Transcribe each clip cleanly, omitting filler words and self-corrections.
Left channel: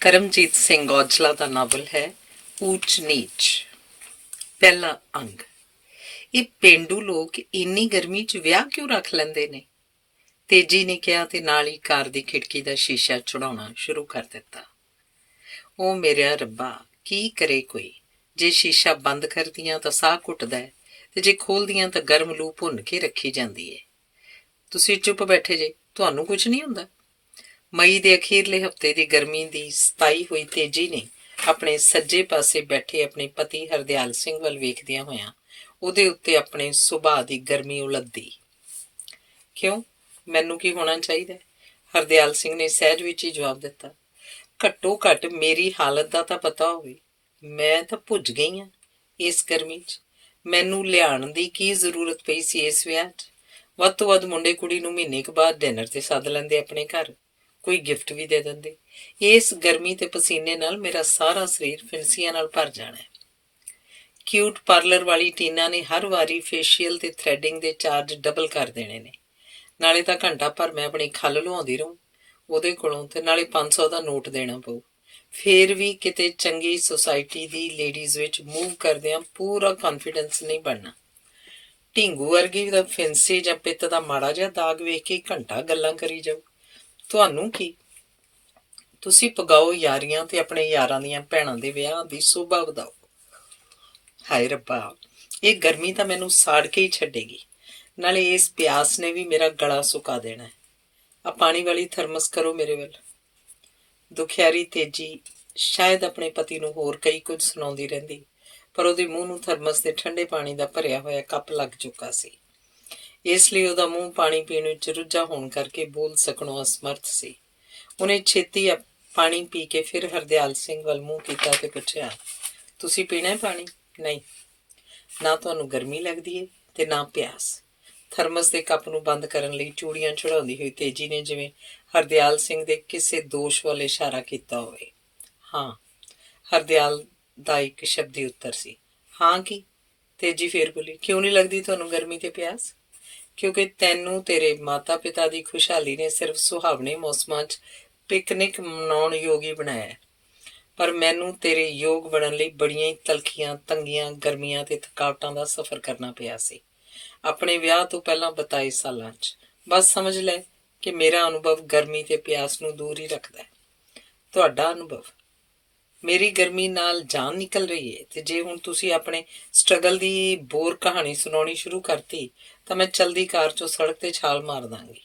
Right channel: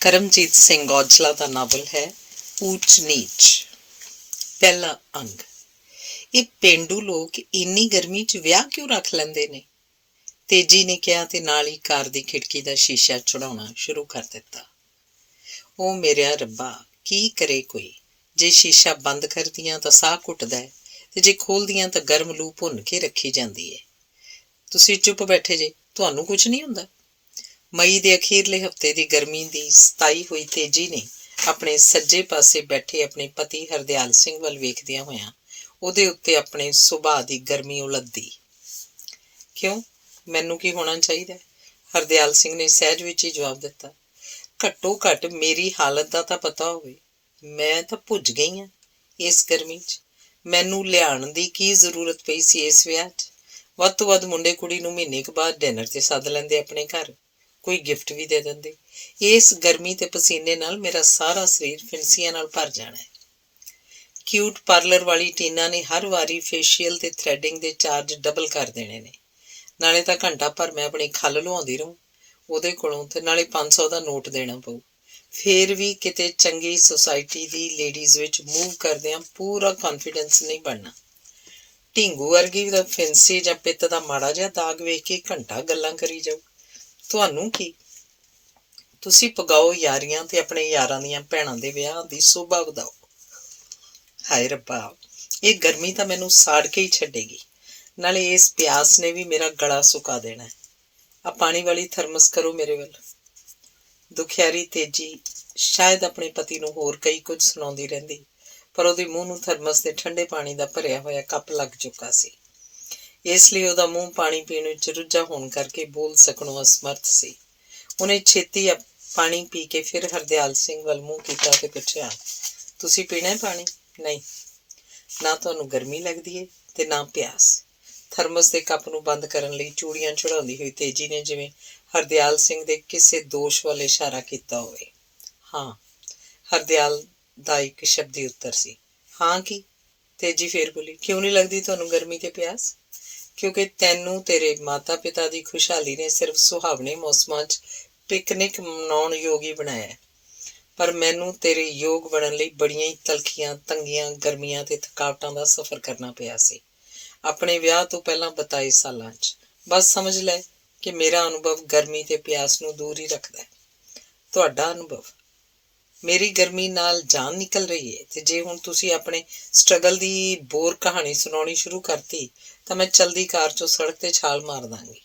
ਕਰਮਜੀਤ ਸਿੰਘ ਔਜਲਾ ਦਾ novel ਹੈ ਊਚ ਨੀਚ। ਪਹਿਲਾ ਅੰਗ। ਇਹ ਪੇਂਡੂ ਲੋਕ ਇੰਨੀ ਗਰਮੀ 'ਚ ਵਿਆਹ ਕਿਉਂ ਰੱਖ ਲੈਂਦੇ ਨੇ? ਤੇਜੀ ਨੇ ਕਿਹਾ ਤੇ ਨਾਲ ਹੀ ਕਾਰ ਦੀ ਖਿੜਕੀ ਦਾ ਸ਼ੀਸ਼ਾ ਚੜਾਉਣਾ ਸ਼ੁਰੂ ਕਰ ਦਿੱਤਾ। ਉਹ ਮੇਰਿਆ ਰੱਬਾ, ਕੀ ਕਰੇ ਕੋਈ? ਜੇ ਸ਼ੀਸ਼ਾ ਬੰਦ ਕਰਦੀਆਂ ਤਾਂ ਸਾਹ ਘੁੱਟਦਾ ਹੈ ਤੇ ਜੇ ਖੋਲ੍ਹਦੀਆਂ ਤਾਂ ਗਰਮ ਲੂ ਭੁੰਨ ਕੇ ਰੱਖੀ ਜਾਂਦੀ ਹੈ। ਤੁਸੀਂ ਚੁੱਪ ਬੈਠੇ ਜੇ, ਤੁਹਾਨੂੰ ਕੁਝ ਨਹੀਂ ਹੁੰਦਾ? ਮਈ ਦੇ ਅਖੀਰਲੇ ਹਫ਼ਤੇ ਦੀ ਗਰਮੀ ਦੀ ਸਤਾਈ ਹੋਈ ਤੇਜੀ ਨੇ ਆਪਣੇ ਸੱਜੇ ਪਾਸੇ ਬੈਠੇ ਆਪਣੇ ਪਤੀ ਹਰਦਿਆਲ ਸਿੰਘ ਵੱਲ ਵੇਖਦਿਆਂ ਹੋਇਆਂ ਉਹਦੇ ਉੱਤੇ ਆਪਣੇ ਸੁਭਾਅ ਦੀ ਗਰਮੀ ਉਲੱਦੀ। ਕਿਉਂ, ਮੈਨੂੰ ਕੀ ਹੋਣਾ ਚਾਹੀਦਾ? ਹਰਦਿਆਲ ਸਿੰਘ ਨੇ ਸਹਿਜ ਵਿੱਚ ਹੀ ਜਵਾਬ ਦਿੱਤਾ। ਘੱਟੋ ਘੱਟ ਮੇਰੀ ਹਾਲਤ ਦਾ ਤਾਂ ਪਤਾ ਹੋਵੇ। ਮੈਂ ਤਾਂ ਭੁੱਜ ਗਈ ਹਾਂ ਇਸ ਗਰਮੀ 'ਚ। ਮੈਨੂੰ ਲਿਆਉਣ ਦੀ ਕੀ ਜ਼ਰੂਰਤ ਪਈ ਸੀ ਇਸ ਵਿਆਹ 'ਚ? ਵੱਧ ਤੋਂ ਵੱਧ ਮੁੰਡੇ ਕੁੜੀ ਨੂੰ ਮਹੀਨੇ ਕੁ ਬਾਅਦ ਡਿਨਰ 'ਤੇ ਸੱਦ ਲੈਂਦੇ ਆਪਣੇ ਘਰ, ਕੋਈ ਗਿਫਟ ਵੀ ਦੇ ਦਿੰਦੇ। ਇਸ ਗਰਮੀ ਤੇ ਪਸੀਨੇ ਨਾਲ ਮੇਰਾ ਸਾਰਾ ਸਰੀਰ ਫਿੰਸੀਆਂ ਨਾਲ ਭਰ ਜਾਣਾ ਹੈ। ਕਿਊਟ ਪਾਰਲਰ ਵਾਲੀ ਟੀਨਾ ਨੇ ਹਰ ਵਾਰੀ ਫੇਸ਼ੀਅਲ ਤੇ ਥ੍ਰੈਡਿੰਗ ਦੇ ਚਾਰਜ ਡਬਲ ਕਰ ਦੇਣੇ ਨੇ। ਨਾਲੇ ਤਾਂ ਘੰਟਾ ਭਰ ਮੈਂ ਆਪਣੀ ਖੱਲ ਲੁਹਾਉਂਦੀ ਰਹੂੰ ਉਹਦੇ ਕੋਲੋਂ, ਤੇ ਨਾਲੇ 500 ਦਾ ਨੋਟ ਦੇਣਾ ਪਊ। ਫੇਰ ਵੀ ਕਿਤੇ ਚੰਗੀ ਸੁਸਾਇਟੀ ਦੀ ਲੇਡੀਜ਼ ਵਿੱਚ ਮੂਵ ਕਰਦਿਆਂ ਪੂਰਾ ਕੌਨਫੀਡੈਂਸ ਨਹੀਂ ਬਣਨਾ। ਢੀਂਗੂ ਵਰਗੀ ਦਾ ਫਿੰਸੀ ਜਾਂ ਪਿੱਤ ਦਾ ਮਾੜਾ ਜਿਹਾ ਦਾਗ ਵੇਖ ਕੇ ਘੰਟਾ ਗੱਲਾਂ ਕਰੀ ਜਾਊ। ਤੁਹਾਨੂੰ ਕੀ? ਤੁਸੀਂ ਪਗਾਓ ਯਾਰੀਆਂ ਤੇ ਆਪਣੇ ਯਾਰਾਂ ਦੀਆਂ ਭੈਣਾਂ ਦੇ ਵਿਆਹ ਦੀ ਸ਼ੋਭਾ ਵਧਾਓ। ਹਾਏ ਰੱਬਾ, ਇਹ ਗਰਮੀ ਤਾਂ ਮੈਨੂੰ ਸਾੜ ਕੇ ਹੀ ਛੱਡੇਗੀ। ਨਾਲੇ ਇਸ ਪਿਆਸ ਨੇ ਵੀ ਮੇਰਾ ਗਲਾ ਸੁਕਾ ਦੇਣਾ ਹੈ। ਆ ਪਾਣੀ ਵਾਲੀ ਥਰਮਸ ਕਰੋ ਮੇਰੇ ਵੱਲ। ਦੁਖਿਆਰੀ ਤੇਜੀ ਸ਼ਾਇਦ ਆਪਣੇ ਪਤੀ ਨੂੰ ਹੋਰ ਕਈ ਕੁਝ ਸੁਣਾਉਂਦੀ ਰਹਿੰਦੀ, ਪਰ ਉਹਦੇ ਮੂੰਹ ਨੂੰ ਥਰਮਸ ਦੇ ਠੰਡੇ ਪਾਣੀ ਦਾ ਭਰਿਆ ਹੋਇਆ ਕੱਪ ਲੱਗ ਚੁੱਕਾ ਸੀ। ਇਸ ਲਈ ਉਹਦਾ ਮੂੰਹ ਪਾਣੀ ਪੀਣ ਵਿੱਚ ਰੁੱਝਾ ਹੋਣ ਕਰਕੇ ਬੋਲ ਸਕਣੋਂ ਅਸਮਰਥ ਸੀ। ਉਹਨੇ ਛੇਤੀ ਪਾਣੀ ਪੀ ਕੇ ਫਿਰ ਹਰਦਿਆਲ ਸਿੰਘ ਵੱਲ ਮੂੰਹ ਕੀਤਾ ਤੇ ਪੁੱਛਿਆ, ਤੁਸੀਂ ਪੀਣਾ ਹੈ ਪਾਣੀ? ਨਹੀਂ, ਨਾ ਤੁਹਾਨੂੰ ਗਰਮੀ ਲੱਗਦੀ ਹੈ ਤੇ ਨਾ ਪਿਆਸ। ਥਰਮਸ ਦੇ ਕੱਪ ਨੂੰ ਬੰਦ ਕਰਨ ਲਈ ਚੂੜੀਆਂ ਚੜਾਉਂਦੀ ਹੋਈ ਤੇਜੀ ਨੇ ਜਿਵੇਂ ਹਰਦਿਆਲ ਸਿੰਘ ਦੇ ਕਿਸੇ ਦੋਸ਼ ਵੱਲ ਇਸ਼ਾਰਾ ਕੀਤਾ ਹੋਵੇ। ਹਾਂ, ਹਰਦਿਆਲ ਦਾ ਇੱਕ ਸ਼ਬਦੀ ਉੱਤਰ ਸੀ। ਹਾਂ ਕੀ? ਤੇਜੀ ਫੇਰ ਬੋਲੀ, ਕਿਉਂ ਨਹੀਂ ਲੱਗਦੀ ਤੁਹਾਨੂੰ ਗਰਮੀ ਤੇ ਪਿਆਸ? ਕਿਉਂਕਿ ਤੈਨੂੰ ਤੇਰੇ ਮਾਤਾ ਪਿਤਾ ਦੀ ਖੁਸ਼ਹਾਲੀ ਨੇ ਸਿਰਫ ਸੁਹਾਵਣੇ ਮੌਸਮਾਂ 'ਚ ਪਿਕਨਿਕ ਮਨਾਉਣ ਯੋਗ ਹੀ ਬਣਾਇਆ, ਪਰ ਮੈਨੂੰ ਤੇਰੇ ਯੋਗ ਬਣਨ ਲਈ ਬੜੀਆਂ ਹੀ ਤਲਖੀਆਂ, ਤੰਗੀਆਂ, ਗਰਮੀਆਂ ਤੇ ਥਕਾਵਟਾਂ ਦਾ ਸਫ਼ਰ ਕਰਨਾ ਪਿਆ ਸੀ ਆਪਣੇ ਵਿਆਹ ਤੋਂ ਪਹਿਲਾਂ 42 ਸਾਲਾਂ 'ਚ। ਬਸ ਸਮਝ ਲੈ ਕਿ ਮੇਰਾ ਅਨੁਭਵ ਗਰਮੀ ਤੇ ਪਿਆਸ ਨੂੰ ਦੂਰ ਹੀ ਰੱਖਦਾ ਹੈ। ਤੁਹਾਡਾ ਅਨੁਭਵ? ਮੇਰੀ ਗਰਮੀ ਨਾਲ ਜਾਨ ਨਿਕਲ ਰਹੀ ਹੈ, ਤੇ ਜੇ ਹੁਣ ਤੁਸੀਂ ਆਪਣੇ ਸਟਰਗਲ ਦੀ ਬੋਰ ਕਹਾਣੀ ਸੁਣਾਉਣੀ ਸ਼ੁਰੂ ਕਰਤੀ ਤਾਂ ਮੈਂ ਚਲਦੀ ਕਾਰ 'ਚੋਂ ਸੜਕ 'ਤੇ ਛਾਲ ਮਾਰ ਦਾਂਗੀ।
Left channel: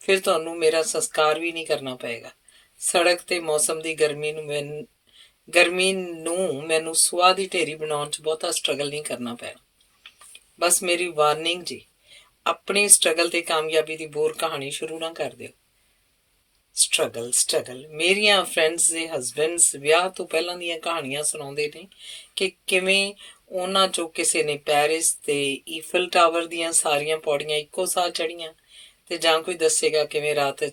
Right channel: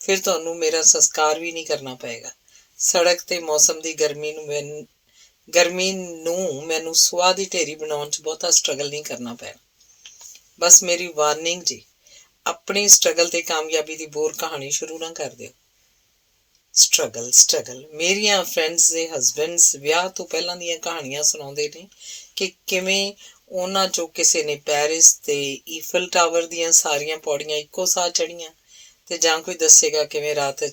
ਫਿਰ ਤੁਹਾਨੂੰ ਮੇਰਾ ਸੰਸਕਾਰ ਵੀ ਨਹੀਂ ਕਰਨਾ ਪਏਗਾ। ਸੜਕ ਤੇ ਮੌਸਮ ਦੀ ਗਰਮੀ ਨੂੰ ਮੈਨੂੰ ਸੁਆਹ ਦੀ ਢੇਰੀ ਬਣਾਉਣ 'ਚ ਬਹੁਤਾ ਸਟਰਗਲ ਨਹੀਂ ਕਰਨਾ ਪੈਣਾ। ਬਸ ਮੇਰੀ ਵਾਰਨਿੰਗ ਜੀ, ਆਪਣੀ ਸਟਰਗਲ ਤੇ ਕਾਮਯਾਬੀ ਦੀ ਬੋਰ ਕਹਾਣੀ ਸ਼ੁਰੂ ਨਾ ਕਰ ਦਿਓ। ਸਟਰਗਲ ਮੇਰੀਆਂ ਫਰੈਂਡਸ ਦੇ ਹਸਬੈਂਡਸ ਵਿਆਹ ਤੋਂ ਪਹਿਲਾਂ ਦੀਆਂ ਕਹਾਣੀਆਂ ਸੁਣਾਉਂਦੇ ਨੇ ਕਿ ਕਿਵੇਂ ਉਹਨਾਂ 'ਚੋਂ ਕਿਸੇ ਨੇ ਪੈਰਿਸ ਤੇ ਈਫਲ ਟਾਵਰ ਦੀਆਂ ਸਾਰੀਆਂ ਪੌੜੀਆਂ ਇੱਕੋ ਸਾਹ ਚੜ੍ਹੀਆਂ, ਤੇ ਜਾਂ ਕੋਈ ਦੱਸੇਗਾ ਕਿਵੇਂ ਰਾਤ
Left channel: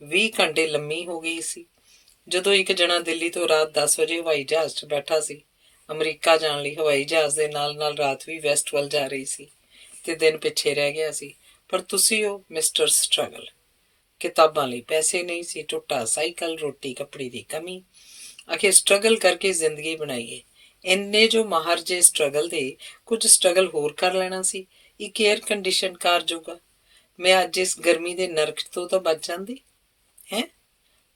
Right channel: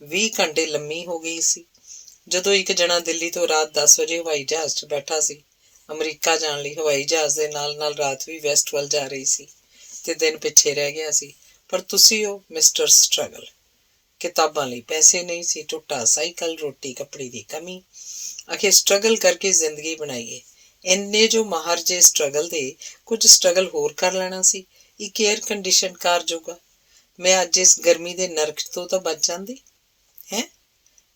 20 ਘੰਟੇ ਲੰਮੀ ਹੋ ਗਈ ਸੀ ਜਦੋਂ ਇੱਕ ਜਣਾ ਦਿੱਲੀ ਤੋਂ ਰਾਤ 10 ਵਜੇ ਹਵਾਈ ਜਹਾਜ਼ 'ਚ ਬੈਠਾ ਸੀ ਅਮਰੀਕਾ ਜਾਣ ਲਈ। ਹਵਾਈ ਜਹਾਜ਼ ਦੇ ਨਾਲ ਨਾਲ ਰਾਤ ਵੀ ਵੈਸਟ ਵੱਲ ਜਾ ਰਹੀ ਸੀ ਤੇ ਦਿਨ ਪਿੱਛੇ ਰਹਿ ਗਿਆ ਸੀ। ਪਰ ਤੁਸੀਂ ਹੋ ਮਿਸਟਰ ਸਟਰਗਲ। ਕਿਤਾਬਾਂ ਲਈ ਪੈਸੇ ਨਹੀਂ ਸੀ, ਟੁੱਟਾ ਸਾਈਕਲ, ਰੋਟੀ ਕੱਪੜੇ ਦੀ ਕਮੀ, ਆਖਿਰ ਸਟਰਗਲ ਕਰਕੇ ਜ਼ਿੰਦਗੀ ਬਣਾਈਏ। ਇੰਨੇ ਜੋ ਮਾਹਰ ਜੇ ਸਟਰਗਲ ਦੇ, ਕੁਝ ਸਟਰਗਲ ਹੋਰ ਕਰ ਲੈਣਾ ਸੀ। ਇੱਕ ਏਅਰ ਕੰਡੀਸ਼ਨ ਕਾਰ ਜੋਗਾ ਮੈਂ ਅੱਜ ਇਸ ਗਰਮੀ ਦੇ ਨਰਕ ਤੋਂ ਤਾਂ ਬਚ ਜਾਂਦੀ ਹੈ।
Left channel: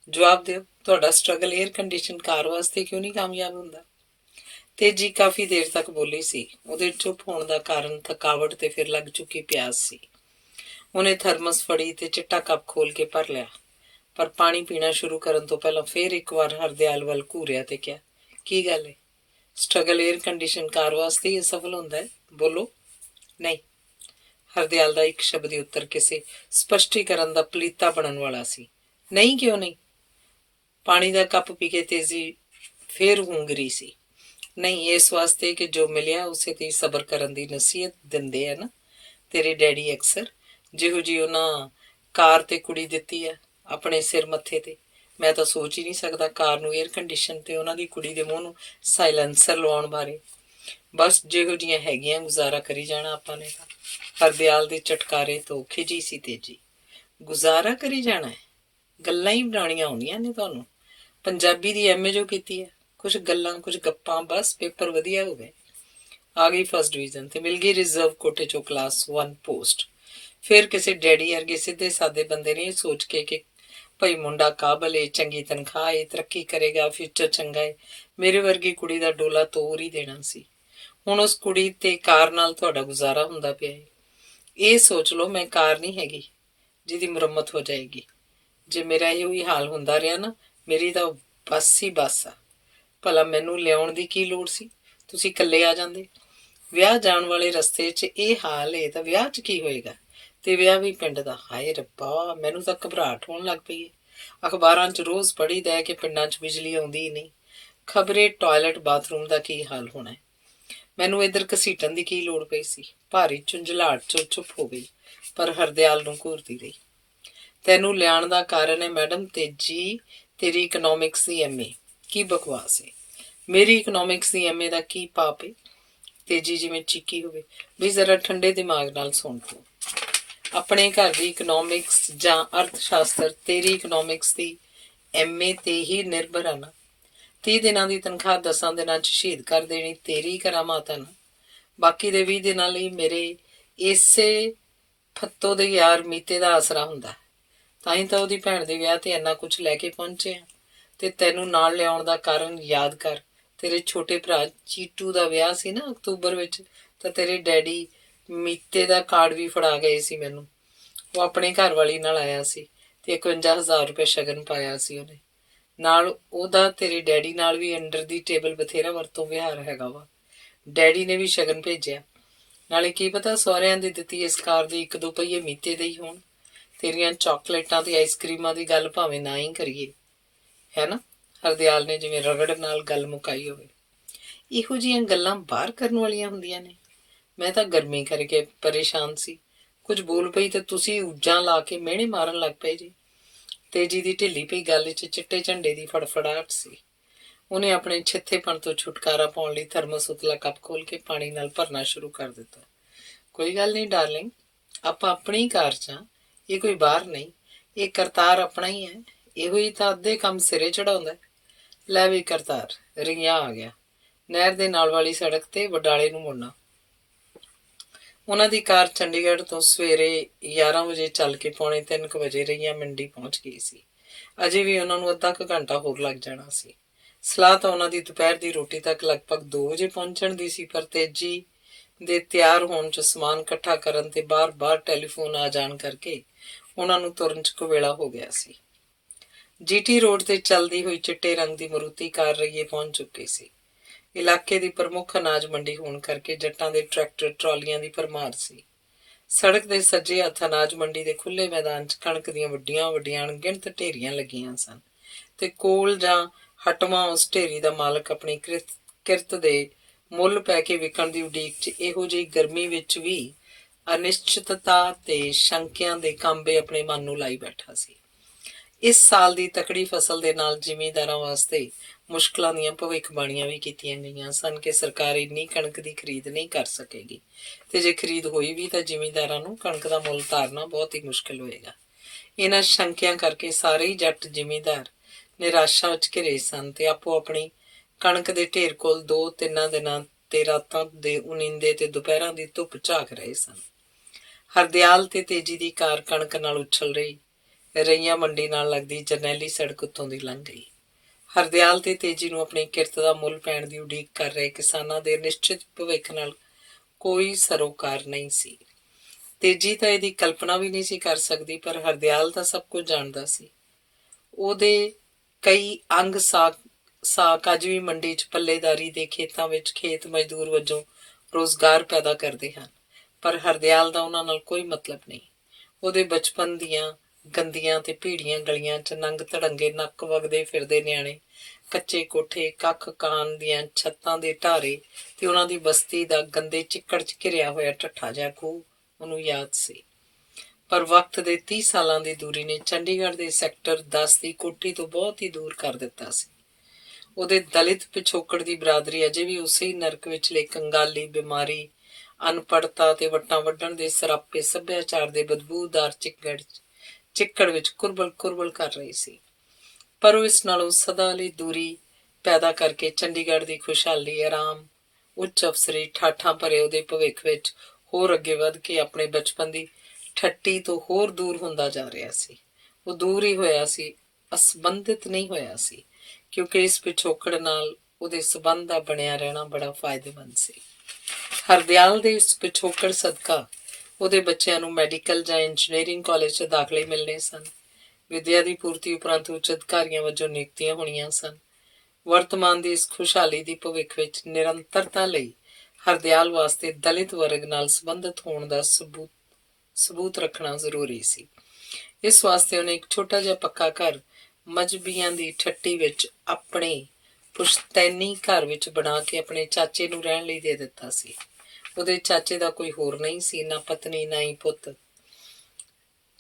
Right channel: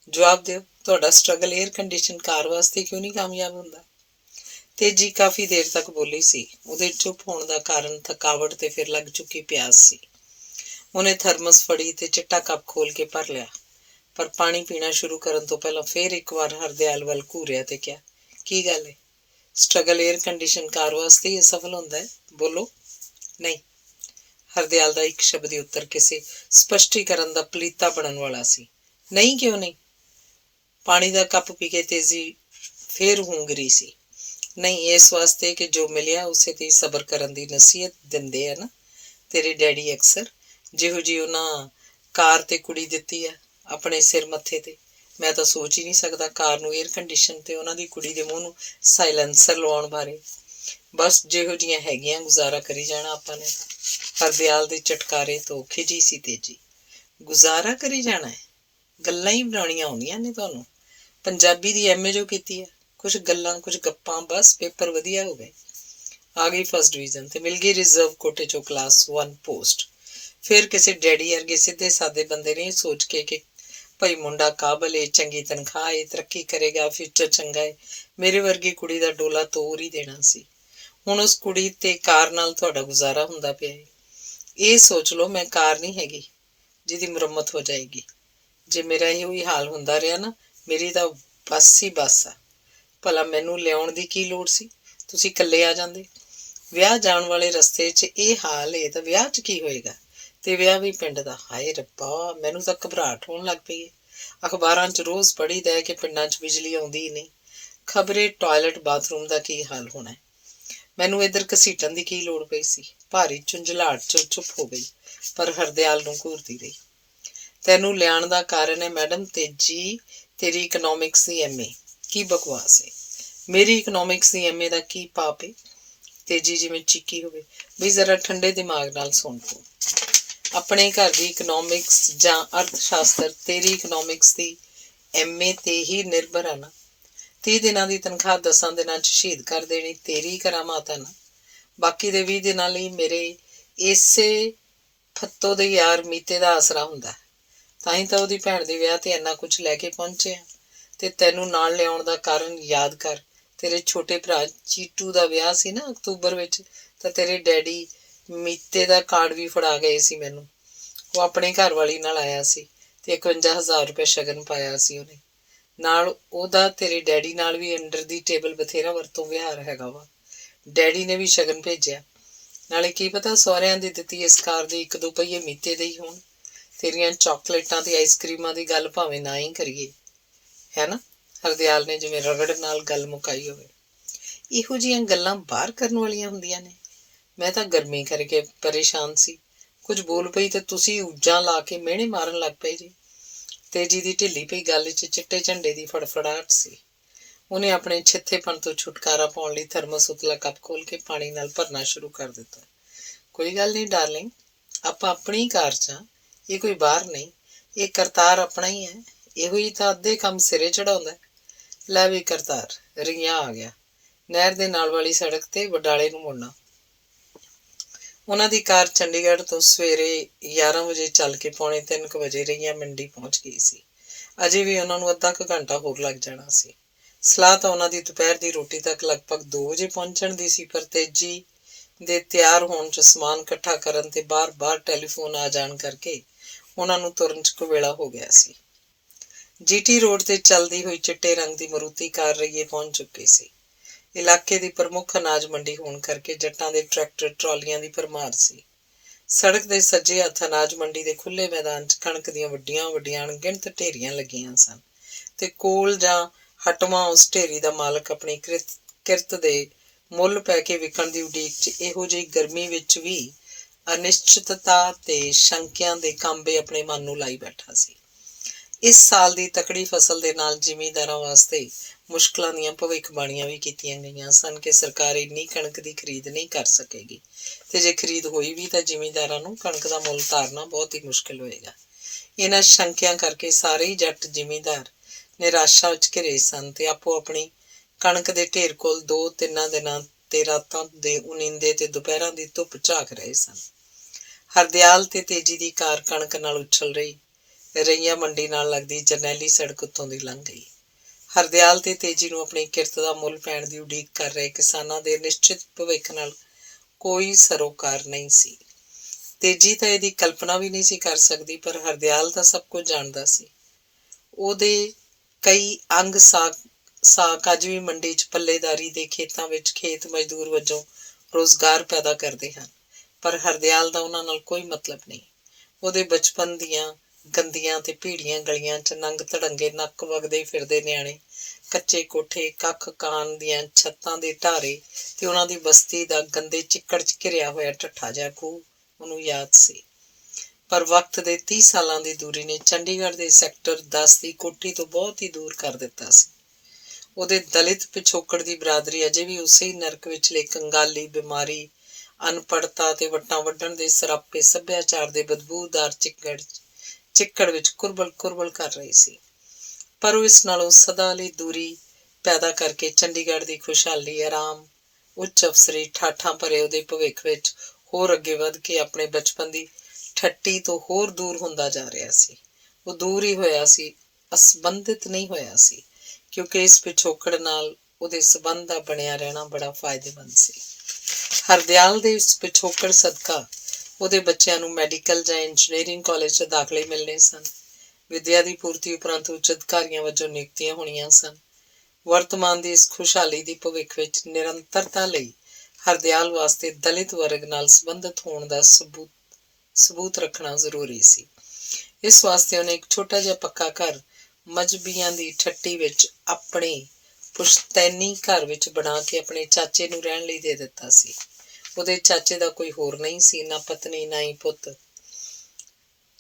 ਜਵਾਬ ਦਿਓ, ਤੁਹਾਡਾ ਸਟਰਗਲ ਏਅਰ ਕੰਡੀਸ਼ਨ ਕਾਰ ਵਾਸਤੇ ਕਿਉਂ ਨਹੀਂ ਕਾਮਯਾਬ ਹੁੰਦਾ? ਤੇਜੀ ਕਾਫੀ ਦੇਰ ਤੱਕ ਬੋਲੀ ਸੀ। ਉਹਦੇ ਚੁੱਪ ਹੋਣ ਦਾ ਕਾਰਨ ਥਕਾਵਟ ਤੇ ਫਿਰ ਲੱਗ ਚੁੱਕੀ ਪਿਆਸ ਸੀ। ਉਹਨੇ ਥਰਮਸ ਫੜੀ ਤੇ ਚਿੱਟਾ ਕੱਪ ਖੋਲ ਕੇ ਭਰ ਲਿਆ, ਪਰ ਪਾਣੀ ਪੀਣਾ ਸ਼ੁਰੂ ਕਰਨ ਤੋਂ ਪਹਿਲਾਂ ਫੇਰ ਇੱਕ ਵਾਰ ਹਰਦਿਆਲ ਵੱਲ ਘੂਰਿਆ ਤੇ ਕਿਹਾ, ਕੀ ਗੱਲ ਹੈ? ਸਟਰਗਲ ਏਅਰ ਕੰਡੀਸ਼ਨ ਕਾਰ ਵਾਸਤੇ ਹੀ ਅਸਫਲ ਹੁੰਦਾ ਹੈ? ਬੋਲੋ। ਨਹੀਂ। ਹਰਦਿਆਲ ਦਾ ਇੱਕ ਸ਼ਬਦੀ ਉੱਤਰ ਕਿਸੇ ਸਪਸ਼ਟੀਕਰਨ ਦਾ ਪਲੀਤਾ ਬਣਨ ਵਾਲਾ ਸੀ। ਨਹੀਂ ਕਿਉਂ ਨਹੀਂ? ਪਾਣੀ ਦਾ ਕੱਪ ਪੀ ਕੇ ਤੇਜੀ ਫੇਰ ਹੂੰਗਰੀ ਸੀ। ਨਹੀਂ, ਇਸ ਵਾਸਤੇ ਕਿ ਜੋ ਮਿਲਿਆ ਉਸੇ ਤੇ ਸਬਰ ਕਰਨ ਦੀ ਨਸੀਹਤ ਦਿੰਦੇ ਆ ਨਾ ਤੇਰੇ ਡੈਡੀ ਅਕਸਰ, ਜਿਹੋ ਜਿਹੀ ਉਹਨਾਂ ਕਾਰ ਤੇ ਕੁੜੀ ਦਿੱਤੀ ਹੈ ਆਪਣੇ ਸਿਰ ਮੱਥੇ ਤੇ। ਮੈਂ ਤਾਂ ਸੋਚ ਹੀ ਨਹੀਂ ਸਕਦਾ ਕਾਰ ਨੂੰ ਏਅਰ ਕੰਡੀਸ਼ਨ ਤੇ ਉਹਨਾਂ ਦੀ ਕੁੜੀ ਦੇ ਮੂੰਹ ਨੂੰ ਸਾਇਲੈਂਸਰ ਲਵਾਉਣ ਬਾਰੇ। ਬਸ ਜਿਹੋ ਜਿਹੀਆਂ ਹੈਗੀਆਂ ਗੁਜ਼ਾਰਾ ਕਰੀ ਜਾਣਾ ਆਪਾਂ ਨੇ ਤਾਂ। ਹਰਦਿਆਲ ਦੇ ਚਟਕਾਰੇ ਤੋਂ ਖਿਜੀ ਸੀ ਤੇਜੀ। ਗੁਜ਼ਾਰਾ ਕਰੀ ਜਾਣਾ ਹੈ? ਗੱਲਾਂ ਹੀ ਬਣਾਉਣੀਆਂ ਆਉਂਦੀਆਂ ਨੇ ਤੁਹਾਨੂੰ? ਪੰਜਾਬੀ ਦੀ ਐਮਏ ਜੋ ਕੀਤੀ ਹੈ, ਕੁਝ ਗੱਲਾਂ ਕੁਝ ਗੱਪਾਂ, ਬਸ ਪੇਪਰ ਵਧੀਆ ਹੋ ਗਏ। ਆ ਗਈ ਫਸਟ ਡਿਵੀਜ਼ਨ ਤੇ ਮਿਲ ਗਈ ਰਿਜ਼ਰਵ ਕੋਟੇ ਚੋਂ ਕਲਾਸ 1 ਪੋਸਟ। ਫਿਰ ਕਿਸੇ ਡੈਡੀ ਵਰਗੇ ਸਿੱਧੇ ਸਾਦੇ ਬੰਦੇ ਨੇ ਸੋਚ ਕੇ ਕਿ ਭਾਈ ਮੁੰਡਾ ਕਾਬਲ ਏ, ਚੰਗੀ ਤਨਖਾਹ ਏ, ਤਰੱਕੀ ਕਰੇਗਾ, ਫਿਊਚਰ ਚੰਗਾ ਏ, ਮੇਰੇ ਵਰਗੀ ਕੁੜੀ ਦਾ ਡੋਲਾ ਤੋਰ ਹੀ ਦੇਣਾ ਸੀ। ਹੁਣ ਉਸ ਕੁੜੀ ਤੇ ਕਾਰ ਨਾਲ ਤੁਹਾਡਾ ਗੁਜ਼ਾਰਾ ਹੁੰਦਾ ਪਿਆ ਏ। ਇਹ ਸੋਚ ਲਓ ਮੈਂ ਕਾਰ ਨਹੀਂ ਹੈਗੀ ਜਿਹਦੀ ਮੁਰੰਮਤ ਹੋ ਜਾਏਗੀ। ਜੇ ਮੇਰਾ ਇਹੋ ਹੀ ਹਾਲ ਹੁੰਦਾ ਰਿਹਾ ਨਾ, ਮੇਰੀ ਤਾਂ ਬੱਸ ਹੀ ਬੱਸ ਆ। ਭਲਾ ਮੈਨੂੰ ਲਿਆਉਣ ਦੀ ਕੀ ਲੋੜ ਸੀ, ਤੁਸੀਂ ਇਕੱਲੇ ਆ ਜਾਂਦੇ। ਵਿਆਹ ਜਾਣ ਵਾਲੇ ਰਸਤੇ 'ਚ ਇਹ ਹਾਲ ਏ ਤਾਂ ਵਿਆਹ 'ਚ ਕੀ ਹੋਏਗਾ, ਤੇ ਵਿਆਹ ਵੀ ਪਿੰਡ ਦਾ। ਹਾਏ ਰੱਬਾ, ਮੈਨੂੰ ਤਾਂ ਘਬਰਾਹਟ ਹੋਣ ਲੱਗ ਪਈ ਏ। ਅਖਬਾਰਾਂ 'ਚ ਰੋਜ਼ ਪੜ੍ਹੀਦਾ ਹੈ ਕਿ ਪਿੰਡਾਂ 'ਚ ਬਿਜਲੀ ਆਉਂਦੀ ਹੀ ਨਹੀਂ, ਖਬਰੇ ਟਾਇਲਟ ਬਾਥਰੂਮ ਦਾ ਕੀ ਹਾਲ ਹੋਣਾ। ਮੈਨੂੰ ਇੱਧਰ ਘਸੀਟਣ ਦੀ ਕੀ ਲੋੜ ਪਈ ਸੀ। ਭਾਰੀ ਝੁੰਝਲਾਹਟ 'ਚ ਚੁੱਪ ਹੋ ਗਈ, ਪਰ ਹਰਦਿਆਲ ਨੂੰ ਘੂਰਦੀ ਰਹੀ। ਤੈਨੂੰ ਲਿਆਉਣ ਦਾ ਕਾਰਨ ਹੈ ਮੈਡਮ ਤੇਜੀ, ਤੇਰੀ ਇਕਨੋਮਿਕਸ ਦੀ ਐਮਏ। ਕੀ ਬਕਵਾਸ ਏ, ਮੇਰੀ ਇਕਨੋਮਿਕਸ ਦੀ ਐਮਏ ਦਾ ਕੀ ਪਾਪ ਏ। ਤੇਜੀ ਜਿਵੇਂ ਚੀਕੀ ਹੋਵੇ। ਵੀ ਜ਼ਰਾ ਠੰਡੇ ਦਿਮਾਗ ਨਾਲ ਸੁਣ ਤੂੰ। ਆਪਣੇ ਘਰ ਦੀ ਇਕਨੋਮਿਕਸ ਜਾਂ ਅਰਥ ਸ਼ਾਸਤਰ ਤੇਰੀ ਇਕਨੋਮਿਕਸ ਦੀ ਐਮਏ ਤੇ ਹੀ ਨਿਰਭਰ ਹੈ ਨਾ। 30 ਦਿਨਾਂ ਦੀ ਤਨਖਾਹ 10 ਦਿਨਾਂ 'ਚ ਸ਼ਹੀਦ ਕਰ ਦੇਣੀ ਤੇਰੀ ਕਰਾਮਾਤ ਹੈ ਨਾ। ਬਾਕੀ ਦੇ 20 ਦਿਨਾਂ ਲਈ ਮੇਰੇ ਇਸੇ ਫੱਤੋ ਦੇ ਯਾਰ ਮੀਤੇ ਦਾ ਆਸਰਾ ਹੁੰਦਾ। ਤਾਂ ਹੀ ਤਾਂ ਉਹਦੀ ਭੈਣ ਦੇ ਵਿਆਹ ਤੇ ਇੰਨਾ ਕੁਝ ਲੈ ਕੇ ਪਹੁੰਚੇ ਆ। ਤੇ ਤੈਨੂੰ ਨਾਲ ਲਿਆਉਣ ਦਾ ਕਾਰਨ ਯਾਦ ਕਰ, ਤੇਰੇ ਛੋਟੇ ਭਰਾ ਚੀਟੂ ਦਾ ਵਿਆਹ ਸੀ ਨਾ ਅਕਤੂਬਰ ਵਿੱਚ, ਤਾਂ ਤੇਰੇ ਡੈਡੀ ਮੀਤੇ ਦਾ ਕਾਰਡ ਵੀ ਫੜਾ ਗਏ ਸੀ ਮੈਨੂੰ। ਉਹ ਆਪਣੇ ਘਰ ਵਾਲੀ ਨਾਲ ਆਇਆ ਸੀ ਤੇ 51,000 ਰੁਪਏ ਸ਼ਗਨ ਪਾਇਆ ਸੀ ਉਹਨੇ ਨਾਲ। ਉਹਦਾ ਤੇਰੇ ਡੈਡੀ ਨਾਲ ਵੀ ਅੰਡਰ ਦੀ ਟੇਬਲ ਬਥੇਰਾ ਵਰਤੋਂ ਵਿਹਾਰ ਹੈਗਾ ਵਾ। ਡੈਡੀ ਨੇ ਵੀ ਸ਼ਗਨ ਭੇਜਿਆ। ਨਾਲੇ ਕੀ ਪਤਾ ਸਹੁਰਿਆਂ ਦੀ ਦਿੱਤੀ ਇਸ ਕਾਰ ਦੇ 1-2 ਪਹੀਏ ਮੀਤੇ ਦੇ ਹੀ ਹੋਣ। ਤੇਰੀਆਂ ਚਾਕਲੇਟਾਂ ਤੇ ਆਈਸਕ੍ਰੀਮਾਂ ਦੀ ਗੱਲ ਭਾਵੇਂ ਨਾ ਹੀ ਕਰੀਏ, ਹੈ ਨਾ। ਹਰਦਿਆਲ ਨੇ ਜਿਵੇਂ ਰਗੜ ਨਾਲ ਗੱਲ ਮੁਕਾਈ ਹੋਵੇ। ਇਹੋ ਜਿਹੀਆਂ ਗੱਲਾਂ ਬਾਹਰ ਕਰਨ ਵਾਲੀਆਂ ਹੁੰਦੀਆਂ ਨੇ। ਮੈਂ ਤਾਂ ਗਰਮੀ ਕਰਕੇ ਪਰੇਸ਼ਾਨ ਸੀ। ਕੁਝ ਬੋਲ ਪਈ ਤੇ ਤੁਸੀਂ ਉੱਜਾਂ ਲਾ ਕੇ ਮਿਹਣੇ ਮਾਰਨ ਲੱਗ ਪਏ ਜੀ। ਤੇਜੀ ਦੀ ਢਿੱਲੀ ਪਈ ਗੱਲ 'ਚ ਚਿੱਟੇ ਝੰਡੇ ਦੀ ਫੜਫੜਾਹਟ ਸੀ। ਉਹਨੇ ਆਪਣੇ ਛਿੱਥੇਪਣ ਤੋਂ ਛੁਟਕਾਰਾ ਪਾਉਣ ਲਈ ਥਰਮਸ ਉਤਲਾ ਕੱਪ ਖੋਲ ਕੇ ਪਾਣੀ ਨਾਲ ਭਰਨਾ ਸ਼ੁਰੂ ਕਰ ਦਿੱਤਾ। ਕੋਈ ਗੱਲ ਨਹੀਂ ਡਾਰਲਿੰਗ, ਆਪਾਂ ਆਪਣੀ ਕਾਰ 'ਚ ਹਾਂ, ਇਹ ਕੋਈ ਬਾਹਰ ਨਹੀਂ। ਇਹ ਕਰਤਾਰ ਆਪਣਾ ਹੀ ਹੈ। ਇਹੋ ਹੀ ਤਾਂ ਅੱਧੇ ਕੰਮ ਸਿਰੇ ਚੜਾਉਂਦਾ। ਲੈ ਵੀ ਕਰਤਾਰ, ਰਿਆਂ ਆ ਗਿਆ। ਨਹਿਰ ਦੇ ਨਾਲ ਵਾਲੀ ਸੜਕ ਤੇ ਵਡਾਲੇ ਨੂੰ ਮੁੜਨਾ। ਉਹਨਾਂ ਦੀ ਕਾਰ ਚੰਡੀਗੜ੍ਹ ਤੋਂ ਸਵੇਰੇ 11 ਵਜੇ ਚੱਲ ਕੇ 2:45 ਵਜੇ ਰਈਆ ਮੰਡੀ ਪਹੁੰਚ ਗਈ ਸੀ। ਅਜੇ ਵੀ ਉਹਨਾਂ ਨੂੰ ਅੱਧਾ ਕੁ ਘੰਟਾ ਹੋਰ ਲੱਗ ਜਾਣਾ ਸੀ। ਸਲਾਹ ਤਾਂ ਉਹਨਾਂ ਦੀ ਦੁਪਹਿਰ ਦੀ ਰੋਟੀ ਤੱਕ ਲਗਭਗ 2 ਵਜੇ ਪਹੁੰਚਣ ਦੀ ਸੀ, ਪਰ ਤੇਜੀ ਦੇ ਤਿਆਰ ਹੋਣ 'ਚ, ਸਮਾਨ ਇਕੱਠਾ ਕਰਨ ਤੇ ਬਾਰ-ਬਾਰ ਟੈਲੀਫੋਨ ਆ ਜਾਣ ਕਰਕੇ ਉਹਨਾਂ ਨੂੰ ਤੁਰਨ 'ਚ ਕੁਵੇਲਾ ਹੋ ਗਿਆ ਸੀ। ਜੀਟੀ ਰੋਡ ਤੇ ਚੱਲਦੀ ਹੋਈ ਚਿੱਟੇ ਰੰਗ ਦੀ ਮਰੂਤੀ ਕਾਰ ਰਈਏ ਪਹੁੰਚ ਚੁੱਕੀ ਸੀ। ਇਲਾਕੇ ਦੀ ਪ੍ਰਮੁੱਖ ਅਨਾਜ ਮੰਡੀ ਹੋਣ ਕਰਕੇ ਜੱਟਾਂ ਦੇ ਟਰੈਕਟਰ ਟਰਾਲੀਆਂ ਦੀ ਭਰਮਾਰ ਸੀ। ਸੜਕ ਦੇ ਸੱਜੇ ਹੱਥ ਅਨਾਜ ਮੰਡੀ ਦੇ ਖੁੱਲ੍ਹੇ ਮੈਦਾਨ 'ਚ ਕਣਕ ਦੀਆਂ ਵੱਡੀਆਂ ਵੱਡੀਆਂ ਅਣਗਿਣਤ ਢੇਰੀਆਂ ਲੱਗੀਆਂ ਸਨ ਤੇ ਕੋਲ ਜਾਂ ਹਟਵਾਂ ਉਸ ਢੇਰੀ ਦਾ ਮਾਲਕ ਆਪਣੀ ਕਿਰਤ ਦੇ ਮੁੱਲ ਪੈ ਕੇ ਵਿਕਣ ਦੀ ਉਡੀਕ 'ਚ ਇਹੋ ਜਿਹੀ ਗਰਮੀ ਵਿੱਚ ਵੀ ਅਨਿਸ਼ਚਿਤਤਾ ਤੇ ਸ਼ੰਕਿਆਂ ਦੇ ਕਾਂਬੇ ਆਪਣੇ ਮਨ ਨੂੰ ਲਾਈ ਬੈਠਾ ਸੀ। ਇਸ ਸਾਲ ਦੀ ਤਕੜੀ ਫਸਲ ਦੇ ਨਾਲ ਜ਼ਿਮੀਂਦਾਰਾਂ ਵਾਸਤੇ ਮੁਸ਼ਕਲਾਂ ਦੀਆਂ ਭਵਿੱਖਬਾਣੀਆਂ ਵੀ ਕੀਤੀਆਂ ਗਈਆਂ ਸਨ ਕਿ ਸਰਕਾਰ ਇੰਨੀ ਕਣਕ ਦੀ ਖਰੀਦ ਨਹੀਂ ਕਰ ਸਕੇਗੀ, ਤੇ ਜੇ ਖਰੀਦ ਹੋਈ ਵੀ ਤਾਂ ਜ਼ਿਮੀਂਦਾਰਾਂ ਨੂੰ ਕਣਕ ਦਾ ਮੁੱਲ ਤਾਰਨਾ ਬਹੁਤ ਹੀ ਮੁਸ਼ਕਿਲ ਹੋਏਗਾ। ਇਹਨਾਂ ਸ਼ੰਕਿਆਂ ਕਰਕੇ ਸਾਰੇ ਹੀ ਜੱਟ ਜ਼ਿਮੀਂਦਾਰ ਨਿਰਾਸ਼ਾ ਵਿੱਚ ਘਿਰੇ ਸਨ ਤੇ ਆਪੋ ਆਪਣੀ ਕਣਕ ਦੇ ਢੇਰ ਕੋਲ 2-3 ਦਿਨਾਂ ਤੇ ਰਾਤਾਂ ਦੇ ਉਨੀਂਦੇ ਤੇ ਦੁਪਹਿਰਾਂ ਦੀ ਧੁੱਪ ਝਾਕ ਰਹੇ ਸਨ। ਹਰਦਿਆਲ ਤੇ ਤੇਜੀ ਦੀ ਕਾਰ ਕਣਕ ਨਾਲ ਉਛਲ ਰਹੀ ਰਈਆ ਮੰਡੀ ਨਾਲ ਲੱਗਦੀ ਜਰਨੈਲੀ ਸੜਕ ਉੱਤੋਂ ਦੀ ਲੰਘ ਗਈ। ਹਰਦਿਆਲ ਤੇ ਤੇਜੀ ਨੂੰ ਆਪਣੀ ਕਿਰਤ ਦਾ ਮੁੱਲ ਪੈਣ ਦੀ ਉਡੀਕ ਕਰ ਰਹੇ ਕਿਸਾਨਾਂ ਦੇ ਨਿਸ਼ਚਿਤ ਭਵਿੱਖ ਨਾਲ ਕੋਈ ਸਰੋਕਾਰ ਨਹੀਂ ਸੀ। ਤੇਜੀ ਤਾਂ ਇਹਦੀ ਕਲਪਨਾ ਵੀ ਨਹੀਂ ਸੀ ਕਰ ਸਕਦੀ, ਪਰ ਹਰਦਿਆਲ ਤਾਂ ਸਭ ਕੁਝ ਜਾਣਦਾ ਸੀ। ਉਹਦੇ ਕਈ ਅੰਗ ਸਾਕ ਅੱਜ ਵੀ ਮੰਡੀ 'ਚ ਪੱਲੇਦਾਰੀ ਦੇ ਖੇਤਾਂ ਵਿੱਚ ਖੇਤ ਮਜ਼ਦੂਰ ਵਜੋਂ ਰੁਜ਼ਗਾਰ ਪੈਦਾ ਕਰਦੇ ਹਨ, ਪਰ ਹਰਦਿਆਲ ਦਾ ਉਹਨਾਂ ਨਾਲ ਕੋਈ ਮਤਲਬ ਨਹੀਂ। ਉਹਦੇ ਬਚਪਨ ਦੀਆਂ ਗੰਦੀਆਂ ਤੇ ਭੀੜੀਆਂ ਗਲੀਆਂ 'ਚ ਨੰਗ ਧੜੰਗੇ ਨੱਕ ਵਗਦੇ ਫਿਰਦੇ ਨਿਆਣੇ, ਕੱਚੇ ਕੋਠੇ, ਕੱਖ ਕਾਨ ਦੀਆਂ ਛੱਤਾਂ ਦੇ ਢਾਰੇ ਤੇ ਉਹਨਾਂ ਦੀ ਬਸਤੀ ਦਾ ਗੰਦੇ ਚਿੱਕੜ 'ਚ ਘਿਰਿਆ ਹੋਇਆ ਢੱਠਾ ਜਿਹਾ ਖੂਹ ਉਹਨੂੰ ਯਾਦ ਸੀ। ਪਰ ਵਕਤ ਦੇ 30 ਸਾਲਾਂ ਦੀ ਦੂਰੀ ਨੇ ਚੰਡੀਗੜ੍ਹ ਦੇ ਸੈਕਟਰ 10 ਦੀ ਕੋਠੀ ਤੋਂ ਬਹੁਤ ਹੀ ਦੂਰ ਕਰ ਦਿੱਤਾ ਸੀ। ਉਹਦੇ ਦਲਿਤ ਪਿਛੋਕੜ ਦੀ ਬਰਾਦਰੀ ਅਜੇ ਵੀ ਉਸੇ ਹੀ ਨਰਕ ਵਿਚਲੇ ਕੰਗਾਲੀ, ਬਿਮਾਰੀ, ਅਨਪੜ੍ਹਤਾ ਤੇ ਵੱਟਾਂ ਵੱਢਣ ਦੇ ਸਰਾਪੇ ਸੱਭਿਆਚਾਰ ਦੇ ਬਦਬੂਦਾਰ ਚਿੱਕੜ ਵਿੱਚ ਕੁਰਬਲ ਕਰ ਰਹੀ ਸੀ। ਪਰ ਉਹ ਇਸ ਨਾਲੋਂ ਸਦਾ ਲਈ ਦੂਰੀ ਪੈਦਾ ਕਰਕੇ ਚੰਡੀਗੜ੍ਹ ਦੀ ਖੁਸ਼ਹਾਲੀ, ਆਰਾਮ, ਉੱਚ ਅਫਸਰੀ, ਠਾਠਾਂ ਭਰੇ ਉਹਦੇ ਭਵਿੱਖ ਵਿੱਚ ਹੋਰ ਅੱਗੇ ਵੱਧ ਕੇ ਆਪਣੇ ਬਚਪਨ ਦੀ ਠੱਟੀ ਤੋਂ ਹੋਰ ਦੂਰ ਹੁੰਦਾ ਜਾ ਰਿਹਾ ਸੀ। ਉਹ ਦੂਰ ਹੀ ਹੋਇਆ ਸੀ, ਅਸਬੰਧਿਤ ਨਹੀਂ ਹੋਇਆ ਸੀ, ਕਿਉਂਕਿ ਇਸ ਪਿਛੋਕੜ ਨਾਲ ਉਹਦੇ ਸਬੰਧ ਦਾ ਬਣਿਆ ਰਹਿਣਾ ਬੜਾ ਫਾਇਦੇਮੰਦ ਸੀ। ਹਰਦਿਆਲ ਦੇ ਇਸ ਪਿਛੋਕੜ ਸਦਕਾ ਉਹਦੇ ਬੱਚਿਆਂ ਨੂੰ ਮੈਡੀਕਲ ਜਾਂ ਇੰਜੀਨੀਅਰਿੰਗ ਕਾਲਜ 'ਚ ਦਾਖਲੇ ਮਿਲਣੇ ਸਨ। ਵਿੱਦਿਆ ਦੀ ਪੂਰਤੀ ਉਪਰੰਤ ਉੱਚ ਅਧਿਕਾਰੀਆਂ ਵਜੋਂ ਨਿਯੁਕਤੀਆਂ ਹੋਣੀਆਂ ਸਨ। ਵਰਤਮਾਨ ਦੀ ਇਸ ਖੁਸ਼ਹਾਲੀ ਦੀ ਭਵਿੱਖ ਵਿੱਚ ਨਿਰੰਤਰਤਾ ਲਈ ਹਰਦਿਆਲ ਵਾਸਤੇ ਦਲਿਤ ਵਰਗ ਨਾਲ ਸੰਬੰਧਿਤ ਹੋਣ ਦਾ ਸਬੂਤ ਰੱਖਣਾ ਜ਼ਰੂਰੀ ਸੀ। ਇਸ ਵਾਸਤੇ ਉਹਨੇ ਇੱਕ ਛੋਟਾ ਜਿਹਾ ਪੱਕਾ ਘਰ ਮਜ਼੍ਹਬੀਆਂ ਦੀ ਠੱਟੀ ਵਿੱਚ ਆਪਣੇ ਪੁਸ਼ਤੈਨੀ ਘਰ ਵਿੱਚ ਬਣਾ ਕੇ ਆਪਣੇ ਚਾਚੇ ਨੂੰ ਰਹਿਣ ਲਈ ਦੇ ਦਿੱਤਾ ਸੀ। ਉਹਦੇ ਚਾਚੇ ਦਾ ਕੋਈ ਹੋਰ ਨਹੀਂ ਸੀ, ਨਾ ਪਤਨੀ, ਨਾ ਹੀ ਪੁੱਤ,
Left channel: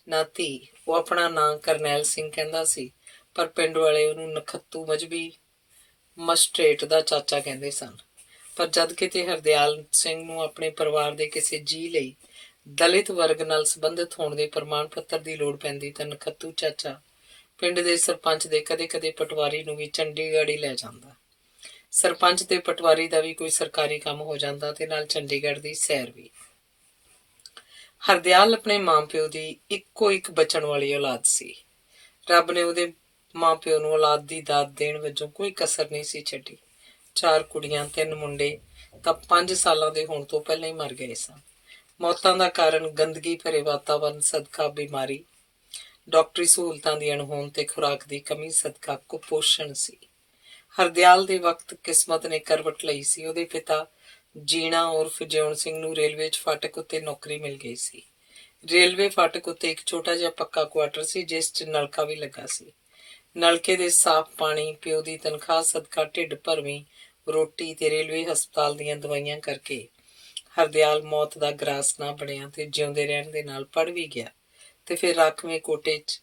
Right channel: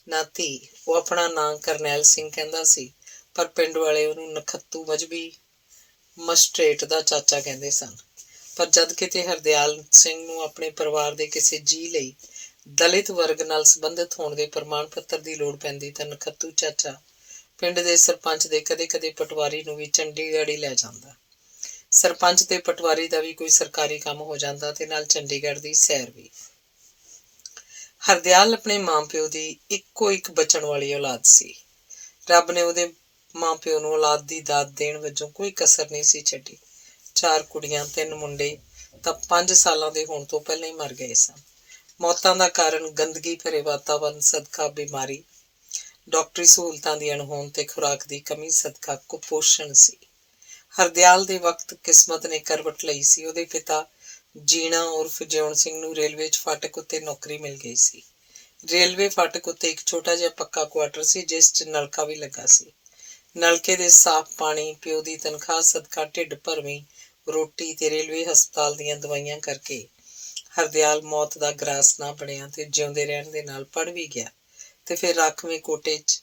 ਨਾ ਧੀ। ਉਹ ਆਪਣਾ ਨਾਂ ਕਰਨੈਲ ਸਿੰਘ ਕਹਿੰਦਾ ਸੀ, ਪਰ ਪਿੰਡ ਵਾਲੇ ਉਹਨੂੰ ਨਖੱਤੂ ਮਜ਼੍ਹਬੀ ਮਸਟਰੇਟ ਦਾ ਚਾਚਾ ਕਹਿੰਦੇ ਸਨ। ਪਰ ਜਦ ਕਿਤੇ ਹਰਦਿਆਲ ਸਿੰਘ ਨੂੰ ਆਪਣੇ ਪਰਿਵਾਰ ਦੇ ਕਿਸੇ ਜੀਅ ਲਈ ਦਲਿਤ ਵਰਗ ਨਾਲ ਸੰਬੰਧਿਤ ਹੋਣ ਦੇ ਪ੍ਰਮਾਣ ਪੱਤਰ ਦੀ ਲੋੜ ਪੈਂਦੀ ਤਾਂ ਨਖੱਤੂ ਚਾਚਾ ਪਿੰਡ ਦੇ ਸਰਪੰਚ ਦੇ ਕਦੇ-ਕਦੇ ਪਟਵਾਰੀ ਨੂੰ ਵੀ ਚੰਡੀਗੜ੍ਹ ਹੀ ਲੈ ਜਾਂਦਾ। ਸਰਪੰਚ ਤੇ ਪਟਵਾਰੀ ਦਾ ਵੀ ਕੋਈ ਸਰਕਾਰੀ ਕੰਮ ਹੋ ਜਾਂਦਾ ਤੇ ਨਾਲ ਚੰਡੀਗੜ੍ਹ ਦੀ ਸੈਰ ਵੀ। ਹਰਦਿਆਲ ਆਪਣੇ ਮਾਂ-ਪਿਓ ਦੀ ਇੱਕੋ ਇੱਕ ਬਚਣ ਵਾਲੀ ਔਲਾਦ ਸੀ। ਰੱਬ ਨੇ ਉਹਦੇ ਮਾਂ-ਪਿਓ ਨੂੰ ਔਲਾਦ ਦੀ ਦਾਤ ਦੇਣ ਵਜੋਂ ਕੋਈ ਕਸਰ ਨਹੀਂ ਸੀ ਛੱਡੀ। 4 ਕੁੜੀਆਂ, 3 ਮੁੰਡੇ ਤਾਂ 5 ਸਾਲਾਂ ਦੇ ਹੋਣ ਤੋਂ ਪਹਿਲਾਂ ਹੀ ਮਰ ਗਏ ਸਨ। ਮੌਤਾਂ ਦਾ ਕਾਰਨ ਗੰਦਗੀ ਭਰੇ ਵਾਤਾਵਰਨ ਸਦਕਾ ਬਿਮਾਰੀ, ਡਾਕਟਰੀ ਸਹੂਲਤਾਂ ਦੀ ਅਣਹੋਂਦ ਤੇ ਖੁਰਾਕ ਦੀ ਕਮੀ ਸਦਕਾ ਕੁਪੋਸ਼ਣ ਸੀ। ਹਰਦਿਆਲ ਦੇ ਵਕਤ ਕਿਸਮਤ ਨੇ ਕਰਵਟ ਲਈ ਸੀ। ਉਹਦੇ ਪਿਤਾ ਜੀਣਾ ਉਰਫ ਜਿਉਣ ਸਿੰਘ ਨੂੰ ਰੇਲਵੇ 'ਚ ਫਾਟਕ ਉੱਤੇ ਨੌਕਰੀ ਮਿਲ ਗਈ ਸੀ। ਰੇਲਵੇ ਫਾਟਕ ਉੱਤੇ ਇੱਕ ਛੋਟਾ ਜਿਹਾ ਪੱਕਾ ਕੁਆਟਰ ਸੀ, ਜਿਸ 'ਚ ਨਲਕਾ ਵੀ ਲੱਗਾ ਸੀ। ਨਲਕੇ ਦੇ ਸਾਫ਼ ਪਾਣੀ, ਪਿਓ ਦੀ ਤਨਖਾਹ ਸਦਕਾ ਢਿੱਡ ਭਰਵੀਂ ਰੋਟੀ ਤੇ ਰੇਲਵੇ ਹਸਪਤਾਲ ਦੀਆਂ ਦਵਾਈਆਂ ਕਰਕੇ ਹਰਦਿਆਲ ਮੌਤ ਦਾ ਗਰਾਸ ਨਾ ਬਣਿਆ ਤੇ ਜਿਉਂਦੇ ਰਹਿਣ ਦੇ ਨਾਲ ਪੜ੍ਹ ਵੀ ਗਿਆ ਤੇ ਫਿਰ ਰਾਖਵੇਂ ਕੋਟੇ 'ਚ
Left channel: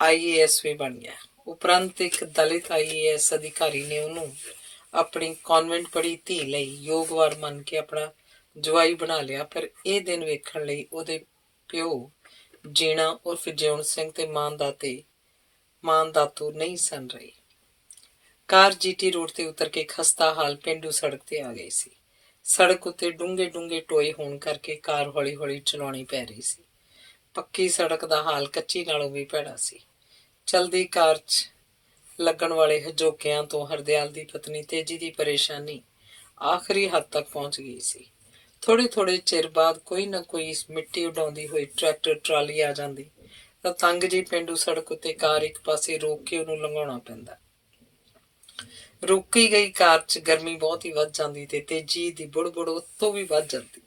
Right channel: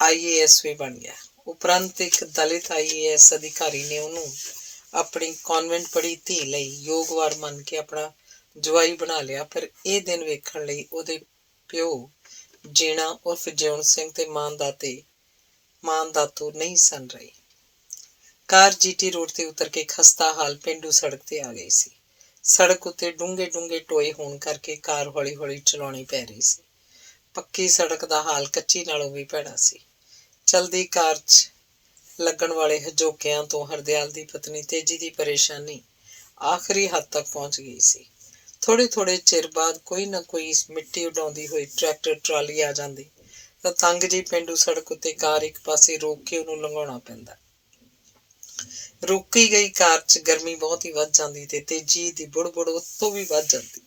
IAS ਵੀ ਬਣ ਗਿਆ। ਉਪਰੰਤ ਇੱਕ ਦਲਿਤ IAS ਅਧਿਕਾਰੀ ਨੇ ਉਹਨੂੰ ਆਪਣੀ ਕਾਨਵੈਂਟ ਪੜ੍ਹੀ ਧੀ ਲਈ ਯੋਗਵਾਰ ਮੰਨ ਕੇ ਆਪਣਾ ਜਵਾਈ ਬਣਾ ਲਿਆ। ਪਰ ਇਹ ਦਿਨ ਵੇਖਣ ਲਈ ਉਹਦੇ ਪਿਓ ਜੀਣਾ ਉਰਫ ਜਿਉਣ ਸਿੰਘ ਤੇ ਮਾਂ ਦਾਤੂ ਨਹੀਂ ਸਨ ਰਹੇ। ਕਾਰ GT ਰੋਡ ਤੇ ਉਤਰ ਕੇ ਖਸਤਾ ਹਾਲ ਪੇਂਡੂ ਸੜਕ ਤੇ ਆ ਗਈ ਸੀ। ਸੜਕ ਉੱਤੇ ਡੂੰਘੇ ਟੋਏ ਹੋਣ ਕਰਕੇ ਕਾਰ ਹੌਲੀ-ਹੌਲੀ ਚਲਾਉਣੀ ਪੈ ਰਹੀ ਸੀ। ਪੱਕੀ ਸੜਕ ਦਾ ਹਾਲ ਕੱਚੀ ਨਾਲੋਂ ਵੀ ਭੈੜਾ ਸੀ। ਚਲਦੀ ਕਾਰ 'ਚ ਲੱਗਣ ਵਾਲੇ ਹਜੋਕਿਆਂ ਤੋਂ ਹਰਦਿਆਲ ਦੀ ਪਤਨੀ ਤੇਜੀ ਦੀ ਪਰੇਸ਼ਾਨੀ ਆਖਰੀ ਹੱਦ ਤੱਕ ਪਹੁੰਚ ਗਈ ਸੀ। ਥੋੜ੍ਹੇ ਚਿਰ ਬਾਅਦ ਕੋਈ ਨਾ ਕੋਈ ਮਿੱਟੀ ਉਡਾਉਂਦੀ ਹੋਈ ਟਰੈਕਟਰ ਟਰਾਲੀ ਆ ਜਾਂਦੀ ਤਾਂ ਤੰਗ ਜਿਹੀ ਪੇਂਡੂ ਸੜਕ ਉੱਤੇ ਕਾਰ ਇੱਕ ਪਾਸੇ ਰੋਕ ਕੇ ਉਹਨੂੰ ਲੰਘਾਉਣਾ ਪੈਂਦਾ। ਰੋਕੀ ਗਈ ਕਾਰ 'ਚ ਗਰਮੀ ਬਹੁਤ ਹੀ ਵੱਧ ਜਾਂਦੀ ਤੇ ਤੇਜੀ ਦੀ ਬੁੜ ਉੱਤੋਂ ਵੀ ਵੱਧ ਜਾਂਦੀ।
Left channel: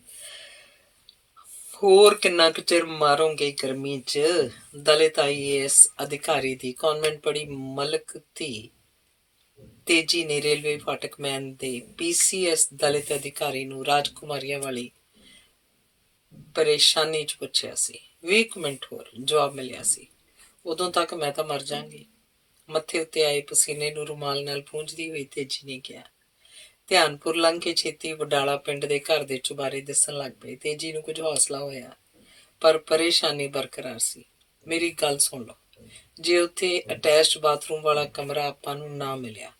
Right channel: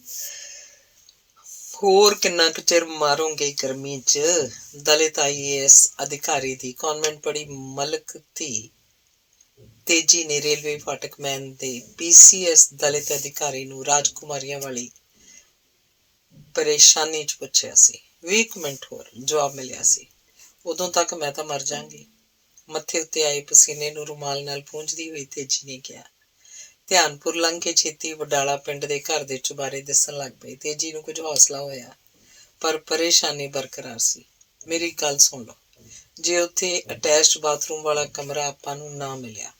ਹੋਰ ਕਿੰਨਾ ਕੁ ਚਿਰ ਮਾਰੋਗੇ ਗਰਮੀ 'ਚ? ਦਲਿਤ IAS ਅਧਿਕਾਰੀ ਦੀ ਕਾਨਵੈਂਟ ਪੜ੍ਹੀ ਮਲਕ ਧੀ ਤੇਜੀ ਨੇ ਰੇਲਵੇ ਫਾਟਕ ਮੈਨ ਦੇ PCS ਦਲਿਤ ਅਧਿਕਾਰੀ ਨੂੰ ਰਾਜਕੁਮਾਰੀਆਂ ਵਾਲੀ ਪਰੇਸ਼ਾਨੀ 'ਚ ਪੁੱਛਿਆ ਸੀ। 20 ਮਿੰਟ ਹੋਰ, ਜਵਾਬ ਮਿਲਿਆ ਸੀ। ਉਦੋਂ ਤੱਕ ਮੈਂ ਤਾਂ ਮਰ ਜਾਵਾਂਗੀ। ਮੱਥੇ ਉੱਤੇ ਆਏ ਪਸੀਨੇ ਨੂੰ ਰੁਮਾਲ ਨਾਲ ਪੂੰਝਦੀ ਹੋਈ ਤੇਜੀ ਨੇ ਕਿਹਾ। ਧਿਆਨਪੁਰ ਲੰਘ ਕੇ ਛੇਤੀ ਵਡਾਲਾ ਪਿੰਡ ਦੇ ਘਰ ਦੇ ਚੁਬਾਰੇ ਦਿਸਣ ਲੱਗ ਪਏ। ਤੇਜੀ ਨੂੰ ਕੁਝ ਹੌਸਲਾ ਹੋਇਆ, ਪਰ ਪਰੇਸ਼ਾਨੀ ਬਰਕਰਾਰ ਸੀ। ਮੇਰੀ ਗੱਲ ਸੁਣ ਲਓ, ਜੇ ਉੱਥੇ ਅਟੈਚਡ ਬਾਥਰੂਮ ਵਾਲਾ ਕਮਰਾ ਆਪਾਂ ਨੂੰ ਨਾ ਮਿਲਿਆ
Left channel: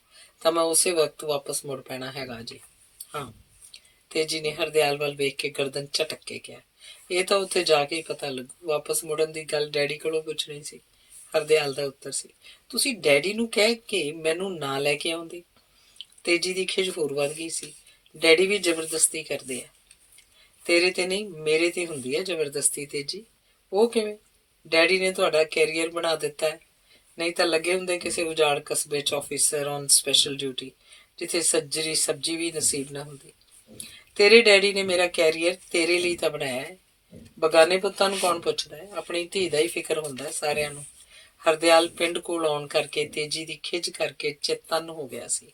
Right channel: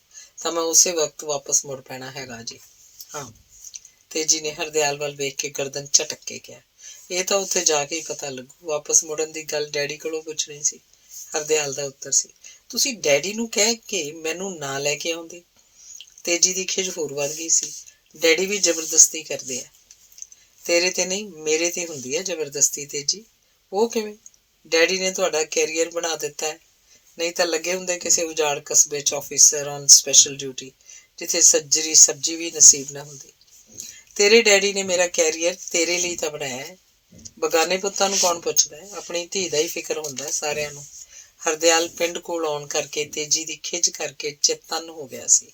ਤਾਂ ਮੈਂ ਉਸੇ ਵਕਤ ਵਾਪਸ ਮੁੜ ਪੈਣਾ ਹੈਗਾ ਜੀ। ਹਾਂ, ਤੇਜੀ ਨੇ ਹਰਦਿਆਲ ਵੱਲ ਵੇਖ ਕੇ ਗਰਦਨ ਝਟਕ ਕੇ ਕਿਹਾ। ਇਹ ਤਾਂ ਉੱਥੇ ਜਾ ਕੇ ਹੀ ਪਤਾ ਲੱਗੂ। ਵਾਪਸ ਮੁੜਨ ਦੀ ਗੱਲ ਡੈਡੀ ਕੋਲੋਂ ਪੁੱਛਣੀ ਸੀ। ਹਰਦਿਆਲ ਦਾ ਉੱਤਰ ਸੀ। ਤੁਸੀਂ ਡੈਡੀ ਨੂੰ ਕਹਿ ਕੇ ਮੈਨੂੰ ਨਾ ਲੈ ਕੇ ਆਉਂਦੇ। ਤੇਜੀ ਦੀ ਖਿਝ ਹੋਰ ਵੱਧ ਗਈ ਸੀ। ਡੈਡੀ ਵੀ ਜ਼ਬਰਦਸਤੀ ਕਰਦੇ ਆ। ਤੇਰੇ ਤੇ ਨਹੀਂ, ਮੇਰੇ ਤੇ ਹੁੰਦੀ ਹੈ ਜ਼ਬਰਦਸਤੀ ਤੇਜੀ। ਉਹ ਕਿਵੇਂ? ਡੈਡੀ ਨੇ ਤੁਹਾਡਾ ਕੈਰੀਅਰ ਬਣਾ ਦਿੱਤਾ ਹੈ, ਨਹੀਂ ਤਾਂ ਲੱਗੇ ਹੁੰਦੇ ਕਿਸੇ ਉਜਾੜ ਕਸਬੇ 'ਚ ਆਫਿਸਰ ਔਨ ਸਪੈਸ਼ਲ ਡਿਊਟੀ, ਜਿੱਥੇ ਸੱਜਰੀ ਸਬਜ਼ੀ ਵੀ ਨਸੀਬ ਨਾ ਹੁੰਦੀ। ਤੇਰੇ ਡੈਡੀ ਨੇ ਮੇਰਾ ਕੈਰੀਅਰ ਤੇਰੇ ਲਈ ਤਾਂ ਬਣਾਇਆ ਹੈ। ਬਗਾਨੇ ਪੁੱਤਾਂ ਨੂੰ ਕੌਣ ਪੁੱਛਦਾ ਹੈ? ਆਪਣੀ ਧੀ ਦਾ ਹੀ ਫਿਕਰ ਹੁੰਦਾ ਸਾਰਿਆਂ ਨੂੰ। ਹਰਦਿਆਲ ਪਿੰਡ ਕੋਲ ਆਉਣ ਕਰਕੇ ਤੇਜੀ ਦੀ ਖਿਝ ਕਰਕੇ ਚੇਤੰਨ ਹੋ ਗਿਆ ਸੀ।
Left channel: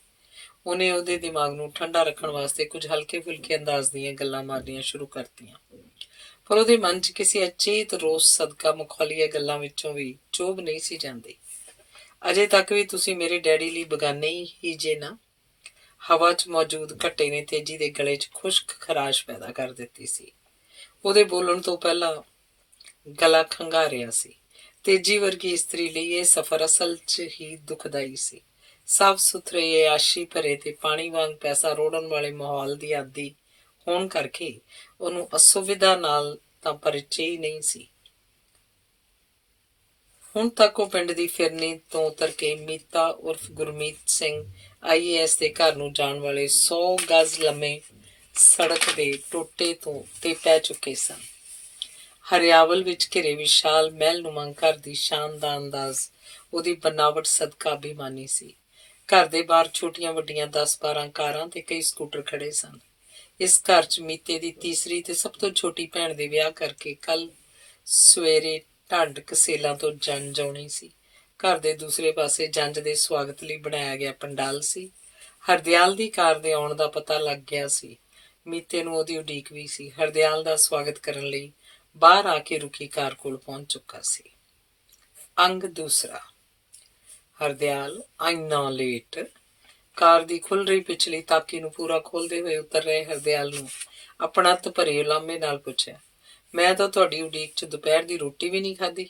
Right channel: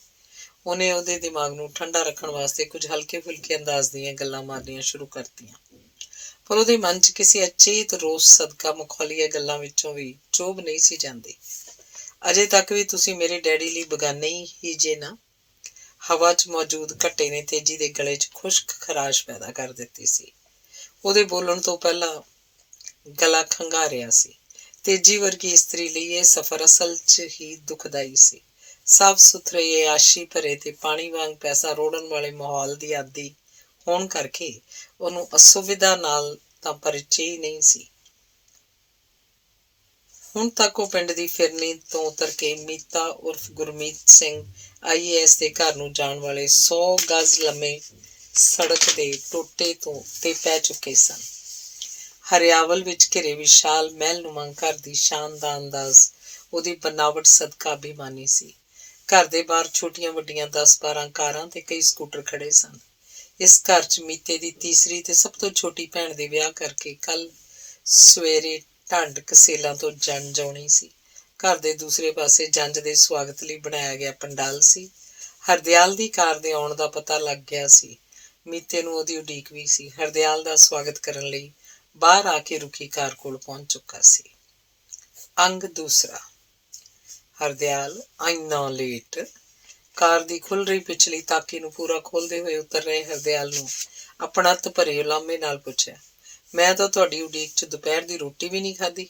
ਉਹਨੇ ਉਹਦੇ ਦਿਮਾਗ ਨੂੰ ਠੰਡਾ ਰੱਖਣ ਵਾਸਤੇ ਕੁਝ ਹਲਕੇ-ਫੁਲਕੇ ਅੰਦਾਜ਼ ਦੀਆਂ ਗੱਲਾਂ ਮਾਰਨੀਆਂ ਸ਼ੁਰੂ ਕਰਤੀਆਂ, ਪਰ ਉਹਦੇ ਮਨ 'ਚ ਕਿਸੇ ਅਚੇਤ ਰੋਸ ਸਦਕਾ ਮਖੌਲੀਆਂ ਗੱਲਾਂ ਵਿੱਚੋਂ ਵੀ ਚੋਭ ਨਹੀਂ ਸੀ ਜਾਂਦੀ। ਅਜੇ ਤੱਕ ਵੀ ਤੁਸੀਂ ਮੇਰੇ ਡੈਡੀ ਲਈ ਬਗਾਨੇ ਹੀ ਜੇ ਨਾ? ਹਵਾ 'ਚ ਮੌਜੂਦ ਘੱਟੇ ਨੇ ਤੇਜੀ ਦੇ ਗਲੇ 'ਚ ਖੁਸ਼ਕ ਖਰਾਸ਼ ਪੈਦਾ ਕਰ ਦਿੱਤੀ ਸੀ। ਉਹਦੇ ਬੋਲਣ ਤੋਂ ਪਹਿਲਾਂ ਗਲਾ ਖੰਘਾਰਿਆ ਸੀ ਤੇਜੀ ਵਰਗੀ ਇਸਤਰੀ ਲਈ ਇਹ ਸਫ਼ਰ ਅਸਲ 'ਚ ਹੀ ਦੁਖਦਾਈ ਸੀ। ਸਾਫ਼ ਸੁਥਰੇ ਅਯਾਸ਼ੀ ਭਰੇ ਤੇ ਪਾਣੀ ਵਾਂਗ ਪੈਸਾ ਰੋੜਨ ਵਾਲੇ ਮਾਹੌਲ ਦੀ ਆਦੀ ਹੋਣ ਕਰਕੇ ਉਹਨੂੰ ਅਸੁਵਿਧਾ ਨਾਲ ਤਾਂ ਪਰਿਚੈ ਹੀ ਨਹੀਂ ਸੀ। ਹੁਣ ਤੱਕ ਉਹ ਪਿੰਡ ਦੀ ਫਿਰਨੀ ਤੋਂ ਉਤਰ ਕੇ ਮੀਤਾ ਉਰਫ ਗੁਰਮੀਤ ਸਿੰਘ IAS ਦੇ ਘਰ ਨੂੰ ਜਾਣ ਵਾਲੇ 100 ਗਜ਼ ਲੰਮੇ ਸੜਕ ਦੇ ਟੋਟੇ ਤੋਂ ਤੇ ਪੈ ਚੁੱਕੇ ਸਨ। ਹਰਿਆਵਲ ਵਿੱਚ ਘਿਰੇ ਵਿਸ਼ਾਲ ਮਹਿਲਨੁਮਾ ਘਰ ਦੀ ਸ਼ਾਨ ਦਾ ਅੰਦਾਜ਼ ਉਹਦੀ ਬਨਾਵਟ ਸਦਕਾ ਅਭਿਮਾਨੀ ਸੀ। ਘਰ ਦੇ ਬਾਹਰ ਛੋਟੀਆਂ ਵੱਡੀਆਂ 10-12 ਕਾਰਾਂ ਤੇ ਕਈ ਸਕੂਟਰ ਖੜੇ ਸਨ। ਇਸ ਘਰ 'ਚ ਮੀਤੇ ਦੀ ਤੀਸਰੀ ਤੇ ਸਭ ਤੋਂ ਛੋਟੀ ਭੈਣ ਦੇ ਵਿਆਹ ਕਰਕੇ ਕੱਲ ਸਵੇਰੇ ਢੰਡ ਕਸੇਲਾਂ ਤੋਂ ਜੰਝ ਆਉਣੀ ਸੀ। ਘਰ ਦੇ ਦੂਸਰੇ ਪਾਸੇ ਜੰਝ ਦੇ ਸਵਾਗਤ ਲਈ ਬਣਾਇਆ ਗਿਆ ਪੰਡਾਲ ਸੀ। ਹਰਦਿਆਲ ਦੀ ਕਾਰ ਦੇ ਆਉਣ ਦਾ ਪਤਾ ਲੱਗ ਗਿਆ ਸੀ। ਮੀਤੇ ਨੂੰ ਉਹਦੀ ਉਡੀਕ ਵੀ ਸੀ। ਹਰਦਿਆਲ ਦਾ ਸਵਾਗਤ ਕਰਨ ਲਈ ਬਾਹਰ ਆ ਕੇ ਰੁਕੀ ਕਾਰ ਕੋਲ ਪਹੁੰਚ ਚੁੱਕਾ ਸੀ। ਅੰਗ ਦੂਸਰਾ। ਹਰਦਿਆਲ ਇੰਨਾ ਲੇਟ। ਕਾਰ ਦੀ ਖੁੱਲ ਰਹੀ ਪਿਛਲੀ ਤਾਕੀ ਨੂੰ ਪੂਰਾ ਖੋਲਦੇ ਹੋਏ ਉਤਰ ਰਹੇ ਹਰਦਿਆਲ ਨੂੰ ਆਪਣਾ ਭਰੇ ਉਲਾਮੇ ਨਾਲ ਪੁੱਛਿਆ, ਮੈਂ ਤਾਂ ਤੁਹਾਡੀ ਉਡੀਕ 'ਚ ਦੁਪਹਿਰ ਦੀ ਰੋਟੀ ਵੀ ਨਹੀਂ ਖਾਧੀ।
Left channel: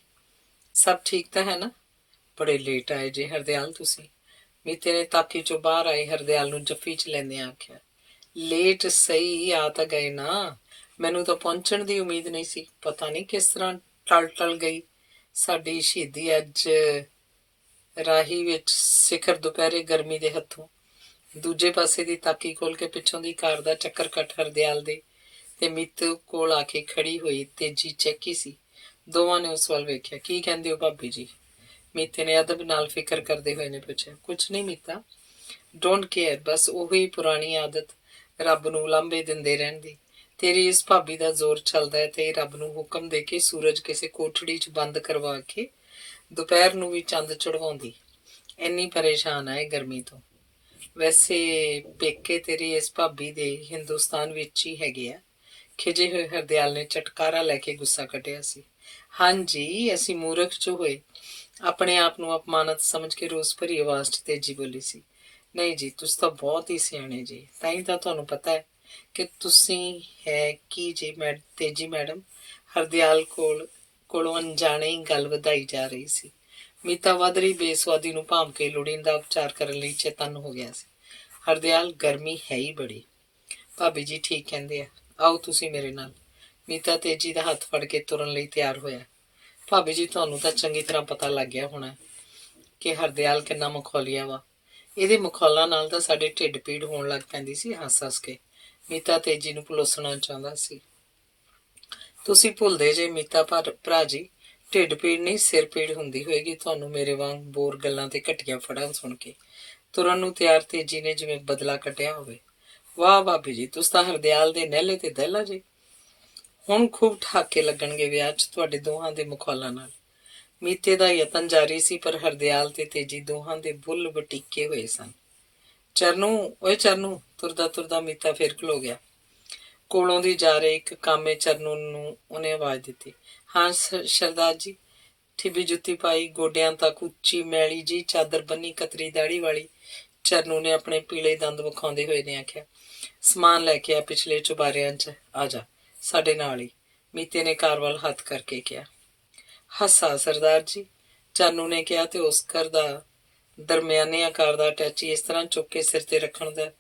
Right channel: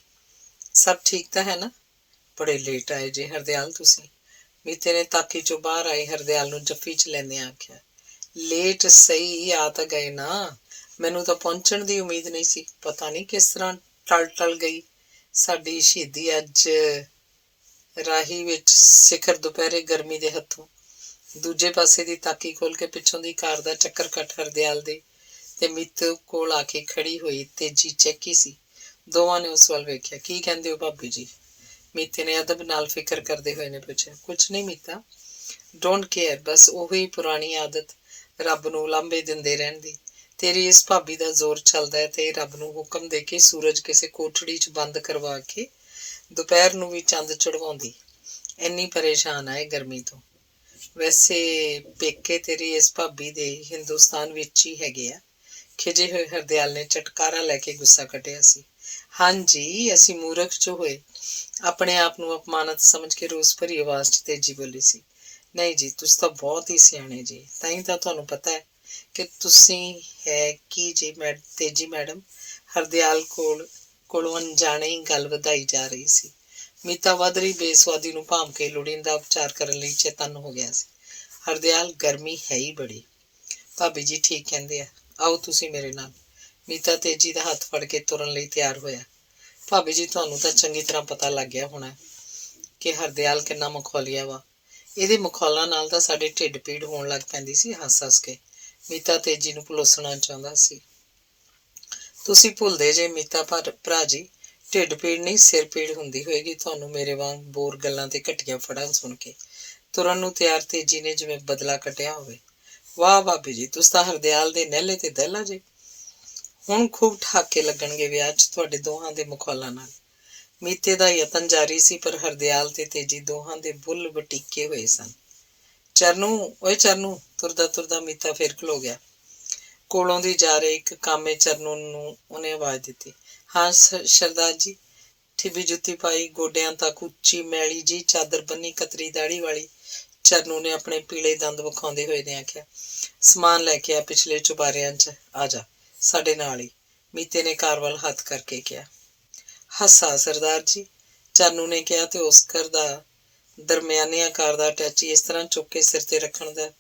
ਸਭ ਠੀਕ ਤਾਂ ਹੈ ਨਾ? ਬੜੇ ਲੇਟ ਆਏ ਜੇ ਹਰਦਿਆਲ ਤੁਸੀਂ। ਮੀਤੇ ਨੇ ਤਾਕੀ 'ਚੋਂ ਬਾਹਰ ਆਏ ਹਰਦਿਆਲ ਨੂੰ ਜੱਫੀ 'ਚ ਲੈਂਦਿਆਂ ਆਖਿਆ, ਲੇਟ ਸਹੀ ਆ ਤਾਂ ਗਏ ਨਾ। ਮੈਨੂੰ ਤਾਂ ਪਹੁੰਚਣ ਦੀ ਉਮੀਦ ਨਹੀਂ ਸੀ। ਪਤਾ ਨਹੀਂ ਕਿਸ ਤਰ੍ਹਾਂ ਟਲ ਗਈ ਸਾਡੀ ਸ਼ਹੀਦੀ ਅੱਜ ਰਾਹੀ ਵਿੱਚ ਸਿਖਰ ਦੁਪਹਿਰੇ ਗਰਮੀ ਦੇ ਹੱਥੋਂ। ਦੂਜੇ ਪਾਸੇ ਦੀ ਤਾਕੀ ਖੋਲ ਕੇ ਪਿੱਛੋਂ ਦੀ ਕਾਰ ਦਾ ਚੱਕਰ ਕੱਟ ਹਰਦਿਆਲ ਦੇ ਤੇ ਮੀਤੇ ਕੋਲ ਆ ਕੇ ਖੜੀ ਹੋਈ ਤੇਜੀ ਚੈੱਕੀ ਸੀ। ਦੋਵਾਂ ਨੇ ਉਸ ਵੱਲ ਵੇਖਿਆ। ਕੀ ਕਹਿੰਦੇ ਹੋ ਭਾਬੀ ਜੀ? ਮੀਤੇ ਨੇ ਅਦਬ ਨਾਲ ਫਿਕਰ ਕਰਦੇ ਹੋਏ ਨੇ ਪੁੱਛਿਆ। ਕੁਛ ਨਹੀਂ ਮੀਤਾ, ਡੋਂਟ ਕੇਅਰ, ਬਸ ਉਹੀ ਪੁਰਾਣੀ ਆਦਤ ਰੱਬ ਨੂੰ ਉਲਾਂਭੇ ਦਿੰਦੇ ਰਹਿਣ ਦੀ। ਤੇਰੀ ਇਸ ਭਾਬੀ ਦਾ ਜ਼ੋਰ ਚੱਲਦਾ ਹੈ ਤੇ ਰੱਬ ਨੂੰ ਹੁਕਮ ਦੇ ਕੇ ਸੂਰਜ ਕਿਸੇ ਕੋਠੜੀ 'ਚ ਬੰਦ ਕਰਵਾ ਕੇ ਦੁਪਹਿਰ ਨੂੰ ਵੀ ਚੰਦ ਚੜਵਾਉਂਦੀ। ਇੰਨੀ ਪਰੇਸ਼ਾਨ ਆਏ ਗਰਮੀ ਤੋਂ। ਵੈਸੇ ਪੇਕੇ ਤੇਰੀ ਇਸ ਭਾਬੀ ਦੇ ਹਿੰਦੁਸਤਾਨ ਵਿੱਚ ਹੀ ਹੈਗੇ ਆ। ਖਿਜੇ ਹੋਏ ਹਰਦਿਆਲ ਨੇ ਚਟਕਾਰਾ ਲੈ ਕੇ ਗੁੱਸਾ ਕੱਢਿਆ ਸੀ। ਹਾਂਜੀ, ਅਸੀਂ ਮੂਰਖ 'ਚ ਹੋਏ। ਆਪਣੇ ਆਪ ਨੂੰ ਅਪਮਾਨਤ ਸਮਝ ਕੇ ਰੋਸ ਭਰੀ ਆਵਾਜ਼ 'ਚ ਤੇਜੀ ਬੋਲੀ ਸੀ। ਨਹੀਂ ਜੀ, ਤੁਸੀਂ ਤਾਂ ਬਹੁਤ ਹੀ ਸਿਆਣੇ ਜੀ। ਤਾਂ ਹੀ ਤਾਂ ਤੁਹਾਨੂੰ ਪਤਾ ਹੈ ਕਿ ਤੁਸੀਂ ਹੈ ਕੀ ਜੀ ਤੇਜੀ ਮੈਡਮ। ਹਰਦਿਆਲ ਕੋਲੋਂ ਅਣਜਾਣੇ ਹੀ ਗੱਲ ਵਧਾਈ ਜਾ ਰਹੀ ਸੀ। ਮੀਤਾ ਵੱਧ ਰਹੀ ਬੇਸੁਆਦੀ ਨੂੰ ਭਾਂਪ ਕੇ ਲੋੜੀਂਦਾ ਉਪਚਾਰ ਕਰਨ ਲਈ ਚੇਤੰਨ ਹੋ ਗਿਆ ਸੀ। ਹਰਦਿਆਲ, ਗਰਮੀ ਹੈ ਹੀ ਬੜੀ। ਭਾਬੀ ਜੀ ਠੀਕ ਕਹਿੰਦੇ ਆ, ਆਓ ਤੁਸੀਂ ਮੇਰੇ ਨਾਲ। ਮੀਤਾ ਤੇਜੀ ਦਾ ਹੱਥ ਫੜ ਕੇ ਤੁਰਨ ਲਈ ਤਿਆਰ ਹੋਇਆ। ਭਾਬੀ ਜੀ, ਤੁਹਾਨੂੰ ਤਾਂ ਚੰਗੀ ਤਰ੍ਹਾਂ ਪਤਾ ਲੱਗ ਗਿਆ ਹੋਣਾ ਕਿ ਹਰਦਿਆਲ ਕਿੰਨਾ ਮਖੌਲੀਆ ਵਾ। ਇਹਦੇ ਮਖੌਲਾਂ ਨਾਲ ਤਾਂ ਸਾਡੇ ਢਿੱਡ ਪੀੜ ਹੋਣ ਲੱਗ ਪੈਂਦੀ ਸੀ ਹੱਸ ਕੇ। ਮੀਤਾ ਤੇਜੀ ਨੂੰ ਭੁਲੋਸਣਾ ਚਾਹੁੰਦਾ ਸੀ। ਤੁਸੀਂ ਭੁੱਲਦੇ ਜੇ ਮੀਤਾ ਭਰਾ ਜੀ, ਢਿੱਡ ਪੀੜ ਨਹੀਂ ਸਿਰ ਪੀੜ ਹੁੰਦੀ ਹੋਏਗੀ ਤੁਹਾਨੂੰ ਮੇਰੇ ਵਾਂਗ ਬੋਰ ਗੱਲਾਂ ਤੇ ਘਟੀਆਂ ਫੜਾਂ ਸੁਣ ਕੇ। ਤੁਰਨ ਨੂੰ ਤਿਆਰ ਤੇਜੀ ਨੇ ਜਿਵੇਂ ਬਦਲਾ ਕੱਟਿਆ ਹੋਵੇ। ਵਾਹ ਭਾਬੀ ਜੀ, ਤੁਸੀਂ ਤਾਂ ਹਰਦਿਆਲ ਦੇ ਨਹਿਲੇ ਤੇ ਦਹਿਲਾ ਜੇ। ਹੁਣ ਖੂਬ ਠਾਕੇ ਲੱਗਣਗੇ ਵਿਆਹ 'ਚ ਤੁਹਾਡੇ ਦੋਹਾਂ ਦੇ ਮਖੌਲਾਂ ਨਾਲ। ਮੀਤੇ ਦਾ ਯਤਨ ਜਾਰੀ ਸੀ ਪਰ ਹਰਦਿਆਲ ਤੇ ਤੇਜੀ ਦੋਹਾਂ ਦੇ ਬੁੱਲ ਵਟੀਕੇ ਹੋਏ ਸਨ। ਚਰਨੂ, ਓਏ ਚਰਨੂ। ਤੁਰਦਾ ਤੁਰਦਾ ਮੀਤਾ ਫਿਰ ਖਲੋ ਗਿਆ। ਕੋਲੋਂ ਦੀ ਜਾ ਰਹੇ ਇੱਕ ਕਾਮੇ ਚਰਨੂ ਨੂੰ ਉਹਨੇ ਆਵਾਜ਼ ਦਿੱਤੀ। ਹਾਂ ਸਰਦਾਰ ਜੀ। ਠਿੱਬੀ ਜੁੱਤੀ ਪਾਈ, ਗੋਡਿਆਂ ਤੱਕ ਉੱਚੀ ਮੈਲੀ ਜੀ ਚਾਦਰ ਬੰਨੀ, ਕਤਰੀ ਦਾੜੀ ਵਾਲੀ ਚਰਨੂ ਨੇ ਆਪਣੇ ਪੀਲੇ ਦੰਦ ਵਿਖਾਉਂਦੇ ਹੋਏ ਨੇ ਆਖਿਆ, ਸਮਾਨ ਲੈ ਕੇ ਆ ਪਿਛਲੇ ਚੁਬਾਰਿਆਂ 'ਚ। ਆ ਜਾ ਸਾਡੇ ਨਾਲ ਹੀ, ਮੀਤੇ ਨੇ ਕਾਰ ਵੱਲ ਹੱਥ ਕਰਕੇ ਕਿਹਾ। ਹੱਸਾ ਸਰਦਾਰ ਜੀ, ਚਰਨੂ ਨੇ ਕਿਹਾ ਤੇ ਉਸ ਘਰ ਦਾ ਦਰਮਿਆਨੇ ਆਕਾਰ ਦਾ ਅਟੈਚੀ ਇਸ ਤਰ੍ਹਾਂ ਚੁੱਕ ਕੇ ਸਿਰ ਤੇ ਰੱਖਣ ਦਾ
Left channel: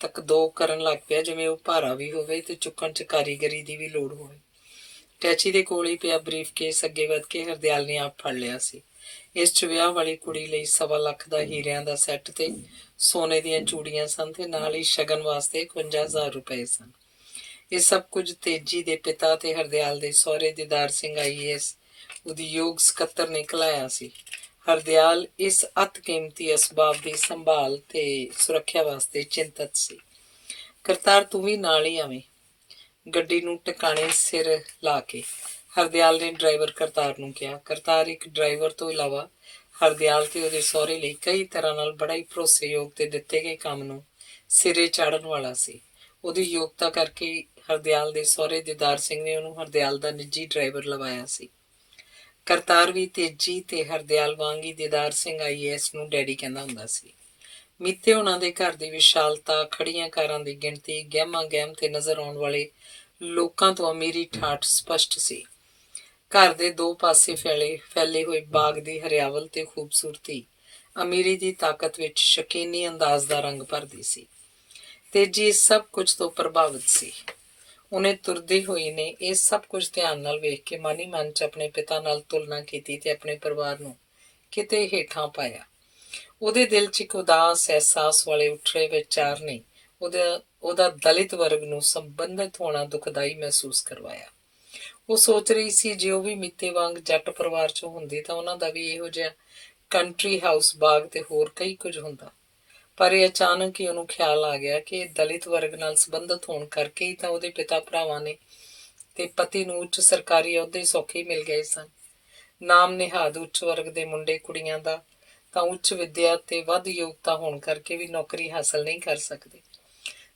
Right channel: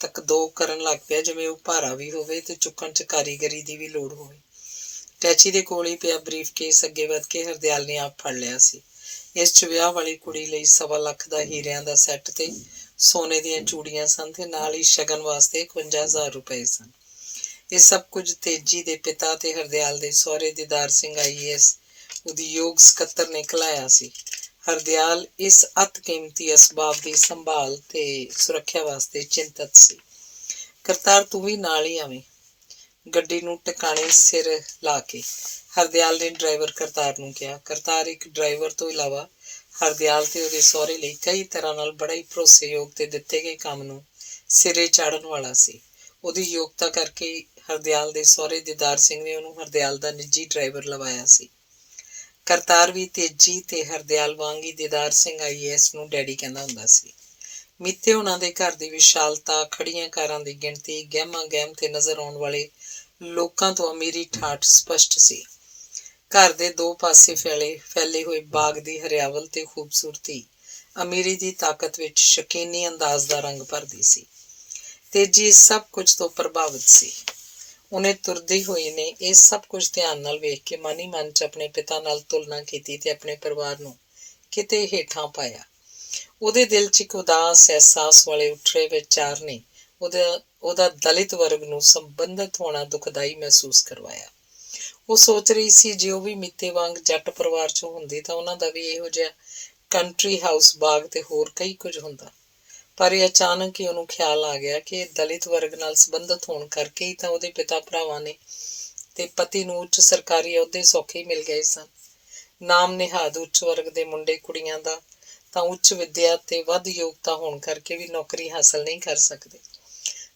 ਤੱਕ ਦੋ ਕਰਨ ਲੱਗ ਪਿਆ ਜਿਵੇਂ ਉਹ ਭਾਰਾ ਵੀ ਹੋਵੇ ਤੇ ਚੁੱਕਣ 'ਚ ਕਾਰੀਗਰੀ ਦੀ ਵੀ ਲੋੜ ਹੋਵੇ। ਟੈਚੀ ਦੇ ਕੋਲ ਹੀ ਪਿਆ ਬਰੀਫ ਕੇਸ ਅੱਗੇ ਵੱਧ ਕੇ ਹਰਦਿਆਲ ਨੇ ਆਪ ਫੜ ਲਿਆ ਸੀ। ਇਸ 'ਚ ਵਿਆਹ ਵਾਲੀ ਕੁੜੀ ਲਈ 1.25 ਲੱਖ ਦਾ ਹੀਰਿਆਂ ਦਾ ਸੈੱਟ ਤੇ ਸੋਨੇ ਦੀਆਂ ਚੂੜੀਆਂ ਸਨ ਤੇ ਨਾਲ ਹੀ ਸ਼ਗਨ ਵਾਸਤੇ 51,000 ਰੁਪਏ ਸਨ। ਇਹ ਸਭ ਕੁਝ ਤੇਜੀ ਦੇ ਪਿਤਾ ਤੇ ਹਰਦਿਆਲ ਦੇ ਸਹੁਰੇ ਦੀਦਾਰ ਸਿੰਘ IAS ਉਦਯੋਗ ਸਕੱਤਰ ਨੇ ਘਲਾਇਆ ਸੀ। ਹਰਦਿਆਲ ਇਸ ਅਤ ਕੀਮਤੀ ਅਸਬਾਬ ਦੀ ਸੰਭਾਲ ਤੇ ਸੁਰੱਖਿਆ ਵਾਸਤੇ ਚਿੰਤਤ ਸੀ। ਕਰਤਾਰ, ਤੂੰ ਵੀ ਨਾਲ ਹੀ ਆਵੇਂ। ਗੱਡੀ ਨੂੰ ਟਿਕਾਣੇ ਸਿਰ ਲਾ ਕੇ ਹਰਦਿਆਲ ਨੇ ਡਰਾਈਵਰ ਕਰਤਾਰ ਨੂੰ ਕਿਹਾ। ਕਰਤਾਰ ਇੱਕ ਡਰਾਈਵਰ ਤੋਂ ਇਲਾਵਾ ਹਰਦਿਆਲ ਤੇ ਉਹਦੇ ਸਹੁਰੇ ਲਈ ਕਈ ਤਰ੍ਹਾਂ ਨਾਲ ਬੜਾ ਹੀ ਭਰੋਸੇਯੋਗ ਤੇ ਦਿੱਤੇ ਗਏ ਕੰਮ ਨੂੰ ਸਿਰੇ ਚਾੜਨ ਵਾਲਾ ਸੀ। ਉਹਦੀ ਯੋਗਤਾ ਕਰਕੇ ਹਰਦਿਆਲ ਦੇ ਸਹੁਰੇ ਦੀਦਾਰ ਸਿੰਘ ਨੇ ਉਹਨੂੰ ਹਰਦਿਆਲ ਦਾ ਨਿੱਜੀ ਡਰਾਈਵਰ ਲਵਾਇਆ ਸੀ। ਕਰਤਾਰ ਵੀ ਤੇਜੀ ਤੇ ਹਰਦਿਆਲ ਵਾਂਗ ਹੀ ਦੀਦਾਰ ਸਿੰਘ IAS ਨੂੰ ਡੈਡੀ ਕਹਿੰਦਾ ਹੁੰਦਾ ਸੀ। ਮੀਤੇ ਉਹਨਾਂ ਦੇ ਘਰ ਦੀ ਵਿਸ਼ਾਲਤਾ, ਖੜੀਆਂ ਕਾਰਾਂ ਦੀ ਗਿਣਤੀ, ਗਹਿਮਾ ਗਹਿਮ ਤੇ ਨਜ਼ਰ ਆਉਣ ਵਾਲੇ ਲੋਕਾਂ ਤੋਂ ਅਮੀਰੀ ਠਾਠ ਸਪਸ਼ਟ ਸੀ। ਘਰ ਦੇ ਦੋ ਪਾਸੇ ਫੈਲੇ ਹੋਏ ਬਾਗ ਦੀ ਹਰਿਆਵਲ ਤੇ ਖੂਬਸੂਰਤੀ ਅਮੀਰੀ ਦੀ ਤਾਕਤ ਵਿੱਚ ਸ਼ਕੀਨੀ ਅੰਦਾਜ਼ ਦਾ ਰੰਗ ਭਰਦੀ ਸੀ। ਤੇਜੀ ਇਸ ਸਭ ਕੁਝ ਤੋਂ ਪ੍ਰਭਾਵਿਤ ਸੀ। ਉਹਨੇ ਤੁਰਦੀ ਹੋਈ ਨੇ ਇਹ ਸਭ ਕੁਝ ਧਿਆਨ ਨਾਲ ਵੇਖ ਕੇ ਮਨ ਹੀ ਮਨ 'ਚ ਆਪਣੇ ਪਿਤਾ ਨਾਲ ਤੁਲਨਾ ਕੀਤੀ ਤੇ ਆਪਣੇ ਪਰਿਵਾਰ ਨੂੰ ਕਿਤੇ ਹੇਠਾਂ ਪਾਇਆ। ਉਹਦੇ ਦਿਲ 'ਚ ਇੱਕ ਉਦਾਸ ਅਹਿਸਾਸ ਵਾਲੇ ਉੱਠਰੇ ਵਿਚਾਰ ਨੇ ਉਹਦਾ ਦਲਿਤ ਵਰਗ ਨੂੰ ਸੰਬੰਧਿਤ ਹੋਣਾ ਦੁਖਦਾਈ ਮਹਿਸੂਸ ਕਰਵਾਇਆ। ਉਹ ਸੋਚ ਰਹੀ ਸੀ ਜੇ ਉਹ ਵੀ ਮੀਤੇ ਵਾਂਗ ਜੱਟ ਪਰਿਵਾਰ 'ਚੋਂ ਹੁੰਦੀ ਤਾਂ ਉਹਨਾਂ ਦਾ ਵੀ ਇਹੋ ਜਿਹਾ ਕੰਟਰੀ ਹਾਊਸ ਬਾਗ ਤੇ ਹੋਰ ਕਈ ਕੁਝ ਹੁੰਦਾ। ਪਰ ਇਹ ਅਚਾਨਕ ਹੀ ਉਹਨੂੰ ਖਿਆਲ ਆ ਗਿਆ ਕਿ ਦਲਿਤ ਵਰਗ ਨਾਲ ਸੰਬੰਧਿਤ ਹੋਣ ਕਰਕੇ ਹੀ ਤਾਂ ਉਹਦੇ ਪਿਤਾ ਭਰਾਵਾਂ ਨੇ ਤੇ ਪਤੀ ਨੂੰ ਉੱਚ ਸਰਕਾਰੀ ਅਹੁਦੇ ਸੌਖੇ ਮਿਲ ਗਏ ਸਨ। ਨਾਮ ਨਿਹਾਦ ਉੱਚ ਵਰਗ ਦੇ ਮੁੰਡੇ ਕੁੜੀਆਂ ਦਾ ਤਾਂ ਉੱਚ ਵਿੱਦਿਆ ਤੇ ਵੱਧ ਯੋਗਤਾ ਹੋਣ ਕਰਕੇ ਵੀ ਨੌਕਰੀ ਹਾਸਲ ਨਹੀਂ ਕਰ ਸਕਦੇ।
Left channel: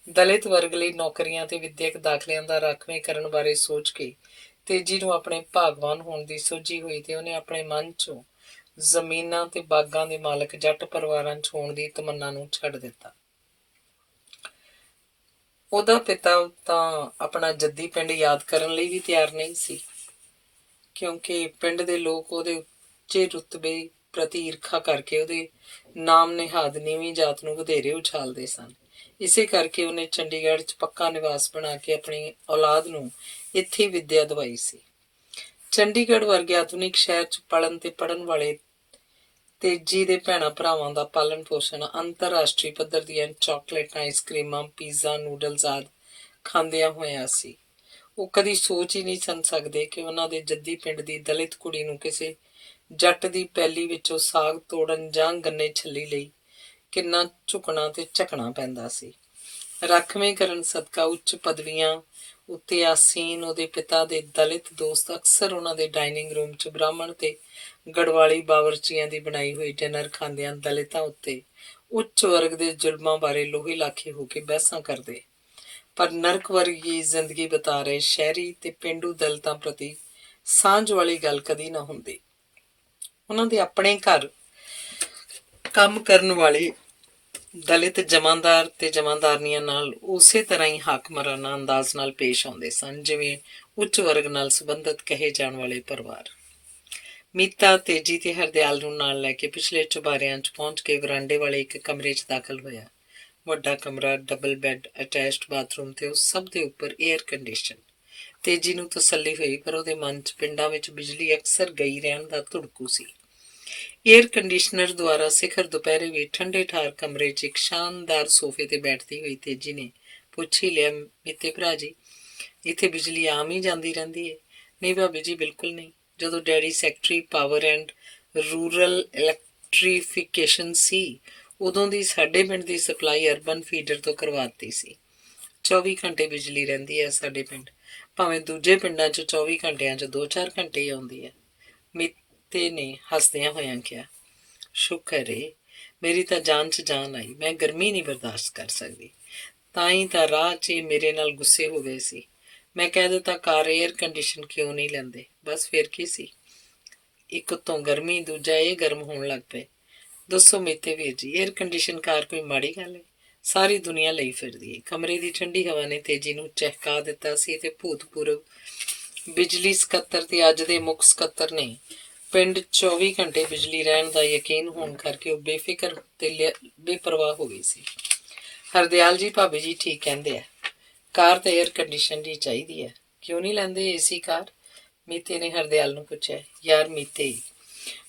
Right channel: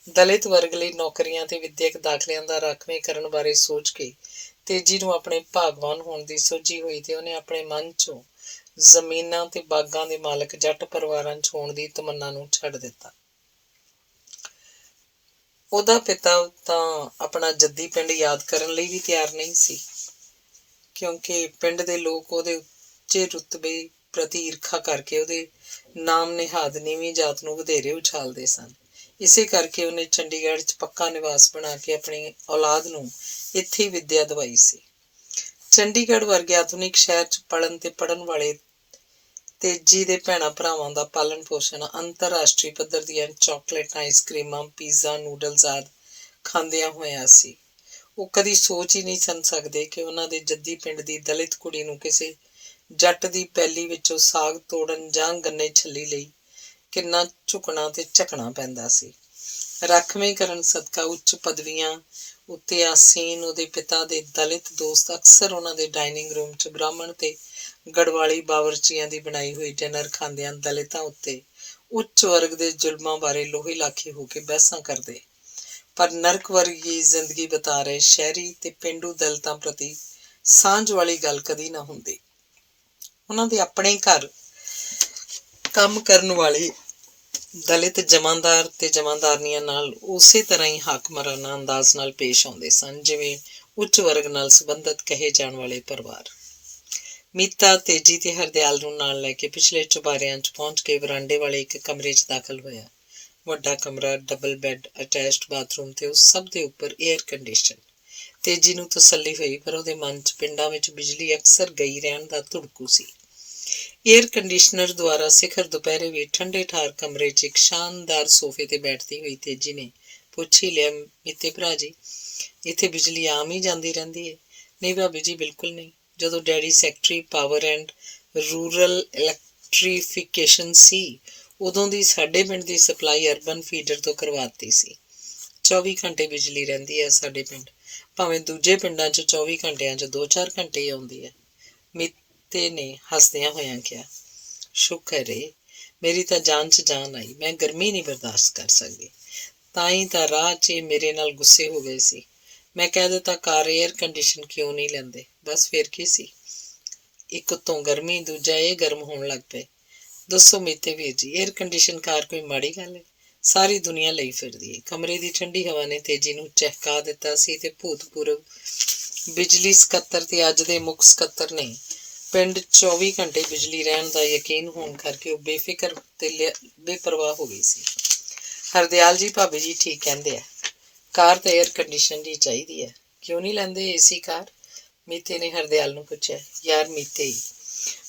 ਦਲਿਤ ਵਰਗ ਲਈ ਨੌਕਰੀਆਂ ਤੇ ਵਿੱਦਿਅਕ ਦਾਖਲਿਆਂ ਦਾ ਰਾਖਵੇਂ ਕਰਨ ਬਾਰੇ ਸੋਚ ਕੇ ਤੇਜੀ ਨੂੰ ਆਪਣੇ ਭਾਗਵਾਨ ਹੋਣ ਦੀ ਸੋਝੀ ਹੋਈ ਤੇ ਉਹਨੇ ਆਪਣੇ ਮਨ 'ਚੋਂ ਜ਼ਮੀਨਾਂ ਤੇ ਬਾਗਾਂ ਦੇ ਮਾਲਕ ਜੱਟ ਪਰਿਵਾਰਾਂ 'ਚ ਹੋਣ ਦੀ ਤਮੰਨਾ ਨੂੰ ਛੱਡ ਦਿੱਤਾ। ਉਹਦਾ ਪਿਤਾ ਤਾਂ ਆਪਣਾ ਜੱਦੀ ਪਿੰਡ ਯਾਦ ਕਰਨ ਲਈ ਵੀ ਤਿਆਰ ਨਹੀਂ ਸੀ, ਕਿਉਂਕਿ ਪਿੰਡ ਦੇ ਲੋਕ ਉਹਦੇ ਉੱਚੇ ਰੁਤਬੇ ਪ੍ਰਤੀ ਈਰਖਾ ਕਰਕੇ ਉਹਦੇ ਨਾਮ ਨਿਹਾਦ ਨੀਵੀਂ ਜਾਤ ਨੂੰ ਵਧੇਰੇ ਉਛਾਲਦੇ ਸਨ। ਇਸੇ ਕਰਕੇ ਉਹਨੇ ਚੰਡੀਗੜ੍ਹ 'ਚ ਪੱਕਾ ਨਿਵਾਸ ਬਣਾ ਕੇ ਆਪਣੀ ਔਲਾਦ ਨੂੰ ਇੱਥੇ ਵਿੱਦਿਆ ਦਿਵਾਈ ਸੀ। ਚੰਡੀਗੜ੍ਹ ਵਰਗੇ ਆਧੁਨਿਕ ਸ਼ਹਿਰ 'ਚ ਪੜ੍ਹਨ ਵਾਲੇ ਤੇਜੀ ਦੇ ਭੈਣਾਂ ਭਰਾਵਾਂ ਦਾ ਪਾਲਣ ਪੋਸ਼ਣ ਅੰਤਰਰਾਸ਼ਟਰੀ ਪੱਧਰ ਦੀਆਂ ਚਾਕਲੇਟ, ਆਈਸਕ੍ਰੀਮਾਂ, ਪੀਜ਼ਾ, ਨੂਡਲਸ ਆਦਿ ਖਾਂਦਿਆਂ ਹੋਇਆ ਸੀ। ਉਹ ਕਦੀ ਸੋਚ ਹੀ ਨਹੀਂ ਸਨ ਸਕਦੇ ਕਿ ਉਹਨਾਂ ਦੇ ਜੱਦੀ ਪਿੰਡ ਦੀ ਦਲਿਤ ਕੁੜੀ ਨੂੰ ਕਿਸੇ ਜੱਟ ਦੀ ਪੈਲੀ ਵਿੱਚੋਂ ਸਾਗ ਤੋੜਨ ਜਾਂ ਗੰਨੇ ਛੱਲੀ ਲਈ ਕਿੰਨਾ ਝੁਕਣਾ ਤੇ ਝਕਣਾ ਪੈਂਦਾ ਸੀ। ਰਾਖਵੇਂ ਕਰਨ ਸਦਕਾ ਉੱਚ ਪਦਵੀਆਂ ਉੱਤੇ ਆਸੀਨ ਉਹਦੇ ਪਿਤਾ ਦੇ ਦਲਿਤ ਦੋਸਤ ਅਕਸਰ ਉਹਨਾਂ ਦੇ ਡਾਇਨਿੰਗ ਰੂਮ 'ਚ ਬ੍ਰਾਹਮਣ ਤੇ ਗੜਵਾਲੀ ਬਾਵਰਚੀਆਂ ਦੀ ਬਣਾਈ ਹੋਈ ਡਿਨਰ ਖਾਂਦਿਆਂ ਦਲਿਤਾਂ ਉੱਤੇ ਉੱਚ ਵਰਗ ਦੇ ਜ਼ੁਲਮਾਂ ਬਾਰੇ ਲੋਹੇ ਲਾਖੇ ਹੋ ਕੇ ਬਹਿਸਾਂ ਕਰਦੇ। ਪਰ ਨਰਕ ਵਰਗੀ ਜ਼ਿੰਦਗੀ ਬਿਤਾ ਰਹੇ ਸ਼ਹਿਰੀ ਤੇ ਪੇਂਡੂ ਦਲਿਤਾਂ ਪ੍ਰਤੀ ਸਾਂਝ ਵਾਲੀ ਗੱਲ ਕਦੀ ਨਾ ਹੁੰਦੀ। ਉਹਨਾਂ ਦੇ ਆਪਣੇ ਘਰ ਕੰਮ ਕਰਨ ਵਾਲੇ ਦਲਿਤ ਜਮਾਂਦਾਰ ਤੇ ਜਮਾਂਦਾਰਨੀਆਂ ਨਾਲ ਉਸੇ ਤਰ੍ਹਾਂ ਹੀ ਹਾਕਮਰਾਨਾ ਅੰਦਾਜ਼ ਨਾਲ ਪੇਸ਼ ਆਉਂਦੇ ਸਨ ਜਿਵੇਂ ਉੱਚ ਵਰਗ ਨਾਲ ਸੰਬੰਧਿਤ ਕਹੇ ਜਾਣ ਵਾਲੇ ਪਰਿਵਾਰ। ਮੀਤਾ ਤੇਜੀ ਤੇ ਹਰਦਿਆਲ ਨੂੰ ਨਾਲ ਲੈ ਕੇ ਪਿਛਲੇ ਚੁਬਾਰਿਆਂ 'ਚ ਪਹੁੰਚ ਕੇ ਵਰਾਂਡੇ ਵਾਲੇ ਇੱਕ ਕਮਰੇ 'ਚ ਦਾਖਲ ਹੋਇਆ। ਵੱਡਾ ਕਮਰਾ, ਡਬਲ ਬੈੱਡ, ਅਟੈਚਡ ਬਾਥਰੂਮ ਤੇ ਉਸ ਸਭ ਦੇ ਉੱਪਰ ਏਅਰ ਕੰਡੀਸ਼ਨ। ਤੇਜੀ ਨੂੰ ਤਸੱਲੀ ਹੋਈ, ਪਰ ਉਹਦੇ ਮਨ 'ਚ ਪਿੰਡਾਂ ਵਿੱਚ ਬਿਜਲੀ ਅਕਸਰ ਗਈ ਰਹਿਣ ਦਾ ਧੁੜਕੂ ਸੀ। ਏਅਰ ਕੰਡੀਸ਼ਨਰ ਦੁਆਰਾ ਸਿਖਰ ਦੁਪਹਿਰੇ ਵੀ ਠੰਡੇ ਠਾਰ ਕਮਰੇ 'ਚ ਇੱਕ ਸ਼ਾਨਦਾਰ ਸੋਫੇ ਤੇ ਬੈਠਦੀ ਹੋਈ ਤੇਜੀ ਨੇ ਪੁੱਛ ਹੀ ਲਿਆ, ਮੀਤੇ ਭਰਾ ਜੀ, ਇੱਥੇ ਬਿਜਲੀ ਆਮ ਹੀ ਜਾਂਦੀ ਰਹਿੰਦੀ ਹੈ? ਨਹੀਂ ਭਾਬੀ ਜੀ, ਬਿਲਕੁਲ ਨਹੀਂ। ਜਦੋਂ daddy secretary power and rural electrification ਸੀ, ਉਦੋਂ ਦੀ ਸਾਡੇ ਪਿੰਡ ਦੀ ਸਪਲਾਈ ਅਰਬਨ ਫੀਡਰ ਤੋਂ ਕਰਵਾਤੀ ਸੀ। 24 ਘੰਟੇ ਬਿਜਲੀ ਰਹਿੰਦੀ ਹੈ ਸਾਡੇ ਪਿੰਡ, ਭਾਵੇਂ ਦੂਜੇ ਪਿੰਡਾਂ 'ਚ 24 ਘੰਟਿਆਂ 'ਚ 2-4 ਘੰਟੇ ਹੀ ਆਉਂਦੀ ਹੈ। ਮੀਤੇ ਨੇ ਹੱਸਦਿਆਂ ਹੋਇਆਂ ਕਿਹਾ, ਸ਼ੁਕਰ ਏ, ਮੇਰੀ ਤਾਂ ਜਾਨ 'ਚ ਜਾਨ ਆਈ। ਮੈਂ ਗਰਮੀ ਨਹੀਂ ਬਰਦਾਸ਼ਤ ਕਰ ਸਕਦੀ, ਤਾਂ ਹੀ ਤਾਂ ਰਾਹ 'ਚ ਮੇਰੇ ਨਾਲ ਗੁੱਸੇ ਹੋ ਗਏ ਸੀ। ਮੈਂ ਕਹਿ ਦਿੱਤਾ ਕਾਰ ਏਅਰ ਕੰਡੀਸ਼ਨ ਕਿਉਂ ਨਹੀਂ ਲੈਂਦੇ, ਬਸ ਫਿਰ ਕੀ ਸੀ, ਇੱਕ ਉੱਤੋਂ ਗਰਮੀ, ਦੂਜਾ ਇਹ ਗਰਮ ਹੋਣ ਲੱਗ ਪਏ। ਦੱਸੋ ਮੀਤੇ ਵੀਰ ਜੀ, ਏਅਰ ਕੰਡੀਸ਼ਨ ਕਾਰ ਕੋਈ ਮਾੜੀ ਗੱਲ ਹੈ? ਸਾਰੀ ਦੁਨੀਆ ਲਈ ਫਿਰਦੀ ਹੈ। ਕਮਰੇ ਦੀ ਠੰਡੀ ਹਵਾ ਨੇ ਤੇਜੀ ਨੂੰ ਚਹਿਕਾ ਦਿੱਤਾ ਸੀ ਤੇ ਭੂਤਪੂਰਵ ਬਿਜਲੀ ਸਕੱਤਰ ਤੇ ਅੱਜ ਦੇ ਮੁੱਖ ਸਕੱਤਰ ਨੇ ਪਿੰਡ 24 ਘੰਟੇ ਬਿਜਲੀ ਰਹਿਣ ਦਾ ਯਕੀਨ ਹੋਣ ਕਰਕੇ ਉਹ ਬੇਫਿਕਰ ਤੇ ਬੇਪਰਵਾਹ ਹੋ ਗਈ ਸੀ। ਹਰਦਿਆਲ ਜੀ, ਭਾਬੀ ਜੀ ਠੀਕ ਕਹਿੰਦੇ ਆ, ਕਾਰ ਤਾਂ ਏਅਰ ਕੰਡੀਸ਼ਨ ਦੀ ਚਾਹੀਦੀ ਹੈ। ਕਿਉਂ ਨਹੀਂ ਲੈਂਦੇ ਏਸੀ ਕਾਰ? ਮੀਤੇ ਨੇ ਹਰਦਿਆਲ ਨੂੰ ਪੁੱਛਿਆ। ਯਾਰ ਮੀਤੇ,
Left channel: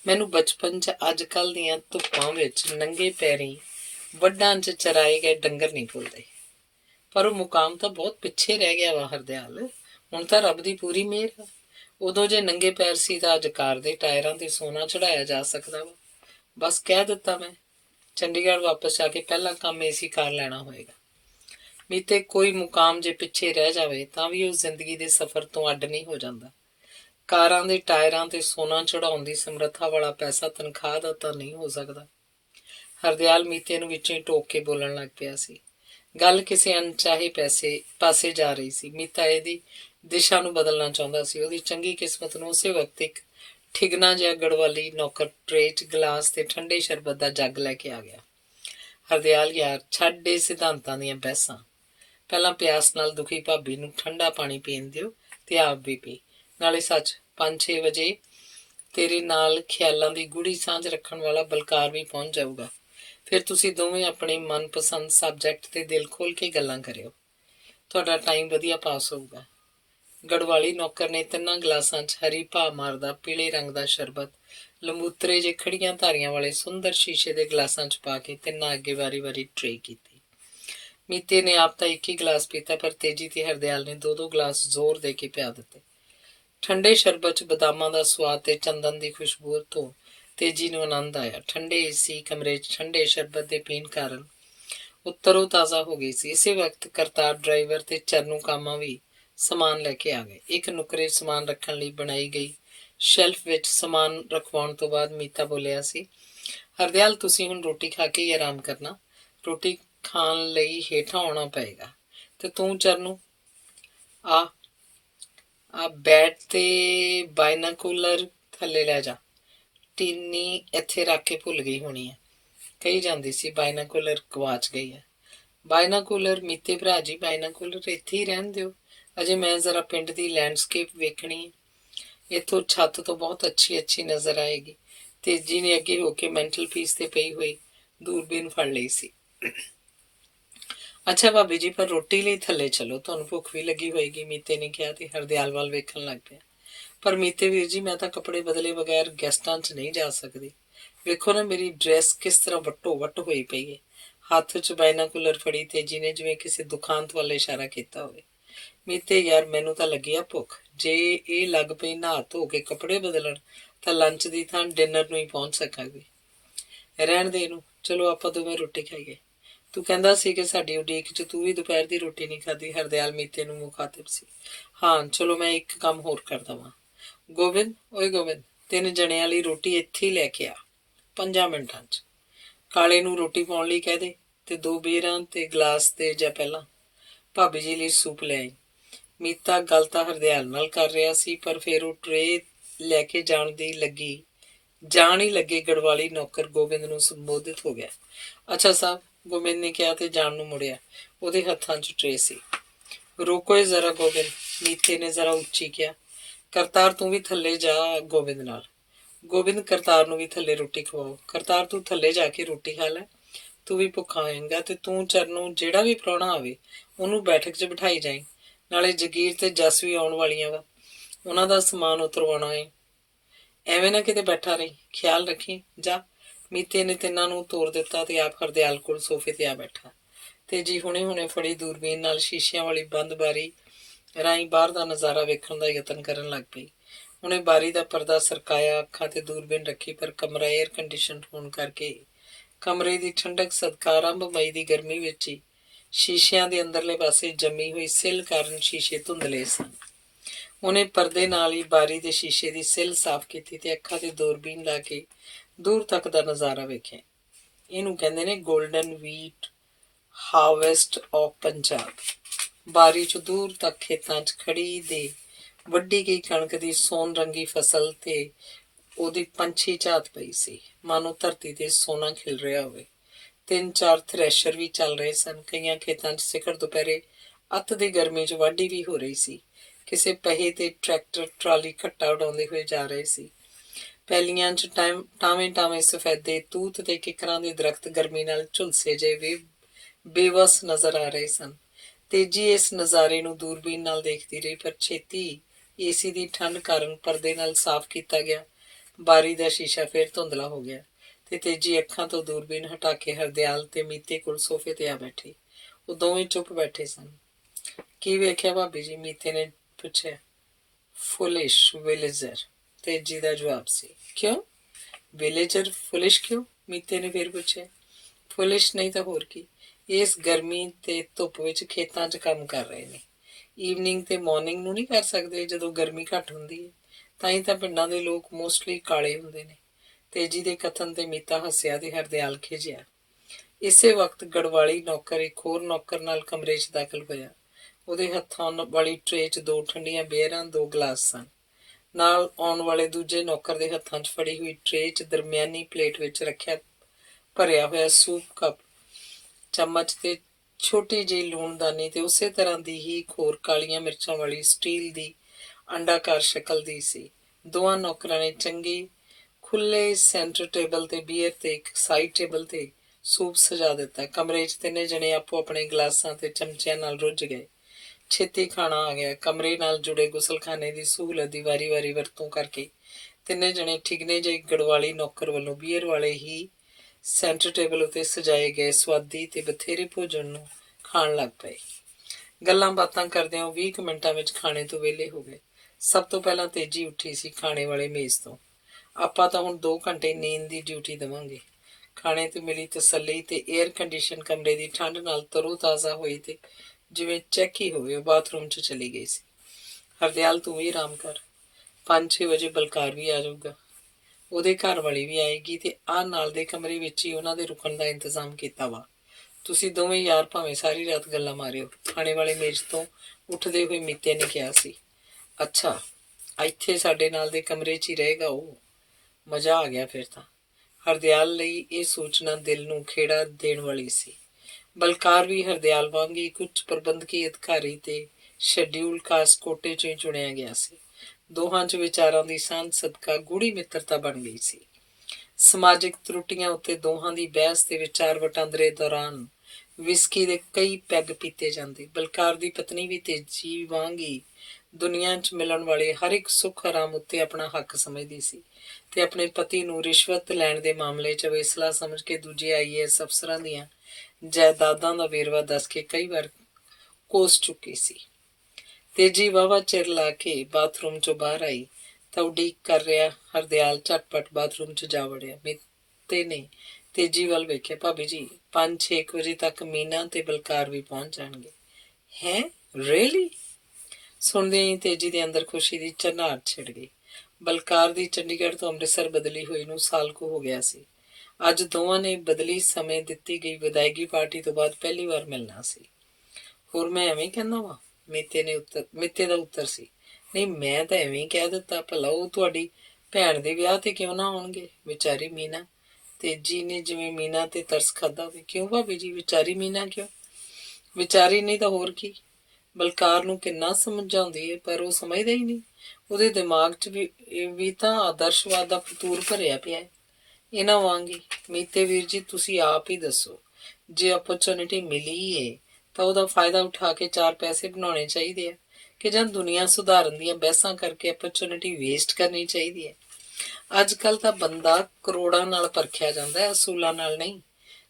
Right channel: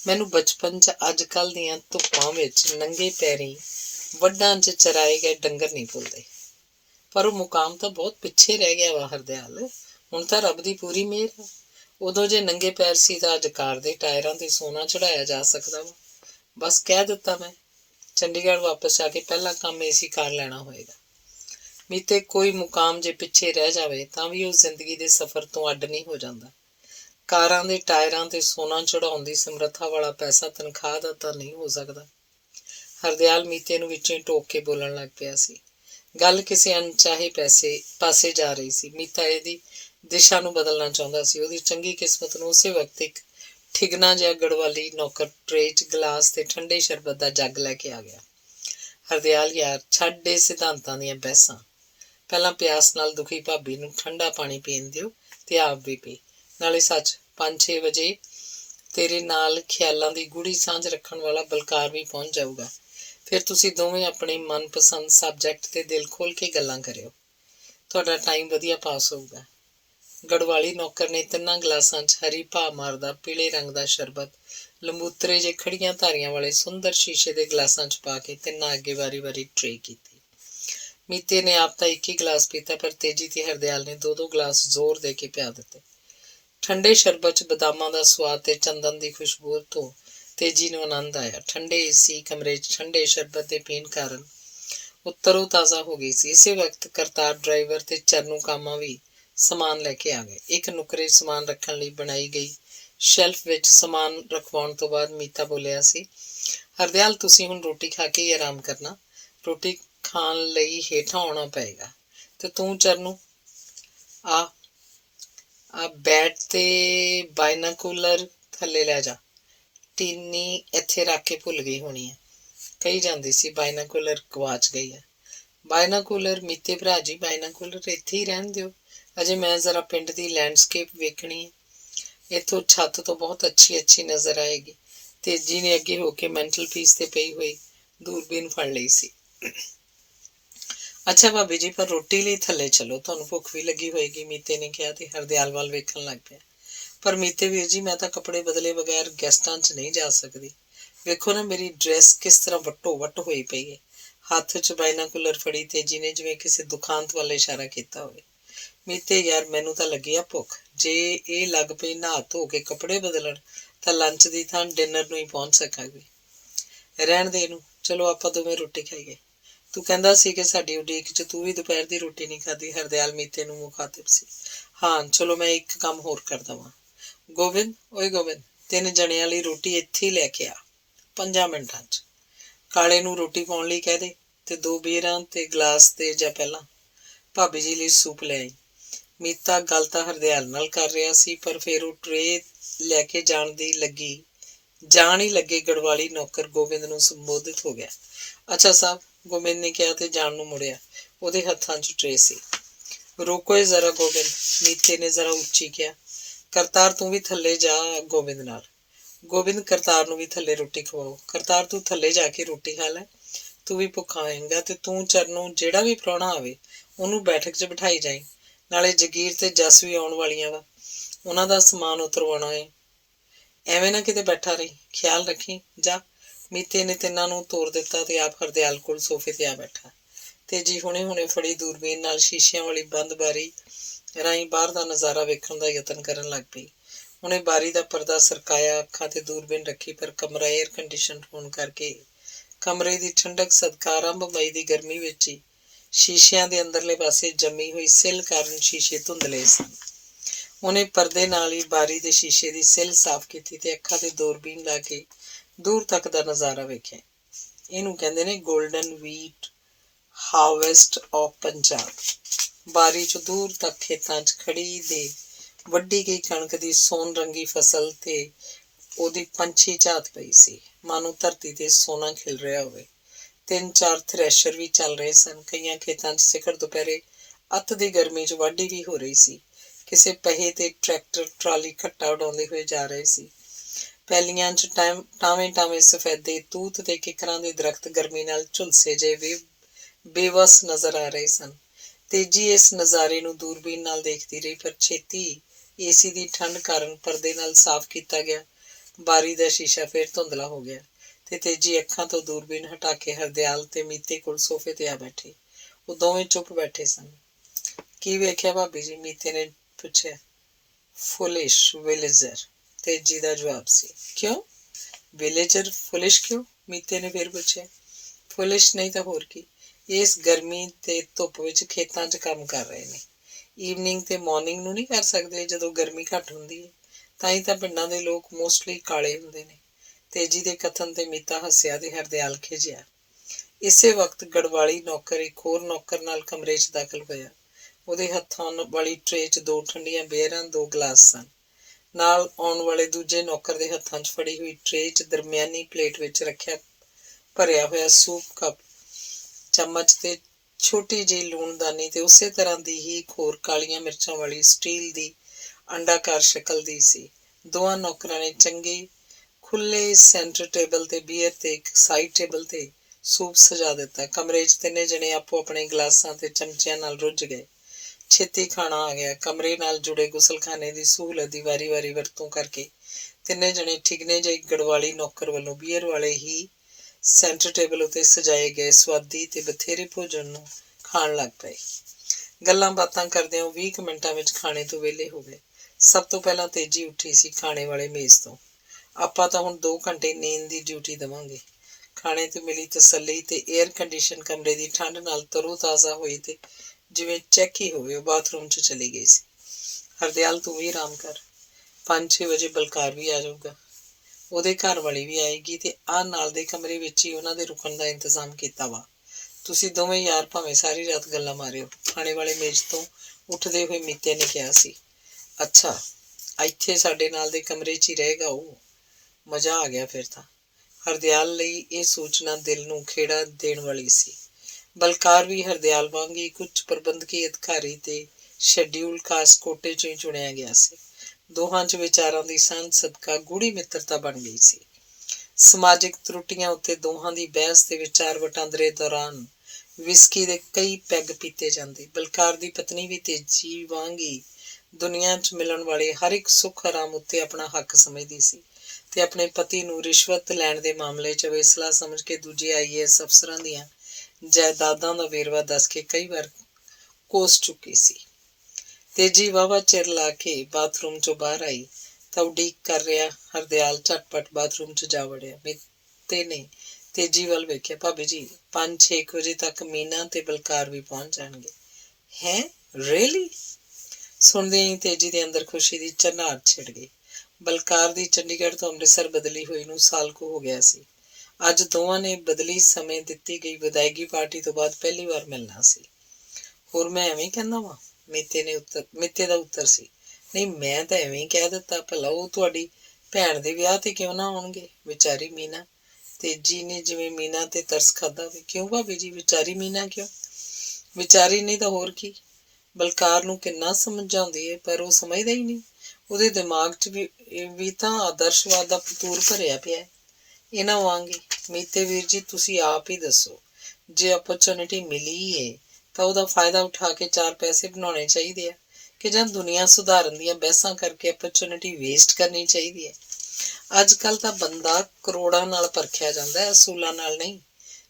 ਮੈਨੂੰ ਬਚਪਨ 'ਚ ਅੱਜ ਕੱਲ੍ਹ ਦੀਆਂ ਧੁੱਪਾਂ ਵਿੱਚ ਨੰਗੇ ਪੈਰੀਂ ਵੱਢਾਂ 'ਚ ਚਰਾਏ ਗਏ ਡੰਗਰ ਨਹੀਂ ਭੁੱਲਦੇ। ਪਰ ਉਹ ਮੁਕਾਮ ਤਾਂ ਬਹੁਤ ਪਿੱਛੇ ਰਹਿ ਗਿਆ ਵਾ ਹਰਦਿਆਲ, ਹੁਣ ਤਾਂ ਰੱਬ ਦੀ ਪੂਰੀ ਮਿਹਰ ਆ। ਉਦੋਂ ਜੇ ਨੰਗੇ ਪੈਰ ਸੀ ਤਾਂ ਅੱਜ ਕਾਰ ਦੇ ਟਾਇਰਾਂ 'ਤੇ ਸੋਨਾ ਚੜ੍ਹਾਇਆ ਜਾ ਸਕਦਾ ਵਾ। ਬਸ ਕਹਿ ਦਿੱਤਾ ਮੈਂ, ਚੰਡੀਗੜ੍ਹ ਵਾਪਸ ਜਾ ਕੇ ਪਹਿਲਾ ਕੰਮ ਏਸੀ ਕਾਰ ਲੈਣਾ ਹੋਏਗਾ। ਮੀਤੇ, ਕੋਈ ਮੁਕਾਮ ਜੇ ਪਿੱਛੇ ਰਹਿ ਜਾਵੇ ਤਾਂ ਵੀ ਉਹ ਜ਼ਿੰਦਗੀ ਦੇ ਸਫ਼ਰ ਤੋਂ ਅੱਡ ਨਹੀਂ ਹੋ ਜਾਂਦਾ। ਕਾਰਾਂ ਦੇ ਟਾਇਰਾਂ 'ਤੇ ਸੋਨਾ ਚੜ੍ਹਾਉਣ ਦੀ ਸਮਰੱਥਾ ਵਾਲਾ ਪੈਸਾ ਤਨਖਾਹ ਦਾ ਤਾਂ ਨਹੀਂ ਹੋ ਸਕਦਾ। ਹਰਦਿਆਲ ਮੀਤੇ ਨੂੰ ਵਿੱਚੋਂ ਹੀ ਟੋਕ ਕੇ ਬੋਲਣ ਲੱਗ ਪਿਆ ਸੀ। ਗੱਲ ਕਿਸੇ ਅਣਚਾਹੇ ਪਾਸੇ ਜਾ ਰਹੀ ਸੀ। ਮੀਤਾ ਇਹਦੀ ਦਿਸ਼ਾ ਨੂੰ ਬਦਲਣਾ ਚਾਹੁੰਦਾ ਸੀ। ਉਹਦੀ ਚੰਗੀ ਕਿਸਮਤ ਨੂੰ ਉਸੇ ਵਕਤ ਇੱਕ ਠਿਗਣਾ ਜਿਹਾ ਗੜਵਾਲੀ ਨੌਕਰ ਟਰੇ 'ਚ ਗਲਾਸ ਤੇ ਠੰਡੇ ਸ਼ਰਬਤ ਦਾ ਜੱਗ ਲੈ ਕੇ ਆ ਗਿਆ। ਹਰਦਿਆਲ ਯਾਰ, ਛੱਡ ਇਹ ਸਿਧਾਂਤਾਂ ਦੀਆਂ ਬਹਿਸਾਂ। ਪਹਿਲਾਂ ਪਿਆਸ ਨਾਲ ਦੁਖੀ ਭਾਬੀ ਨੂੰ ਠੰਡਾ ਪਾਣੀ ਪੀਣ ਦਿਓ ਤੇ ਆਪ ਵੀ ਪੀ। ਨਾਲੇ ਸੱਚ, 5-6 ਵਜੇ ਤੇਰੇ ਨਾਲ ਖਿਆਲਾਂ ਦੀ ਗੂੜੀ ਸਾਂਝ ਰੱਖਣ ਵਾਲਾ ਬਲਕਾਰ ਵੀ ਪਹੁੰਚ ਜਾਊਗਾ। ਫਿਰ ਤੁਸੀਂ ਦੋਵੇਂ ਆਪਣੀ ਮਨਪਸੰਦ ਸਬਜੈਕਟ 'ਤੇ ਦਿਲ ਖੋਲ੍ਹ ਕੇ ਗੱਲਾਂ ਕਰਿਓ। ਤੁਹਾਡਾ ਟਾਈਮ ਵਧੀਆ ਪਾਸ ਹੋਊਗਾ। ਗੜਵਾਲੀ ਨੌਕਰ ਨੇ 3 ਗਲਾਸਾਂ 'ਚ ਹਰੀ ਭਾ ਮਾਰਦਾ ਪੀਲੇ ਰੰਗ ਦਾ ਸ਼ਰਬਤ ਲੰਬੂਤਰੇ ਜੇ ਖੜੀਆਂ ਧਾਰੀਆਂ ਵਾਲੇ ਸੁੰਦਰ ਸ਼ੀਸ਼ੇ ਦੇ ਗਲਾਸਾਂ 'ਚ ਪਾ ਕੇ ਤਿੰਨਾਂ ਅੱਗੇ ਵਾਰੀ ਟਰੇ ਕੀਤੀ। ਮੀਤੇ ਨੇ ਆਪ ਤਾਂ ਇੱਕ ਹੀ ਗਲਾਸ ਪੀਤਾ, ਪਰ ਤੇਜੀ ਤੇ ਹਰਦਿਆਲ ਨੇ 2-2 ਗਲਾਸ ਜ਼ੋਰ ਦੇ ਕੇ ਪਿਆ ਦਿੱਤੇ। ਠੰਡੇ ਸ਼ਰਬਤ 'ਚ ਬਦਾਮਾਂ ਦਾ ਸਵਾਦ ਤੇ ਚੰਦਨ ਦੀ ਖੁਸ਼ਬੂ ਤੋਂ ਤੇਜੀ ਨੂੰ ਆਨੰਦ ਆਇਆ। ਠੰਡੇ ਏਸੀ ਕਮਰੇ 'ਚ ਠੰਡੇ ਸ਼ਰਬਤ ਦੇ ਪੀਣ ਕਾਰਨ ਉਹ ਤਰੋ ਤਾਜ਼ਾ ਹੋ ਗਈ ਸੀ। ਇਸੇ ਵਕਤ ਕਰਤਾਰ ਡਰਾਈਵਰ ਤੇ ਚਰਨੂ ਕਾਮਾ ਵੀ ਸਮਾਨ ਲੈ ਕੇ ਆ ਗਏ। ਇੱਕ ਨੁਕਰੇ ਸਮਾਨ ਰੱਖਣ ਲਈ ਬਣਾਈ ਗਈ ਸ਼ੈਲਫ ਵਿੱਚ ਸਮਾਨ ਰਖਵਾਉਣ ਤੋਂ ਬਾਅਦ ਮੀਤਾ ਬੋਲਿਆ ਸੀ, ਹਰਦਿਆਲ ਤੁਸੀਂ ਹੁਣ ਰੋਟੀ ਖਾ ਕੇ ਹੀ ਆਰਾਮ ਕਰਨਾ। ਰੋਟੀ ਖਾਣ ਲਈ ਹੇਠਾਂ ਆਉਣਾ ਪਏਗਾ। ਤੇ ਤੂੰ ਚਰਨੂ ਆ ਬੈਡ ਤੇ ਬਾਇਨਾਕੂਲਰ ਥੱਲੇ ਲੈ ਜਾ। ਟੀਨੀ ਇੱਥੇ ਰੱਖ ਕੇ ਭੁੱਲ ਗਈ ਹੋਣੀ ਹੈ। ਕਹੀ ਜਾਂਦੀ ਸੀ ਬਾਇਨਾਕੂਲਰ ਗਵਾਚ ਗਈ ਹੈ। ਬਾਇਨਾਕੂਲਰ ਮੀਤੇ ਭਰਾ ਜੀ, ਬਾਇਨਾਕੂਲਰ ਇੱਥੇ ਹੀ ਰਹਿਣ ਦਿਓ। ਅਜੇ ਮੈਂ ਜ਼ਰਾ ਪਿੰਡ ਦੀ ਲੈਂਡਸਕੇਪ ਵੇਖਣੀ ਹੈ। ਇੱਥੋਂ ਛੱਤ ਤੋਂ ਬਹੁਤ ਅੱਛੀ ਨਜ਼ਰ ਆਏਗੀ। ਤੇਜੀ ਨੇ ਅੱਗੇ ਹੋ ਕੇ ਮੈਂਟਲ ਪੀਸ ਤੇ ਪਈ ਹੋਈ ਦੂਰਬੀਨ ਫੜ ਲਈ ਸੀ। ਅੱਛਾ ਭਾਬੀ ਜੀ, ਪਰ ਰੋਟੀ ਲਈ ਥੱਲੇ ਚਲੋ, ਤੁਹਾਨੂੰ ਭੁੱਖ ਵੀ ਲੱਗੀ ਹੋਏਗੀ, ਮੀਤੇ ਨੇ ਕਿਹਾ ਤੇ ਹਰਦਿਆਲ ਵੱਲ ਵੇਖਣ ਲੱਗ ਪਿਆ। ਪਰ ਮੀਤੇ ਵੀਰ ਜੀ, ਮੈਂ ਤਾਂ ਕੱਪੜੇ ਬਦਲੇ ਬਗੈਰ ਗੈਸਟਾਂ 'ਚ ਨਹੀਂ ਜਾ ਸਕਦੀ। ਵੇਖੋ ਨਾ ਮੇਰੀ ਡਰੈਸ ਕਿਸ ਤਰ੍ਹਾਂ ਵੱਟੋ ਵੱਟ ਹੋਈ ਪਈ ਹੈ। ਹੱਥ 'ਚ ਬਾਇਨਾਕੂਲਰ ਫੜੀ ਤੇਜੀ ਨੇ ਜਿਵੇਂ ਕਿਸੇ ਦੁਖਾਂਤ ਵੱਲ ਇਸ਼ਾਰਾ ਕੀਤਾ ਹੋਵੇ। ਮੀਤੇ ਯਾਰ, ਮੈਨੂੰ ਤਾਂ ਲੱਗੀ ਆ ਭੁੱਖ। ਜੇ ਇਹ ਲੱਗ ਪਈ ਨਹਾ ਧੋ ਕੇ ਕੱਪੜੇ ਬਦਲਣ ਤਾਂ ਲੰਚ ਦੀ ਥਾਂ ਡਿਨਰ ਨੂੰ ਹੀ ਪਹੁੰਚ ਸਕਾਂਗੇ। ਰਹਿਣ ਦੇ ਇਹਨੂੰ, ਚਲੋ ਆਪਾਂ ਦੋਵੇਂ ਰੋਟੀ ਖਾਈਏ। ਤੂੰ ਕਹਿੰਦਾ ਸੀ ਕਿ ਸਾਡੀ ਉਡੀਕ 'ਚ ਤੂੰ ਵੀ ਦੁਪਹਿਰ ਦੀ ਰੋਟੀ ਨਹੀਂ ਖਾਧੀ। ਹਰਦਿਆਲ ਮੀਤੇ ਨੂੰ ਮੁਖਾਤਿਬ ਸੀ। ਹਾਂ ਚਲੋ, ਮੈਂ ਇੱਕ ਕੰਮ ਹੋਰ ਕਰ ਦੇਵਾਂ। ਗੋਬਿੰਦ, ਓਏ ਗੋਬਿੰਦ, 3 ਜਣਿਆਂ ਲਈ ਰੋਟੀ ਇੱਥੇ ਹੀ ਲੈ ਕੇ ਆ 5 ਮਿੰਟਾਂ 'ਚ। ਕਾਲੇ ਨੂੰ ਰੋਟੀ ਪਾਉਣ ਲਈ ਕਹਿ ਦੇ ਤੇ 2 ਬੀਅਰਾਂ ਤੇ ਗਲਾਸ ਤੇ ਜਾਂ ਪਹਿਲਾਂ ਭਾਬੀ ਜੀ ਲਈ ਸੂਪ ਲੈ ਆਈ। ਮੀਤਾ ਗੱਲ ਤਾਂ ਹਰਦਿਆਲ ਨਾਲ ਕਰ ਰਿਹਾ ਸੀ, ਪਰ ਫਿਰ ਉਹ ਟਰੇ ਲੈ ਕੇ ਜਾਣ ਹੀ ਲੱਗੇ ਗੜਵਾਲੀ ਨੌਕਰ ਗੋਬਿੰਦ ਨੂੰ ਸੰਬੋਧਿਤ ਹੋ ਗਿਆ। ਅੱਛਾ ਸਾਹਿਬ, ਗੋਬਿੰਦ ਨੇ ਕਿਹਾ ਤੇ ਜਾਣ ਨੂੰ ਮੁੜਿਆ। ਉਹਦੇ ਹੱਥਾਂ 'ਚ ਟਰੇ ਸੀ। ਰੋਕੋ ਇਹ ਜ਼ਰਾ ਗੋਬਿੰਦ, ਮੀਤੇ ਨੇ ਜ਼ਰਾ ਉੱਚੀ ਕਿਹਾ। ਕਰਤਾਰ ਤੂੰ ਵੀ ਥੱਲੇ ਜਾ ਗੋਬਿੰਦ ਨਾਲ। ਗੋਬਿੰਦ, ਕਰਤਾਰ ਨੂੰ ਵੀ ਥੱਲੇ ਰੋਟੀ ਖਵਾਓ। ਕਰਤਾਰ ਤੂੰ ਥੱਲੇ ਜਾ ਕੇ ਰੋਟੀ ਖਾ ਲੈ, ਤੂੰ ਵੀ ਭੁੱਖਾ ਹੋਏਗਾ। ਤੇ ਤੂੰ ਚਰਨੂ, ਜਿਹੜਾ ਵੀ ਪ੍ਰਾਹੁਣਾ ਆਵੇ ਉਹਨੂੰ ਬੈਠਕ 'ਚ ਬਿਠਾਈ ਜਾਈਂ। ਨਾਲੇ ਜਗੀਰ ਤੇ ਜੱਸ ਵੀ ਆਉਣ ਵਾਲੀਆਂ ਵਾ, ਉਹਨਾਂ ਦਾ ਸਮਾਨ ਉਤਰਵਾਉਣਾ ਏ। ਐਵੇਂ ਨਾ ਕਿਤੇ ਬੈਠਾ ਰਹੀ, ਖਿਆਲ ਰੱਖੀ। ਜਾ। ਮੀਤੇ ਨੇ ਤਿੰਨਾਂ ਨੂੰ ਤੋਰ ਦਿੱਤਾ ਤੇ ਆਪ ਹਰਦਿਆਲ ਕੋਲ ਸੋਫੇ ਤੇ ਆ ਬੈਠਾ। ਤੇਜੀ ਹੁਣੇ ਫੜੀ ਦੂਰਬੀਨ ਨਾਲ ਸ਼ੀਸ਼ਿਆਂ ਵਾਲੀ ਬੰਦ ਬਾਰੀ ਰਾਹੀਂ ਬਾਹਰ ਦਾ ਨਜ਼ਾਰਾ ਵੇਖਣ ਦਾ ਯਤਨ ਕਰਨ ਲੱਗ ਪਈ। ਉਹਨੇ ਬਾਰੀ ਦਾ ਪਰਦਾ ਸਰਕਾਇਆ, ਅੱਖਾਂ ਤੇ ਦੂਰਬੀਨ ਰੱਖੀ, ਪਰ ਕਮਰਾ ਏਅਰ ਕੰਡੀਸ਼ਨ ਹੋਣ ਕਰਕੇ ਕਮਰੇ ਦੀ ਠੰਡਕ ਸਦਕਾ ਆਰੰਭ ਮਈ ਦੀ ਗਰਮੀ ਵਿੱਚ ਹੀ ਸ਼ੀਸ਼ਿਆਂ ਦੇ ਅੰਦਰਲੇ ਪਾਸੇ ਜੰਮੀ ਹੋਈ ਸਿੱਲ ਕਾਰਨ ਸ਼ੀਸ਼ੇ ਧੁੰਦਲੇ ਸਨ। ਉਹਨੇ ਪਰਦੇ ਨਾਲ ਹੀ ਬਾਰੀ ਦੇ ਸ਼ੀਸ਼ੇ ਦੀ ਸਿੱਲ ਸਾਫ਼ ਕੀਤੀ ਤੇ ਅੱਖਾਂ ਤੇ ਦੂਰਬੀਨ ਲਾ ਕੇ ਦੂਰ ਤੱਕ ਦਾ ਨਜ਼ਾਰਾ ਵੇਖਿਆ। ਇਹਨੂੰ ਕਹਿੰਦੇ ਨੇ golden wheat harvest of Punjab. ਬਾਰੀ 'ਚ ਦੂਰ ਤੱਕ ਖੇਤਾਂ 'ਚ ਖੜੀ ਦੇ ਵੱਢੀ ਗਈ ਕਣਕ ਦੀ ਸੋਨ ਰੰਗੀ ਫਸਲ ਤੇ ਉਹਦੀ ਪੰਛੀ ਝਾਤ ਪਈ ਸੀ, ਮਾਨੋ ਧਰਤੀ ਤੇ ਸੋਨਾ ਖਿਲ ਰਿਹਾ ਹੋਵੇ। 3-4 ਥ੍ਰੈਸ਼ਰ ਵੀ ਚੱਲ ਰਹੇ ਸਨ। ਕਈਆਂ ਖੇਤਾਂ 'ਚ ਸਿਖਰ ਦੁਪਹਿਰੇ ਅੱਤ ਦੀ ਗਰਮੀ 'ਚ ਵਾਢੀ ਵੀ ਹੋ ਰਹੀ ਸੀ। ਕਿਸੇ ਪਹੇ ਤੇ ਟਰੈਕਟਰ ਟਰਾਲੀ ਘੱਟਾ ਉਡਾਉਂਦੇ ਹੋਏ ਜਾ ਰਹੇ ਸੀ। ਪੈਲੀਆਂ 'ਚ ਟਾਵੇਂ ਸਫੈਦੇ ਤੂਤ ਤੇ ਕਿਕਰਾਂ ਦੇ ਦਰਖਤ ਗਰਮੀ ਨਾਲ ਝੁਲਸੇ ਜਿਹੇ ਬੇਵਸ ਨਜ਼ਰ ਆ ਰਹੇ ਸਨ। ਤੇਜੀ ਇਸ ਨਜ਼ਾਰੇ ਨੂੰ ਦੂਰਬੀਨ ਨਾਲ ਦੇਖਦੀ ਰਹੀ, ਪਰ ਛੇਤੀ ਏਸੀ ਦੀ ਠੰਡ ਕਾਰਨ ਪਰਦੇ ਨਾਲ ਸਾਫ਼ ਕੀਤਾ ਗਿਆ ਬਾਰੀ ਦਾ ਸ਼ੀਸ਼ਾ ਫਿਰ ਧੁੰਦਲਾ ਹੋ ਗਿਆ ਤੇ ਤੇਜੀ ਅੱਖਾਂ ਤੋਂ ਦੂਰਬੀਨ ਹਟਾ ਕੇ ਹਰਦਿਆਲ ਤੇ ਮੀਤੇ ਕੋਲ ਸੋਫੇ ਤੇ ਆ ਬੈਠੀ। ਉਹ ਦੋਵੇਂ ਚੁੱਪ ਬੈਠੇ ਸਨ। ਕੀ ਵੇਖਿਆ ਭਾਬੀ ਜੀ? ਮੀਤੇ ਨੇ ਪੁੱਛਿਆ। ਫੁਲਿਸ਼ ਵਿਲੇਜਰ, ਤੇਜੀ ਦਾ ਜਵਾਬ ਸੀ। ਕਿਉਂ ਵਿਲੇਜਰ ਫੁਲਿਸ਼ ਕਿਉਂ? ਮੀਤੇ ਨੇ ਫਿਰ ਪੁੱਛਿਆ। ਫੁਲਿਸ਼ ਨਹੀਂ ਤਾਂ ਹੋਰ ਕੀ, ਇਸ ਗਰਮੀ ਤੇ ਧੁੱਪ ਵਿੱਚ ਖੇਤਾਂ 'ਚ ਕੰਮ ਕਰ ਰਹੇ ਨੇ। ਈਵਨਿੰਗ ਤੇ ਮਾਰਨਿੰਗ ਨੂੰ ਨਹੀਂ ਕਰ ਸਕਦੇ ਜਦੋਂ ਗਰਮੀ ਘੱਟ ਹੁੰਦੀ ਹੈ। ਤਾਂ ਹੀ ਤਾਂ ਪਿੰਡਾਂ ਦੇ ਲੋਕ ਮੋਸਟਲੀ ਕਾਲੇ ਹੁੰਦੇ ਨੇ। ਤੇਜੀ ਦੇ ਕਥਨ ਤੇ ਮੀਤਾ ਹੱਸਿਆ ਤੇ ਹਰਦਿਆਲ ਖਿਝਿਆ। ਇਸੇ ਵਕਤ ਗੜਵਾਲੀ ਨੌਕਰ ਇੱਕ ਹੋਰ ਨੌਕਰ ਨਾਲ ਕਮਰੇ 'ਚ ਦਾਖਲ ਹੋਇਆ। ਉਹਦੇ ਹੱਥਾਂ ਵਾਲੀ ਟਰੇ 'ਚ 2 ਠੰਡੀਆਂ ਬੀਅਰਾਂ 2 ਗਲਾਸ ਸਨ। ਨਾਲ ਆਉਣ ਵਾਲੇ ਦੂਜੇ ਨੌਕਰ ਦੇ ਹੱਥਾਂ 'ਚ ਫੜੀ ਹੋਈ ਟਰੇ 'ਚ ਦਰਮਿਆਨੀ ਪਲੇਟ ਵਿੱਚ ਰੱਖਿਆ ਭਰਿਆ ਹੋਇਆ ਸੂਪ ਕੱਪ, ਚਮਚ ਤੇ ਛੋਟੀ ਜਿਹੀ ਲੂਣਦਾਨੀ ਤੇ ਉਸੇ ਤਰ੍ਹਾਂ ਦੀ ਹੀ ਇੱਕ ਹੋਰ ਕਾਲੀਆਂ ਮਿਰਚਾਂ ਵਾਲੀ ਸਟੀਲ ਦੀ ਅੰਡਾਕਾਰ ਸ਼ਕਲ ਦੀ ਸੀ ਦੋਵਾਂ ਨੌਕਰਾਂ ਨੇ ਚੰਗੀ ਖੁੱਲੇ ਸੈਂਟਰ ਟੇਬਲ ਤੇ ਬੀਅਰ ਤੇ ਇੱਕ ਸਾਈਡ ਟੇਬਲ ਤੇ ਸੂਪ ਸਜਾ ਦਿੱਤਾ। ਕਮਰੇ 'ਚ ਤਿੰਨੇ ਜਣੇ ਆਪੋ ਆਪਣੇ ਗਲਾਸਾਂ ਤੇ ਚਮਚਿਆਂ ਨਾਲ ਰੁੱਝ ਗਏ। ਛੇਤੀ ਖਾਣਾ ਆ ਗਿਆ। ਕਮਰੇ ਨਾਲ ਜੁੜੇ ਗੁਸਲਖਾਨੇ ਦੀ ਸਹੂਲਤ ਦੀ ਵਾਰੀ ਵਰਤੋਂ ਕਰਕੇ ਤਿੰਨੇ ਜਣੇ ਠਿਗਨੇ ਜਿਹੇ ਗੜਵਾਲੀ ਨੌਕਰ ਵੱਲੋਂ ਬੀਅਰ ਵਾਲੇ ਹੀ ਸੈਂਟਰ ਟੇਬਲ ਉੱਤੇ ਸਜਾਏ ਗਏ ਸਵਾਦੀ ਤੇ ਬਥੇਰੇ ਭੋਜਨ ਨੂੰ ਖਾਣ ਲੱਗ ਪਏ। ਗੱਲਾਂ ਬਾਤਾਂ ਕਰਦਿਆਂ 20 ਮਿੰਟਾਂ ਵਿੱਚ ਖਾਣੇ ਤੋਂ ਵਿਹਲੇ ਹੋ ਗਏ। ਸਭ ਤੋਂ ਪਹਿਲਾਂ ਤੇਜੀ ਉੱਠੀ ਸੀ ਖਾਣੇ ਵਾਲੇ ਮੇਜ਼ ਤੋਂ। ਆਪਾਂ ਤਾਂ ਹੁਣ 2 ਘੰਟੇ ਨੀਂਦ ਦੀ ਡਿਊਟੀ ਦੇਵਾਂਗੇ। ਖਾਣੇ ਤੋਂ ਮਿਲੀ ਤਸੱਲੀ ਤੇ ਏਅਰ ਕੰਡੀਸ਼ਨ ਕਮਰੇ ਦੀ ਠੰਡ ਨਾਲ ਤਰੋ ਤਾਜ਼ਾ ਹੋਈ ਤੇ ਜਿਵੇਂ ਚੈੱਕ ਹੀ ਹੋਵੇ ਉਹ ਬਾਥਰੂਮ 'ਚ ਚਲੀ ਗਈ ਸੀ। ਹਰਦਿਆਲ ਤੂੰ ਵੀ ਆਰਾਮ ਕਰ, 5-6 ਵਜੇ ਬਲਕਾਰ ਵੀ ਆ ਜਾਊਗਾ, ਉਹਦੇ ਘਰ ਵਾਲੀ ਵੀ ਆਏਗੀ ਤੇ ਆਹ ਨਾਲ ਦੇ ਕਮਰੇ ਵਿੱਚ ਹੀ ਉਹਨਾਂ ਦੇ ਰੁਕਣ ਦਾ ਇੰਤਜ਼ਾਮ ਕੀਤਾ ਵਾ। ਤੁਸੀਂ ਦੋਵੇਂ ਯਾਰ ਭਾਵੇਂ ਸਾਰੀ ਰਾਤ ਗੱਲਾਂ ਮਾਰਿਓ। ਖਾਣੇ ਵਾਲੇ ਮੇਜ਼ ਤੋਂ ਉੱਠਦੇ ਹੋਏ ਮੀਤੇ ਨੇ ਕਿਹਾ ਸੀ। ਅੱਛਾ, ਇੱਥੇ ਸਾਡੇ ਨਾਲ ਦੇ ਕਮਰੇ 'ਚ ਹੀ ਰਹੇਗਾ ਉਹ। ਮਜ਼ਾ ਆ ਗਿਆ ਫਿਰ ਤਾਂ। ਹਰਦਿਆਲ ਲਈ ਇਹ ਸੂਚਨਾ ਦਿਲ ਨੂੰ ਖੇੜਾ ਦੇਣ ਵਾਲੀ ਸੀ। ਬਲਕਾਰ ਵੀ ਹਰਦਿਆਲ ਵਾਂਗ ਹੀ ਕੁਝ ਪ੍ਰਬੰਧਕੀ ਅਧਿਕਾਰੀ ਤੇ ਸ਼ੈਡਿਊਲ ਕਾਸਟ ਕੋਟੇ 'ਚੋਂ ਹੀ ਚੁਣਿਆ ਗਿਆ ਸੀ। ਦੋਹਾਂ 'ਚ ਵਿਚਾਰਾਂ ਦੀ ਸਾਂਝ ਸਦਕਾ ਗੂੜ੍ਹੀ ਮਿੱਤਰਤਾ ਬਣ ਗਈ ਸੀ। ਸਮਾਜਿਕ ਤਰੁੱਟੀਆਂ ਉੱਤੇ ਦੋਹਾਂ ਦੀ ਬਹਿਸ ਤੇ ਵਿਚਾਰ ਵਟਾਂਦਰੇ ਦੌਰਾਨ ਵਿਸਕੀ ਦੇ ਕਈ ਪੈਗ ਪੀਤੇ ਜਾਂਦੇ। ਬਲਕਾਰ ਦੀ ਪਤਨੀ ਵੀ ਤੇਜੀ ਵਾਂਗ ਹੀ ਦੁਨੀਆ 'ਚ ਮਿਲਣ ਵਾਲੇ ਹਰ ਇੱਕ ਸੁੱਖ ਆਰਾਮ ਉੱਤੇ ਆਪਣਾ ਹੱਕ ਸਮਝਦੀ ਸੀ ਤੇ ਆਪਣੇ ਪਤੀ ਨੂੰ ਰਿਸ਼ਵਤ ਲੈਣ ਦੇ ਮਾਮਲੇ 'ਚ ਅਵੇਸਲਾ ਸਮਝ ਕੇ ਦੂਜੇ IAS ਅਫਸਰਾਂ ਦੀਆਂ ਜਾਇਦਾਦਾਂ ਦਾ ਵੇਰਵਾ ਦੱਸ ਕੇ ਕਈ ਵਾਰ ਕੋਸ ਚੁੱਕੀ ਸੀ। ਤੇਜੀ ਵਾਹਵਾ ਚਿਰ ਲਾ ਕੇ ਬਾਥਰੂਮ 'ਚੋਂ ਬਾਹਰ ਆਈ ਤਾਂ ਉਡੀਕ ਕਰ ਰਿਹਾ ਹਰਦਿਆਲ ਝਟਪਟ ਬਾਥਰੂਮ 'ਚ ਜਾ ਵੜਿਆ। ਮੀਤੇ ਨੇ ਤੇਜੀ ਵੱਲ ਵੇਖਿਆ। ਭਾਬੀ ਜੀ, 5-6 ਵਜੇ ਤੱਕ ਮੀਨਾ ਤੇ ਬਲਕਾਰ ਵੀ ਪਹੁੰਚ ਜਾਣਗੇ। ਹੈਂ, ਰੀਅਲੀ? ਸੁਣਦਿਆਂ ਹੀ ਤੇਜੀ ਦੇ ਅੰਦਰ ਖੁਸ਼ੀ ਦੀ ਝਰਨਾਹਟ ਛਿੜ ਗਈ। ਬਲਕਾਰ ਦੀ ਚੰਡੀਗੜ੍ਹ ਤੋਂ ਅੰਮ੍ਰਿਤਸਰ ਬਦਲੀ ਹੋਈ ਨੂੰ ਸਾਲ ਕੁ ਹੋ ਗਿਆ ਸੀ। ਅੱਜ ਦੋਵਾਂ ਨੇ ਬਦਲੀ ਸਮੇਂ ਦਿੱਤੀ ਗਈ ਵਿਦਾਇਗੀ ਪਾਰਟੀ ਤੋਂ ਬਾਅਦ ਪਹਿਲੀ ਵਾਰ ਮਿਲਣਾ ਸੀ। ਹੋਰ ਮੈਂ ਐਵੇਂ ਕਹਿੰਦਾ ਵਾਂ? ਮੀਤੇ ਦਾ ਉੱਤਰ ਸੀ। ਨਹੀਂ, ਮੈਂ ਤਾਂ ਐਵੇਂ ਹੀ ਕਹਿ ਦਿੱਤਾ। ਭਲਾ ਉਹ ਤੁਹਾਡੀ ਭੈਣ ਦੇ ਵਿਆਹ ਤੇ ਕਿਉਂ ਨਾ ਆਉਣਗੇ? ਵਿਚਾਰੀ ਮੀਨਾ। ਤੇਜੀ ਨੇ ਜਿਵੇਂ ਮੀਨਾ ਤੇ ਤਰਸ ਖਾਧਾ ਹੋਵੇ। ਕਿਉਂ ਭਾਬੀ ਜੀ, ਵਿਚਾਰੀ ਮੀਨਾ ਕਿਉਂ? ਵਿਚਾਰੀ ਨਹੀਂ ਤਾਂ ਹੋਰ ਕੀ। ਬਲਕਾਰ ਨੂੰ ਕਿੰਨਾ ਸਮਝਾਉਂਦੀ ਹੈ ਪਰ ਉਹ ਸਮਝਦਾ ਹੀ ਨਹੀਂ। ਉਹਦੇ ਦਿਮਾਗ 'ਚ ਵੀ ਤਾਂ ਆਦਰਸ਼ਵਾਦ ਦਾ ਫਤੂਰ ਭਰਿਆ ਪਿਆ। ਇਹਨਾਂ ਵਾਂਗ ਹੀ। ਮੀਤੇ ਵੀਰ ਜੀ, ਤੁਸੀਂ ਆਪ ਹੀ ਦੱਸੋ, ਜੇ ਓਪਰਚੁਨਿਟੀ ਮਿਲੀ ਏ ਤਾਂ ਉਹਦਾ ਫਾਇਦਾ ਉਠਾ ਕੇ 4 ਪੈਸੇ ਬਣਾਉਣੇ ਚਾਹੀਦੇ ਆ ਕਿ ਜਾਂ ਦੁਨੀਆ ਸੁਧਾਰਨ ਦੀਆਂ ਬਹਿਸਾਂ ਕਰਕੇ ਓਪਰਚੁਨਿਟੀ ਵੇਸਟ ਕਰਨੀ ਚਾਹੀਦੀ ਹੈ? ਅੱਜ ਕੱਲ੍ਹ ਤਾਂ ਬੰਦਾ ਕਰੋੜਾਂ ਨਾਲ ਪਰਖਿਆ ਜਾਂਦਾ, ਅਸੂਲਾਂ ਨਾਲ ਨਹੀਂ।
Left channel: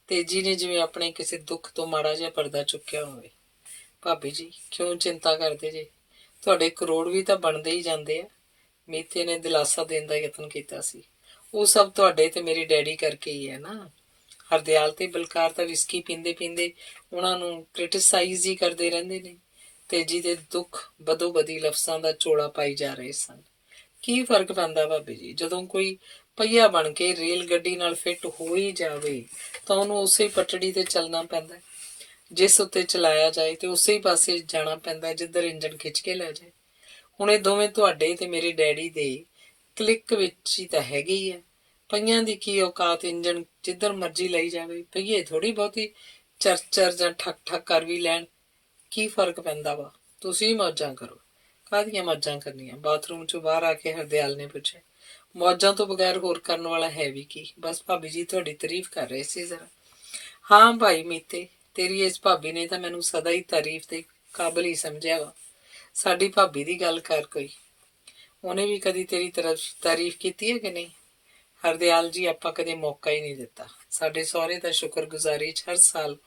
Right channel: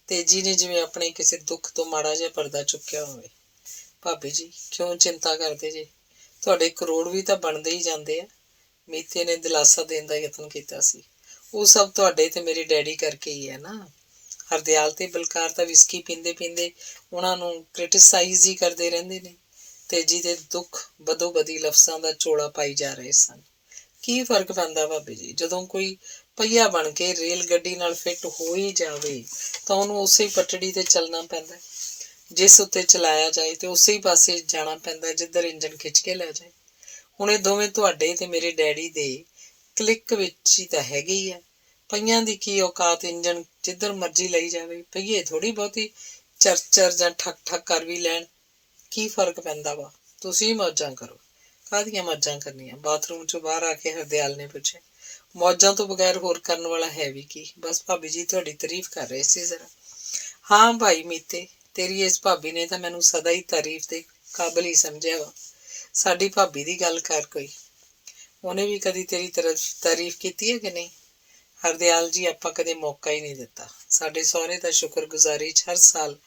ਤੇਜੀ ਨੇ ਜਿਵੇਂ ਆਪਣੇ ਕਿਸੇ ਦੁੱਖ ਤੋਂ ਮਾੜਾ ਜਿਹਾ ਪਰਦਾ ਚੁੱਕਿਆ ਹੋਵੇ। ਭਾਬੀ ਜੀ, ਕਿਉਂ ਚਿੰਤਾ ਕਰਦੇ ਜੇ? ਤੁਹਾਡੇ ਕਰੋੜ ਵੀ ਤਾਂ ਬਣਦੇ ਹੀ ਜਾਂਦੇ ਆ। ਮੀਤੇ ਨੇ ਦਿਲਾਸਾ ਦੇਣ ਦਾ ਯਤਨ ਕੀਤਾ ਸੀ। ਉਹ ਸਭ ਤੁਹਾਡੇ ਤੇ ਮੇਰੇ ਡੈਡੀ ਕਰਕੇ ਹੀ ਹੈ ਨਾ। ਹਰਦਿਆਲ ਤੇ ਬਲਕਾਰ ਤਾਂ ਵਿਸਕੀ ਪੀਂਦੇ ਪੀਂਦੇ ਉਹਨਾਂ ਨੂੰ ਕ੍ਰਿਟਿਸਾਈਜ਼ ਹੀ ਕਰਦੇ ਰਹਿੰਦੇ ਨੇ। ਤੇਜੀ ਦੇ ਦੁੱਖ ਬਦੋ ਬਦੀ ਲਫ਼ਜ਼ਾਂ ਦਾ ਚੋਲਾ ਪਾਈ ਜਾ ਰਹੇ ਸਨ। ਕੀ ਫਰਕ ਪੈਂਦਾ ਭਾਬੀ ਜੀ? ਜਦੋਂ ਕੋਈ ਪਹੀਆ ਬਣ ਕੇ ਰੇਲ ਗੱਡੀ ਨਾਲ ਫਿੱਟ ਹੋ ਹੀ ਜਾਵੇ ਤਾਂ ਉਹਨੂੰ ਉਸੇ ਪਟੜੀ ਤੇ ਚੱਲਣਾ ਪੈਂਦਾ। ਜਿਸ ਉੱਤੇ ਚਲਾਇਆ ਜਾਏ ਤੇ ਉਸੇ ਹੀ ਪਾਸੇ ਜਾਣਾ ਪੈਂਦਾ ਜਿੱਧਰ ਇੰਜਣ ਖਿੱਚ ਕੇ ਲੈ ਜਾਏ। ਹੁਣ ਇਹ ਦੋਵੇਂ ਤੁਹਾਡੇ ਤੇ ਮੇਰੇ ਡੈਡੀ ਦੇ ਕਲਿੱਕ ਵਿੱਚ ਹੀ ਤਾਂ ਹੈਗੇ ਹੀ ਆ। ਪਹੀਆਂ ਦੀ ਕੀ ਔਕਾਤ, ਇੰਜਣ ਜਿੱਧਰ ਮਰਜ਼ੀ ਲਈ ਜਾਵੇ। ਪਹੀਏ ਥੋੜ੍ਹੀ ਬਹੁਤੀ ਚਰਚਰ ਜਾਂ ਠੱਕ ਠੱਕ ਕਰ ਵੀ ਲੈਣ। ਕੀ ਫਰਕ ਪੈਂਦਾ ਵਾ? ਤੁਸੀਂ ਮੌਜਾਂ ਕਰੋ। ਕਾਹਦੀਆਂ ਮੌਜਾਂ ਕਰਨੀਆਂ? ਬਾਥਰੂਮ 'ਚੋਂ ਬਾਹਰ ਆ ਕੇ ਹਰਦਿਆਲ ਨੇ ਪੁੱਛਿਆ। ਮੌਜਾਂ ਤੋਂ ਬਗੈਰ ਹੋਰ ਕਰਨ ਵਾਲਾ ਹੈ ਵੀ ਕੀ? ਬਸ ਭਾਬੀ ਜੀ ਤੁਹਾਡੀ ਤਾਰੀਫ ਕਰ ਰਹੇ ਸੀ ਜ਼ਰਾ। ਹਾਂ ਭਾਈ ਮੀਤੇ, ਤੇਰੀ ਇਸ ਭਾਬੀ ਨੇ ਤਾਂ ਮੈਨੂੰ ਸਦਾ ਹੀ ਤਾਰੀਫ ਦੇ ਕਾਬਲ ਹੀ ਸਮਝਿਆ ਵਾ। ਸਾਡੀ ਭਾਬੀ ਦੀ ਗੱਲ ਕਰ ਕੋਈ। ਉਹਨੇ ਵੀ ਕਦੀ ਤੇਰੀ ਤਾਰੀਫ ਕੀਤੀ ਹੈ ਕਿ ਨਹੀਂ? ਹਰਦਿਆਲ ਜੀ, ਆਪਾਂ ਕਦੇ ਮੌਕਾ ਹੀ ਨਹੀਂ ਦਿੱਤਾ। ਸਾਡੇ ਸਹੁਰੇ ਤਾਂ ਸ਼ੁਕਰਗੁਜ਼ਾਰੀ 'ਚ ਹਰ ਸਾਲ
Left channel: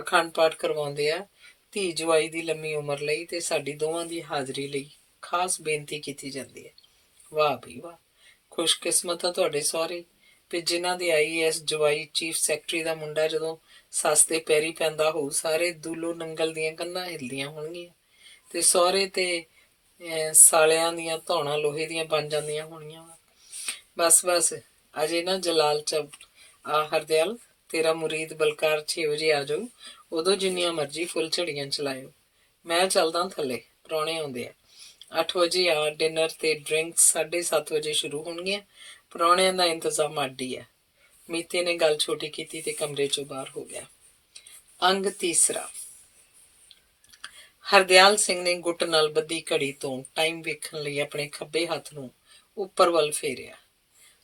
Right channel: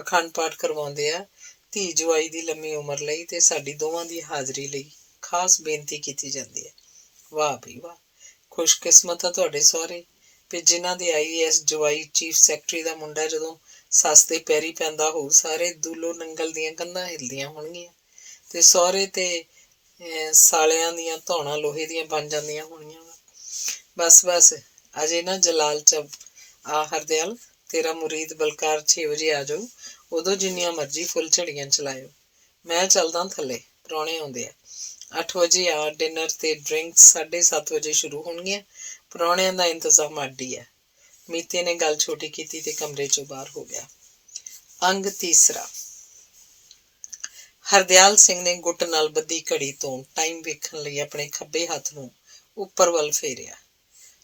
ਅਖੰਡ ਪਾਠ ਕਰਵਾਉਂਦੇ ਆ। ਧੀ ਜਵਾਈ ਦੀ ਲੰਮੀ ਉਮਰ ਲਈ ਤੇ ਸਾਡੀ ਦੋਵਾਂ ਦੀ ਹਾਜ਼ਰੀ ਲਈ ਖਾਸ ਬੇਨਤੀ ਕੀਤੀ ਜਾਂਦੀ ਹੈ। ਵਾਹ ਬਈ ਵਾਹ, ਖੁਸ਼ਕਿਸਮਤ ਆ ਤੁਹਾਡੇ ਸਹੁਰੇ ਵੀ ਜਿਨ੍ਹਾਂ ਦੇ IAS ਜਵਾਈ ਚੀਫ ਸੈਕਟਰੀ ਦਾ ਮੁੰਡਾ ਜਦੋਂ ਸੱਸ ਦੇ ਪੈਰੀ ਪੈਂਦਾ ਹੋਊ, ਸਾਰੇ ਦੂਲੋ ਨੰਗਲ ਦੀਆਂ ਕੰਧਾਂ ਹਿੱਲਦੀਆਂ ਹੋਣਗੀਆਂ ਤੇ ਸਹੁਰੇ ਤੇ ਸਾਲਿਆਂ ਦੀਆਂ ਧੌਣਾਂ ਲੋਹੇ ਦੀਆਂ ਬਣ ਜਾਂਦੀਆਂ ਹੋਣੀਆਂ। ਬਸ ਬਸ, ਅਜੇ ਨਾ ਜਲਾਲ 'ਚ ਆ ਹਰਦਿਆਲ। ਤੇਰਾ ਮੁਰੀਦ ਬਲਕਾਰ 6 ਵਜੇ ਆ ਜਾਊ। ਉਦੋਂ ਜਿੰਨੀਆਂ ਮਰਜ਼ੀ ਫੁੱਲ ਝੜੀਆਂ ਚਲਾਇਓ। ਮੈਂ ਚੱਲਦਾ ਥੱਲੇ, ਪ੍ਰਾਹੁਣੇ ਆਉਂਦੇ ਆ। 8 ਵਜੇ ਆ। ਡਿਨਰ ਤੇ ਡਰਿੰਕਸ 7:30 ਵਜੇ ਸ਼ੁਰੂ ਹੋਣਗੀਆਂ। ਪ੍ਰਾਹੁਣਿਆਂ ਦਾ ਇੰਤਜ਼ਾਮ ਅੱਡ ਹੀ ਹੈ। ਮੀਤੇ ਨੇ ਗੱਲ ਛੋਟੀ ਕੀਤੀ ਤੇ ਕਮਰੇ 'ਚੋਂ ਬਾਹਰ ਹੋ ਗਿਆ। ਅੰਗ ਤੀਸਰਾ। ਹਰਦਿਆਲ ਸਿੰਘ ਨੇ ਗੁੱਟ ਨਾਲ ਬੱਧੀ ਘੜੀ ਤੋਂ ਟਾਈਮ ਵੇਖਣ ਲਈ ਆਪਣੇ ਖੱਬੇ ਹੱਥ ਨੂੰ ਉੱਪਰ ਵੱਲ ਫੇਰਿਆ।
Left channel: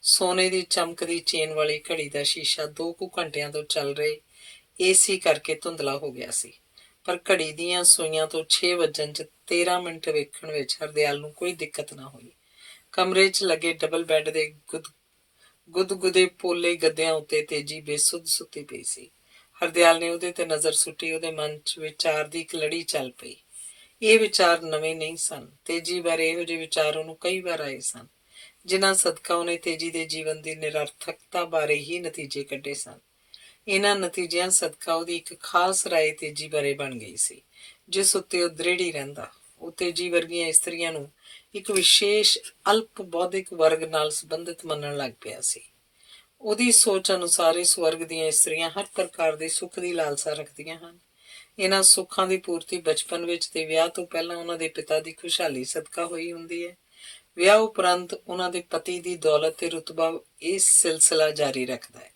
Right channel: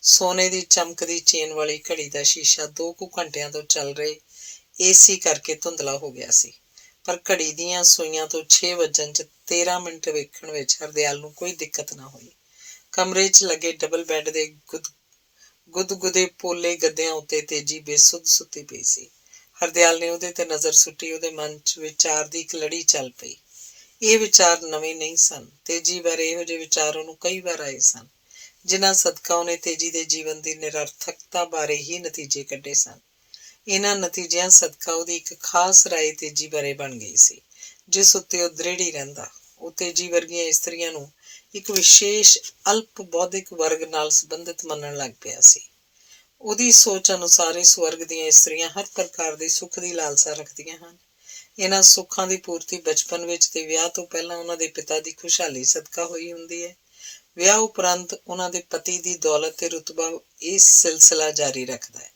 ਸੋਨੇ ਦੀ ਚਮਕਦੀ ਚੇਨ ਵਾਲੀ ਘੜੀ ਦਾ ਸ਼ੀਸ਼ਾ 2 ਕੁ ਘੰਟਿਆਂ ਤੋਂ ਚੱਲ ਰਹੇ ਏਸੀ ਕਰਕੇ ਧੁੰਦਲਾ ਹੋ ਗਿਆ ਸੀ, ਪਰ ਘੜੀ ਦੀਆਂ ਸੂਈਆਂ ਤੋਂ 6 ਵੱਜਣ 'ਚ 13 ਮਿੰਟ ਵੇਖਣ ਵਿੱਚ ਹਰਦਿਆਲ ਨੂੰ ਕੋਈ ਦਿੱਕਤ ਨਾ ਹੋਈ। ਕਮਰੇ 'ਚ ਲੱਗੇ ਡਬਲ ਬੈੱਡ ਦੇ ਗੁਦਗੁਦੇ ਪੋਲੇ ਗੱਦਿਆਂ ਉੱਤੇ ਤੇਜੀ ਬੇਸੁੱਧ ਸੁੱਤੀ ਪਈ ਸੀ। ਹਰਦਿਆਲ ਨੇ ਉਹਦੇ ਤੇ ਨਜ਼ਰ ਸੁੱਟੀ। ਉਹਦੇ ਮਨ 'ਚ ਵਿਚਾਰ ਦੀ ਇੱਕ ਲੜੀ ਚੱਲ ਪਈ। ਇਹ ਵਿਚਾਰ ਨਵੇਂ ਨਹੀਂ ਸਨ। ਤੇਜੀ ਬਾਰੇ ਇਹੋ ਜਿਹੇ ਵਿਚਾਰ ਉਹਨੂੰ ਕਈ ਵਾਰ ਆਏ ਸਨ, ਜਿਨ੍ਹਾਂ ਸਦਕਾ ਉਹਨੇ ਤੇਜੀ ਦੇ ਜੀਵਨ ਦੀ ਨਿਰਰਥਕਤਾ ਬਾਰੇ ਹੀ ਨਤੀਜੇ ਕੱਢੇ ਸਨ। ਇਹਨਾਂ ਨਤੀਜਿਆਂ ਸਦਕਾ ਉਹਦੀ ਇੱਕ ਖਾਸ ਰਾਏ ਤੇਜੀ ਬਾਰੇ ਬਣ ਗਈ ਸੀ, ਜਿਸ ਉੱਤੇ ਉਹ ਦ੍ਰਿੜ ਹੀ ਰਹਿੰਦਾ। ਉਹ ਤੇਜੀ ਵਰਗੀਆਂ ਇਸਤਰੀਆਂ ਨੂੰ ਇੱਕ ਵਿਸ਼ੇਸ਼ ਅਲਪ ਬੌਧਿਕ ਵਰਗ ਨਾਲ ਸੰਬੰਧਿਤ ਮੰਨਣ ਲੱਗ ਪਿਆ ਸੀ। ਉਹਦੀ ਸੋਚ ਅਨੁਸਾਰ ਇਸ ਵਰਗ ਦੀਆਂ ਇਸਤਰੀਆਂ ਹਰ ਪ੍ਰਕਾਰ ਦੇ ਸੁੱਖ ਦੀ ਲਾਲਸਾ ਰੱਖਦੀਆਂ ਹਨ। ਇਹਨਾਂ ਸੁੱਖਾਂ ਦੀ ਪੂਰਤੀ ਬਚਪਨ ਵਿੱਚ ਤੇ ਵਿਆਹ ਤੋਂ ਪਹਿਲਾਂ ਉਹਨਾਂ ਦੇ ਪਿਤਾ ਦੀ ਖੁਸ਼ਹਾਲੀ ਸਦਕਾ ਹੋਈ ਹੁੰਦੀ ਹੈ। ਵਿਆਹ ਉਪਰੰਤ ਉਹਨਾਂ ਦੇ ਪਤੀ ਦੀ ਦੌਲਤ ਤੇ ਰੁਤਬਾ ਇਹ ਸਿਲਸਿਲਾ ਜਾਰੀ ਰੱਖਦਾ ਹੈ।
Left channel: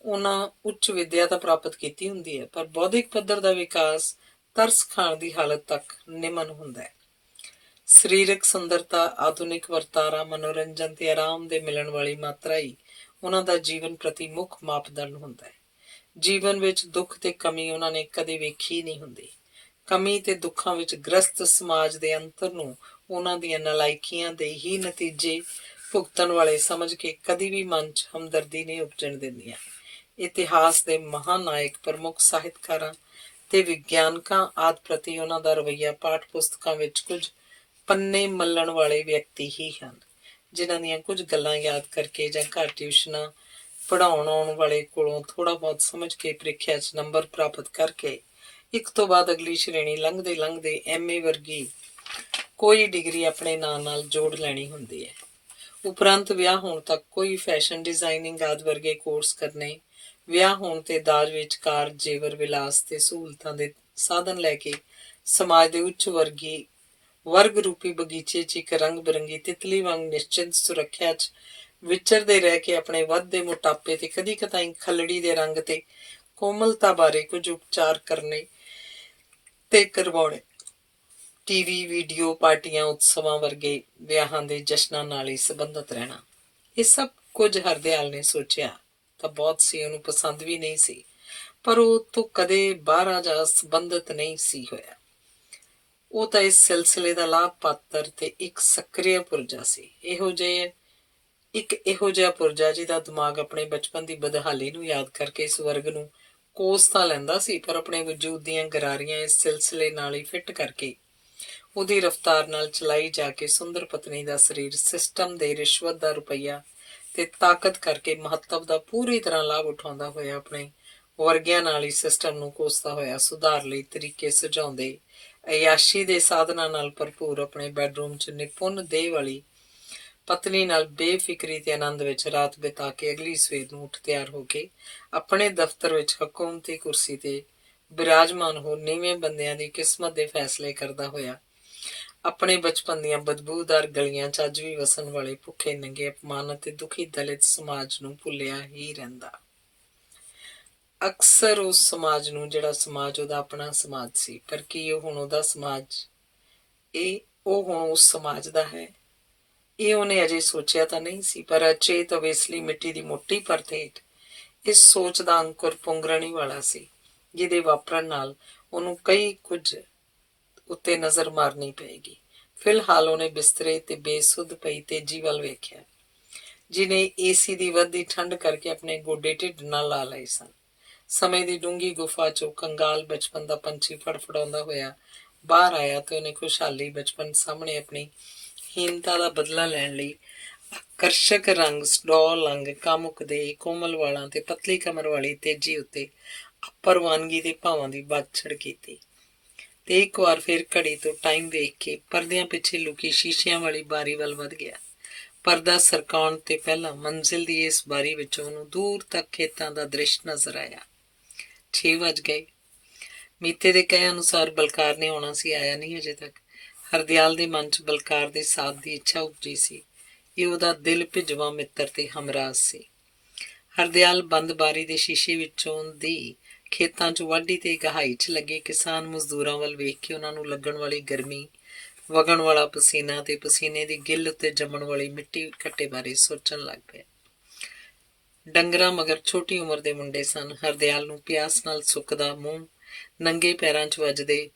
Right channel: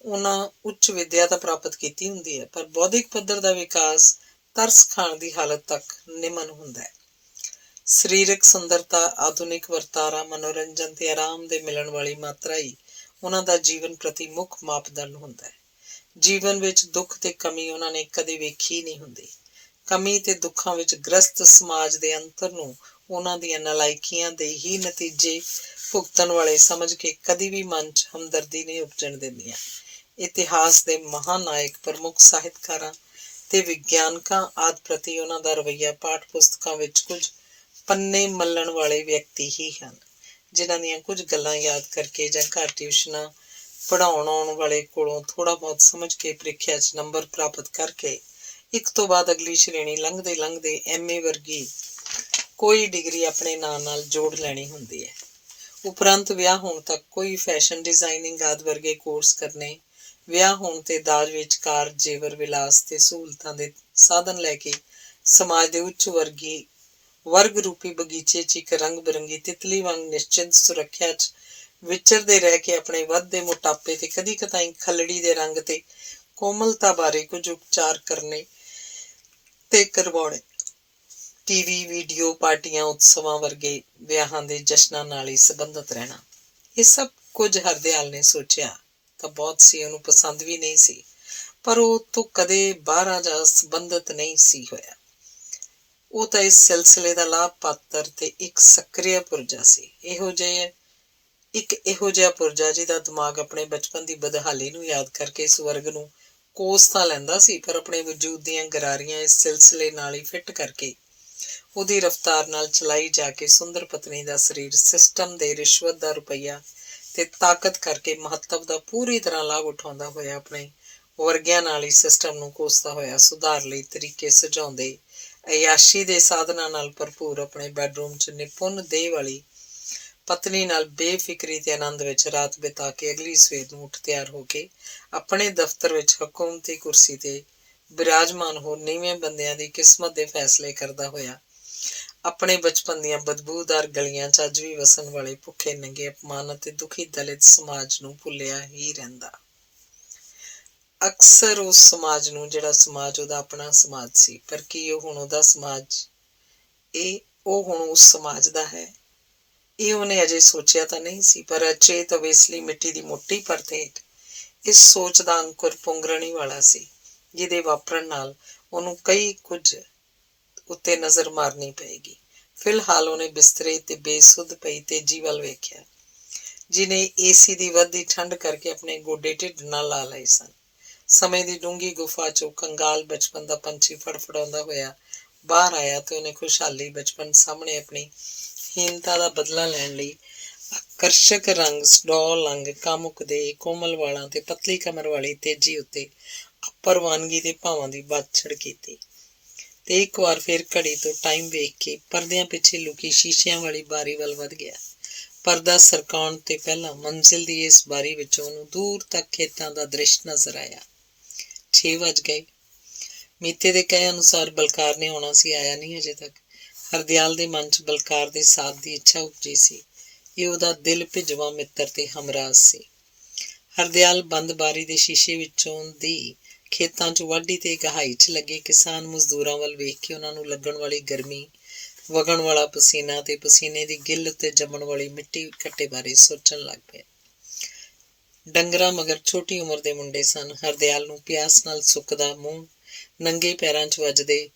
ਉਹਨਾਂ ਉੱਚ ਵਿੱਦਿਆ ਤਾਂ ਪ੍ਰਾਪਤ ਕੀਤੀ ਹੁੰਦੀ ਹੈ, ਪਰ ਬੌਧਿਕ ਪੱਧਰ ਦਾ ਵਿਕਾਸ ਤਰਸ ਖਾਣ ਦੀ ਹਾਲਤ ਤੱਕ ਨਿਮਨ ਹੁੰਦਾ ਹੈ। ਸਰੀਰਕ ਸੁੰਦਰਤਾ, ਆਧੁਨਿਕ ਵਰਤਾਰਾ, ਮਨੋਰੰਜਨ ਤੇ ਆਰਾਮ ਦੇ ਮਿਲਣ ਵਾਲੀ ਮਾਤਰਾ ਹੀ ਉਹਨਾਂ ਦਾ ਜੀਵਨ ਪ੍ਰਤੀ ਮੁੱਖ ਮਾਪਦੰਡ ਹੁੰਦਾ ਹੈ। ਜੀਵਨ ਵਿੱਚ ਦੁੱਖ ਤੇ ਕਮੀ ਉਹਨਾਂ ਨੇ ਕਦੇ ਵੇਖੀ ਨਹੀਂ ਹੁੰਦੀ। ਕਮੀ ਤੇ ਦੁੱਖਾਂ ਵਿੱਚ ਗ੍ਰਸਤ ਸਮਾਜ ਦੇ ਅੰਤਰ ਨੂੰ ਉਹਨਾਂ ਦੀਆਂ ਨਲਾਇਕੀਆਂ ਦੇ ਹੀ ਨਤੀਜੇ ਭੁਗਤਣ ਵਾਲੇ ਸਮਝ ਕੇ ਕਦੀ ਵੀ ਮਨ 'ਚ ਹਮਦਰਦੀ ਨਹੀਂ ਉਪਜਣ ਦਿੰਦੀਆਂ। ਇਤਿਹਾਸ ਦੇ ਮਹਾਨਾਇਕ, ਪ੍ਰਮੁੱਖ ਸਾਹਿਤਕਾਰਾਂ ਤੇ ਵਿਗਿਆਨਕਾਂ ਆਦਿ ਪ੍ਰਤੀ ਉਹਨਾਂ ਦਾ ਰਵੱਈਆ ਪਾਠ ਪੁਸਤਕਾਂ ਵਿੱਚ ਕੁਝ ਪੰਨੇ ਮੱਲਣ ਵਾਲੇ ਵਿਅਕਤੀ ਹੀ ਹਨ, ਜਿਨ੍ਹਾਂ ਦੀਆਂ ਕੁਝ ਗੱਲਾਂ ਯਾਦ ਕਰਕੇ ਜਾਂ ਘਰ ਟਿਊਸ਼ਨਾਂ ਪੜ੍ਹਾਉਣ ਆਉਣ ਵਾਲੇ ਕੋਲੋਂ ਥੋੜ੍ਹਾ ਬਹੁਤ ਸਮਝ ਕੇ ਪ੍ਰੀਖਿਆ 'ਚ ਨੰਬਰ ਪ੍ਰਾਪਤ ਕਰਕੇ ਇੱਕ ਤੋਂ ਬਾਅਦ ਅਗਲੀ ਸ਼੍ਰੇਣੀ ਲੰਘਦੇ ਲੰਘਦੇ MA ਵਰਗੀ ਕੋਈ ਡਿਗਰੀ ਆਪਣੇ ਨਾਂ ਨਾਲ ਜੋੜ ਲੈਣੀ ਹੁੰਦੀ ਹੈ। ਉਪਰੰਤ ਵਿਆਹ ਹੋਣ ਤੱਕ ਕੋਈ ਫੈਸ਼ਨ ਡਿਜ਼ਾਈਨਿੰਗ ਆਦਿ ਵਰਗੇ ਕੋਰਸ ਕਰਨੇ, ਵਿਆਹ ਹੋਣ ਤੇ ਦਾਜ ਵਿੱਚ ਕਾਰ, ਜੇਵਰ, ਵਿਲਾਸ ਤੇ ਸਹੂਲਤਾਂ ਦੇ ਸਾਧਨ ਲੈ ਕੇ ਸਮਾਜ ਦੇ ਉੱਚ ਵਰਗ ਰੂਪੀ ਬਗੀਚੇ 'ਚ ਇੱਕ ਰੰਗ ਬਿਰੰਗੀ ਤਿਤਲੀ ਵਾਂਗ ਨਿਸ਼ਚਿੰਤ ਸੁਰੱਖਿਆ 'ਚ ਵਿਚਰਦੇ ਰਹਿ ਕੇ ਆਪਣੇ ਵੱਧਦੇ ਮੋਟਾਪੇ ਤੇ ਕਦੀ ਕਦਾਈ ਖੱਲੜੀ ਦੇ ਰੰਗ ਤੇ ਕੋਮਲਤਾ ਬਾਰੇ ਕੁਝ ਉਪਚਾਰ ਕਰਨੇ ਤੇ ਕਰਵਾਉਣੇ, TV, ਵੀਡੀਓ, ਪਾਰਟੀਆਂ, ਉਤਸਵਾਂ ਵਰਗੇ ਵਿਆਹਾਂ ਦੇ ਜਸ਼ਨਾਂ ਨਾਲ ਹੀ ਸੰਬੰਧਿਤ ਰਹਿਣਾ, ਇਹ ਸਭ ਕੁਝ ਹਰਦਿਆਲ ਨੇ ਸੋਚਿਆ ਤਾਂ ਬਹੁਤ ਸੀ। ਉਹਨੂੰ ਪਸੰਦ ਵੀ ਨਹੀਂ ਸੀ, ਪਰ ਉਹ ਤੋਂ ਕਦੇ ਬਾਹਰ ਜਾਂ ਸੰਬੰਧਿਤ ਨਹੀਂ ਸੀ ਹੋਇਆ। ਉਹ ਤਾਂ ਇਸ ਸਿਲਸਿਲੇ ਦਾ ਲਾਭ ਪਾਤਰ ਤੇ ਇੱਕ ਸਕਰੀय ਪੁਰਜਾ ਸੀ। ਇਹੋ ਜਿਹਾ ਪੁਰਜਾ ਜਿਹਦਾ ਦਿਮਾਗ ਆਪਣੇ ਬਚਪਨ ਦੀ ਬਦਹਾਲੀ ਨੂੰ ਯਾਦ ਕਰਕੇ ਇਸ ਵਰਗ ਨੂੰ ਕੋਸ ਤਾਂ ਲੈਂਦਾ ਸੀ, ਪਰ ਆਪਣੇ ਵਜੂਦ ਦੀਆਂ ਗਰਾਰੀਆਂ ਇਸ ਸਿਲਸਿਲੇ ਨਾਲ ਹੀ ਫਿੱਟ ਕਰਕੇ ਉਹਦੀ ਰਫ਼ਤਾਰ ਨਾਲ ਚਲਾਈ ਜਾ ਕੇ ਸੁੰਦਰ ਪਤਨੀ ਦਾ ਸਰੀਰ ਸਿਸਟਮ ਦੇ ਰਿਸ਼ਵਤ ਦਾ ਰੁਪਈਆ ਤੇ ਤਾਕਤ ਕਰਕੇ ਮਹੱਤਵ ਦਾ ਪੂਰੀ ਤਰ੍ਹਾਂ ਲਾਭ ਉਠਾਉਂਦਾ ਹੋਇਆ ਆਪਣੇ ਵਰਗਿਆਂ ਨਾਲ ਹੀ ਸਿਸਟਮ ਨੂੰ ਕੋਸਦਾ ਹੋਇਆ ਸੁਧਾਰ ਲਈ ਤਰੀਕੇ ਸੁਝਾਉਂਦੇ, ਅਯਾਸ਼ੀ ਦੇ ਸਾਧਨਾਂ ਨਾਲ ਭਰਪੂਰ ਆਪਣੇ ਬੈਡਰੂਮ 'ਚ ਨਿਪੁੰਨ ਦੇਹ ਵਾਲੀ ਪਤਨੀ ਨਾਲ ਬੇਫਿਕਰੀ ਤੇ ਆਨੰਦ ਵਿੱਚ ਰਾਤ ਬਿਤਾ ਕੇ ਅਗਲੀ ਸਵੇਰ ਨੂੰ ਉੱਠ ਤਿਆਰ ਹੋ ਕੇ ਆਪਣੇ ਦਫ਼ਤਰ ਵਿੱਚ ਹਕੂਮਤੀ ਕੁਰਸੀ ਤੇ ਬਿਰਾਜਮਾਨ ਹੋ ਨੀਵੇਂ ਬੰਦਿਆਂ ਦੀ ਕਿਸਮਤ ਦੇ ਫੈਸਲੇ ਕਰਦਾ ਹੋਇਆ ਆਪਣੇ ਬਚਪਨ ਦੀਆਂ ਬਦਬੂਦਾਰ ਗਲੀਆਂ 'ਚ ਅੱਜ ਵੀ ਵਸਣ ਵਾਲੇ ਭੁੱਖੇ ਨੰਗੇ, ਅਪਮਾਨਿਤ ਤੇ ਦੁਖੀ ਦਲਿਤ ਸਮਾਜ ਨੂੰ ਭੁੱਲਿਆ ਹੀ ਰਹਿੰਦਾ। ਅਕਸਰ ਉਸ ਸਮਾਜ ਨੂੰ ਜਿਹੜਾ ਸਮਾਜ ਉਹਦਾ ਆਪਣਾ ਸਮਾਜ ਸੀ, ਪਰ ਕੀ ਉਹ ਹੁਣ ਉਹਦਾ ਸਮਾਜ, ਉਹ ਹੁਣ ਉਸ ਸਮਾਜ ਦਾ ਹੈ? ਇਹ ਉਹਨੇ ਅਜੇ ਸੋਚਿਆ ਤਾਂ ਨਹੀਂ ਸੀ, ਪਰ ਅਚੇਤ ਅਵੇਸਲੀ ਮਿੱਟੀ ਦੀ ਮੋਟੀ ਪਰਤ ਹੇਠ ਇਸ ਸੋਚ ਦਾ ਅੰਕੁਰ ਪੁੰਗਰਣ ਹੀ ਵਾਲਾ ਸੀ, ਜਿਹਦੇ ਵਾਪਰਨ ਨਾਲ ਉਹਨੂੰ ਕਈ ਕੁਝ ਉੱਤੇ ਨਜ਼ਰ ਮਾਰਨੀ ਪਏਗੀ। ਫਿਲਹਾਲ ਉਹਨੇ ਬਿਸਤਰੇ ਤੇ ਬੇਸੁੱਧ ਪਈ ਤੇਜੀ ਵੱਲ ਵੇਖਿਆ, ਜਿਹਨੇ AC ਦੀ ਵੱਧਦੀ ਠੰਡ ਕਰਕੇ ਆਪਣੇ ਗੋਡੇ ਢਿੱਡ ਨਾਲ ਲਾ ਲਏ ਸਨ। ਸਮੇਂ ਦੀ ਡੂੰਘੀ ਗੁਫਾ 'ਚੋਂ ਕੰਗਾਲ ਬਚਪਨ ਦਾ ਪੰਛੀ ਫੜਫੜਾਉਂਦਾ ਹੋਇਆ ਬਾਹਰ ਆਇਆ ਤੇ ਉਹਨੇ ਖੁਸ਼ਹਾਲੀ ਬਚਪਨ ਸਾਹਮਣੇ ਆਪਣੀ ਹੀਨਤਾ ਦਾ ਬਦਲਾ ਲੈਣ ਲਈ ਆਕਰਸ਼ਕ ਰੰਗ, ਸਡੌਲ ਅੰਗ, ਕਾਮੁਕ ਦੇ ਕੋਮਲ ਵਾਲਾਂ ਤੇ ਪਤਲੀ ਕਮਰ ਵਾਲੀ ਤੇਜੀ ਉੱਤੇ ਅਪਰਵਾਨਗੀ ਦੇ ਭਾਵਾਂ ਦੀ ਬਾਛੜ ਕੀਤੀ ਤੇ ਇੱਕ ਵਾਰ ਫਿਰ ਘੜੀ ਤੋਂ ਟਾਈਮ ਵੇਖ ਕੇ ਪਰਦਿਆਂ ਪਿੱਛੇ ਲੁਕੀ ਸ਼ੀਸ਼ਿਆਂ ਵਾਲੀ ਬਾਰੀ ਵੱਲ ਵਧ ਗਿਆ। ਪਰਦਾ ਸਰਕਾਉਣ ਤੇ ਪਹਿਲਾਂ ਮੰਜ਼ਿਲ ਦੀ ਇਸ ਬਾਰੀ ਵਿੱਚੋਂ ਉਹਨੂੰ ਦੂਰ ਤੱਕ ਖੇਤਾਂ ਦਾ ਦ੍ਰਿਸ਼ ਨਜ਼ਰ ਆਇਆ। 6 ਵੱਜ ਗਏ। ਮੀਤੇ ਦੇ ਕਹੇ ਅਨੁਸਾਰ ਬਲਕਾਰ ਨੇ ਆਉਣਾ ਸੀ, ਆਇਆ ਨਹੀਂ ਅਜੇ ਤੱਕ। ਹਰਦਿਆਲ ਦੇ ਮਨ 'ਚ ਬਲਕਾਰ ਦੇ ਸਾਥ ਦੀ ਇੱਛਾ ਉਪਜੀ ਸੀ। ਇਹ ਉਹਦਾ ਦਿਲ ਭਿਜਵਾਂ ਮਿੱਤਰ ਤੇ ਹਮਰਾਜ਼ ਸੀ। ਹਰਦਿਆਲ ਬੰਦ ਬਾਰੀ ਦੇ ਸ਼ੀਸ਼ੇ ਵਿੱਚੋਂ ਦੀ ਖੇਤਾਂ 'ਚ ਵਾਢੀ ਤੇ ਗਹਾਈ 'ਚ ਲੱਗੇ ਕਿਸਾਨ ਮਜ਼ਦੂਰਾਂ ਵੱਲ ਵੇਖ ਕੇ ਉਹਨਾਂ ਨੂੰ ਲੱਗਣ ਵਾਲੀ ਗਰਮੀ ਵਗਣ ਵਾਲਾ ਪਸੀਨਾ ਤੇ ਪਸੀਨੇ ਦੀ ਗਿੱਲ ਉੱਤੇ ਜੰਮਣ ਵਾਲੀ ਮਿੱਟੀ ਘੱਟੇ ਬਾਰੇ ਸੋਚਣ ਲੱਗ ਪਿਆ। ਡੰਗਰਾਂ ਮਗਰ ਛੋਟੀ ਉਮਰ ਦੇ ਮੁੰਡੇ ਸਨ। ਹਰਦਿਆਲ ਨੂੰ ਪਿਆਸ ਨਾਲ ਸੁੱਕਦਾ ਮੂੰਹ, ਨੰਗੇ ਪੈਰਾਂ 'ਚ ਵੱਜਦੇ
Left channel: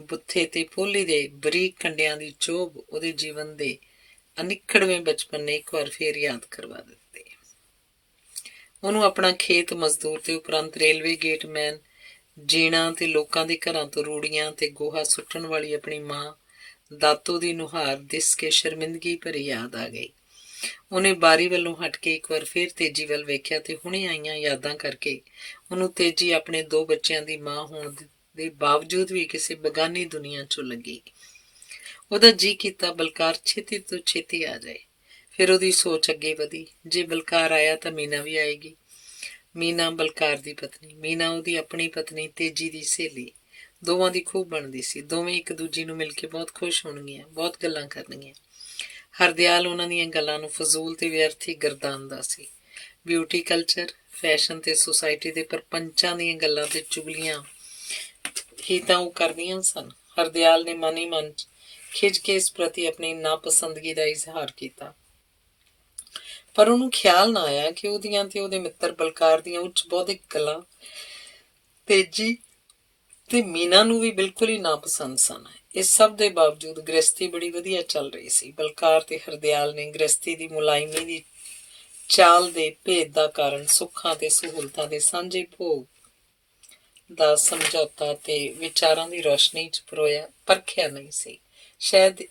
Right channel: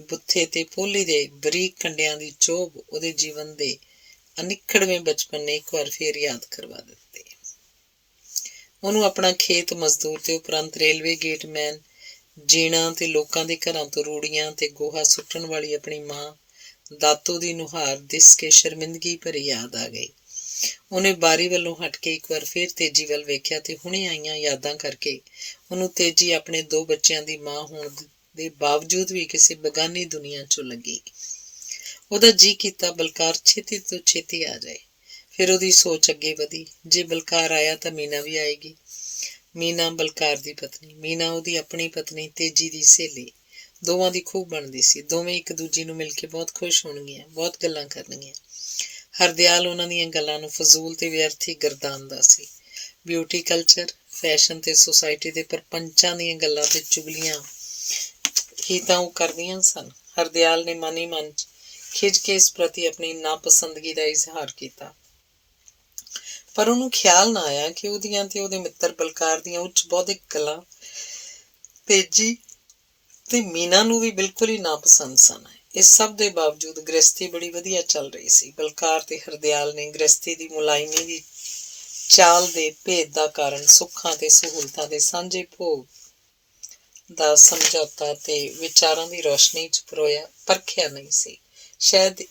ਬੁੱਥੇ ਤੇ ਪੋਲੀ ਦੇ ਬਰੀਕ ਕੰਡਿਆਂ ਦੀ ਚੋਭ ਉਹਦੇ ਜੀਵਨ ਦੇ ਅਨਿੱਖੜਵੇਂ ਬਚਪਨ ਨੇ ਇੱਕ ਵਾਰ ਫੇਰ ਯਾਦ ਕਰਵਾ ਦਿੱਤੇ। ਉਹਨੂੰ ਆਪਣਾ ਖੇਤ ਮਜ਼ਦੂਰ ਤੇ ਉਪਰੰਤ ਰੇਲਵੇ ਗੇਟਮੈਨ, ਜੀਣਾ ਤੇ ਲੋਕਾਂ ਦੇ ਘਰਾਂ ਤੋਂ ਰੂੜੀਆਂ ਤੇ ਗੋਹਾ ਸੁੱਟਣ ਵਾਲੀ ਆਪਣੀ ਮਾਂ ਦਾਤੋ ਦੀ ਨੁਹਾਰ ਦਿਸ ਕੇ ਸ਼ਰਮਿੰਦਗੀ ਭਰੀ ਯਾਦ ਆ ਗਈ। ਉਹਨੇ ਬਾਰੀ ਵੱਲੋਂ ਹਟ ਕੇ ਇੱਕ ਵਾਰ ਫੇਰ ਤੇਜੀ ਵੱਲ ਵੇਖਿਆ ਤੇ ਹੁਣੇ ਆਈਆਂ ਯਾਦਾਂ ਕਰਕੇ ਉਹਨੂੰ ਤੇਜੀ ਆਪਣੇ 2 ਬੱਚਿਆਂ ਦੀ ਮਾਂ ਹੋਣ ਦੇ ਬਾਵਜੂਦ ਵੀ ਕਿਸੇ ਬਗਾਨੀ ਦੁਨੀਆ 'ਚੋਂ ਲੱਗੀ। ਉਹਦਾ ਜੀਅ ਕੀਤਾ ਬਲਕਾਰ ਛੇਤੀ ਤੋਂ ਛੇਤੀ ਆ ਜਾਏ। ਫਿਰ ਉਹਦੀ ਸੋਚ ਅੱਗੇ ਵਧੀ, ਜੇ ਬਲਕਾਰ ਆਇਆ ਤਾਂ ਮੀਨਾ ਵੀ ਆਏਗੀ। ਮੀਨਾ ਬਲਕਾਰ ਦੀ ਪਤਨੀ, ਮੀਨਾ ਉਹਦੀ ਆਪਣੀ ਪਤਨੀ ਤੇਜੀ ਦੀ ਸਹੇਲੀ। ਦੋਵਾਂ ਦੀ ਖੂਬ ਬਣਦੀ ਸੀ। ਦੋਵੇਂ ਇੱਕ ਦੂਜੀ ਨੂੰ ਮਿਲ ਕੇ ਬਹੁਤ ਖੁਸ਼ ਹੋਣਗੀਆਂ, ਬਹੁਤ ਗੱਲਾਂ ਕਰਨਗੀਆਂ। ਹਰਦਿਆਲ ਉਹਨਾਂ ਦੀਆਂ ਗੱਲਾਂ ਨੂੰ ਫਜ਼ੂਲ ਤੇ ਵਿਅਰਥ ਹੀ ਗਰਦਾਨਦਾ ਸੀ। ਬਿਊਟੀ ਕਲਚਰ, ਫੈਸ਼ਨ ਤੇ ਸੁਸਾਇਟੀ ਦੇ ਪਰਪੰਚਾਂ ਦੀਆਂ ਗੱਲਾਂ ਤੇ ਚੁਗਲੀਆਂ ਹੀ ਤਾਂ ਉਹ ਕਰਦੀਆਂ ਸਨ। ਹਰਦਿਆਲ ਨੇ ਮਨ ਹੀ ਮਨ 'ਚ ਖਿਝ ਕੇ ਇਸ ਪ੍ਰਤੀ ਆਪਣੀ ਨਾਪਸੰਦਗੀ ਦਾ ਇਜ਼ਹਾਰ ਕੀਤਾ, ਪਰ ਉਹਨੂੰ ਖਿਆਲ ਨਾ ਆਇਆ ਕਿ ਉਹਦੀਆਂ ਤੇ ਉਹਦੇ ਮਿੱਤਰ ਬਲਕਾਰ ਦੀਆਂ ਉੱਚ ਬੌਧਿਕ ਗੱਲਾਂ ਤੇਜੀ ਤੇ ਮੀਨਾ ਨੂੰ ਵੀ ਬਿਲਕੁਲ ਹੀ ਨਾਪਸੰਦ ਸਨ। ਇਸ ਸਭ ਦੇ ਬਾਵਜੂਦ ਗ੍ਰਸਤੀ ਬੜੀ ਵਧੀਆ ਚੱਲ ਰਹੀ ਸੀ। ਬਲਕਾਰ ਤੇ ਹਰਦਿਆਲ ਨੇ ਗ੍ਰਸਤੀ ਦੀ ਮੁਲਾਇਮੀ ਦੀ ਚਾਲ ਦੇ ਭੇਦ ਦਾ ਕਾਰਨ ਸੁੱਖਾਂ ਤੇ ਸਹੂਲਤਾਂ ਦੇ ਸਾਂਝੇ ਭੋਗ ਦਾ ਸਮਝੌਤਾ ਤੇ ਵਿਚਾਰਾਂ ਦੀ ਰੋਸ਼ਨੀ 'ਚ ਪਰਖਿਆ ਨਹੀਂ ਸੀ। ਸ਼ਾਇਦ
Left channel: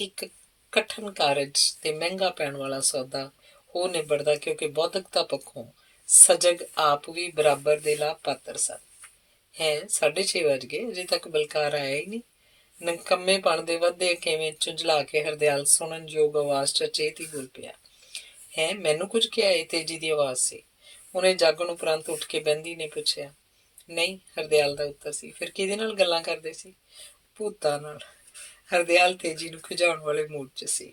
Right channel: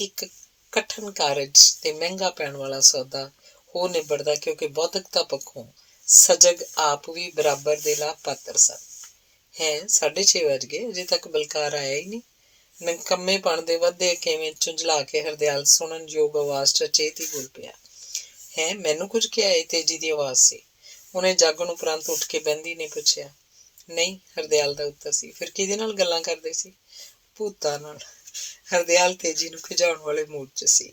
ਇੱਕ ਕਠਨ ਕਾਰਜ ਤੇ ਮਹਿੰਗਾ ਪੈਣ ਵਾਲਾ ਸੌਦਾ ਹੋ ਨਿਬੜਦਾ, ਕਿਉਂਕਿ ਬੌਧਿਕਤਾ ਪੱਖੋਂ ਸਜਗ ਆਪ ਵੀ ਬਰਾਬਰ ਦੇ ਲਾਭ ਪਾਤਰ ਸਨ। 6:30 ਵੱਜ ਗਏ, ਅਜੇ ਤੱਕ ਬਲਕਾਰ ਆਇਆ ਹੀ ਨਹੀਂ। ਨਕੰਮੇਪਣ ਦੇ ਵੱਧਦੇ ਕਿਵੇਂ ਝੁੰਝਲਾ ਕੇ ਹਰਦਿਆਲ ਸੁਣਨ ਯੋਗ ਆਵਾਜ਼ 'ਚ ਅਚੇਤ ਹੀ ਬੋਲ ਪਿਆ, ਮੈਨੂੰ ਕੁਝ ਕਿਹਾ ਏ? ਤੇਜੀ ਦੀ ਆਵਾਜ਼ ਸੀ। ਉਹਨੇ ਜਾਗਣ ਉਪਰੰਤ ਉੱਠ ਕੇ ਬਹਿੰਦੀ ਨੇ ਪੁੱਛਿਆ। ਨਹੀਂ, ਹਰਦਿਆਲ ਦਾ ਉੱਤਰ ਸੀ। ਫਿਰ ਕਿਹਦੇ ਨਾਲ ਗੱਲਾਂ ਕਰਦੇ ਸੀ? ਭੂਤਾਂ ਨਾਲ। ਹਰਦਿਆਲ ਤੇਜੀ ਨੂੰ ਖਿਜਾਉਣ ਵਾਲੇ ਮੂਡ 'ਚ ਸੀ।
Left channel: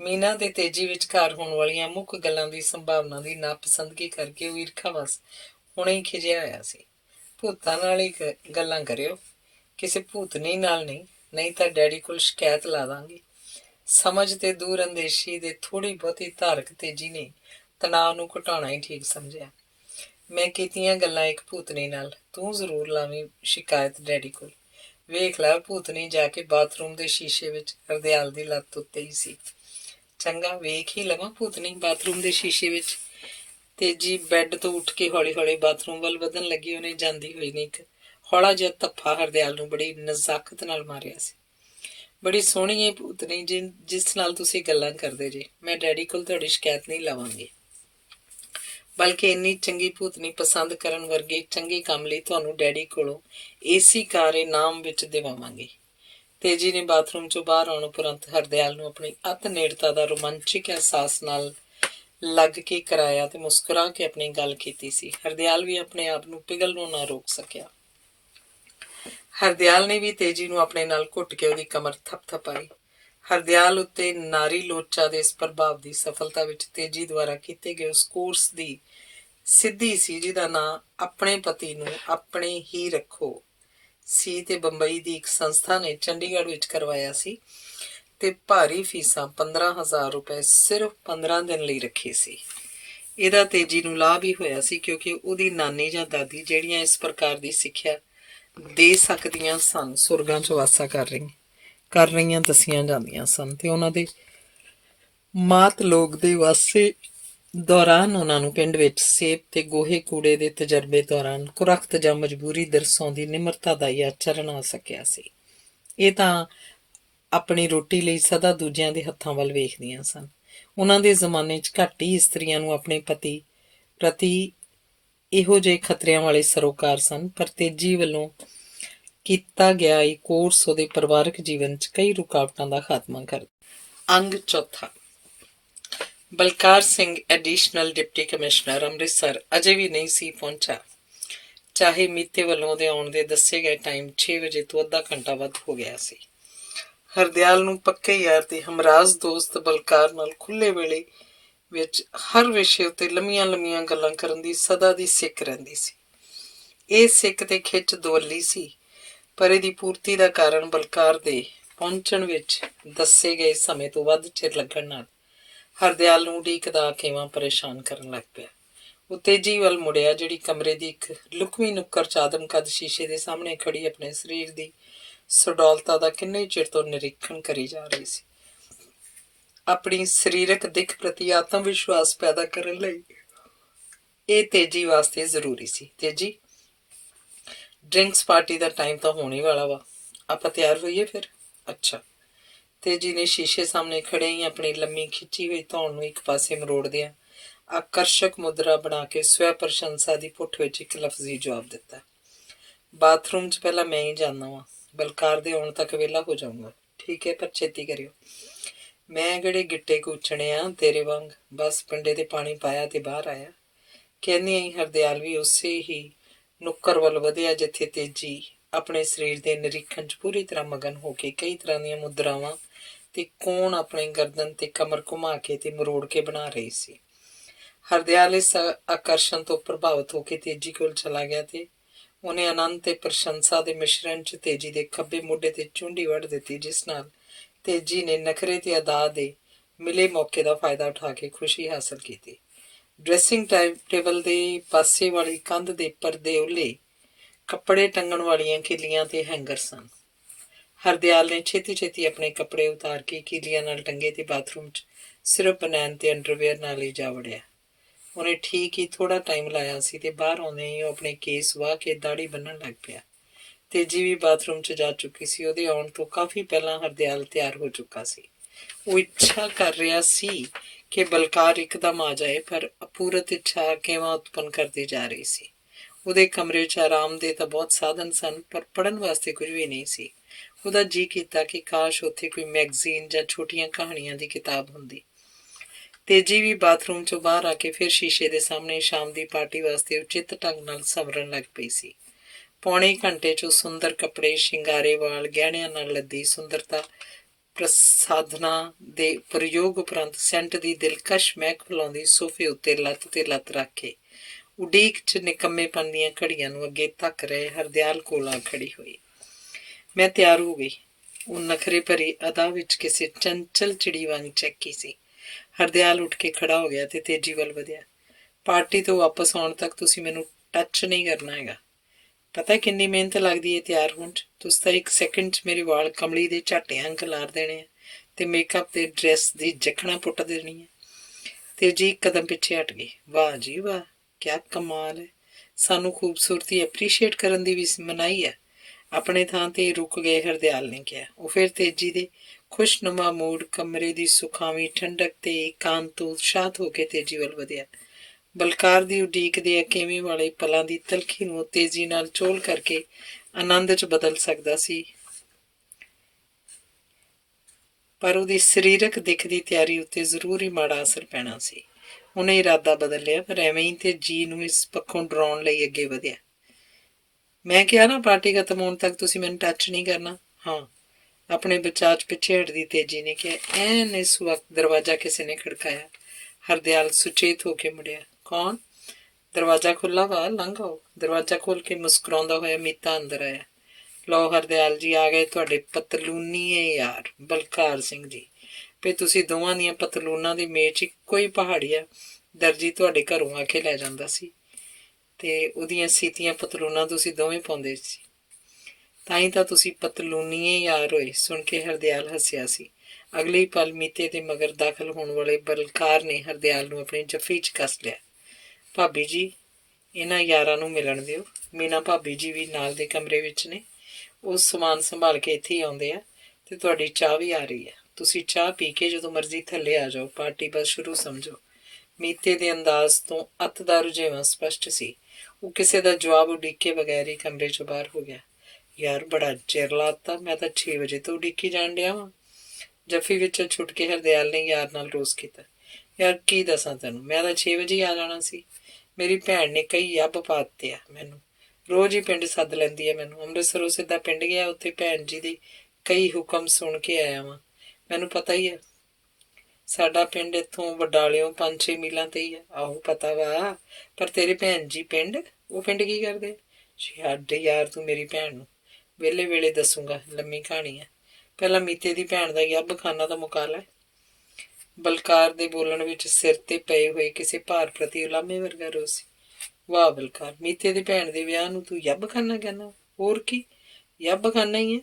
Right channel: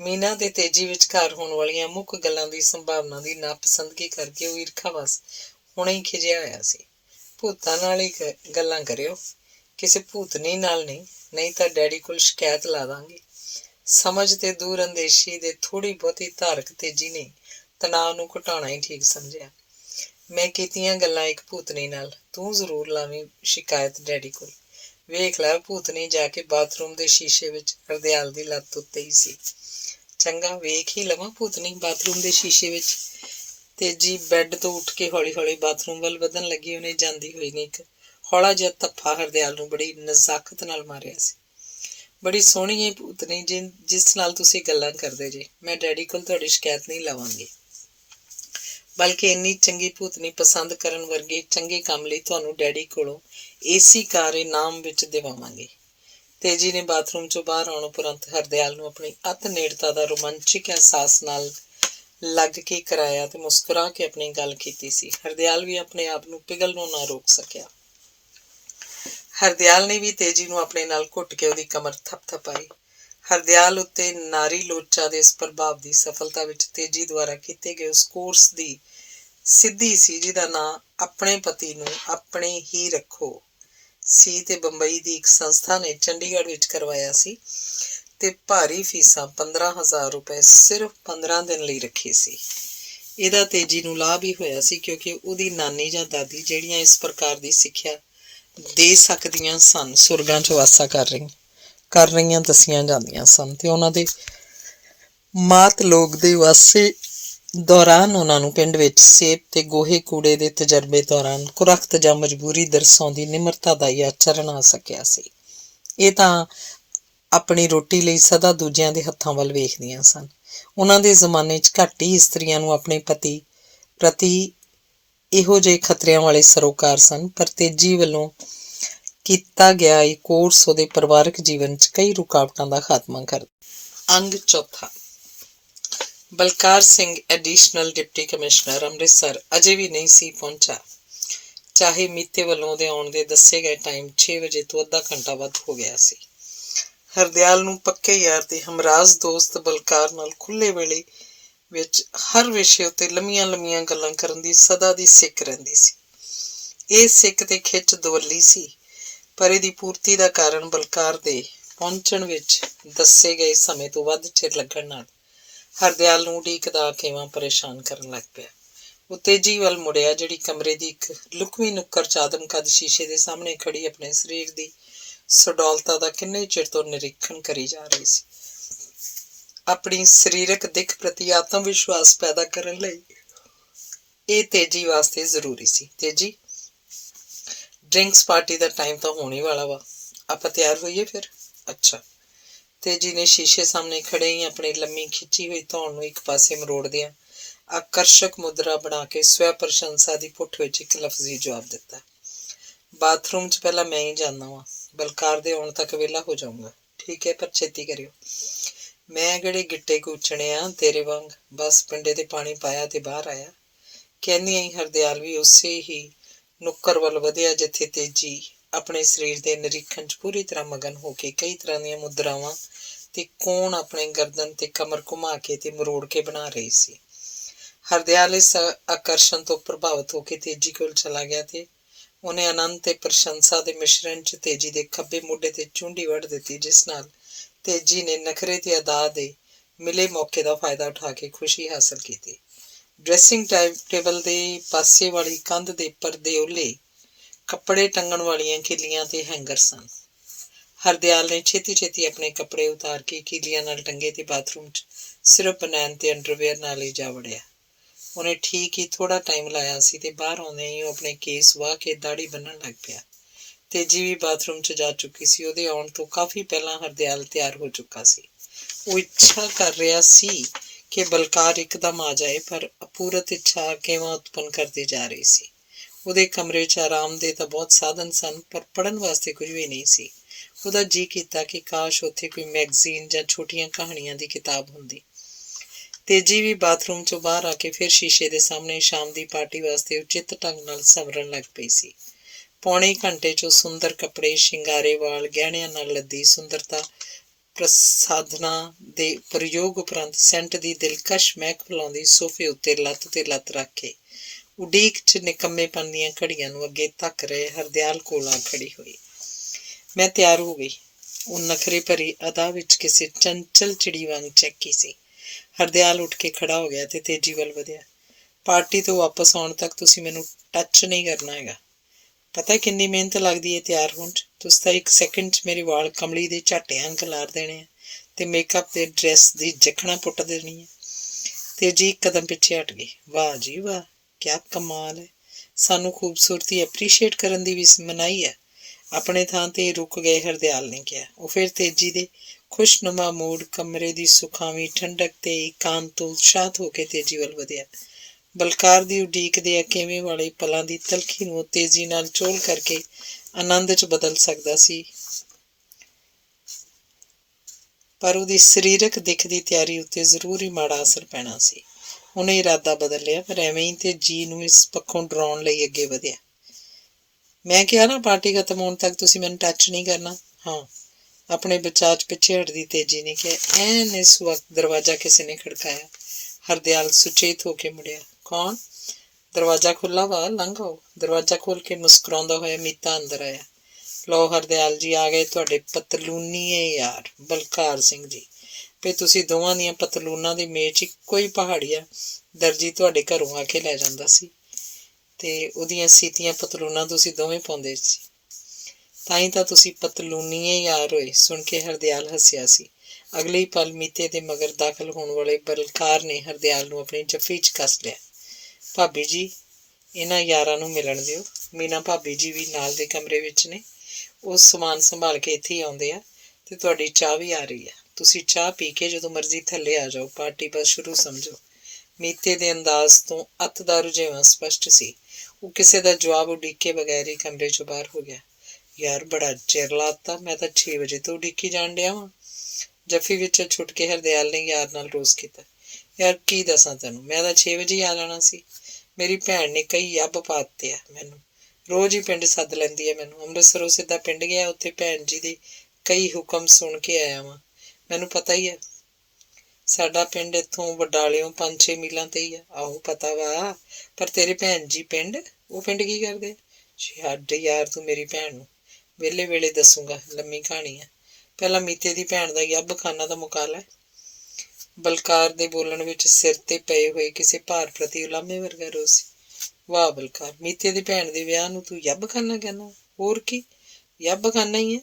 ਮੀਨਾ ਤੇ ਤੇਜੀ ਵਿਚਕਾਰ ਹੋਣ ਵਾਲੀਆਂ ਮੁੱਖ ਗੱਲਾਂ ਦੀ ਸੰਭਾਵਨਾ ਦੀ ਨਾਪਸੰਦਗੀ ਕਰਕੇ ਉਹ ਈਰਖਾਵਸ ਹੁਣੇ ਹੀ ਖਿਜਿਆ ਹੋਇਆ ਸੀ। ਭੂਤਾਂ ਨਾਲ ਹੀ ਗੱਲਾਂ ਕਰਿਓ, ਕਿਸੇ ਭੂਤਨੀ ਨਾਲ ਨਹੀਂ, ਨਹੀਂ ਤਾਂ ਡੈਡੀ ਕੋਲ ਸ਼ਿਕਾਇਤ ਲਾ ਦਾਂਗੀ। ਸਮਝ ਤੇ ਦੂਰ ਅੰਦੇਸ਼ੀ ਦੇ ਥੋੜ੍ਹੀ ਬਹੁਤੀ ਧਾਰਕ ਤੇਜੀ ਨੇ ਤਣਾਅ ਨੂੰ ਘਟਾਉਣਾ ਹੀ ਠੀਕ ਸਮਝਿਆ। ਮੈਂ ਕੀਤੀਆਂ ਗੱਲਾਂ ਇੱਕ ਭੂਤਨੀ ਨਾਲ, ਤੂੰ ਜ਼ਰੂਰ ਲਾਵੀਂ ਸ਼ਿਕਾਇਤ ਡੈਡੀ ਕੋਲ। ਵੇਖ ਲੈ, ਭੂਤਨੀ ਜਾ ਕੇ ਬਾਥਰੂਮ ਦੇ ਸ਼ੀਸ਼ੇ ਵਿੱਚ। ਹਰਦਿਆਲ ਦੀ ਲੱਤ ਉੱਤੇ ਹੀ ਸੀ। ਚੰਗਾ, ਵੇਖ ਹੀ ਲਵਾਂ ਭੂਤਨੀ ਬਾਥਰੂਮ ਦੇ ਸ਼ੀਸ਼ੇ ਵਿੱਚ। ਤੇਜੀ ਬੈੱਡ ਤੋਂ ਉੱਠ ਕੇ ਹੌਲੀ ਹੌਲੀ ਬਾਥਰੂਮ ਵੱਲ ਵਧਣ ਲੱਗੀ। ਉਹਨੇ ਜਾਂਦੀ ਹੋਈ ਨੇ ਇੱਕ ਹੌਲਾ ਜਿਹਾ ਧੱਫਾ ਹਰਦਿਆਲ ਨੂੰ ਬੜੀ ਨਜ਼ਾਕਤ ਨਾਲ ਮਾਰਿਆ ਸੀ। ਬੜੀ ਸੋਹਣੀ ਹੈ ਭੂਤਨੀ ਜਿਸ ਨਾਲ ਤੁਸੀਂ ਗੱਲਾਂ ਕਰਦੇ ਜੇ। ਮੈਂ ਡੈਡੀ ਕੋਲ ਤੁਹਾਡੀ ਸ਼ਿਕਾਇਤ ਨਹੀਂ ਲਾਵਾਂਗੀ, ਬਲਕਿ ਇੰਨੀ ਚੰਗੀ ਭੂਤਨੀ ਪਸੰਦ ਕਰਨ ਵਰਗੇ ਚੰਗੇ ਕੰਮ ਲਈ ਤੁਹਾਨੂੰ ਡੈਡੀ ਕੋਲੋਂ AC ਕਾਰ ਇਨਾਮ ਵਿੱਚ ਦਿਵਾਵਾਂਗੇ। ਤੇਜੀ ਨੇ ਬਾਥਰੂਮ 'ਚੋਂ ਬਾਹਰ ਆਉਣ ਉਪਰੰਤ ਹਰਦਿਆਲ ਨੂੰ ਆਪਣੀ ਅਤ ਨੇੜਤਾ ਦਾ ਰੋਮਾਂਚਿਕ ਅਹਿਸਾਸ ਨਾਲ ਲੱਗ ਕੇ ਕਰਾਇਆ ਤੇ ਮੁਸਕਰਾ ਕੇ ਆਪਣੀ ਗੱਲ ਕੀਤੀ ਸੀ। ਹਰਦਿਆਲ ਵੀ ਆਪਣੇ ਆਪ ਨੂੰ ਪਿਘਲਣੋਂ ਨਾ ਰੋਕ ਸਕਿਆ। ਹਰਦਿਆਲ ਨੇ ਵੀ ਤੇਜੀ ਨੂੰ ਆਪਣੇ ਨਾਲ ਘੁੱਟ ਕੇ ਉਹਦੀ ਕਮਰ ਥਪਥਪਾਈ। ਹਰਦਿਆਲ ਉੱਤੇ ਨਾਰੀ ਲੋਚਾ ਦੇ ਇਸ ਪ੍ਰਭਾਵ ਦੀ ਸਫਲਤਾ ਵਿੱਚ ਤੇਜੀ ਦੁਆਰਾ ਕੀਤੇ ਗਏ ਉਸ ਕੋਰਸ ਦੀ ਸਿੱਧੀ ਸੀ ਜਿਹਦਾ ਨਾਂ ਆਪਣੇ ਪਤੀ ਨੂੰ ਆਪਣੇ ਹੀ ਰੱਖੋ ਸੀ ਤੇ ਬੰਬਈ ਦੀ ਇੱਕ ਸੰਸਥਾ ਨੇ ਚੰਡੀਗੜ੍ਹ ਵਿੱਚ ਕਰਵਾਇਆ ਸੀ ਤੇ ਭਾਰੀ ਫੀਸਾਂ 15,000 ਰੁਪਏ ਸਿਰਫ 15 ਦਿਨ ਲਈ ਰੱਖੀ ਸੀ। ਇਹਦਾ ਤੇਜੀ ਨੂੰ ਲਾਭ ਹੀ ਹੋਇਆ ਸੀ, ਕਿਉਂਕਿ ਉਹਦੀ ਨਾਨੀ ਜਾਂ ਦਾਦੀ ਜਿਹੜੀਆਂ ਇਸ ਪ੍ਰਕਾਰ ਦੀ ਸਿੱਖਿਆ ਦੇ ਸਕਦੀਆਂ ਸਨ, ਸੁਰਗਾਂ 'ਚ ਵਾਸਾ ਕਰ ਰਹੀਆਂ ਦੱਸੀਆਂ ਜਾਂਦੀਆਂ ਸਨ ਤੇ ਉਹਨਾਂ ਦੇ ਮਾਤ ਲੋਕ ਦੇ ਵਾਸੇ ਦੌਰਾਨ ਉਹਨਾਂ ਨੂੰ ਪਿੰਡ ਵਿੱਚ ਸੇਬ ਤੇ ਗੋਹੇ ਕੂੜੇ ਦੇ ਤਜਰਬੇ ਦੌਰਾਨ ਕੁਰਖਤ ਜਾਂ ਮਜਬੂਰੀ ਦਰਸਾਉਂਦੀ ਨਿਮਰਤਾ ਦਾ ਹੀ ਆਚਰਣ ਆ ਸਕਿਆ ਸੀ। ਇਹ ਤਾਂ ਆਪਣੀ ਰੋਟੀ ਲਈ ਸਦਾ ਦੂਜਿਆਂ ਦੇ ਹੱਥਾਂ ਵੱਲ ਵੇਖਦੀਆਂ ਸਨ। ਉਹਨਾਂ ਦੇ ਜ਼ਮਾਨੇ 'ਚ ਘੱਟ ਹੀ ਇਸਤਰੀਆਂ ਨੂੰ ਆਪਣੇ ਪਤੀ ਪ੍ਰਤੀ ਇਹੋ ਜਿਹੇ ਖਤਰਿਆਂ ਵਾਲੇ ਸਰੋਕਾਰ ਸਨ, ਪਰ ਤੇਜੀ ਵੱਲੋਂ ਕੀਤਾ ਗਿਆ ਇਹ ਕੋਰਸ ਉਹਦੇ ਪਰਿਵਾਰਕ ਜੀਵਨ 'ਚ ਕਈ ਰੁਕਾਵਟਾਂ ਦਾ ਖਾਤਮਾ ਕਰਦਾ। ਅੰਗ ਚੌਥਾ। Balkar Singh additional deputy commissioner Amritsar ਅਜੇ ਵੀ ਨਹੀਂ ਸੀ ਪਹੁੰਚਾ, ਚਾਹੇ ਮੀਤੇ ਵੱਲੋਂ ਉਹਦੇ ਆਉਣ ਦੇ ਦੱਸੇ ਗਏ ਟਾਈਮ 6 ਵਜੇ ਤੋਂ ਅੱਧਾ ਘੰਟਾ ਵੱਧ ਹੋ ਗਿਆ ਸੀ। ਹਰਦਿਆਲ ਨੂੰ ਪੱਕੇ ਯਾਰ ਤੇ ਹਮਰਾਜ਼ ਦੋਸਤ ਬਲਕਾਰ ਨਾਲ ਖੁੱਲ੍ਹੇ ਵੇਲੇ ਵਿੱਚ ਹਰ ਵਿਸ਼ੇ ਉੱਤੇ ਲੰਮੀਆਂ ਲੰਮੀਆਂ ਗੱਲਾਂ ਕਰਨ ਦੀ ਸਦਾ ਦੀ ਸਿੱਕ ਰਹਿੰਦੀ ਸੀ। ਇਹ ਸਿੱਕ ਤੇ ਖਿੱਚ ਦੁਵੱਲੀ ਸੀ, ਪਰ ਇਹਦੀ ਪੂਰਤੀ ਦਾ ਕਾਰਨ ਬਲਕਾਰ ਦੇ ਪਹੁੰਚਣ ਵਿੱਚ ਦੱਸੇ ਗਏ ਸਮੇਂ ਤੋਂ ਵੱਧ ਚਿਰ ਲੱਗਣ ਨਾਲ ਹਰਦਿਆਲ ਨੂੰ ਉਡੀਕ ਦਾ ਅਕੇਵਾਂ ਪਰੇਸ਼ਾਨ ਕਰਨ ਲੱਗ ਪਿਆ। ਉਹ ਤੇਜੀ ਵੱਲ ਮੁੜਿਆ, ਜਿਹੜੀ ਕਮਰੇ ਦੀ ਇੱਕ ਲੁਕਵੀਂ ਨੁੱਕਰ 'ਚ ਆਦਮਕਦ ਸ਼ੀਸ਼ੇ ਦੇ ਸਾਹਮਣੇ ਖੜੀ ਆਪਣੇ ਸਰੀਰ ਦੀ ਸੁਡੌਲਤਾ ਦਾ ਕਿੰਨੇ ਚਿਰ ਤੋਂ ਨਿਰੀਖਣ ਕਰੀ ਜਾ ਰਹੀ ਸੀ। ਆਪਣੀ ਸਰੀਰਕ ਦਿੱਖ ਪ੍ਰਤੀ ਆਤਮ ਵਿਸ਼ਵਾਸ ਪੈਦਾ ਕਰਨ ਲਈ ਇਹ ਤੇਜੀ ਵਾਸਤੇ ਜ਼ਰੂਰੀ ਸੀ। ਤੇਜੀ, ਡਰਿੰਕਸ ਪਾਰਟੀ ਦਾ ਟਾਈਮ ਤਾਂ ਹੋਣ ਹੀ ਵਾਲਾ ਵਾ, ਆਪਾਂ ਤਿਆਰ ਹੋਈਏ ਫਿਰ। ਅੱਛਾ। ਤੇਜੀ ਨੇ ਸ਼ੀਸ਼ੇ ਸਾਹਮਣੇ ਖੜੇ ਹੀ ਆਪਣੀ ਲੰਮੀ ਖਿੱਚੀ ਹੋਈ ਧੌਣ ਨੂੰ ਇੱਕ ਪਾਸੇ ਮਰੋੜਦਿਆਂ ਆਕਰਸ਼ਕ ਮੁਦਰਾ ਬਣਾ ਕੇ ਸਵੈ ਪ੍ਰਸ਼ੰਸਾ ਦੀ ਪੁੱਠ ਵਿੱਚ ਇੱਕ ਲਫ਼ਜ਼ੀ ਜਵਾਬ ਦਿੱਤਾ। ਬਾਥਰੂਮ 'ਚ ਪਹਿਲਾਂ ਮੈਂ ਹੀ ਜਾਂਦਾ ਵਾਂ, ਬਲਕਾਰ ਦੇ ਆਉਣ ਤੱਕ ਵਿਹਲਾ ਹੋ ਜਾਊਂਗਾ। ਠੀਕ ਹੈ, ਪਰ ਛੇਤੀ ਕਰਿਓ। ਮੈਂ ਕਿਹੜੇ ਗਿੱਟੇ ਕੂਚਣੇ ਆ ਤੇਰੇ ਵਾਂਗ, ਬਸ ਪਿੰਡੇ ਤੇ ਪਾਣੀ ਪਾਇਆ ਤੇ ਬਾਹਰ ਆਇਆ। ਕਹਿੰਦਿਆਂ ਹੀ ਹਰਦਿਆਲ ਵੀ ਉਸੇ ਹੀ ਨੁੱਕਰ ਵੱਲ ਵਧਿਆ ਜਿੱਥੇ ਤੇਜੀ ਆਪਣੇ ਸਰੀਰ ਦੇ ਨਿਰੀਖਣ 'ਚ ਪੂਰੀ ਤਰ੍ਹਾਂ ਮਗਨ ਹੋ ਕੇ ਕਈ ਤਰ੍ਹਾਂ ਦੀਆਂ ਮੁਦਰਾਵਾਂ ਤੇ ਕੋਣ ਆਪਣੇ ਗਰਦਨ ਤੇ ਕਮਰ ਘੁਮਾ ਕੇ ਤੇ ਮਰੋੜ ਕੇ ਬਣਾ ਰਹੀ ਸੀ। ਹਰਦਿਆਲ ਇਸ ਆਕਰਸ਼ਣ ਤੋਂ ਪ੍ਰਭਾਵਿਤ ਹੋ ਕੇ ਤੇਜੀ ਕੋਲ ਚਲਾ ਗਿਆ ਤੇ ਉਹਨੇ ਆਨੰਦ ਤੇ ਪ੍ਰਸ਼ੰਸਾ ਦੇ ਮਿਸ਼ਰਣ 'ਚ ਤੇਜੀ ਦੇ ਖੱਬੇ ਮੋਢੇ ਤੇ ਚੁੰਡੀ ਵੱਢ ਦਿੱਤੀ, ਜਿਸ ਨਾਲ ਤੇਜੀ ਨੇ ਨਖਰੇ ਤੇ ਅਦਾ ਦੇ ਮਿਲੇ ਮੌਕੇ ਦਾ ਫਾਇਦਾ ਉਠਾ ਕੇ ਖੁਸ਼ੀ ਹਾਸਲ ਕੀਤੀ। ਡਰੈਸਿੰਗ ਟੇਬਲ ਦੇ ਪਾਸੇ ਵਾਲੀ ਕੰਧ ਦੇ ਪਰਦੇ ਉਹਲੇ ਕੱਪੜੇ ਟੰਗਣ ਵਾਲੀਆਂ ਕੀਲੀਆਂ ਤੇ ਹੈਂਗਰ ਸਨ। ਹਰਦਿਆਲ ਨੇ ਛੇਤੀ ਛੇਤੀ ਆਪਣੇ ਕੱਪੜੇ ਉਤਾਰ ਕੇ ਕੀਲੀਆਂ ਨਾਲ ਟੰਗੇ ਤੇ ਬਾਥਰੂਮ 'ਚ ਸਿਰਫ ਬਨੈਣ ਤੇ ਅੰਡਰਵੇਅਰ ਨਾਲ ਹੀ ਜਾ ਵੜਿਆ। ਉਹਨੇ ਠੀਕ ਹੀ ਥੋੜ੍ਹਾ ਟਾਈਮ ਲਾਇਆ ਸੀ ਤੇ ਬਾਹਰ ਆਉਂਦੇ ਹੀ ਉਹ ਆਪਣੇ ਕੇਸ ਵਾਹ ਕੇ ਦਾੜੀ ਬੰਨ੍ਹਣ ਲੱਗ ਪਿਆ। ਤੇਜੀ ਵੀ ਬਾਥਰੂਮ 'ਚ ਜਾ ਚੁੱਕੀ ਸੀ। ਉਹਦੇ ਆਉਣ ਤੋਂ ਕਾਫੀ ਪਹਿਲਾਂ ਹਰਦਿਆਲ ਤਿਆਰ ਹੋ ਚੁੱਕਾ ਸੀ। ਉਹ ਇੱਛਾ ਕਰ ਰਿਹਾ ਸੀ ਕਿ ਬਲਕਾਰ ਇੱਕਦਮ ਆ ਜਾਏ, ਪਰ ਅਪੂਰਤ ਇੱਛਾ ਕਿਵੇਂ ਉਤਪੰਨ ਕਰਦੀ ਜਾ ਰਹੀ ਸੀ। ਉਹਦੇ ਕਮਰੇ ਵਿੱਚ ਆਰਾਮ ਦੇ ਤਾਂ ਬਹੁਤ ਸਾਧਨ ਸਨ, ਪਰ ਪੜ੍ਹਨ ਵਾਸਤੇ ਕੁਝ ਵੀ ਨਹੀਂ ਸੀ। ਉਹਦਾ ਜੀਅ ਕੀਤਾ ਕਿ ਕਾਸ਼ ਉੱਥੇ ਕੋਈ ਮੈਗਜ਼ੀਨ ਜਾਂ ਛੋਟੀਆਂ ਕਹਾਣੀਆਂ ਦੀ ਕਿਤਾਬ ਹੁੰਦੀ। ਤੇਜੀ ਵੀ ਬਾਥਰੂਮ 'ਚੋਂ ਬਾਹਰ ਆ ਕੇ ਫਿਰ ਸ਼ੀਸ਼ੇ ਦੇ ਸਾਹਮਣੇ ਸ਼ਾਮ ਦੀ ਪਾਰਟੀ ਵਾਸਤੇ ਉਚਿਤ ਢੰਗ ਨਾਲ ਸੰਵਰਨ ਲੱਗ ਪਈ ਸੀ। ਪੌਣੇ ਘੰਟੇ 'ਚੋਂ ਸੁੰਦਰ ਕੱਪੜੇ, ਸ਼ਿੰਗਾਰੇ ਵਾਲ, ਗਹਿਣਿਆਂ ਨਾਲ ਲੱਦੀ ਸੁੰਦਰਤਾ ਪ੍ਰਸਾਧਨਾ ਦੇ ਪ੍ਰਯੋਗ ਉਪਰੰਤ ਸੈਂਟ ਦੀ ਦਿਲਕਸ਼ ਮਹਿਕ ਫੈਲਾਉਂਦੀ ਸੋਫੇ ਉੱਤੇ ਲੱਤ ਤੇ ਲੱਤ ਰੱਖ ਕੇ ਉਡੀਕ 'ਚ ਨਿਕੰਮੇਪਨ ਦੀਆਂ ਘੜੀਆਂ ਨੂੰ ਅੱਗੇ ਧੱਕ ਰਹੇ ਹਰਦਿਆਲ ਕੋਲ ਆ ਖੜੀ ਹੋਈ। ਮੈਂ ਤਿਆਰ ਹੋ ਗਈ। ਉਹ ਨਖਰੇ ਭਰੀ ਅਦਾ ਵਿੱਚ ਕਿਸੇ ਚੰਚਲ ਚਿੜੀ ਵਾਂਗ ਚੈੱਕੀ ਸੀ। ਹਰਦਿਆਲ ਉੱਠ ਕੇ ਖੜਾ ਹੋ ਗਿਆ ਤੇ ਤੇਜੀ ਵੱਲ ਵਧਿਆ। ਪਾਰਟੀ ਤੋਂ ਵਾਪਸ ਆਉਣ ਤੱਕ ਤੁਸੀਂ ਮੈਨੂੰ ਟੱਚ ਨਹੀਂ ਕਰਨਾ ਹੈਗਾ। ਪਤਾ ਕਿੰਨੀ ਮਿਹਨਤ ਲੱਗਦੀ ਹੈ ਤਿਆਰ ਹੋਣ 'ਚ। ਤੁਸੀਂ ਤਾਂ 1 ਸੈਕਿੰਡ 'ਚ ਮੇਰੇ ਵਾਲ ਕਮਲੀ ਦੇ ਝਾਟਿਆਂ ਖਿਲਾਰ ਦੇਣੇ ਆ ਤੇ ਮੇਕਅਪ ਤੇ ਡਰੈਸ ਦੀ ਜਖਣਾ ਪੁੱਟ ਦੇਣੀ ਹੈ। ਤੇਜੀ ਇੱਕ ਕਦਮ ਪਿੱਛੇ ਹਟ ਗਈ। ਵਾਹ ਜੀ ਵਾਹ, ਕਿਆ ਕਮਾਲ ਹੈ। ਸਾਨੂੰ ਖੂਬਸੂਰਤੀ ਐਪਰੀਸ਼ੀਏਟ ਕਰਨ ਦੀ ਵੀ ਮਨਾਹੀ ਹੈ। ਆਪਣੇ ਥਾਂ ਤੇ ਰੁਕ ਗਏ ਹਰਦਿਆਲ ਨੇ ਕਿਹਾ। ਉਹ ਫਿਰ ਤੇਜੀ ਦੇ ਖੁਸ਼ਨੁਮਾ ਮੂਡ, ਕਮਰੇ ਦੀ ਸੁਖਾਵੀਂ ਠੰਡਕ ਤੇ ਇਕਾਂਤ ਤੋਂ ਉਤਸ਼ਾਹਤ ਹੋ ਕੇ ਤੇਜੀ ਵੱਲ ਵਧਿਆ। ਬਲਕਾਰ ਦੀ ਉਡੀਕ ਦੇ ਅਕੇਵੇਂ ਵਾਲੇ ਪਲਾਂ ਦੀ ਤਲਖੀ ਨੂੰ ਤੇਜ਼ੀ ਨਾਲ ਚੋਲ ਕਰਕੇ ਆਨੰਦ 'ਚ ਬਦਲ ਸਕਦਾ ਸੀ, ਪਰ ਉਹਦੀ ਸਰੀਰਕ ਦਿੱਖ ਦੀ ਤਿਆਰੀ ਉੱਤੇ ਜ਼ਰੂਰ ਹੀ ਮਾੜਾ ਅਸਰ ਪੈਣਾ ਸੀ। ਉਹਨੇ ਇਰਾਦਾ ਬਦਲ ਲਿਆ, ਪਰ ਐਵੇਂ ਹੀ ਤੇ ਜੀ ਨੂੰ ਇਸ ਪੱਖੋਂ ਡਰਾਉਣ ਲਈ ਅੱਗੇ ਵਧਿਆ। ਮੈਂ ਕਿਹਾ ਨਾ ਪਾਰਟੀ ਖਤਮ ਹੋਣ ਤੱਕ ਤੁਸੀਂ ਮੈਨੂੰ ਟੱਚ ਨਹੀਂ ਕਰਨਾ। ਹਾਂ, ਆਪਣੇ ਬਚਾਅ 'ਚ ਪਿੱਛੇ ਹਟਦੀ ਤੇਜੀ ਨੇ ਕਿਹਾ। ਐਨ ਇਸ ਵਕਤ ਦਰਵਾਜ਼ਾ ਕਿਸੇ ਨੇ ਖੜਕਾਇਆ। ਹਰਦਿਆਲ ਸੁਚੇਤ ਹੋ ਕੇ ਮੁੜਿਆ। ਕੌਣ? ਦਰਵਾਜ਼ਾ ਖੁੱਲ੍ਹਾ ਵਾ, ਲੰਘ ਆਓ। ਦਰਵਾਜ਼ਾ ਖੋਲ੍ਹ ਕੇ ਮੁਸਕਰਾਉਂਦਾ ਹੋਇਆ ਮੀਤਾ ਅੰਦਰ ਆਇਆ। ਲਓ ਹਰਦਿਆਲ ਜੀ, ਆ ਗਏ ਤੁਹਾਡੇ ਪਤਲੂਨੀਏ ਯਾਰ ਬਲਕਾਰ ਸਿੰਘ ਜੀ। ਵੀ ਤੁਸੀਂ ਦੋਵਾਂ ਦੀਆਂ ਪਤਲੂਨਾਂ ਦੀ ਮੇਚ ਇੱਕੋ ਹੀ ਪਹਾੜੀਆ ਦਰਜੀ ਤੁਹਾਡੇ ਘਰੋਂ ਆ ਕੇ ਲੈ ਜਾਂਦਾ ਸੀ ਤੇ ਉਹਦੀਆਂ ਸੀਤੀਆਂ ਪਤਲੂਨਾਂ ਤੁਸੀਂ ਦੋਵੇਂ ਪਾਉਂਦੇ ਸੀ, ਤਾਂ ਹੀ ਤਾਂ ਤੁਸੀਂ ਪਤਲੂਨੀਏ ਯਾਰ ਹੋਏ। ਸੁਣ ਕੇ ਹਰਦਿਆਲ ਹੱਸਿਆ ਸੀ। ਅਗਲੇ ਹੀ ਪਲ ਮੀਤੇ ਦੇ ਮਗਰ ਦਾਖਲ ਹੋਣ ਵਾਲੇ ਬਲਕਾਰ ਨੇ ਹਰਦਿਆਲ ਨੂੰ ਆਪਣੀ ਜੱਫੀ 'ਚ ਕੱਸ ਲਿਆ। ਭਾਬੀ ਜੀ, ਇਹਨਾਂ ਯਾਰਾਂ ਨੂੰ ਮਿਲਣ ਦਿਓ। ਮੀਨਾ ਭਾਬੀ ਜੀ ਵੀ ਨਾਲ ਦੇ ਕਮਰੇ ਵਿੱਚ ਨੇ। ਉਹ ਸਮਾਨ ਸੰਭਾਲ ਕੇ ਇੱਥੇ ਹੀ ਆਉਂਦੇ ਆ ਤੇ ਤੁਹਾਡੀ ਚਾਹ ਵੀ ਆ ਰਹੀ ਹੈ। ਤੁਸੀਂ ਚਾਹ ਪੀ ਕੇ ਜਦੋਂ ਮਰਜ਼ੀ ਥੱਲੇ ਆ ਜਾਓ। ਪਾਰਟੀ ਬਸ ਸ਼ੁਰੂ ਸਮਝੋ। ਮੀਤੇ ਦੇ ਅੰਦਾਜ਼ ਤੋਂ ਅੱਤ ਦਾ ਰੁਝੇਵਾਂ ਸਪਸ਼ਟ ਸੀ। ਉਹ ਕਿਸੇ ਦਾ ਜਵਾਬ ਉਡੀਕੇ ਬਗੈਰ ਹੀ ਕਮਰੇ 'ਚੋਂ ਬਾਹਰ ਹੋ ਗਿਆ। ਯਾਰ ਬੜਾ ਚਿਰ ਲਾਤਾ, ਮੈਂ ਤਾਂ 6 ਵਜੇ ਤੋਂ ਉਡੀਕੀ ਜਾਣ ਡਿਆ ਵਾਂ। ਜੱਫੀ ਵਿੱਚੋਂ ਛੁੱਟ ਕੇ ਹਰਦਿਆਲ ਨੇ ਯਾਰ ਨਾਲ ਰੋਸ ਕੀਤਾ। ਯਾਰ ਕੀ ਦੱਸਾਂ ਤੈਨੂੰ, ਮੈਂ ਤਾਂ 6 ਵਜੇ ਹੀ ਆ ਜਾਣਾ ਸੀ। ਮੇਰੀ ਭੈਣ ਨੇ ਕਈ ਅੱਬ ਪਾ ਦਿੱਤੇ ਆ ਮੈਨੂੰ। ਰੋਜ਼ ਹੀ ਪਿੰਡ ਸੱਦ ਲੈਂਦੀ ਹੈ ਮੈਨੂੰ। ਅੰਮ੍ਰਿਤਸਰੋਂ ਸਿੱਧਾ ਪਿੰਡ ਗਿਆ, ਉੱਥੇ ਭੈਣ ਜੀ ਦੇ ਕਈ ਹੁਕਮ ਸੁਣ ਕੇ ਆਇਆ ਵਾਂ। ਮੈਨੂੰ ਪਤਾ ਹੀ ਆ, ਸਾਡਾ ਪਿੰਡ ਇੱਥੋਂ ਵਡਾਲਿਓਂ 5-6 ਮੀਲਾਂ ਤੇ ਹੀ ਆ। ਆਹੋ ਪਤਾ ਵਾ, ਪਰ ਤੇਰੇ ਭੈਣ ਜੀ ਪਿੰਡ, ਉਹ ਪਿੰਡ ਕੀ ਕਰਦੇ? ਛੱਡ ਯਾਰ ਤੂੰ ਮੇਰੀ ਭੈਣ ਨੂੰ, ਵਿਹਲੇ ਵੇਲੇ ਦੱਸੂਗਾ, ਲੰਮੀ ਕਹਾਣੀ ਆ। ਪਹਿਲਾਂ ਮੀਤੇ ਦੀ ਭੈਣ ਦਾ ਯੱਬ ਖਾਨਾ ਦਾ ਮੁਕਾਲਾ। ਬਲਕਾਰ ਦੇ ਬੋਲਣ ਵਿੱਚ ਸਿਰ ਤੇ ਪਏ ਹੋਏ ਕਿਸੇ ਭਾਰ ਪ੍ਰਤੀ ਉਲਾਮੇ ਵਰਗਾ ਰੋਸ ਸੀ। ਵਾਹ ਬਲਕਾਰ, ਮੀਤੇ ਦੀ ਭੈਣ ਦੇ ਵਿਆਹ ਨੂੰ ਤੂੰ ਯੱਬ ਖਾਨਾ ਕਹਿੰਦਾ? ਹੋਰ ਕੀ, ਯੱਬ ਖਾਨਾ ਹੀ ਹੈ।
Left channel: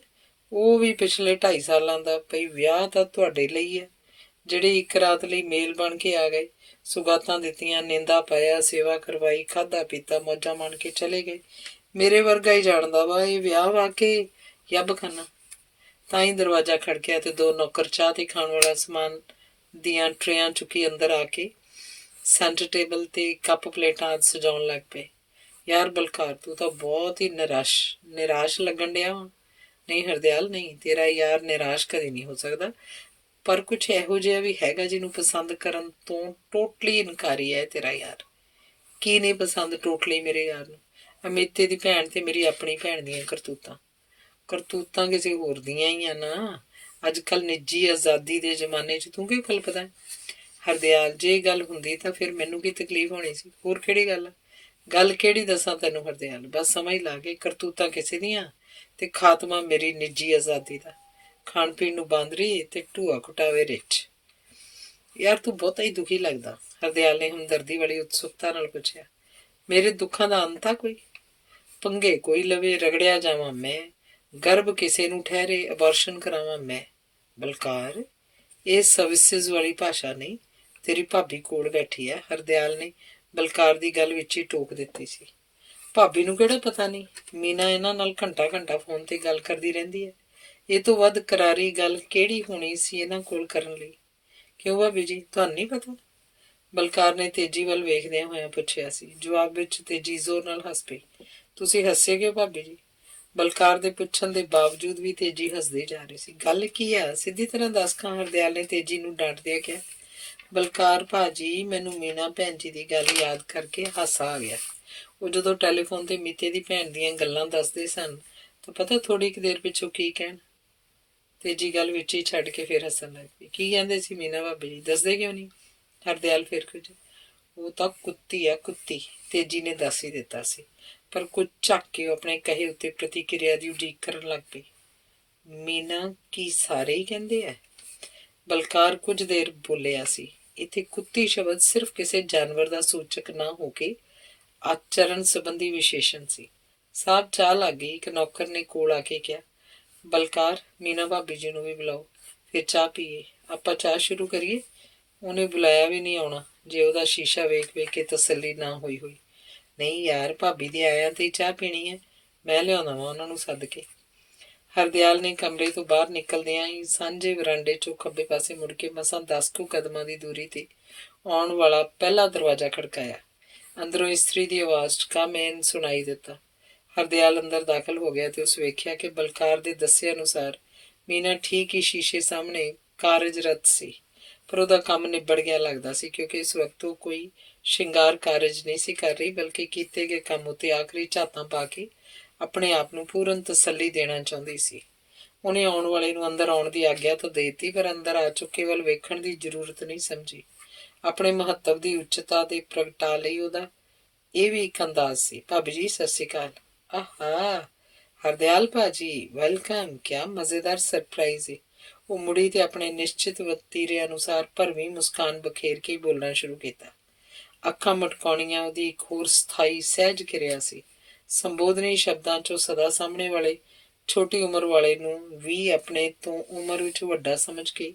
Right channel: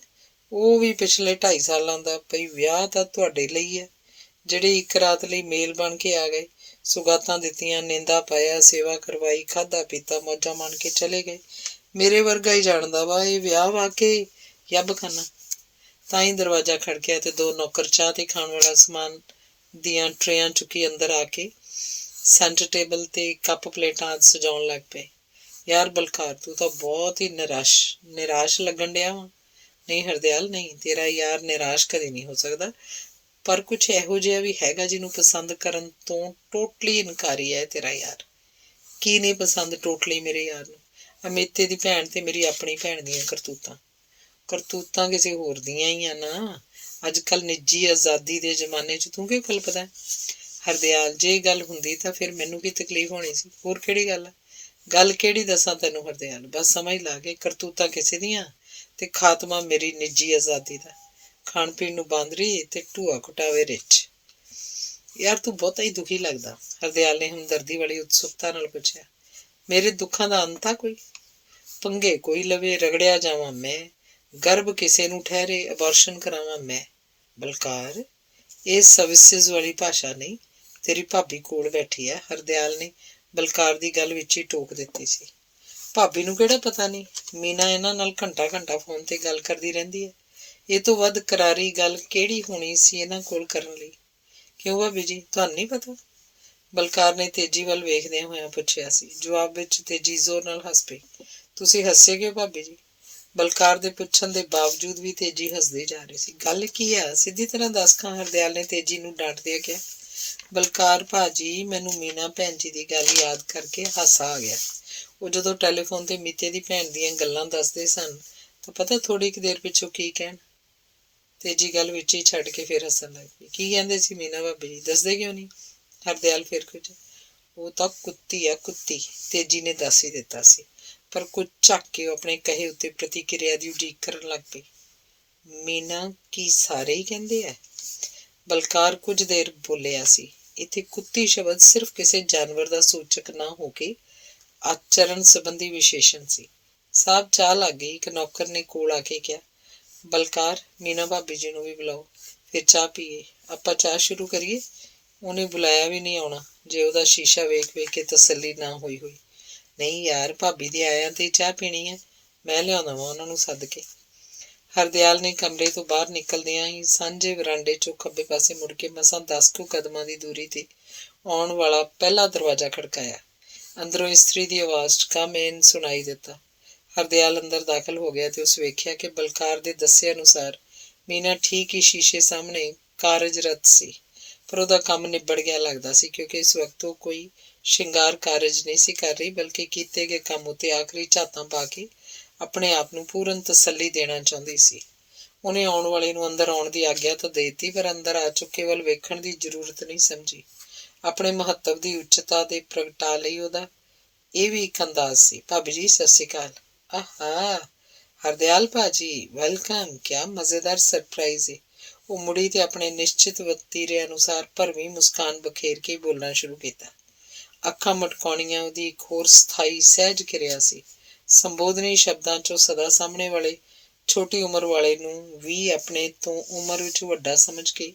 ਉਹ ਵੀ ਪਿਛਲੇ 2.5 ਸਾਲਾਂ ਦਾ। ਭਈ ਵਿਆਹ ਤਾਂ ਤੁਹਾਡੇ ਲਈ ਹੈ, ਜਿਹੜੇ ਇੱਕ ਰਾਤ ਲਈ ਮੇਲ ਬਣ ਕੇ ਆ ਗਏ, ਸੁਗਾਤਾਂ ਦਿੱਤੀਆਂ, ਨਿੰਦਾ ਪਾਇਆ, ਸੇਵਾ ਕਰਵਾਈ, ਖਾਧਾ ਪੀਤਾ, ਮੌਜਾਂ ਮਾਣ ਕੇ ਚਲੇ ਗਏ। ਮੇਰੇ ਵਰਗਾ ਹੀ ਜਾਣਦਾ ਵਾ ਇਹ ਵਿਆਹ ਵਾ ਕੇ ਯੱਬ ਖਾਨਾ। ਤਾਂ ਹੀ ਦਰਵਾਜ਼ਾ ਖੜਕਿਆ ਤੇ 2 ਨੌਕਰ ਚਾਹ ਤੇ ਖਾਣ ਵਾਲਾ ਸਮਾਨ ਦੀਆਂ ਟਰੇਆਂ ਚੁੱਕੀ ਅੰਦਰ ਆ ਕੇ ਸੈਂਟਰ ਟੇਬਲ ਤੇ ਕੱਪ ਪਲੇਟਾਂ ਆਦਿ ਸਜਾਉਣ ਲੱਗ ਪਏ। ਯਾਰ ਬਲਕਾਰ, ਤੂੰ ਤਾਂ ਬਹੁਤ ਹੀ ਨਿਰਾਸ਼ ਲੱਗਣ ਡਿਆ ਵਾ। ਨਹੀਂ ਹਰਦਿਆਲ, ਨਹੀਂ, ਤੇਰਾ ਯਾਰ ਨਿਰਾਸ਼ ਕਦੇ ਨਹੀਂ ਹੋ ਸਕਦਾ, ਪਰ ਕੁਛ ਇਹੋ ਜਿਹਾ ਵੀ ਹੈਗਾ ਜਿਹਨੂੰ ਪਸੰਦ ਕਰਨ ਤੋਂ ਟੋਟਲੀ ਇਨਕਾਰੀ ਹੈ ਤੇਰਾ ਯਾਰ। ਕੀ ਨਹੀਂ ਪਸੰਦ ਟੋਟਲੀ ਮੇਰੇ ਯਾਰ ਨੂੰ? ਅਮੀਤੇ ਦੀ ਭੈਣ ਤੇ ਮੇਰੀ ਆਪਣੀ ਭੈਣ ਦੀਆਂ ਕਰਤੂਤਾਂ ਕਿਸੇ ਹੋਰ ਦੀਆਂ ਹੀ ਆ ਨਾ। ਅੱਜ ਕੱਲ੍ਹ ਨਿੱਜੀ ਆਜ਼ਾਦੀ ਦੇ ਜ਼ਮਾਨੇ 'ਚ ਤੂੰ ਕਿਉਂ ਕਲਪਦਾ? ਹਰਦਿਆਲ, ਜੇ ਗੱਲ ਹੁੰਦੀ ਤਾਂ ਫਿਰ ਮੈਨੂੰ ਕੀ ਤਕਲੀਫ ਹੋਣੀ ਸੀ? ਹੋਰ ਕਿਹੜੀ ਗੱਲ ਆ? ਗੱਲ ਕਿਹੜੀ ਦੱਸਾਂ ਤੈਨੂੰ ਹਰਦਿਆਲ? ਬਸ ਸਮਝ ਲਾ ਕੇ ਕਰਤੂਤਾਂ ਕਿਸੇ ਦੀਆਂ ਤੇ ਖਾਤਮਾ ਮੇਰੀ ਨਿੱਜੀ ਆਜ਼ਾਦੀ ਦਾ। ਖਾਣ ਪੀਣ ਨੂੰ ਬਾਂਦਰੀ ਤੇ ਢੂਆ ਘੁਟਾਵੇ ਰਿੱਛ। ਯਾਰ ਤੂੰ ਬਹੁਤਾ ਹੀ ਦੁਖੀ ਲੱਗਦਾ, ਹਰਦਿਆਲ ਨੇ ਹਮਦਰਦੀ ਵਾਲੀ ਉਤਸੁਕਤਾ ਨਾਲ ਪੁੱਛਿਆ। ਮੇਰੇ ਦੁੱਖਾਂ ਦਾ ਅੰਤ ਆ ਕੋਈ? ਪੰਗੇ ਕੋਈ ਲਵੇ, ਰਗੜਿਆ ਜਾਵਾਂ ਮੈਂ, ਗਰਭ ਕਿਸੇ ਨੂੰ ਠਹਿਰੇ, ਅਬਾਰਸ਼ਨ ਕਰਾਵਾਂ ਮੈਂ। ਬਲਕਾਰ, ਇਹ ਸਰਵਿਸਿਜ਼ ਵਾਲੀ ਭਾਸ਼ਾ ਨਹੀਂ। ਤੇਰੀ ਭਾਬੀ ਕੋਲ ਬੈਠੀ ਹੈ। ਹਰਦਿਆਲ ਨੇ ਬਲਕਾਰ ਦੀ ਗੱਲ ਵਿੱਚ ਹੀ ਟੋਕ ਦਿੱਤੀ ਸੀ। ਭਾਬੀ ਨੂੰ ਕਿਹੜਾ ਪਤਾ ਨਹੀਂ, ਮੀਨਾ ਇਹਨਾਂ ਨਾਲ ਘੰਟਾ ਘੰਟਾ ਫੋਨ ਤੇ ਗੱਲ ਕਰਦੀ ਰਹਿੰਦੀ ਹੈ। ਇਹ ਤੋਂ ਵੱਧ ਕਰਾਰੀ ਗੱਲ ਕਿਹੜੀ ਹੋਣੀ ਸੀ ਇਹਨਾਂ ਕੋਲ ਕਰਨ ਲਈ? ਕਿਉਂ ਭਾਬੀ ਜੀ, ਤੁਹਾਨੂੰ ਨਹੀਂ ਪਤਾ? ਬਲਕਾਰ ਨੇ ਤੇਜੀ ਵੱਲ ਵੇਖਦਿਆਂ ਹੋਇਆਂ ਪੁੱਛਿਆ ਸੀ। ਜਵਾਬ ਵਿੱਚ ਤੇਜੀ ਜ਼ੋਰ ਨਾਲ ਹੱਸ ਪਈ। ਤੁਸੀਂ ਹੱਸੇ ਕਿਉਂ ਭਾਬੀ ਜੀ? ਬਲਕਾਰ ਦੇ ਪੁੱਛਣ ਦੇ ਬਾਵਜੂਦ ਵੀ ਤੇਜੀ ਹੱਸਦੇ ਜਾ ਰਹੀ ਸੀ। ਗੱਲ ਕੀ ਆ, ਸਿੱਧੀ ਤਰ੍ਹਾਂ ਦੱਸ ਖਾਂ, ਹਰਦਿਆਲ ਨੇ ਤੇਜੀ ਨੂੰ ਡਾਂਟਦਿਆਂ ਕਿਹਾ। ਬਲਕਾਰ ਭਾਜੀ, ਮੈਨੂੰ ਮੀਨਾ ਭੈਣ ਜੀ ਦੀ ਗੱਲ ਯਾਦ ਕਰਕੇ ਹਾਸਾ ਆ ਗਿਆ। ਉਹ ਜਦੋਂ ਟੈਲੀਫੋਨ ਤੇ ਮੀਤੇ ਦੀ ਭੈਣ ਦੀਆਂ ਗੱਲਾਂ ਦੱਸਦੇ ਸਨ ਤਾਂ ਪਤਾ ਥੋੜ੍ਹੀ ਕੁ ਦੇਰ ਪਿੱਛੋਂ ਕੀ ਕਹਿਣ। ਤੇਜੀ ਗੱਲ ਵਿੱਚ ਹੀ ਛੱਡ ਕੇ ਫਿਰ ਹੱਸਣ ਲੱਗ ਪਈ। ਕੀ ਕਹਿੰਦੇ ਸੀ ਮੀਨਾ ਭਾਬੀ ਜੀ? ਦੱਸਦੇ ਕਿਉਂ ਨਹੀਂ? ਹਰਦਿਆਲ ਫਿਰ ਕੁਝ। ਉਹ ਤਾਂ ਕੁੱਤੀ ਆ, ਕੁੱਤੀ, ਤੇਜੀ ਨੇ ਦੱਸ ਹੀ ਦਿੱਤਾ ਸੀ, ਪਰ ਕੁਝ ਝੱਕ ਕੇ ਉਹ ਆਪਣੇ ਕਹੇ ਉੱਤੇ ਪ੍ਰਤੀਕਿਰਿਆ ਦੀ ਉਡੀਕ ਕਰਨ ਲੱਗ ਪਈ। ਮੀਨਾ ਕੀ ਸਾਰੇ ਹੀ ਕਹਿੰਦੇ ਆ? ਬਲਕਾਰ ਕੁਝ ਦੇਰ ਬੋਲਿਆ ਸੀ। ਇੱਥੇ ਕੁੱਤੀ ਸ਼ਬਦ ਸਿਰਫ ਕਿਸੇ ਜਾਨਵਰ ਦਾ ਸੂਚਕ ਨਾ ਹੋ ਕੇ ਆਚਰਣ ਸੰਬੰਧੀ ਵਿਸ਼ੇਸ਼ਣ ਸੀ। ਸਾਹਬ ਚਾਹ ਲੱਗ ਗਈ। ਇੱਕ ਨੌਕਰ ਨੇ ਕੋਲ ਆ ਕੇ ਕਿਹਾ, ਬਲਕਾਰ, ਮੀਨਾ ਭਾਬੀ ਜੀ ਨੂੰ ਵੀ ਬੁਲਾਓ, ਫਿਰ ਚਾਹ ਪੀਏ। ਆਪਾਂ ਚਾਹ ਸ਼ੁਰੂ ਕਰੀਏ? ਉਹਨੇ ਬੁਲਾਇਆ ਵੀ ਨਹੀਂ ਆਉਣਾ ਜੇ ਉਹਦਾ ਸ਼ੀਸ਼ਾ ਵੇਖ ਵੇਖ ਕੇ ਤਸੱਲੀ ਨਾ ਹੋਈ। ਨਹੀਂ ਯਾਰ, ਭਾਬੀ ਦੇ ਆਇਆਂ ਤੇ ਚਾਹ ਪੀਣੀ ਹੈ, ਮੈਂ ਲਿਆਉਂਦਾ ਵਾਂ ਉਹਨਾਂ ਨੂੰ ਸੱਦ ਕੇ। ਹਰਦਿਆਲ ਨੇ ਕਮਰੇ ਤੋਂ ਬਾਹਰ ਨਿਕਲਦਿਆਂ ਹੀ ਸਾਂਝੇ ਵਰਾਂਡੇ 'ਚੋਂ ਖੱਬੇ ਪਾਸੇ ਮੁੜ ਕੇ ਮਸਾਂ 10 ਕੁ ਕਦਮਾਂ ਦੀ ਦੂਰੀ ਤੇ ਆਉਣ ਵਾਲਾ ਪਹਿਲਾ ਦਰਵਾਜ਼ਾ ਖੜਕਾਇਆ। ਅੰਦਰੋਂ ਇਸਤਰੀ ਦੀ ਆਵਾਜ਼ 'ਚ ਕਮ ਇਨ ਸੁਣਾਈ ਦਿੱਤਾ। ਹਰਦਿਆਲ ਅੰਦਰ ਦਾਖਲ ਹੋ ਗਿਆ ਤੇ ਉਸ ਵੇਖਿਆ ਕਿ ਬਲਕਾਰ ਦੇ ਦੱਸੇ ਅਨੁਸਾਰ ਮੀਨਾ ਠੀਕ ਹੀ ਸ਼ੀਸ਼ੇ ਸਾਹਮਣੇ ਕਾਰਜਰਤ ਸੀ, ਪਰ ਉਹਦਾ ਕੰਮ ਨਿਬੜ ਗਿਆ ਲੱਗਦਾ ਸੀ, ਕਿਉਂਕਿ ਇਸ ਵਕਤ ਉਹ ਕੋਈ ਸ਼ਿੰਗਾਰ ਕਾਰਜ ਨਹੀਂ ਸੀ ਕਰ ਰਹੀ, ਬਲਕਿ ਕੀਤੇ ਗਏ ਕੰਮ ਉੱਤੇ ਆਖਰੀ ਝਾਤਾਂ ਪਾ ਕੇ ਆਪਣੇ ਆਪ ਨੂੰ ਪੂਰਨ ਤਸੱਲੀ ਦੇਣਾ ਚਾਹੁੰਦੀ ਸੀ। ਉਹਨੇ ਆਉਣ ਵਾਲੇ ਨੂੰ ਅੰਦਰ ਆਉਣ ਦੀ ਆਗਿਆ ਤਾਂ ਦੇ ਦਿੱਤੀ, ਪਰ ਅੰਦਰ ਆ ਚੁੱਕੇ ਵੱਲ ਵੇਖਣ ਦੀ ਜ਼ਰੂਰਤ ਨਹੀਂ ਸਮਝੀ। ਆਪਣੇ ਮਹੱਤਵ ਦੀ ਉੱਚਤਾ ਦੇ ਪ੍ਰਗਟਾ ਲਈ ਉਹਦਾ ਇਹ ਵੀ ਇੱਕ ਅੰਦਾਜ਼ ਸੀ। ਭਾਬੀ ਜੀ ਸਤਿ ਸ਼੍ਰੀ ਅਕਾਲ। ਆਹਾ ਹਰਦਿਆਲ ਭਾਜੀ, ਵੈਲਕਮ। ਕਿਆ ਮਜ਼ੇਦਾਰ ਸਰਪ੍ਰਾਈਜ਼ ਹੈ। ਉਹ ਮੁੜੀ ਤੇ ਆਪਣੇ ਨਿਸ਼ਚਿਤ ਵਤੀਰੇ ਅਨੁਸਾਰ ਭਰਵੀਂ ਮੁਸਕਾਨ ਬਖੇਰ ਕੇ ਬੋਲਣਾ ਸ਼ੁਰੂ ਕੀਤਾ। ਅੱਖਾਂ ਮਟਕਾਉਣੀਆਂ ਉਹਦੀ ਇੱਕ ਹੋਰ ਸਥਾਈ ਸਹਿਜ ਕਿਰਿਆ ਸੀ। ਸੰਬੋਧਨੀ ਸ਼ਬਦਾਂ 'ਚੋਂ ਸਦਾ ਸਾਹਮਣੇ ਵਾਲੇ ਛੋਟੀ ਉਮਰ ਵਾਲੇ ਨੂੰ ਵੀ ਆਪਣੇ ਤੋਂ ਉਮਰ ਵਿੱਚ ਵੱਡਾ ਸਮਝ ਕੇ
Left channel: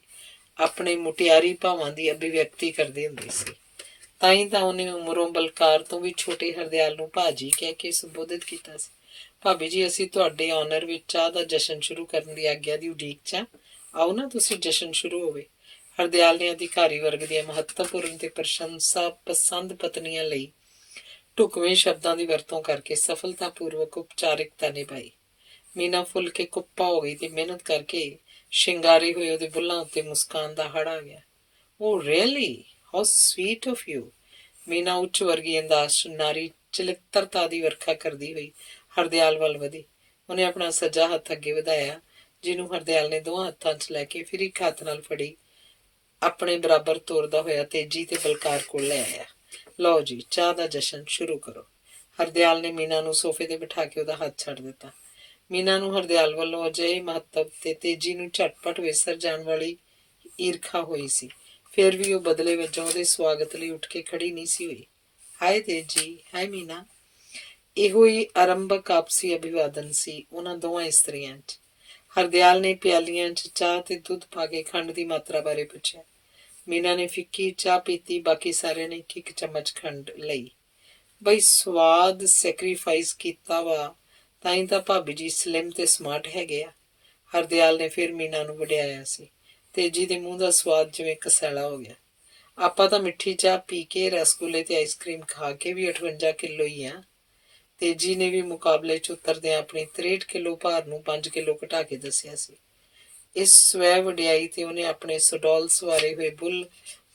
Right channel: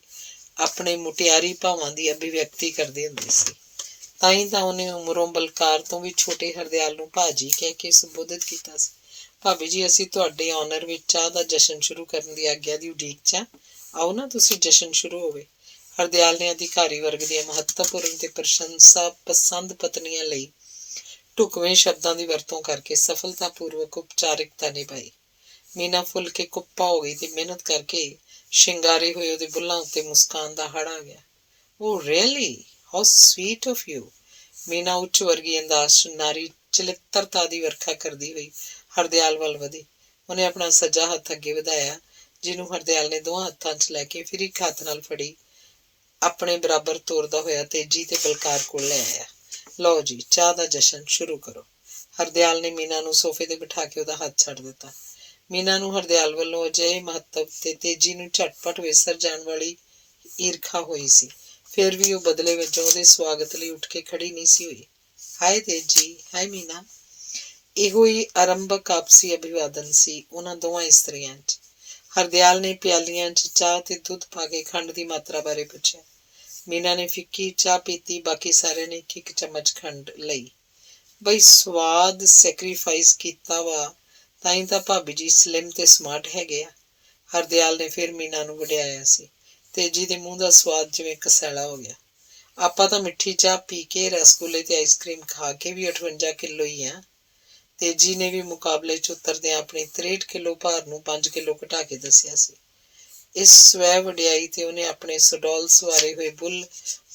ਆਪਣੇ ਮੁਟਿਆਰੀ ਭਾਵਾਂ ਦੀ ਅਭਿਵਿਅਕਤੀ ਕਰਦੀ ਹੁੰਦੀ ਸੀ। ਤਾਂ ਹੀ ਤਾਂ ਉਹਨੇ ਉਮਰੋਂ ਬਲਕਾਰ ਤੋਂ ਵੀ ਛੋਟੇ ਹਰਦਿਆਲ ਨੂੰ ਭਾਜੀ ਕਹਿ ਕੇ ਸੰਬੋਧਿਤ ਕੀਤਾ ਸੀ। ਭਾਬੀ ਜੀ, ਅਸੀਂ ਤੁਹਾਡੇ ਆਨਰ ਵਿੱਚ ਚਾਹ ਦਾ ਜਸ਼ਨ ਸ਼ੁਰੂ ਕਰਨ ਦੀ ਆਗਿਆ ਦੀ ਉਡੀਕ 'ਚ ਆਓ ਨਾ, ਤੁਸੀਂ ਜਸ਼ਨ ਸ਼ੁਰੂ ਹੋਵੇ। ਹਰਦਿਆਲ ਨੇ ਅਧਿਕਾਰੀ ਵਰਗ ਦੀਆਂ ਮਹੱਤਵਪੂਰਨ ਤੇ ਪ੍ਰਸ਼ੰਸਾ ਪਸੰਦ ਪਤਨੀਆਂ ਲਈ ਢੁਕਵੇਂ ਸ਼ਬਦਾਂ ਦੀ ਵਰਤੋਂ ਕਰਕੇ ਸਫਲਤਾਪੂਰਵਕ ਉਪਚਾਰਿਕਤਾ ਨਿਭਾਈ। ਮੀਨਾ ਫੁੱਲ ਕੇ ਕੁੱਪਾ ਹੋ ਗਈ ਤੇ ਮਿਹਨਤ ਕਰਕੇ ਸ਼ਿੰਗਾਰੇ ਹੋਏ ਉਹਦੇ ਬੁੱਲ੍ਹਾਂ ਉੱਤੇ ਮੁਸਕਾਨ ਦਾ ਹੜ ਆ ਗਿਆ। Oh really, how sweet of you. ਮੀਨਾ ਉੱਚ ਵਰਗੀ ਅੰਦਾਜ਼ 'ਚ ਨਾਰੀ ਚਲਿੱਤਰਤਾ ਦੀ ਵਰਖਾ ਕਰਦੀ ਹੋਈ ਹਰਦਿਆਲ ਵੱਲ ਵਧੀ। ਉਹਨੇ ਆਪਣਾ ਸੱਜਾ ਹੱਥ ਅੱਗੇ ਵਧਾਇਆ, ਜਿਹਨੂੰ ਹਰਦਿਆਲ ਨੇ ਦੋਹਾਂ ਹੱਥਾਂ 'ਚ ਲੈ ਕੇ ਫਿਰ ਇੱਕ ਹੱਥ ਨਾਲ ਫੜੀ ਆਪਣੇ ਬਰਾਬਰ ਤੋਰਦਾ ਹੋਇਆ ਤੇਜੀ ਤੇ ਬਲਕਾਰ ਕੋਲ ਲੈ ਆਇਆ। ਲਓ ਜੀ, ਚਾਹ ਦਾ ਜਸ਼ਨ ਸ਼ੁਰੂ ਕਰੋ। ਹਰਦਿਆਲ ਨੇ ਮੀਨਾ ਨੂੰ ਸੋਫੇ ਤੇ ਬਿਠਾ ਕੇ ਉਹਦਾ ਹੱਥ ਛੱਡ ਦਿੱਤਾ। ਮੀਨਾ ਨੂੰ ਹਰਦਿਆਲ ਵੱਲੋਂ ਅਜਿਹੇ ਮਹੱਤਵ ਤੇ ਤੇਜੀ ਨੂੰ ਝਟਪਟ ਵਿਸਰ ਜਾਣ ਵਾਲੀ ਈਰਖਾ ਹੋਈ ਸੀ। ਫਿਰ ਵੀ ਉਹ ਬਦਲੇ ਵਜੋਂ ਉਹਦੇ ਸਵਾਗਤ ਲਈ ਉੱਠ ਕੇ ਖੜੀ ਨਹੀਂ ਸੀ ਹੋਈ। ਹਾਏ ਤੇਜੀ, ਹਾਏ ਮੀਨਾ। ਇਹੋ ਹੀ ਆਰੰਭਕ ਆਪਸੀ ਅਭਿਵਾਦਨ ਸੀ ਉਹਨਾਂ ਦੋਵਾਂ ਇਸਤਰੀਆਂ 'ਚ। ਹਰਦਿਆਲ ਨੇ ਪਿਆਲੀਆਂ 'ਚ ਚਾਹ ਤੇ ਦੁੱਧ ਪਾ ਕੇ ਖੰਡ ਦੀ ਮਾਤਰਾ ਬਾਰੇ ਪੁੱਛਿਆ। ਮੀਨਾ ਨੇ ਫਿੱਕੀ ਚਾਹ ਪੀਤੀ, ਬਾਕੀ ਸਾਰਿਆਂ ਨੇ ਇੱਕ ਚਮਚ ਖੰਡ ਲਈ। ਬਈ ਸਵਾਦ ਸੈਕਰੀਫਾਈਸ ਕੀਤਾ ਵਾ, ਤਾਂ ਹੀ ਤਾਂ ਭਾਬੀ ਜੀ ਸਲਿਮ ਤੇ ਸਮਾਰਟ ਹੈਗੇ ਆ। ਹਰਦਿਆਲ ਨੇ ਫਿਰ ਮੀਨਾ ਨੂੰ ਵਡਿਆਇਆ ਸੀ। ਤੇਜੀ ਦੇ ਮੂੰਹ ਦਾ ਸਵਾਦ ਜਿਵੇਂ ਕਸੈਲਾ ਹੋ ਗਿਆ। ਆਪਾਂ ਤਾਂ ਮਿੱਠੀ ਚਾਹ ਪੀ ਕੇ, ਰਸਗੁੱਲੇ ਤੇ ਆਈਸਕ੍ਰੀਮ ਖਾ ਕੇ ਵੀ 58 ਕਿਲੋ ਹੀ ਆ। ਤੇਜੀ ਨੇ ਵੀ ਮੁਕਾਬਲੇ 'ਚ ਉਤਰਦਿਆਂ ਆਪਣੀ 63 ਕਿਲੋ ਭਾਰ ਨੂੰ 5 ਕਿਲੋ ਘਟਾ ਕੇ ਦੱਸਿਆ ਸੀ। ਇਸ ਸਵੈ ਵਡਿਆਈ ਤੇ ਉਹਨੇ ਆਪਣੇ ਸੁਡੌਲ ਸਵਾਰੇ ਹੋਏ ਬੁੱਲ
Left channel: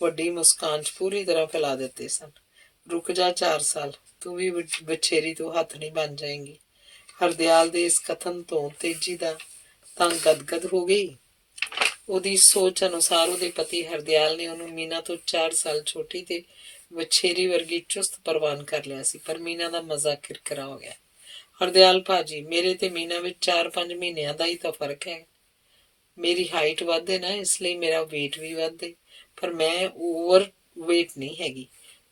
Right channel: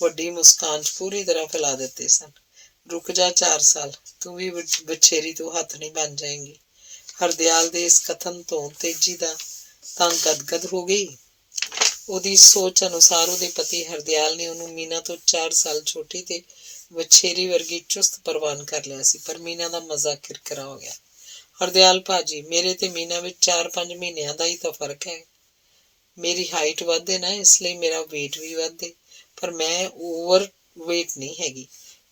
ਵੱਡੀ ਮੁਸਕਾਨ 'ਚ ਪੂਰੀ ਤਰ੍ਹਾਂ ਫੈਲਾ ਦਿੱਤੇ ਸਨ। ਰੁਕ ਜਾ 4 ਸਾਲ, ਤੂੰ ਵੀ ਬਛੇਰੀ ਤੋਂ ਹੱਥ ਨਹੀਂ ਬਣ ਜਾਏਂਗੀ। ਹਰਦਿਆਲ ਦੇ ਇਸ ਕਥਨ ਤੋਂ ਤੇਜੀ ਦਾ ਤਾਂ ਗਦਗਦ ਹੋ ਗਈ। ਉਹਦੀ ਸੋਚ ਅਨੁਸਾਰ ਉਹਦੇ ਪਤੀ ਹਰਦਿਆਲ ਨੇ ਉਹਨੂੰ ਮੀਨਾ ਤੋਂ 4 ਸਾਲ ਛੋਟੀ ਤੇ ਵਛੇਰੀ ਵਰਗੀ ਚੁਸਤ ਪ੍ਰਵਾਨ ਕਰ ਲਿਆ ਸੀ। ਪਰ ਮੀਨਾ ਦਾ ਮਜ਼ਾ ਕਿਰਕਿਰਾ ਹੋ ਗਿਆ। ਹਰਦਿਆਲ ਭਾਜੀ, ਮੇਰੇ ਤੇ ਮੀਨਾ ਵਿੱਚ 4-5 ਮਹੀਨਿਆਂ ਦਾ ਹੀ ਤਾਂ ਫਰਕ ਹੈ। ਮੇਰੀ ਹਾਈਟ ਵੱਧ ਹੈ ਨਾ, ਇਸ ਲਈ ਮੇਰਾ ਵੇਟ ਵੀ ਵੱਧ ਹੈ, ਪਰ ਮੈਂ ਓਵਰ ਵੇਟ ਨਹੀਂ ਹੈਗੀ।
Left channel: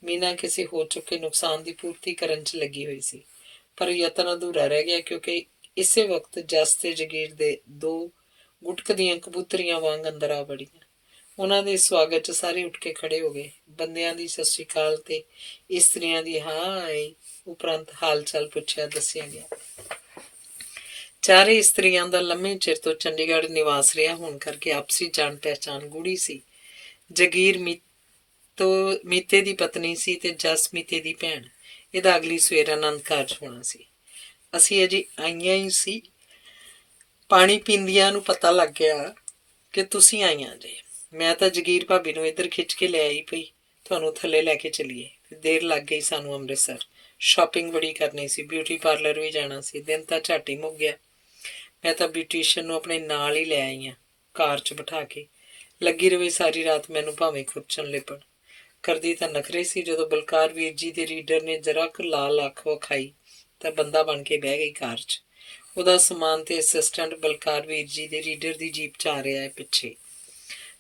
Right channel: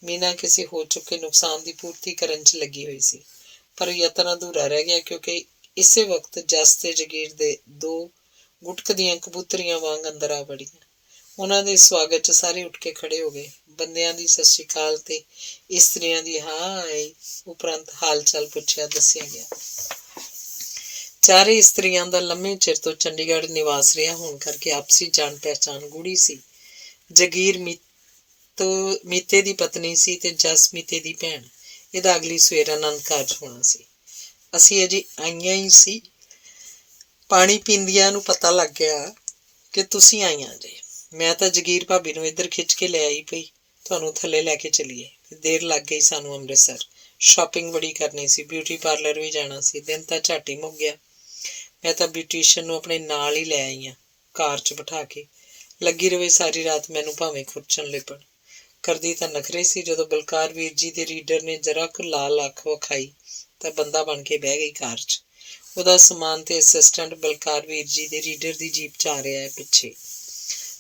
ਮੀਨਾ ਕਿਸੇ ਹੋ ਚੁੱਕੇ ਨੁਕਸਾਨ ਦੀ ਪੂਰਤੀ ਕਰਨ 'ਚ ਲੱਗੀ ਹੋਈ ਸੀ, ਪਰ ਯਤਨ ਅਧੂਰਾ ਰਹਿ ਗਿਆ ਕਿਉਂਕਿ ਇਸੇ ਵਕਤ ਜਸ ਤੇ ਜਗੀਰ ਦੇ 2 ਗੁਟਕਦੀਆਂ ਕਬੂਤਰੀਆਂ ਵਾਂਗ ਅੰਦਰ ਆ ਵੜੀਆਂ। ਉਹਨਾਂ ਦੇ ਸਵਾਗਤ 'ਚ ਸਾਰੇ ਉੱਠ ਕੇ ਖੜੇ ਹੋ ਗਏ। ਬੰਦਿਆਂ ਦੀ ਸਤਿ ਸ਼੍ਰੀ ਅਕਾਲ ਤੇ ਇਸਤਰੀਆਂ ਦੀ ਹਾਏ ਉਪਰੰਤ ਹਾਲ ਚਾਲ ਪੁੱਛਿਆ ਦੱਸਿਆ ਗਿਆ। ਚਾਰੇ ਇਸਤਰੀਆਂ ਦਾ ਲੰਮੇ ਚਿਰ ਤੋਂ ਚੰਡੀਗੜ੍ਹ ਨਿਵਾਸ ਰਿਹਾ ਹੋਣ ਕਰਕੇ ਆਪਸੀ ਜਾਣ ਪਹਿਚਾਣ ਗੂੜੀ ਸੀ। ਜਗੀਰ ਮੀਤੇ ਦੀ ਪਤਨੀ ਸੀ ਤੇ ਜਸ ਮੀਤੇ ਦੀ ਭੈਣ। ਇਹਦਾ ਅਗਲੀ ਸਵੇਰ ਆਨੰਦ ਕਾਰਜ ਹੋਣਾ ਸੀ। ਅਸੀਂ ਅਜੇ ਆਈਆਂ ਹੀ ਸੀ, ਪਾਣੀ ਪੀਂਦਿਆਂ ਨੂੰ ਪਤਾ ਲੱਗ ਗਿਆ ਕਿ ਤੁਸੀਂ ਆਈਆਂ ਜੇ। ਮੈਂ ਤਾਂ ਜਗੀਰ ਭਾਬੀ ਨੂੰ ਇੱਧਰ ਖਿੱਚ ਕੇ ਲੈ ਆਈ ਪਈ, ਤੁਹਾਨੂੰ ਥੱਲੇ ਲੈ ਕੇ ਚੱਲੀਏ। ਦੇਰ ਲੱਗ ਗਈ ਸਾਨੂੰ ਅੰਮ੍ਰਿਤਸਰ। ਸ਼ਾਪਿੰਗ ਬੜੀ ਕਰਨੀ ਸੀ, ਬਿਊਟੀ ਪਾਰਲਰ ਵੀ ਜਾਣਾ ਸੀ। ਦਿਨ ਤਾਂ ਝੱਟ ਹੀ ਮੁੱਕ ਗਿਆ। ਮੈਂ ਤਾਂ ਬਿਊਟੀਸ਼ੀਅਨ ਨੂੰ ਆਪਣੇ ਨਾਲ ਹੀ ਲੈ ਆਈ ਹਾਂ, ਕਾਰ 'ਚ ਬਿਠਾ ਕੇ। ਲੱਗੀ ਰਵੇ ਸਾਰੀ ਰਾਤ, ਮੈਨੂੰ ਭਾਵੇਂ ਖੁਰਚਣ ਲਿਪਣ। ਕਰਦੀ ਤਾਂ ਨਖਰੇ ਸੀ। ਜਦੋਂ ਬਲਕਾਰ ਵੀਰ ਜੀ ਦੇ ਰੀਡਰ ਨੇ ਜਰਾ ਕੁ ਲਾਲ ਅੱਖ ਵਿਖਾਈ ਤਾਂ ਬੰਦਾ ਬਣ ਕੇ ਬਹਿ ਗਈ ਕਾਰ 'ਚ। ਉਹਦਾ ਸਮਾਨ ਤੇ ਅਸਿਸਟੈਂਟ ਬਲਕਾਰ ਵੀਰ ਜੀ ਦੇ ਰੀਡਰ ਦੀ ਜੀਪ 'ਚ ਆ ਰਿਹਾ ਹੈ ਪਿੱਛੇ।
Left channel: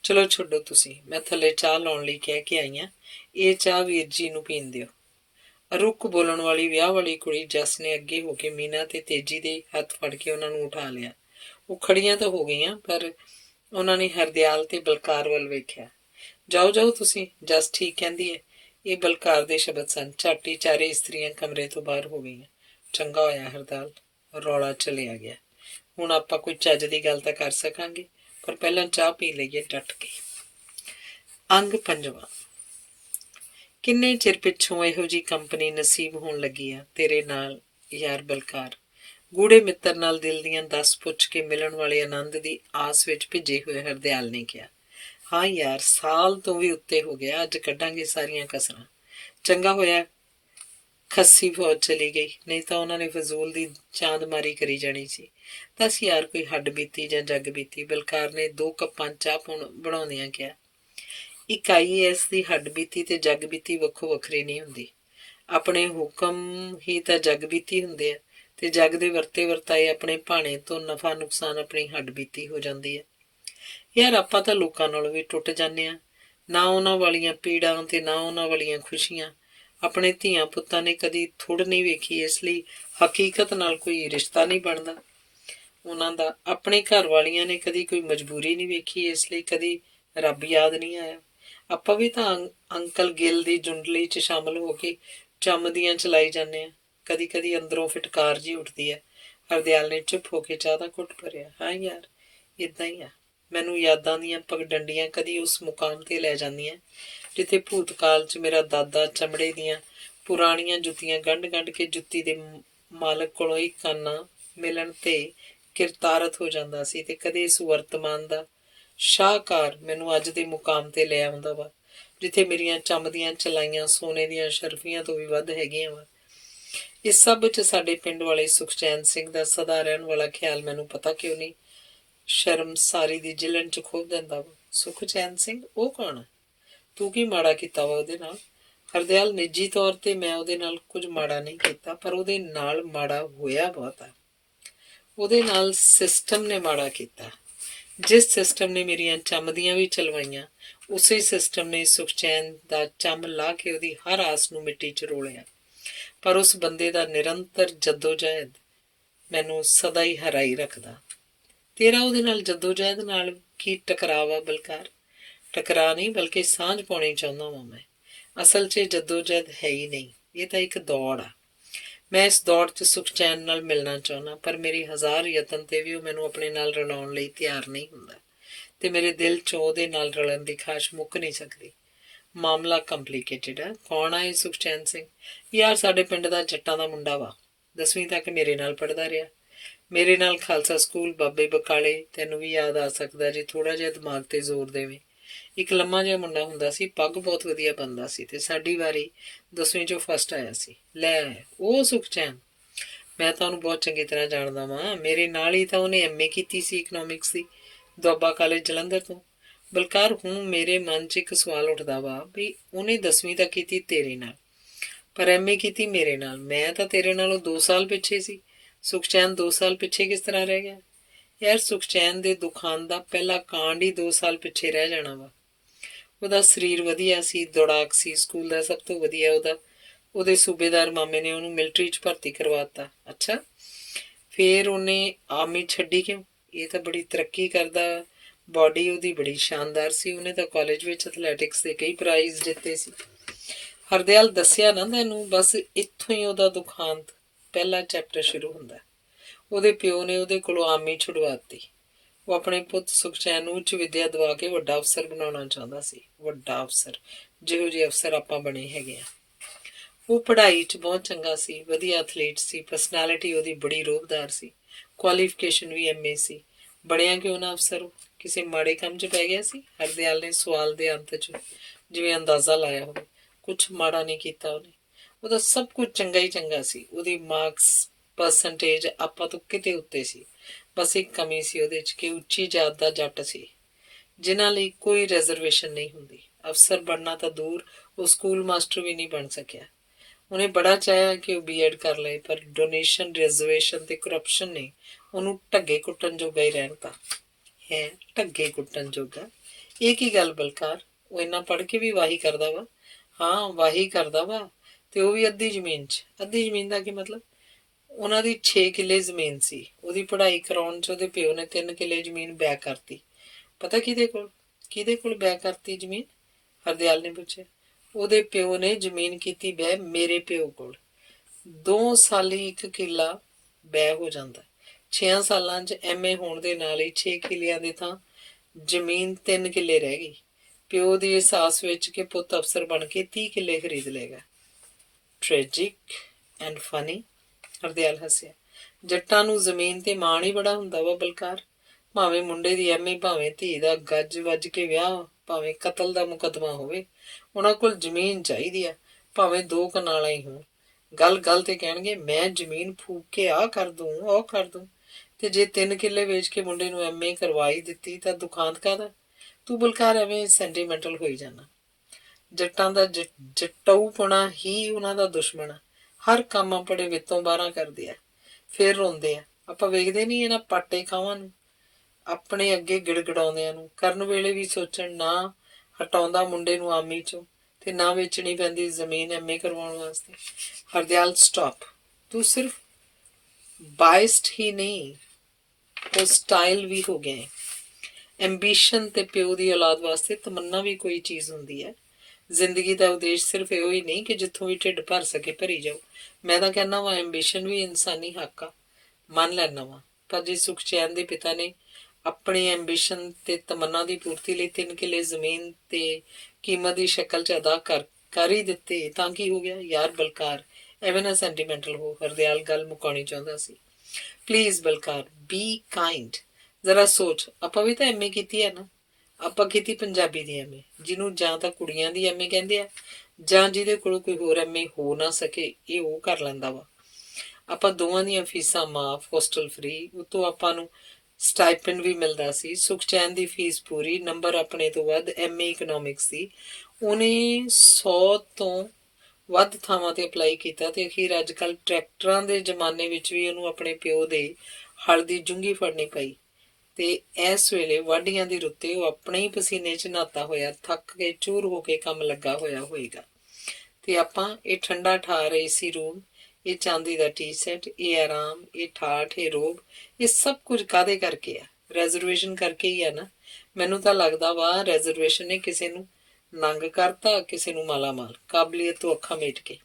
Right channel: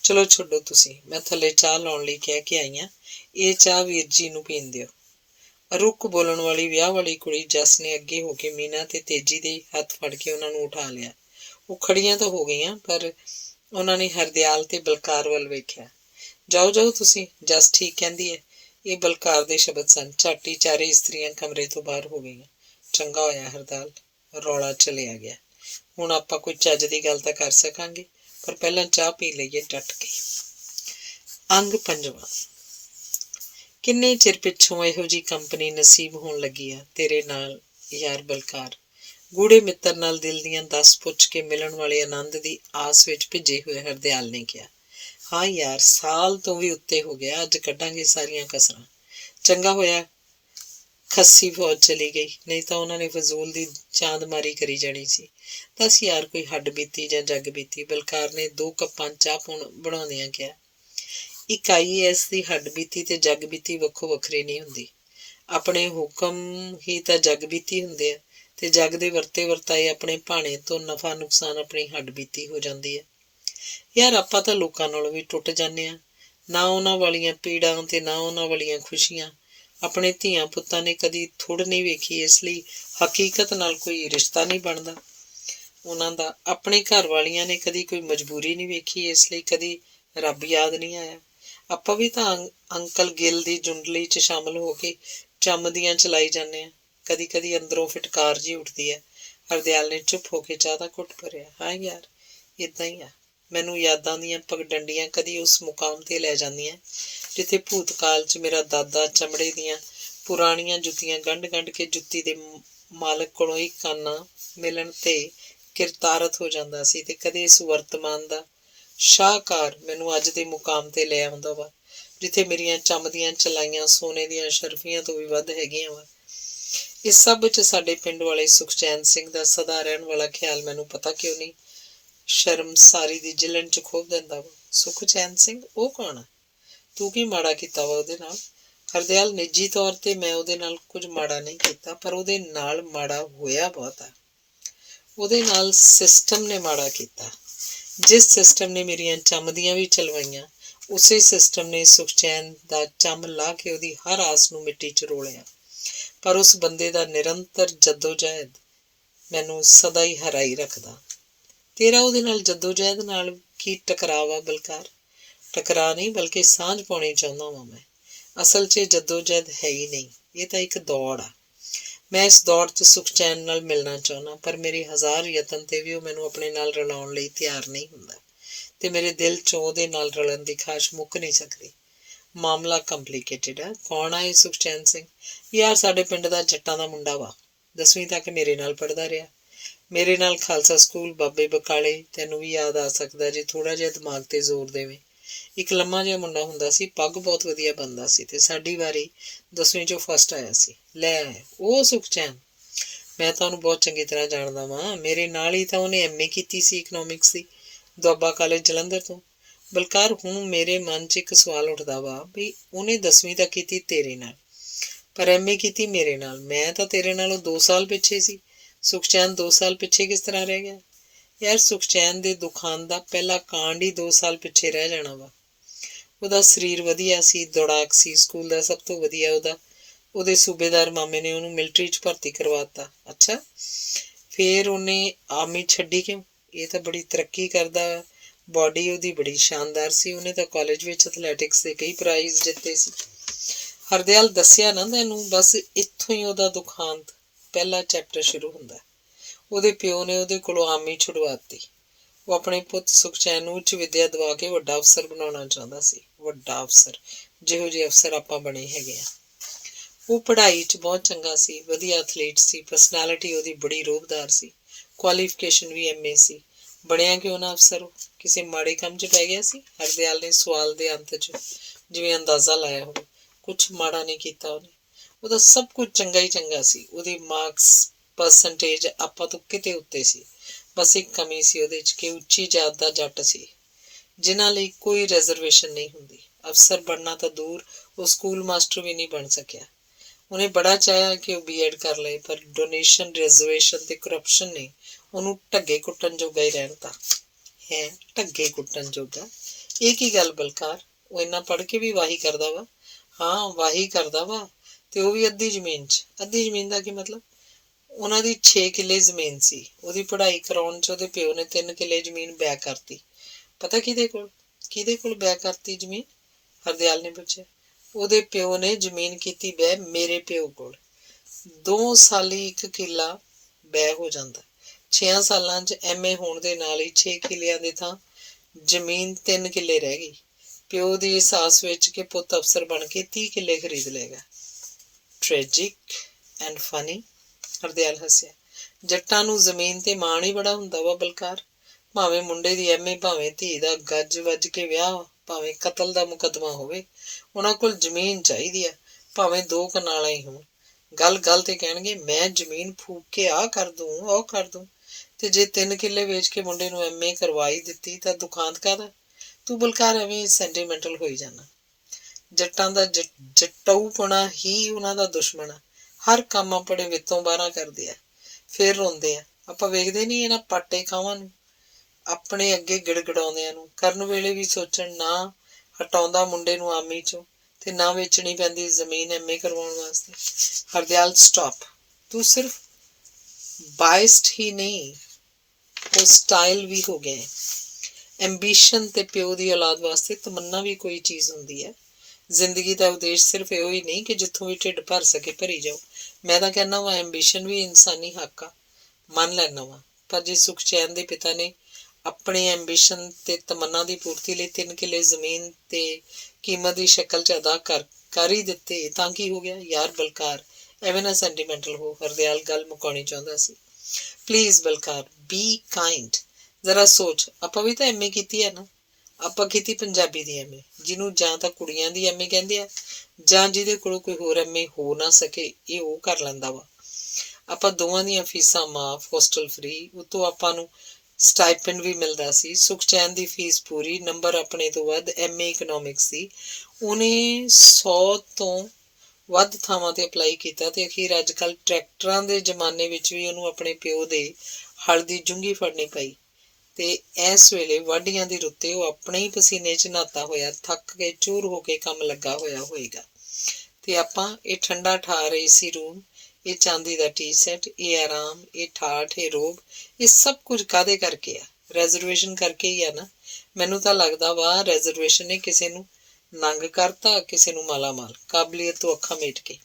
ਚਲੋ ਛੱਡੋ ਤੁਸੀਂ, ਮੈਂ ਥੱਲੇ ਚਾਹ ਲਾਉਣ ਲਈ ਕਹਿ ਕੇ ਆਈ ਹਾਂ। ਇਹ ਚਾਹ ਵੀਰ ਜੀ ਨੂੰ ਪੀਣ ਦਿਓ। ਰੁੱਕ ਬੋਲਣ ਵਾਲੀ ਵਿਆਹ ਵਾਲੀ ਕੁੜੀ ਜਸ ਨੇ ਅੱਗੇ ਹੋ ਕੇ ਮੀਨਾ ਤੇ ਤੇਜੀ ਦੇ ਹੱਥ ਫੜ ਕੇ ਉਹਨਾਂ ਨੂੰ ਉਠਾ ਲਿਆ। ਉਹ ਖੜੀਆਂ ਤਾਂ ਹੋ ਗਈਆਂ, ਪਰ ਉਹਨਾਂ ਨੇ ਹਰਦਿਆਲ ਤੇ ਬਲਕਾਰ ਵੱਲ ਵੇਖਿਆ। ਜਾਓ ਜਾਓ ਤੁਸੀਂ, ਜਸ ਠੀਕ ਕਹਿੰਦੀ ਹੈ। ਇਹ ਬਲਕਾਰ ਦੇ ਸ਼ਬਦ ਸਨ। ਝੱਟ ਹੀ ਚਾਰੇ ਇਸਤਰੀਆਂ ਕਮਰੇ ਤੋਂ ਬਾਹਰ ਹੋ ਗਈਆਂ। ਚੰਗਾ ਹੋਇਆ ਹਰਦਿਆਲ, ਰੌਲਾ ਚਲਿਆ ਗਿਆ। ਹੁਣ ਆਪਾਂ ਕੋਈ ਚੱਜ ਦੀ ਗੱਲ ਤਾਂ ਕਰ ਸਕਾਂਗੇ, ਪਰ ਪਹਿਲਾਂ ਚਾਹ ਪੀ ਲਈਏ ਡਟ ਕੇ। ਅੰਗ 5ਵਾਂ। ਕਿੰਨੇ ਚਿਰ ਪਿੱਛੋਂ ਇਹੋ ਜਿਹੀ ਕੰਪਨੀ ਨਸੀਬ ਹੋਣ ਲੱਗੀ ਆ ਤੇਰੇ ਨਾਲ ਯਾਰ ਬਲਕਾਰ। ਗੂੜੇ ਮਿੱਤਰ ਨਾਲ ਦਿਲ ਦੀਆਂ 10 ਪੁੱਛ ਕੇ ਮਿਲਣ ਵਾਲੇ ਆਨੰਦ ਦੀ ਆਸ ਵਿੱਚ ਭਿੱਜੇ ਹੋਏ ਹਰਦਿਆਲ ਨੇ ਕਿਹਾ। ਹਾਂ ਯਾਰ, ਸਾਲ ਤੋਂ ਵੀ ਉੱਤੇ ਹੋ ਗਿਆ। ਅੱਜ ਕੱਢਾਂਗੇ ਸਾਰੀਆਂ ਕਸਰਾਂ। ਚੰਗਾ ਹੋਇਆ ਖੱਸੀ ਫੌਜ ਚਲੀ ਗਈ, ਨਹੀਂ ਤਾਂ ਉਹਨਾਂ ਨੇ ਫਜ਼ੂਲ ਦੀ ਚਾਂਦਮਾਰੀ ਕਰੀ ਜਾਣੀ ਸੀ। ਦੱਸ ਯਾਰ, ਕੋਈ ਹੱਡ ਬੀਤੀ ਜਾਂ ਜੱਗ ਬੀਤੀ? ਬਲਕਾਰ ਨੇ 2 ਕੱਪਾਂ ਚਾਹ ਬਣਾਉਂਦਿਆਂ ਕਿਹਾ। ਇੱਕ IAS ਦੀ ਹੱਡ ਬੀਤੀ ਤੇ ਜੱਗ ਬੀਤੀ ਵੱਖੋ ਵੱਖਰੀ ਨਹੀਂ ਹੁੰਦੀ। ਆਪਣੇ ਹੁਕਮ ਹੀ ਤਾਂ ਜੱਗ ਬੀਤੀ ਹੁੰਦੇ ਆ, ਤੇ ਜੱਗ ਦੇ ਵਰਤੇ ਵਰਤਾਏ ਆਪਣੇ ਭਾਣੇ ਤੋਂ ਨਫਾ ਨੁਕਸਾਨ ਆਪਣੀ ਹੱਡ ਬੀਤੀ ਹੋ ਜਾਂਦੀ ਹੈ। ਯਾਰ, ਆਪਾਂ ਤਾਂ ਲੋਕਾਂ ਨਾਲੋਂ ਵੀ ਟੁੱਟ ਜਾਂਦੇ ਹਾਂ। ਨਾ ਉਹਨਾਂ ਵਾਲੀਆਂ ਪੀੜਾਂ ਤੇ ਨਾ ਉਹਨਾਂ ਵਾਲੀਆਂ ਖੁਸ਼ੀਆਂ। ਆਪਣੇ ਧੀਆਂ ਪੁੱਤਾਂ ਨੇ ਕਦੀ ਥੁੜ ਨਹੀਂ ਵੇਖੀ, ਇਸ ਲਈ ਹਕੀਕਤ ਨਾਲ ਕੋਈ ਰਿਸ਼ਤਾ ਨਹੀਂ ਬਣਦਾ ਉਹਨਾਂ ਦਾ। ਆਪਣੇ ਘਰ ਵਾਲੀਆਂ ਨੇ ਕਦੀ ਕੋਈ ਮਜਬੂਰੀ ਨਹੀਂ ਵੇਖੀ, ਇਸ ਲਈ ਕਦੀ ਰੱਬ ਯਾਦ ਨਹੀਂ ਆਇਆ। ਆਪਾਂ ਵੀ ਤਾਂ ਅੰਕਲ ਗਿੱਲ ਦੀ ਜੁੰਡਲੀ 'ਚ ਸ਼ਾਮਲ ਹੋ ਕੇ ਚੰਮਦੀਆਂ ਚਲਾਈ ਜਾਂਦੇ ਹਾਂ। ਕਦੀ ਕਦੀ ਅੰਦਰੋਂ ਫਿਟਕਾਰ ਜਿਹੀ ਉੱਠਦੀ ਹੈ। ਹਰਦਿਆਲ ਨੇ ਚੁੱਪ ਹੋ ਕੇ ਚਾਹ ਦਾ ਘੁੱਟ ਭਰਿਆ। ਹਾਂ ਯਾਰ, ਇੱਦਾਂ ਹੀ ਆ। ਮੈਨੂੰ ਯਾਦਾਂ ਦੀਆਂ ਪਗਡੰਡੀਆਂ ਕਦੀ ਉਸ ਮੁਕਾਮ 'ਤੇ ਲੈ ਜਾਂਦੀਆਂ ਜਿੱਥੇ ਭੂਤਕਾਲ 'ਚ ਮੇਰਾ ਦਾਦਾ ਚਮੜੇ ਦੀਆਂ ਪੁਰਾਣੀਆਂ ਜੁੱਤੀਆਂ ਗੰਢ ਗੰਢ ਕੇ ਜੁੱਤੀ ਦੇ ਮਾਲਕ ਕੋਲੋਂ ਇੱਕ ਆਨਾ ਮਿਲਣ 'ਤੇ ਕਿਰਤਾਰਤ ਹੋ ਜਾਂਦਾ ਸੀ, ਤੇ ਕਦੇ ਇਸ ਵਰਤਮਾਨ ਦਾ ਸ਼ਾਹਕਾਰ ਮੈਨੂੰ ਅੱਜ ਦੇ ਮੁਕਾਮ 'ਤੇ ਲੈ ਆਉਂਦਾ ਵਾ, ਜਿੱਥੇ ਮੇਰੀਆਂ ਚੰਮਦੀਆਂ ਚਲਾਈਆਂ ਸੋਨੇ ਦੀਆਂ ਸ਼ਰਫੀਆਂ ਤੋਂ ਵੀ ਵੱਧ ਹੈਗੀਆਂ ਵਾ। ਇਸ ਸਭ ਵਿੱਚ ਸਾਡੇ ਪਿੰਡ ਵਾਲੇ ਸੁਖਚੈਨ ਸਿੰਘ ਦਾ ਸਦਾ ਰਹਿਣ ਵਾਲਾ ਖਿਆਲ ਮੈਨੂੰ ਪਤਾ ਕਿਉਂ ਨਹੀਂ ਸ਼ਰਮਸਾਰੀ ਦੀ ਜਿਲਣ 'ਚ ਖੋਭ ਦਿੰਦਾ ਵਾ। ਸੁਖਚੈਨ ਸਿੰਘ? ਉਹ ਕੌਣ ਆ? ਤੂੰ ਕੀ ਮਾੜਾ ਕੀਤਾ ਵਾ ਉਹਦੇ ਨਾਲ? ਹਰਦਿਆਲ, ਨਿੱਜੀ ਤੌਰ 'ਤੇ ਮੈਂ ਉਹਦੇ ਨਾਲ ਕੁਝ ਮਾੜਾ ਨਹੀਂ ਕੀਤਾ, ਪਰ ਉਹਦੇ ਨਾਲ ਮਾੜਾ ਹੋਇਆ ਬਹੁਤ ਆ। ਉਹਦੇ ਨਾਲ ਸਿਸਟਮ ਨੇ ਮਾੜਾ ਕੀਤਾ। ਜਿਸ ਸਿਸਟਮ ਨੇ ਮੇਰੀਆਂ ਚੰਮਦੀਆਂ ਵੀ ਚਲਵਾਈਆਂ, ਉਸੇ ਸਿਸਟਮ ਨੇ ਸੁਖਚੈਨ ਦਾ ਚੰਮ ਲਾ ਕੇ ਉਹਦੀ ਹਰ ਆਸ ਨੂੰ ਮਿੱਟੀ 'ਚ ਰੋਲਿਆ। ਪਰ ਉਸ ਬੰਦੇ ਦਾ ਨਿਰੰਤਰ ਜੱਦੋ-ਜਹਿਦ ਮੈਨੂੰ ਸਦਾ ਹੀ ਹਰਾਈ ਰੱਖਦਾ। ਤੇਰਾ ਉਹਦੇ ਨਾਲ ਜੱਦੋ-ਜਹਿਦ ਨਾਲ ਕੀ ਟਕਰਾਅ ਆ ਬਲਕਾਰ? ਟਕਰਾਅ ਨਹੀਂ, ਬਲਕਿ ਸਾਂਝ ਪਾਉਣੀ ਚਾਹੁੰਦਾ ਵਾਂ ਮੈਂ। ਅਸਲ 'ਚ ਜੱਦੋ-ਜਹਿਦ ਹੈ ਹੀ ਨਹੀਂ, ਇਹ ਤਾਂ ਇੱਕ ਦੌੜ ਆ। ਮੈਂ ਇਸ ਦੌੜ 'ਚ ਸੁਖਚੈਨ ਨਾਲ ਮਿਲਣਾ ਚਾਹੁੰਦਾ, ਪਰ ਮੇਰੇ ਹਜ਼ਾਰ ਯਤਨ 'ਤੇ ਵੀ ਉਹ ਮੈਨੂੰ ਆਪਣੇ ਨਾਲ ਰਲਾਉਣ ਲਈ ਤਿਆਰ ਨਹੀਂ ਹੁੰਦਾ ਤੇ ਮੇਰੇ ਦਿਲ 'ਚੋਂ ਉਹਦੇ ਨਾਲ ਰਲਣ ਦੀ ਖਾਸ਼ ਮੁੱਕ ਨਹੀਂ ਸਕਦੀ। ਮਾਮਲਾ ਕੰਪਲੀਕੇਟਿਡ ਆ। ਕੌਣ ਆ ਇਹ ਸੁਖਚੈਨ ਸਿੰਘ? ਯਾਰ, ਸਾਡੇ ਪਿੰਡ ਦਾ ਜੱਟਾਂ ਦਾ ਮੁੰਡਾ ਵਾ। 10ਵੀਂ ਤੱਕ ਮੇਰੇ ਨਾਲ ਪੜ੍ਹਦਾ ਰਿਹਾ। ਮੇਰੇ ਨਾਲ ਖਾਲਸਾ ਸਕੂਲ, ਬਾਬੇ ਬਕਾਲੇ, ਤੈਨੂੰ ਵੀ ਯਾਦ ਆ ਸਕਦਾ ਜੇ ਥੋੜ੍ਹਾ ਜਿਹਾ ਦਿਮਾਗ 'ਤੇ ਜ਼ੋਰ ਦੇਵੇਂ। ਇੱਕ ਲੰਮਾ ਜਿਹਾ ਮੁੰਡਾ ਹੁੰਦਾ ਸੀ, ਪੱਗ ਬਹੁਤ ਵਧੀਆ ਬੰਦਾ ਸੀ ਤੇ ਸਾਡੀ ਵਾਰੀ 10ਵੀਂ 'ਚੋਂ ਫਸਟ ਆਇਆ ਸੀ। ਲੈ, ਉਹ ਸੁਖਚੈਨ? ਮੈਂ ਤਾਂ ਉਹਨੂੰ ਬਹੁਤ ਚੰਗੀ ਤਰ੍ਹਾਂ ਜਾਣਦਾ ਵਾਂ। ਮੇਰੇ ਨਾਲ ਹੀ ਤਾਂ ਉਹਨੇ MA ਕੀਤੀ ਸੀ ਇਕਨੋਮਿਕਸ ਦੀ, ਦੁਆਬਾ ਕਾਲਜ ਜਲੰਧਰ ਤੋਂ। ਬਲਕਾਰ, ਹੁਣ ਮੇਰੇ ਮਨ 'ਚ ਇੱਕ ਸਵਾਲ ਉੱਠਦਾ ਵਾ ਵੀ ਉਹਨੇ 10ਵੀਂ ਤੱਕ ਕੀਤੀ ਤੇਰੇ ਨਾਲ, ਪਰ MA ਕੀਤੀ ਮੇਰੇ ਨਾਲ। ਮੈਂ ਤਾਂ ਤੇਰੇ ਨਾਲੋਂ 2 ਸਾਲ ਪਿੱਛੇ ਸੀ। ਸੁਖਚੈਨ 2 ਸਾਲ ਪਿੱਛੇ ਕਿਸ ਤਰ੍ਹਾਂ ਰਹਿ ਗਿਆ? ਯਾਰ, ਸੁਖਚੈਨ ਦੇ ਦੁਖਾਂਤ ਦਾ ਪਹਿਲਾ ਕਾਂਡ ਹੀ 2 ਸਾਲ ਪਿੱਛੇ ਰਹਿ ਜਾਣਾ ਵਾ। ਉਹਦਾ ਸਰੀਰ ਵਧੀਆ ਸੀ, ਦੌੜਾਕ ਸੀ, ਸਕੂਲ ਦਾ ਸਭ ਤੋਂ ਵਧੀਆ। ਉਹਦੇ ਸੂਬੇਦਾਰ ਮਾਮੇ ਨੇ ਉਹਨੂੰ ਮਿਲਟਰੀ 'ਚ ਭਰਤੀ ਕਰਵਾਤਾ। ਅੱਛਾ, ਫੇਰ ਉਹਨੇ ਆਰਮੀ ਛੱਡੀ ਕਿਉਂ? ਇਹ ਤਾਂ ਬੜੀ ਤਰੱਕੀ ਕਰਦਾ। ਬਾਡੀ ਉਹਦੀ ਬੜੀ ਸ਼ਾਨਦਾਰ ਸੀ। ਉਹਨੇ ਤਾਂ ਕਾਲਜ ਵਿੱਚ ਐਥਲੈਟਿਕਸ ਦੇ ਕਈ ਪ੍ਰਾਈਜ਼ ਜਿੱਤੇ ਸੀ। ਹਰਦਿਆਲ, ਦੱਸਿਆ ਨਾ ਤੈਨੂੰ, ਬਸ ਇੱਥੋਂ ਹੀ ਉਹਦਾ ਦੁਖਾਂਤ, ਪਹਿਲਾ ਚੈਪਟਰ ਸ਼ੁਰੂ ਹੁੰਦਾ। ਉਹਦੇ ਪਿਓ ਨੇ ਉਹਦੇ ਕੋਲੋਂ ਆਰਮੀ ਛੁਡਵਾਤੀ। ਉਹ ਆਪਣੇ ਪੁੱਤ ਸੁਖਚੈਨ ਨੂੰ ਉੱਚ ਵਿੱਦਿਆ ਦਵਾ ਕੇ ਵੱਡਾ ਅਫਸਰ ਬਣਾਉਣਾ ਚਾਹੁੰਦਾ ਸੀ। ਵੱਡਾ ਅਫਸਰ, ਜਿਹੋ ਜਿਹੇ ਅਫਸਰ ਆਪਾਂ ਬਣੇ ਹੈਗੇ ਆ। ਉਹ ਪੜ੍ਹਾਈ 'ਚ ਬਹੁਤ ਚੰਗਾ ਸੀ, ਵਧੀਆ ਐਥਲੀਟ ਸੀ, ਪਰਸਨੈਲਿਟੀ ਉਹਦੀ ਬੜੀ ਰੋਹਬਦਾਰ ਸੀ, ਕੁਆਲੀਫਿਕੇਸ਼ਨ ਵੀ MA ਸੀ। ਬਣਿਆ ਕਿਉਂ ਨਾ ਅਫਸਰ? ਉਹ ਕਿਸੇ ਮਾੜੇ ਕੰਮ 'ਚ ਪੈ ਗਿਆ ਸੀ? ਹਰਦਿਆਲ ਨੇ ਸਵਾਲ ਦੇ ਅੰਤ 'ਚ ਜਿਵੇਂ ਅੰਦਾਜ਼ਾ ਲਾਇਆ ਹੋਵੇ। ਕੁਛ ਮਾੜਾ ਨਹੀਂ ਕੀਤਾ ਉਹਨੇ। ਉਹਦਾ ਸਭ ਕੁਝ ਚੰਗਾ ਹੀ ਚੰਗਾ ਸੀ। ਉਹਦੀ ਮਾਰਕਸ, ਪਰਸੈਂਟੇਜ ਆਪਾਂ ਤੋਂ ਕਿਤੇ ਉੱਤੇ ਸੀ। ਬਸ ਇੱਕ ਕਮੀ ਸੀ ਉਹਦੇ 'ਚ ਕਿ ਉੱਚੀ ਜਾਤ ਦਾ ਜੱਟ ਸੀ, ਜਿਨ੍ਹਾਂ ਲਈ ਕੋਈ ਰਿਜ਼ਰਵੇਸ਼ਨ ਨਹੀਂ ਹੁੰਦੀ। ਅਫਸਰ ਬਣਨਾ ਤਾਂ ਦੂਰ, ਉਹ ਸਕੂਲ ਮਾਸਟਰ ਵੀ ਨਹੀਂ ਬਣ ਸਕਿਆ। ਉਹਨੇ ਬੜਾ ਚਾਹਿਆ ਕਿ ਉਹ B.Ed ਕਰ ਲਏ, ਪਰ ਡੋਨੇਸ਼ਨ, ਰਿਜ਼ਰਵੇਸ਼ਨ ਤੇ ਕਰਪਸ਼ਨ ਨੇ ਉਹਨੂੰ ਢੱਗੇ ਕੁੱਟਣ ਜੋਗਾ ਹੀ ਰਹਿਣ ਤਾ ਹੈ। ਢੱਗੇ ਕੁੱਟਣ ਜੋਗਾ? ਇਹ ਕੀ ਗੱਲ ਬਲਕਾਰ? ਉਹ ਇੰਨਾ ਪੜ੍ਹ ਕੇ ਵੀ ਵਾਹੀ ਕਰਦਾ ਵਾ? ਹਾਂ, ਵਾਹੀ ਕਰਦਾ ਵਾ, ਤੇ ਉਹ ਵੀ ਅੱਧੀ ਜ਼ਮੀਨ 'ਚ। ਅੱਧੀ ਜ਼ਮੀਨ ਦਾ ਕੀ ਮਤਲਬ? ਉਹਨਾਂ ਦੀ 6 ਕਿੱਲੇ ਜ਼ਮੀਨ ਸੀ। ਉਹਦੀ ਪੜ੍ਹਾਈ ਕਰਾਉਣ 'ਚ ਉਹਦੇ ਪਿਓ ਨੇ 3 ਕਿੱਲੇ ਜ਼ਮੀਨ ਬੈਅ ਕਰਤੀ। ਪਤਾ ਕਿਹਦੇ ਕੋਲ ਬੈਅ ਕਰਤੀ ਜ਼ਮੀਨ? ਹਰਦਿਆਲ ਨੇ ਪੁੱਛਿਆ। ਉਹਦੇ ਪਿਓ ਨੇ ਜ਼ਮੀਨ ਕੀਤੀ ਬੈਅ ਮੇਰੇ ਪਿਓ ਕੋਲ। 2 ਸਾਲੀ 1 ਕਿੱਲਾ ਬੈਅ ਹੋ ਜਾਂਦਾ। 6 ਸਾਲਾਂ 'ਚ MA ਹੋਣ ਦੇ ਨਾਲ ਹੀ 6 ਕਿੱਲਿਆਂ ਦੀ ਥਾਂ ਜ਼ਮੀਨ 3 ਕਿੱਲੇ ਰਹਿ ਗਈ। ਪਿਓ ਦੀ ਇਸ ਆਸ ਵਿੱਚ ਕਿ ਪੁੱਤ ਅਫਸਰ ਬਣ ਕੇ 30 ਕਿੱਲੇ ਖਰੀਦ ਲਏਗਾ। ਟ੍ਰੈਜਿਕ ਐਂਡ ਫਨੀ, ਹਰਦਿਆਲ ਹੱਸਿਆ। ਜੱਟਾਂ ਨੂੰ ਜ਼ਮੀਨ ਤੇ ਮਾਣ ਹੀ ਬੜਾ ਹੁੰਦਾ ਵਾ ਬਲਕਾਰ। ਭਾਵੇਂ ਮੁੰਡੇ ਦੀ MA, ਭਾਵੇਂ ਧੀ ਦਾ ਗੱਜ ਵੱਜ ਕੇ ਵਿਆਹ, ਭਾਵੇਂ ਕਤਲ ਦਾ ਮੁਕੱਦਮਾ ਹੋਵੇ, ਉਹਨਾਂ ਕੋਲ ਜ਼ਮੀਨ ਚਾਹੀਦੀ ਆ, ਭਾਵੇਂ 2 ਕਨਾਲਾਂ ਹੀ ਹੋਣ। ਗੱਲ ਤੇ ਕਹਿਣਗੇ, ਮੈਂ ਜ਼ਮੀਨ ਫੂਕ ਕੇ ਆਹ ਕਰ ਦੂੰ, ਉਹ ਕਰ ਦੂੰ। ਤੇ ਜੇ 3 ਕਿੱਲੇ ਵੇਚ ਕੇ ਮੁੰਡੇ ਨੂੰ MA ਕਰਵਾਈ ਦਿੱਤੀ ਤਾਂ ਦੁਖਾਂਤ ਕਾਹਦਾ? ਤੂੰ ਬਲਕਾਰ ਐਵੇਂ ਸੈਂਟੀਮੈਂਟਲ ਹੋਈ ਜਾਣਾ। ਜੱਟਾਂ ਦਾ ਜੱਟਾਊਪੁਣਾ ਹੀ ਉਹਨਾਂ ਦਾ ਦੁਸ਼ਮਣ ਆ। ਹਰ ਕੰਮ ਆਪਣੇ ਵਿੱਤੋਂ ਬਾਹਰਾਂ ਕਰਦੇ ਆ, ਫਿਰ ਰੋਂਦੇ ਆ। ਆਪਾਂ ਵੇਖਦੇ ਨਹੀਂ ਇਹਨਾਂ ਪਾਟੇ ਖਾਵਾਂ ਨੂੰ, ਆਪਣੇ ਅੱਗੇ ਗਿੜਗਿੜਾਉਂਦਿਆਂ ਨੂੰ। ਕਰਨ ਵੇਲੇ ਵੀ ਸੋਚਣ, ਨਾ ਹਟਾਉਂਦਾ ਮੁੰਡੇ ਨੂੰ ਆਰਮੀ 'ਚੋਂ, ਤੇ ਨਾ ਵੇਚਣੀ ਪੈਂਦੀ ਜ਼ਮੀਨ MA ਕਰਵਾਉਣ ਵਾਸਤੇ। ਹਰਦਿਆਲ, ਸਟਾਪ। ਤੂੰ ਸਿਰਫ ਬਾਇਸਡ ਹੀ ਨਹੀਂ, ਉਹ ਸਟਾਈਲ ਵੀ ਹੋ ਗਏ। ਐਂਬੀਸ਼ਨ ਤੇ ਪਿਓ ਦੀ ਔਲਾਦ ਵਾਸਤੇ ਤਮੰਨਾ ਵੀ ਕੋਈ ਚੀਜ਼ ਹੁੰਦੀ ਹੈ। ਜ਼ਿੰਦਗੀ ਦਾ ਉਦੇਸ਼ ਸਿਰਫ ਇਹੋ ਹੀ ਨਹੀਂ ਕਿ ਜਿੱਥੋਂ ਵੀ ਢਿੱਡ ਭਰ ਸਕੇ ਭਰੀ ਜਾਓ। ਮੈਂ ਤਾਂ ਕਹਿੰਦਾ ਵਾ, ਐਂਬੀਸ਼ਨ ਵੀ ਇਨਸਾਨੀ ਹੱਕ ਆ, ਮੰਨ ਲੈਂਦਾ ਵਾ। ਪਰ ਜੇ ਸੁਖਚੈਨ ਦੇ ਪਿਤਾ ਨੇ ਆਪਣੀ ਐਂਬੀਸ਼ਨ ਤੇ ਤਮੰਨਾ ਦੀ ਪੂਰਤੀ ਲਈ 3 ਕਿੱਲੇ ਜ਼ਮੀਨ ਤੇ ਕੀਮਤ ਦੀ ਸ਼ਕਲ 'ਚ ਅਦਾ ਕਰ ਹੀ ਦਿੱਤੇ, ਤਾਂ ਕੀ ਹੋ ਗਿਆ? ਯਾਰ ਬਲਕਾਰ, ਐਵੇਂ ਨਾ ਸੈਂਟੀਮੈਂਟਲ ਹੋ। ਹਰਦਿਆਲ ਗੱਲ ਮੁਕਾਉਣੀ ਚਾਹੁੰਦਾ ਸੀ। Please Balkar, be kind. ਜ਼ਰਾ ਸੋਚ, ਆਪਾਂ ਵੀ ਤਾਂ MA ਕੀਤੀ ਹੈ ਨਾ। ਆਪਾਂ ਕੀਤੀ ਪੰਜਾਬੀ ਦੀ MA, ਜਿਹਨੂੰ ਜਾਂ ਤਾਂ ਕੁੜੀਆਂ ਦੀ MA ਕਹਿੰਦੇ ਆ, ਜਾਂ ਜਿਹਦੇ ਕੋਲੋਂ ਕੋਈ ਹੋਰ MA ਹੋ ਨਾ ਸਕੇ, ਇਹ ਉਹ ਕਰ ਲੈਂਦਾ ਵਾ। ਆਪਾਂ ਦੋਵਾਂ ਦੀਆਂ ਫੀਸਾਂ ਮਾਫ, ਹੋਸਟਲ ਫ੍ਰੀ, ਉੱਤੋਂ ਆਪਾਂ ਨੂੰ ਸਟਾਈਪੈਂਡ ਵੀ ਮਿਲਦਾ ਸੀ। ਸੁਖਚੈਨ ਦੀ ਫੀਸ ਪੂਰੀ, ਨੰਬਰ ਆਪਣੇ ਤੋਂ ਵੱਧ, MA ਇਕਨੋਮਿਕਸ ਸੀ। ਉਹਨੇ 100 ਤੋਂ ਵੱਧ ਥਾਵਾਂ ਤੇ ਅਪਲਾਈ ਕੀਤਾ ਤੇ ਅਖੀਰ ਅੱਜ ਕੱਲ੍ਹ ਟਰੈਕਟਰਾਂ ਦੇ ਜ਼ਮਾਨੇ ਵਿੱਚ ਵੀ ਉਹਨੂੰ ਆਪਣੇ ਪਿਓ ਦੇ ਹਲ ਦੀ ਜੁੰਗੀ ਫੜਨੀ ਪਈ ਤੇ ਇਸ ਵੇਲੇ ਵਾਢੀਆਂ ਦੀ ਰੁੱਤੇ ਉਹ ਆਪਣੇ ਹੀ ਪਸੀਨੇ 'ਚ ਨਹਾਤਾ ਹੋਇਆ ਥੱਕ ਕੇ ਚੂਰ ਹੋ ਕੇ ਕੰਮ ਲੱਗਾ ਹੋਇਆ ਹੋਏਗਾ। ਤੇ ਆਪਾਂ ਇਹ ਠੰਡਾ ਠਾਰ ਏਸੀ ਰੂਮ, ਇਹ ਚਾਂਦੀ ਦਾ ਟੀ ਸੈਟ, ਇਹ ਆਰਾਮ, ਇਹ ਠਾਠ, ਇਹ ਰੋਬ, ਇਹ ਸਭ ਕੁਝ ਕਾਹਦੇ ਕਰਕੇ ਆ? ਰੈਜ਼ਰਵੇਸ਼ਨ ਕਰਕੇ ਹੀ ਆ ਨਾ। ਮੈਨੂੰ ਤਾਂ ਲੱਗਦਾ ਵਾ ਰੈਜ਼ਰਵੇਸ਼ਨ ਨੇ ਕਿਸੇ ਨੂੰ ਨੰਗ ਕਰਤਾ, ਕਿਸੇ ਨੂੰ ਮਾਲਾਮਾਲ, ਕਾਬਲੀਅਤ ਤੋਂ ਅੱਖਾਂ ਮੀਟ ਕੇ।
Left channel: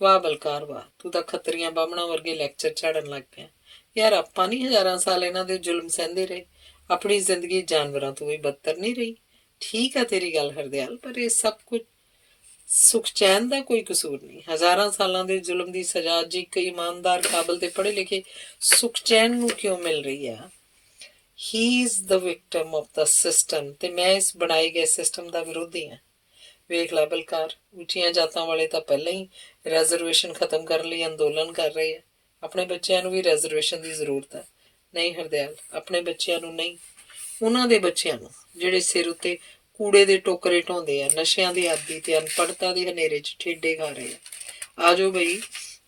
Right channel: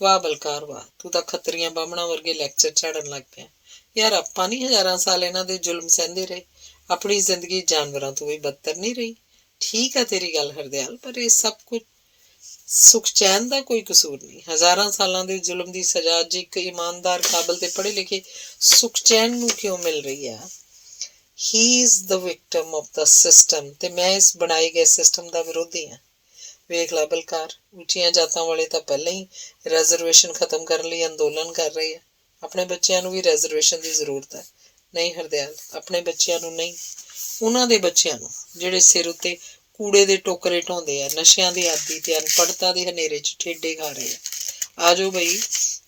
ਵਾਹ ਬਲਕਾਰ ਵਾਹ, ਤੂੰ ਤਾਂ ਖੱਤਰੀਆਂ ਬਾਹਮਣਾ ਵਰਗੇ ਲੈਕਚਰ ਝਾੜਨ ਲੱਗ ਪਿਆ। ਯਾਰ ਆਪਾਂ ਨਹੀਂ ਹਜ਼ਾਰਾਂ ਸਾਲ ਇਹਨਾਂ ਦੇ ਜ਼ੁਲਮ ਸਹਿੰਦੇ ਰਹੇ, ਆਪਣੀ ਜ਼ਿੰਦਗੀ ਜਾਨਵਰਾਂ ਤੋਂ ਵੀ ਬਦਤਰ ਨਹੀਂ ਰਹੀ। ਠੀਕ ਆ ਤੇਰੀ ਗੱਲ ਹਰਦਿਆਲ, ਪਰ ਇਹ ਸਭ ਕੁਝ ਸੁਖ ਚੈਨ ਦਾ ਕੋਈ ਕਸੂਰ ਨਹੀਂ। ਹਜ਼ਾਰਾਂ ਸਾਲਾਂ ਦੇ ਜ਼ੁਲਮ ਦੀ ਸਜ਼ਾ ਅੱਜ ਇੱਕ ਇਮਾਨਦਾਰ, ਕਾਬਲ ਤੇ ਪੜ੍ਹੇ ਲਿਖੇ ਸੁਖ ਚੈਨ ਨੂੰ ਕਿਉਂ ਮਿਲ ਰਹੀ ਆ? ਹੀ is the victim of the system, ਤੇ ਮੈਂ ਇਸ ਬਣਾਏ ਗਏ ਸਿਸਟਮ ਦਾ ਵਿਰੋਧੀ ਹਾਂ। ਵੇਖ ਲਾ ਬਲਕਾਰ, ਉੱਚੀਆਂ ਜਾਤਾਂ ਵਾਲੇ ਤਾਂ ਪਹਿਲਾਂ ਹੀ ਰੈਜ਼ਰਵੇਸ਼ਨ ਖਤਮ ਕਰਨ ਲਈ ਅੰਦੋਲਨ ਕਰ ਰਹੇ ਆ। ਆਪਣੇ ਬੱਚਿਆਂ ਨੂੰ ਵੀ ਰੈਜ਼ਰਵੇਸ਼ਨ ਦੀ ਜ਼ਰੂਰਤ ਹੈ। ਨਹੀਂ ਹਰਦਿਆਲ, ਆਪਣੇ ਬੱਚਿਆਂ ਨੂੰ ਨਹੀਂ, ਉਹਨਾਂ ਦੇ ਬੱਚਿਆਂ ਨੂੰ ਜਿਹੜੇ ਸਿਰ ਉੱਤੇ ਕੂੜੇ ਦੇ ਟੋਕਰੇ ਢੋਂਦੇ ਆ, ਨਸ਼ਿਆਂ ਦੀ ਆਦੀ ਤੇ ਅਨਪੜ੍ਹਤਾ ਦੇ ਹਨੇਰੇ 'ਚ ਠੇਡੇ ਖਾ ਰਹੇ ਆ। ਆ ਜਾਓ ਬਈ,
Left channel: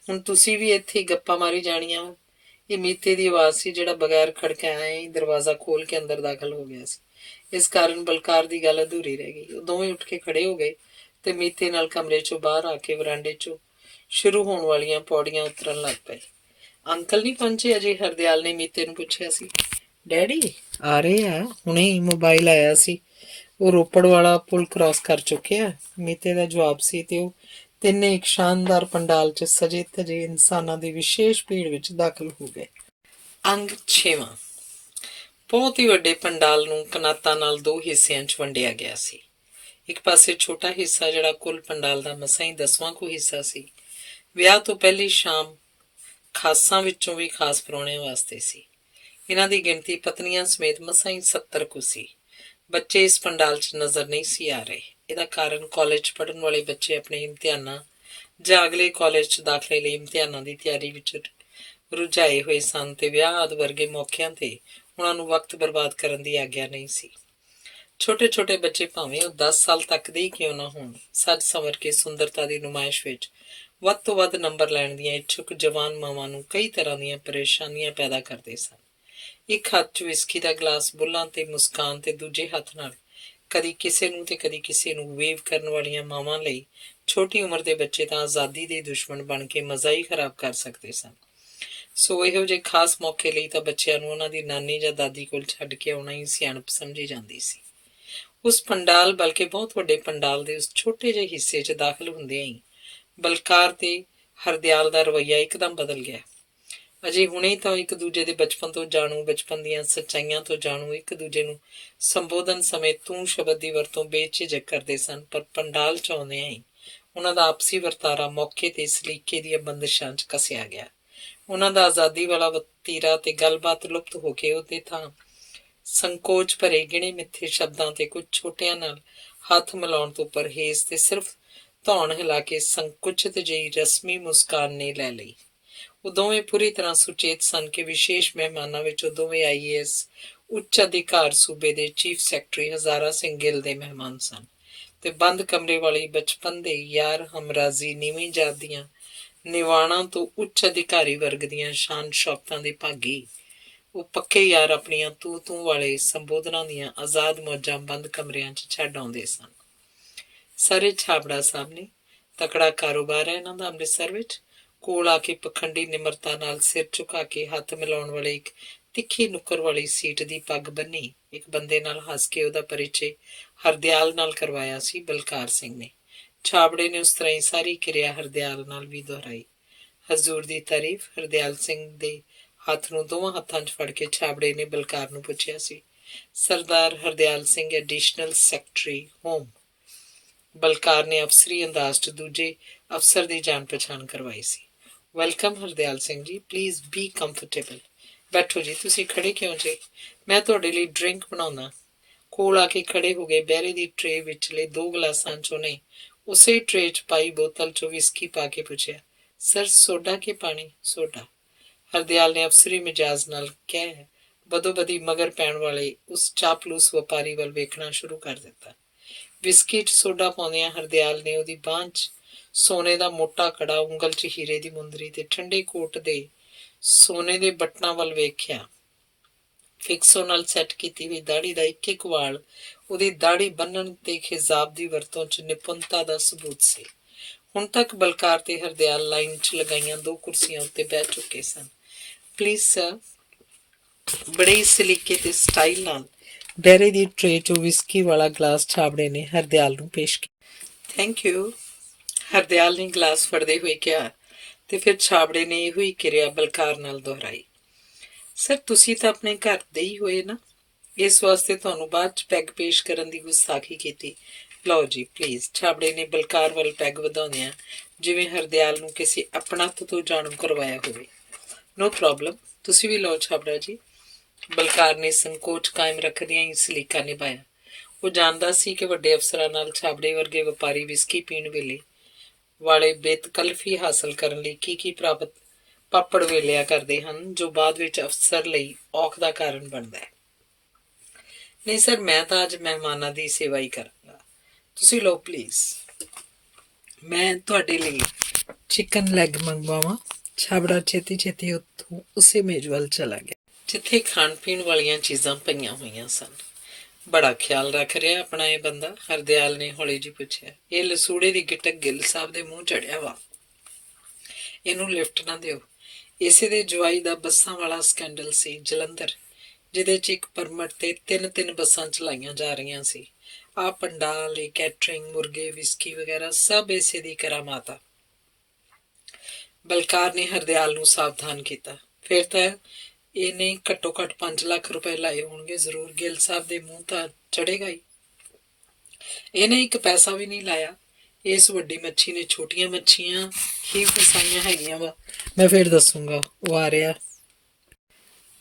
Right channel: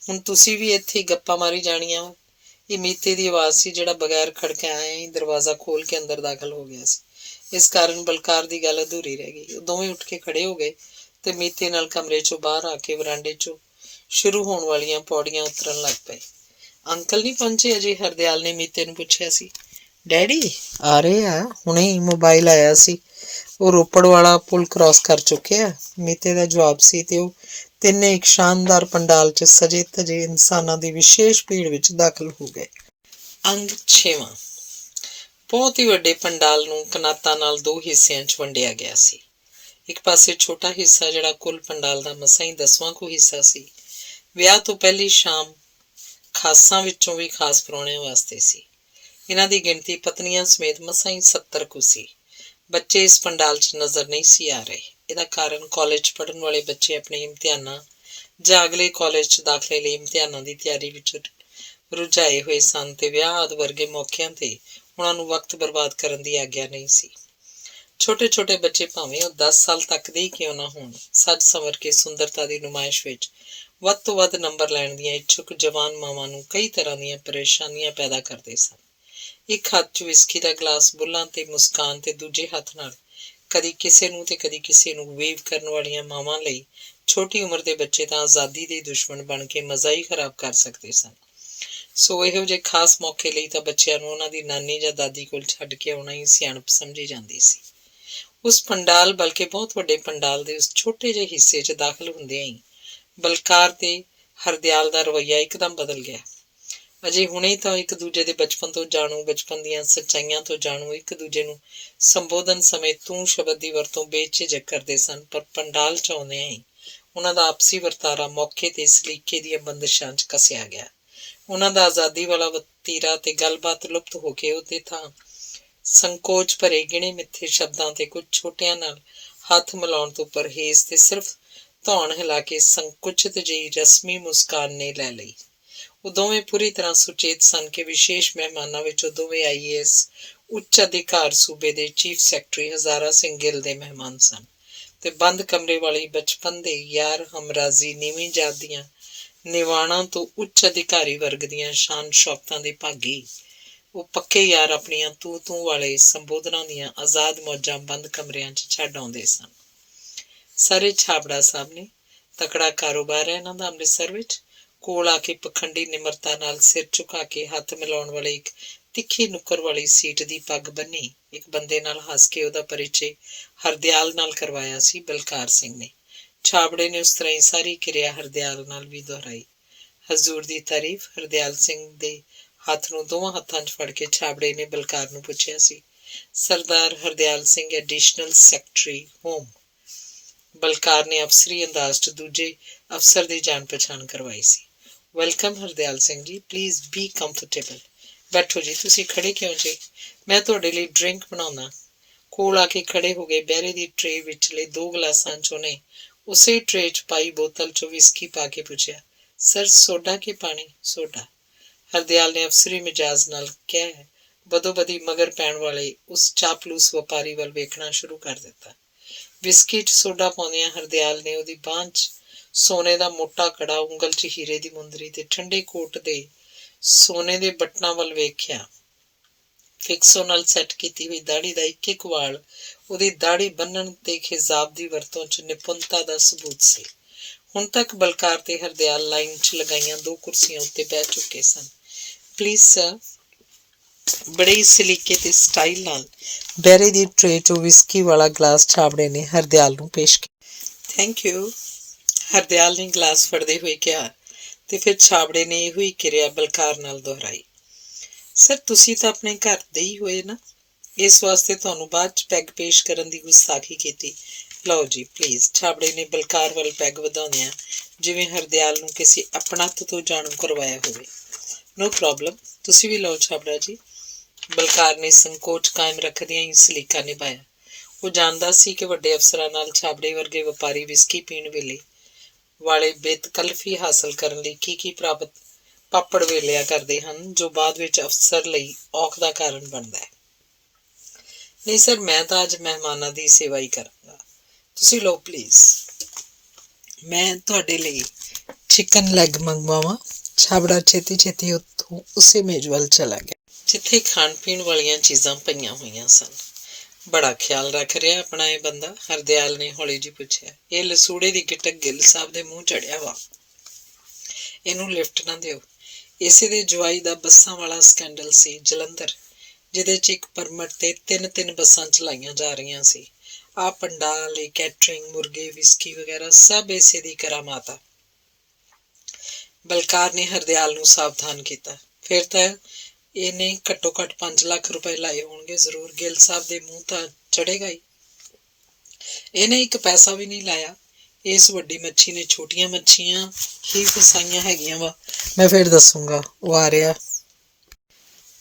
ਹੁਣ ਤੁਸੀਂ ਵੀ ਇੱਥੇ ਗੱਪਾਂ ਮਾਰੀ ਜਾਣੀਆਂ। ਇਹ ਮੀਤੇ ਦੀ ਆਵਾਜ਼ ਸੀ ਜਿਹੜਾ ਬਗੈਰ ਖੜਕਾਇਆ ਹੀ ਦਰਵਾਜ਼ਾ ਖੋਲ ਕੇ ਅੰਦਰ ਦਾਖਲ ਹੋ ਗਿਆ ਸੀ। ਇਸ ਕਾਰਨ ਬਲਕਾਰ ਦੀ ਗੱਲ ਅਧੂਰੀ ਰਹਿ ਗਈ। ਉਹ ਦੋਵੇਂ ਉੱਠ ਕੇ ਖੜੇ ਹੋ ਗਏ ਤੇ ਮੀਤੇ ਨਾਲ ਕਮਰੇ 'ਚੋਂ ਬਾਹਰ ਆ ਕੇ ਵਰਾਂਡੇ 'ਚੋਂ ਸ਼ੁਰੂ ਹੋਣ ਵਾਲੀਆਂ ਪੌੜੀਆਂ ਉਤਰਨ ਲੱਗ ਪਏ। ਅੰਕਲ ਨਹੀਂ ਪਹੁੰਚੇ ਅਜੇ? ਹਰਦਿਆਲ ਨੇ ਮੀਤੇ ਨੂੰ ਪੁੱਛਿਆ ਸੀ। ਡੈਡੀ ਆ ਰਹੇ ਆ, ਹੁਣੇ ਹੀ ਮੋਬਾਈਲ ਆਇਆ ਸੀ, ਉਹ ਰੋਪੜ ਵਾਲਾ ਪੁਲ ਕ੍ਰਾਸ ਕਰ ਚੁੱਕਿਆ, ਮੀਤੇ ਦਾ ਜਵਾਬ ਸੀ। ਤੇ ਉਹ ਤਿੰਨੇ ਇੱਕ ਸ਼ਾਨਦਾਰ ਪੰਡਾਲ 'ਚ ਸਜੇ ਧਜੇ ਇਨਸਾਨਾਂ ਦੀ ਵਿਸ਼ੇਸ਼ ਭੀੜ ਵਿੱਚ ਦਾਖਲ ਹੋ ਗਏ। ਅੰਗ 6ਵਾਂ। ਬਹੁਤ ਹੀ ਵੱਡੇ ਪੰਡਾਲ ਨੂੰ ਕਨਾਤਾਂ ਨਾਲ ਦੋ ਹਿੱਸਿਆਂ 'ਚ ਵੰਡਿਆ ਗਿਆ ਸੀ। ਇੱਕ ਪਾਸੇ ਛੋਟਾ ਹਿੱਸਾ ਜਿਹੜਾ ਕੁੱਲ ਪੰਡਾਲ ਦਾ ਮਸਾਂ ਹੀ 10ਵਾਂ ਕੁ ਹਿੱਸਾ ਸੀ, ਵਿਆਹ ਤੋਂ ਪਹਿਲੀ ਸ਼ਾਮ ਖਾਸਾਂ ਵਿੱਚੋਂ ਵੀ ਖਾਸ ਪ੍ਰਾਹੁਣਿਆਂ ਵਾਸਤੇ ਸੀ। ਇਹਨਾਂ ਦੀ ਗਿਣਤੀ ਪਤਨੀਆਂ ਸਮੇਤ ਮਸਾਂ ਹੀ 70 ਕੁ ਸੀ। ਬੱਚੇ ਇਸ ਪੰਡਾਲ 'ਚ ਨਜ਼ਰ ਨਹੀਂ ਸੀ ਆ ਰਹੇ। ਇਹਦਾ ਕਾਰਨ ਕਾਲਜ 'ਚ ਪੜ੍ਹਨ ਵਾਲੇ ਬੱਚੇ ਆਪਣੇ ਇਮਤਿਹਾਨਾਂ ਜਾਂ ਅਗਲੇ ਕਾਲਜ 'ਚ ਦਾਖਲੇ ਲਈ ਇਮਤਿਹਾਨਾਂ ਦੀ ਤਿਆਰੀ ਵਿੱਚ ਰੁਝਾਏ ਹੋਏ ਸਨ ਤੇ ਵਿਆਹ ਆਦਿ ਵਰਗੇ ਮੌਕਿਆਂ ਤੇ ਉਹਨਾਂ ਨੂੰ ਵਕਤ ਬਰਬਾਦ ਕਰਨ ਦੀ ਆਗਿਆ ਨਹੀਂ ਸੀ। ਛੋਟੇ ਛੋਟੇ ਬੱਚੇ ਭਾਵੇਂ ਉਹ 10 ਸਾਲ ਤੱਕ ਦੇ ਹੀ ਕਿਉਂ ਨਾ ਹੋਣ, ਸੱਜ ਸੰਵਰ ਕੇ ਸੁੰਦਰਤਾ ਦੀ ਨੁਮਾਇਸ਼ ਵਿੱਚ ਵੱਧ ਤੋਂ ਵੱਧ ਨੰਬਰ ਲੈਣ ਦੀਆਂ ਇੱਛੁਕ ਜਵਾਨ ਮਾਵਾਂ ਨੂੰ ਕਈ ਤਰ੍ਹਾਂ ਦੀਆਂ ਪਰੇਸ਼ਾਨੀਆਂ ਪੈਦਾ ਕਰਦੇ ਸਨ। ਇੱਕ ਹੱਥ 'ਚ ਵਿਸਕੀ ਦਾ ਗਲਾਸ, ਬੁੱਲਾਂ ਤੇ ਮੁਸਕਾਨ, ਤੇ ਦੂਜੇ ਹੱਥ ਨਾਲ ਕਦੀ ਕਿਸੇ ਨੂੰ ਤੇ ਕਦੀ ਕਿਸੇ ਨੂੰ ਵੇਵ ਕਰਨ ਵਾਲੀਆਂ ਮਾਵਾਂ ਲਈ ਛੋਟੀ ਉਮਰ ਦੇ ਬੱਚੇ ਤਾਂ ਆਜ਼ਾਦੀ ਦੇ ਦੁਸ਼ਮਣ ਬਣ ਕੇ ਮਜ਼ਾ ਹੀ ਖਰਾਬ ਕਰ ਸਕਦੇ ਸਨ। ਸੋ ਇਹੋ ਜਿਹੇ ਖਾਸ ਮੌਕੇ ਲਈ ਤਾਂ ਬੱਚਿਆਂ ਨੂੰ ਉਹਨਾਂ ਦੀ ਨਾਨੀ ਜਾਂ ਦਾਦੀ ਕੋਲ ਛੱਡ ਕੇ ਆਉਣਾ ਹੀ ਸਿਆਣਪ ਸਮਝੀ ਜਾਂਦੀ ਸੀ। ਉਸ ਪੰਡਾਲ, ਬਲਕਿ ਬਹੁਤ ਵੱਡੇ ਪੰਡਾਲ ਦੇ ਉਸ ਛੋਟੇ ਜਿਹੇ ਹਿੱਸੇ 'ਚ ਦਾਖਲ ਹੁੰਦਿਆਂ ਹੀ ਬਲਕਾਰ ਤੇ ਹਰਦਿਆਲ ਦਾ ਰਵੱਈਆ ਇੱਕਦਮ ਬਦਲ ਗਿਆ। ਅਜੇ ਹੁਣੇ ਤਾਂ ਇੱਕ ਦੂਜੇ ਦੇ ਬਚਪਨ ਤੋਂ ਜਾਣੂ, ਬਚਪਨ ਦੀਆਂ ਸੱਚਾਈਆਂ ਤੋਂ ਜਾਣੂ, ਇੱਕ ਦੂਜੇ ਨੂੰ ਸੰਬੋਧਨ ਸਮੇਂ ਤੂੰ ਸ਼ਬਦ ਦੀ ਵਰਤੋਂ ਬੇਝਿਜਕ ਕਰਦੇ ਸਨ, ਪਰ ਪੰਡਾਲ 'ਚ ਆਉਂਦਿਆਂ ਹੀ ਉਹਨਾਂ ਦਾ ਆਪਸੀ ਵਰਤਾਰਾ ਮੌਕੇ ਤੇ ਸਲੀਕੇ ਦੀਆਂ ਬੰਦਿਸ਼ਾਂ 'ਚ ਕੱਸਿਆ ਗਿਆ। ਉਹਨਾਂ ਦਾ ਆਜ਼ਾਦੀ ਵਾਲਾ ਵਤੀਰਾ ਤੇ ਗੱਲਬਾਤ ਲੁਪਤ ਹੋ ਕੇ ਉਹਦੇ ਥਾਂ ਸੰਕੋਚ ਭਰੇ ਗਿਣੇ ਮਿੱਥੇ ਸ਼ਬਦਾਂ ਤੇ ਕੁਝ ਛੋਟਿਆਂ ਨਾਲ ਹੱਥ ਮਿਲਾਉਣ ਤੋਂ ਪਰਹੇਜ਼ ਤੇ ਸਿਰਫ ਧੌਣ ਹਿਲਾ ਕੇ ਸੰਕੁਚਿਤ ਜਿਹੀ ਰਸਮੀ ਮੁਸਕਾਨ ਨੇ ਲੈ ਲਈ। ਉਹ ਦੋਵੇਂ ਪੂਰੀ ਤਰ੍ਹਾਂ ਸੁਚੇਤ ਸਨ ਕਿ ਵਿਸ਼ੇਸ਼ ਮਹਿਮਾਨਾਂ ਵਿੱਚ ਉਹ ਦੋਵੇਂ IAS ਉੱਚ ਅਧਿਕਾਰ ਸੂਬੇ ਦੇ ਚੀਫ ਸੈਕਟਰੀ ਹਜ਼ਾਰਾ ਸਿੰਘ ਗਿੱਲ ਦੇ ਮਹਿਮਾਨ ਸਨ ਤੇ ਬੰਦ ਕਮਰੇ ਵਾਲੀ ਬਚਪਨ ਦੇ ਯਾਰ ਹਮਰਾਜ਼ੀ ਨੀਵੀਂ ਜਾਤ ਦੀਆਂ ਨਿਵਾਣਾਂ ਤੋਂ ਉੱਚ ਅਧਿਕਾਰੀ ਵਰਗ ਦੀਆਂ ਸ਼ਾਨ ਸ਼ੌਕਤਾਂ ਦੇ ਭਾਗੀ। ਉਹ ਪੱਕੇ ਯਾਰ ਆਪਣੀਆਂ ਤੂੰ ਵਾਲੇ ਸੰਬੋਧਨਾਂ ਦੀਆਂ ਆਜ਼ਾਦ ਮੌਜਾਂ ਬੰਦ ਕਮਰਿਆਂ 'ਚ ਛੱਡ ਆਉਂਦੇ ਸਨ। ਸਾਰੇ ਛਾਬੜਾ ਸਾਹਿਬ ਨੇ, ਤਕੜਾ ਕਾਰੋਬਾਰ ਹੈ ਇਹਨਾਂ ਦਾ ਅੰਮ੍ਰਿਤਸਰ ਵਿੱਚ। ਕੋਲ ਆ ਕੇ ਪਖੰਡੀ ਨਿਮਰਤਾ ਨਾਲ ਸਿਰ ਝੁਕਾ ਕੇ ਹੱਥ ਮਿਲਾਉਣ ਵਾਲੇ ਇੱਕ ਤਿੱਖੀ ਨੁੱਕਰ ਵਾਲੀ ਸੀਟ ਦੀ ਪੱਗ ਬੰਨੀ ਇੱਕ ਬੰਦੇ ਨਾਲ ਹੱਸ ਕੇ ਉਹਦਾ ਪਰਿਚੈ ਹਰਦਿਆਲ ਨਾਲ ਕਰਵਾਇਆ ਸੀ ਬਲਕਾਰ ਸਿੰਘ ਨੇ। ਛਾਬੜੇ ਨੇ ਉਸ ਤਰ੍ਹਾਂ ਹੀ ਸਾਰੀ ਕਿਰਿਆ ਹਰਦਿਆਲ ਨਾਲ ਵੀ ਦੁਹਰਾਈ। ਹਜ਼ੂਰ ਦੀ ਤਾਰੀਫ। ਹਰਦਿਆਲ ਸਿੰਘ ਦੇ ਹੱਥ ਨੂੰ ਦੋਵਾਂ ਹੱਥਾਂ 'ਚ ਫੜ ਕੇ ਛਾਬੜੇ ਨੇ ਬਲਕਾਰ ਨੂੰ ਪੁੱਛਿਆ ਸੀ। Sardar Hardial Singh, additional secretary home. Balkar ਨੇ ਅਫਸਰੀ ਅੰਦਾਜ਼ 'ਚ ਦੂਜੇ ਅਫਸਰ ਦੀ ਜਾਣ ਪਛਾਣ ਕਰਵਾਈ ਸੀ। Welcome Hardial Singh ji, please be comfortable. ਬੈਠੋ ਜੀ, ਤੁਸੀਂ ਖੜੇ ਕਿਉਂ ਜੇ? ਮੈਂ ਤੁਹਾਡੇ ਲਈ ਡਰਿੰਕ ਬਣਾਉਣਾ। ਕੋਲ ਆ ਕੇ ਖੜੇ ਹੋ ਗਏ। ਬਹਿਰੇ ਦੀ ਟਰੇ ਵਿਚਲੇ 2 ਗਲਾਸਾਂ 'ਚ ਉਹਨੇ ਉਸੇ ਟਰੇ 'ਚ ਪਾਈ ਬੋਤਲ 'ਚੋਂ ਵਿਸਕੀ ਪਾ ਕੇ ਪੁੱਛਿਆ, ਸਰ ਸੋਡਾ ਕਿ ਪਾਣੀ? ਸੋਡਾ। ਹਰਦਿਆਲ ਨੇ ਅਫਸਰੀ ਮਿਜਾਜ਼ ਨਾਲ ਕਹਿ ਬਦੋ ਬਦੀ ਮਗਰ ਪੈਣ ਵਾਲੇ ਉਸ ਚਾਪਲੂਸ ਵਪਾਰੀ ਵੱਲ ਵੇਖਣਾ ਸ਼ੁਰੂ ਕਰ ਦਿੱਤਾ। ਵਿਸਕੀ 'ਚ ਸੋਡਾ ਪਾਉਂਦਿਆਂ ਹਰਦਿਆਲ ਨੇ ਉਹਦੀ ਬਾਂਹ 'ਚ ਸੋਨੇ ਦਾ ਮੋਟਾ ਕੜਾ, ਉਂਗਲ 'ਚ ਹੀਰੇ ਦੀ ਮੁੰਦਰੀ ਤੇ ਠੰਡੇ ਕੋਟ ਦੇ ਸੋਨੇ ਦੇ ਬਟਨਾਂ ਵੱਲ ਵੇਖਿਆ। ਫਿਕਸੋ ਨਾਲ ਸੈੱਟ ਕੀਤੀ ਹੋਈ ਦਾੜੀ ਦਾ ਇੱਕ ਇੱਕ ਵਾਲ ਉਹਦੀ ਦਾੜੀ ਬੰਨਣ ਤੇ ਖਿਜ਼ਾਬ ਦੀ ਵਰਤੋਂ 'ਚ ਨਿਪੁੰਨਤਾ ਦਾ ਸਬੂਤ ਸੀ। ਹੁਣ ਤੱਕ ਬਲਕਾਰ ਤੇ ਹਰਦਿਆਲ ਲਾਈਨ 'ਚ ਲਗਾਈਆਂ ਦੋ ਕੁਰਸੀਆਂ ਉੱਤੇ ਬਹਿ ਚੁੱਕੇ ਸਨ। ਪਲੀਜ਼ ਸਰ, ਬੜੇ ਹੀ ਸਲੀਕੇ ਤੇ ਸਟਾਈਲ ਨਾਲ ਬਹਿਰੇ ਦੀ ਟਰੇ 'ਚੋਂ ਵਿਸਕੀ ਵਾਲਾ ਗਲਾਸ ਛਾਬੜੇ ਨੇ ਹਰਦਿਆਲ ਨੂੰ ਪੇਸ਼ ਕੀਤਾ। ਥੈਂਕ ਯੂ, ਹਰਦਿਆਲ ਨੇ ਗਲਾਸ ਫੜਦੇ ਹੋਏ ਕਿਹਾ ਤੇ ਫਿਰ ਛਾਬੜੇ ਨੇ ਇਹੋ ਹੀ ਕਿਰਿਆ ਬਲਕਾਰ ਨਾਲ ਦੁਹਰਾਈ। ਸਰ, ਤੁਸੀਂ ਤਾਂ ਆਪਣੇ ਘਰ ਦੇ ਹੀ ਹੋਏ ਨਾ, ਇਸ ਵਾਸਤੇ ਤੁਹਾਨੂੰ ਬਾਅਦ 'ਚ ਪੈਗ ਪੇਸ਼ ਕਰਨ ਦੀ ਗੁਸਤਾਖੀ ਕੀਤੀ। ਲਓ ਜੀ ਪਲੀਜ਼, ਛਾਬੜੇ ਨੇ ਬਲਕਾਰ ਵੱਲ ਪੈਗ ਵਧਾਉਂਦਿਆਂ ਜਿਵੇਂ ਹਰਦਿਆਲ ਨੂੰ ਕਿਸੇ ਆਪਣੱਤ ਤੋਂ ਜਾਣੂ ਕਰਵਾਇਆ ਹੋਵੇ। ਨੋ ਪ੍ਰੋਬਲਮ, ਤੁਸੀਂ ਵੀ ਲਓ ਛਾਬੜਾ ਜੀ। ਬਲਕਾਰ ਨੇ ਸੰਕੋਚ ਕਾਇਮ ਰੱਖਦਿਆਂ ਹੀ ਸਲੀਕਾ ਨਿਭਾਇਆ। ਉਹ ਜਾਣਦਾ ਸੀ ਕਿ ਵੱਡੇ ਅਫਸਰਾਂ ਨਾਲ ਛਾਬੜੇ ਵਰਗੇ ਵਪਾਰੀ ਵਿਸਕੀ ਪੀਣ ਵੇਲੇ ਵਾਲੇ ਬੇਤਕਲਫੀ ਹਾਸਲ ਕਰਨ ਲਈ ਕੀ ਪ੍ਰਾਪਤ ਪਾਪੜ ਵੇਲਿਆ ਕਰਦੇ ਹਨ, ਜੋ ਬਾਅਦ ਵਿੱਚ ਅਫਸਰ ਲਈ ਔਖ ਦਾ ਕਾਰਨ ਬਣਦਾ ਹੈ। ਨਹੀਂ ਸਰ, ਮੈਂ ਤਾਂ ਅੱਜ ਮਹਿਮਾਨਾਂ ਦੀ ਸੇਵਾ ਹੀ ਕਰਾਂਗਾ। ਤੁਸੀਂ ਲਓ ਪਲੀਜ਼। ਮੈਂ ਤੁਹਾਡੇ ਲਈ ਚਿਕਨ ਲੈਗ ਮੰਗਵਾਵਾਂ। ਛਾਬੜਾ ਛੇਤੀ ਛੇਤੀ ਉੱਥੋਂ ਉਸੇ ਮੇਜ਼ ਵੱਲ ਚਲਾ ਗਿਆ ਜਿੱਥੇ ਖਾਣ ਪੀਣ ਵਾਲੀਆਂ ਚੀਜ਼ਾਂ ਪਈਆਂ ਹੋਈਆਂ ਸਨ। ਬੜਾ ਖਿਆਲ ਰੱਖ ਰਿਹਾ ਆਪਣਾ ਇਹ ਬੰਦਾ, ਹਰਦਿਆਲ ਨੇ ਹੌਲੀ ਜਿਹੀ ਪੁੱਛਿਆ। ਇਹ ਲਸੂੜੇ ਦੀ ਗਿਟਕ ਗਿੱਲ ਸਾਹਿਬ ਦੇ ਮੂੰਹ ਚੜਿਆ ਵਾ, ਇਹਨੂੰ ਲਿਫਟ ਨਾ ਦਿਓ। ਇਸੇ ਦੇ ਜਵਾਈ ਦਾ ਬੱਸਾਂ ਵਾਲਾ ਸਕੈਂਡਲ ਸੀ ਜਲੰਧਰ, ਜਿਹਦੇ 'ਚ ਇੱਕ ਪਰਮਟ ਤੇ ਤਿੰਨ ਬੱਸਾਂ ਚਲਾਈਆਂ ਜਾ ਰਹੀਆਂ ਸੀ। ਆਹ ਪੰਡਾਲ, ਕੈਟਰਿੰਗ, ਮੁਰਗੇ, ਵਿਸਕੀ ਵਗੈਰਾ ਸਭ ਇਸੇ ਦੀ ਕਰਾਮਾਤ ਆ। ਬਲਕਾਰ ਨੇ ਹਰਦਿਆਲ ਨੂੰ ਸਾਵਧਾਨ ਕੀਤਾ। ਫਿਰ ਤਾਂ ਇਹਨੇ ਘੱਟੋ ਘੱਟ 5 ਲੱਖ ਰੁਪਏ ਲਾਏ ਹੋਣਗੇ ਜ਼ਰੂਰ। ਗਿੱਲ ਸਾਹਿਬ ਦੇ ਮੂੰਹ ਤਾਂ ਚੜੇਗਾ ਹੀ। ਇਹਨੇ ਇੱਕ ਪੈਸਾ ਵੀ ਨਹੀਂ ਲਾਇਆ। ਇਸ ਵੱਡੀ ਮੱਛੀ ਨੇ ਛੋਟੀਆਂ ਮੱਛੀਆਂ ਹੀ ਫਸਾਈਆਂ ਹੈਗੀਆਂ ਵਾ। ਮੈਂ ਫਿਰ ਦੱਸੂਗਾ। ਉਹ ਆ ਰਿਹਾ।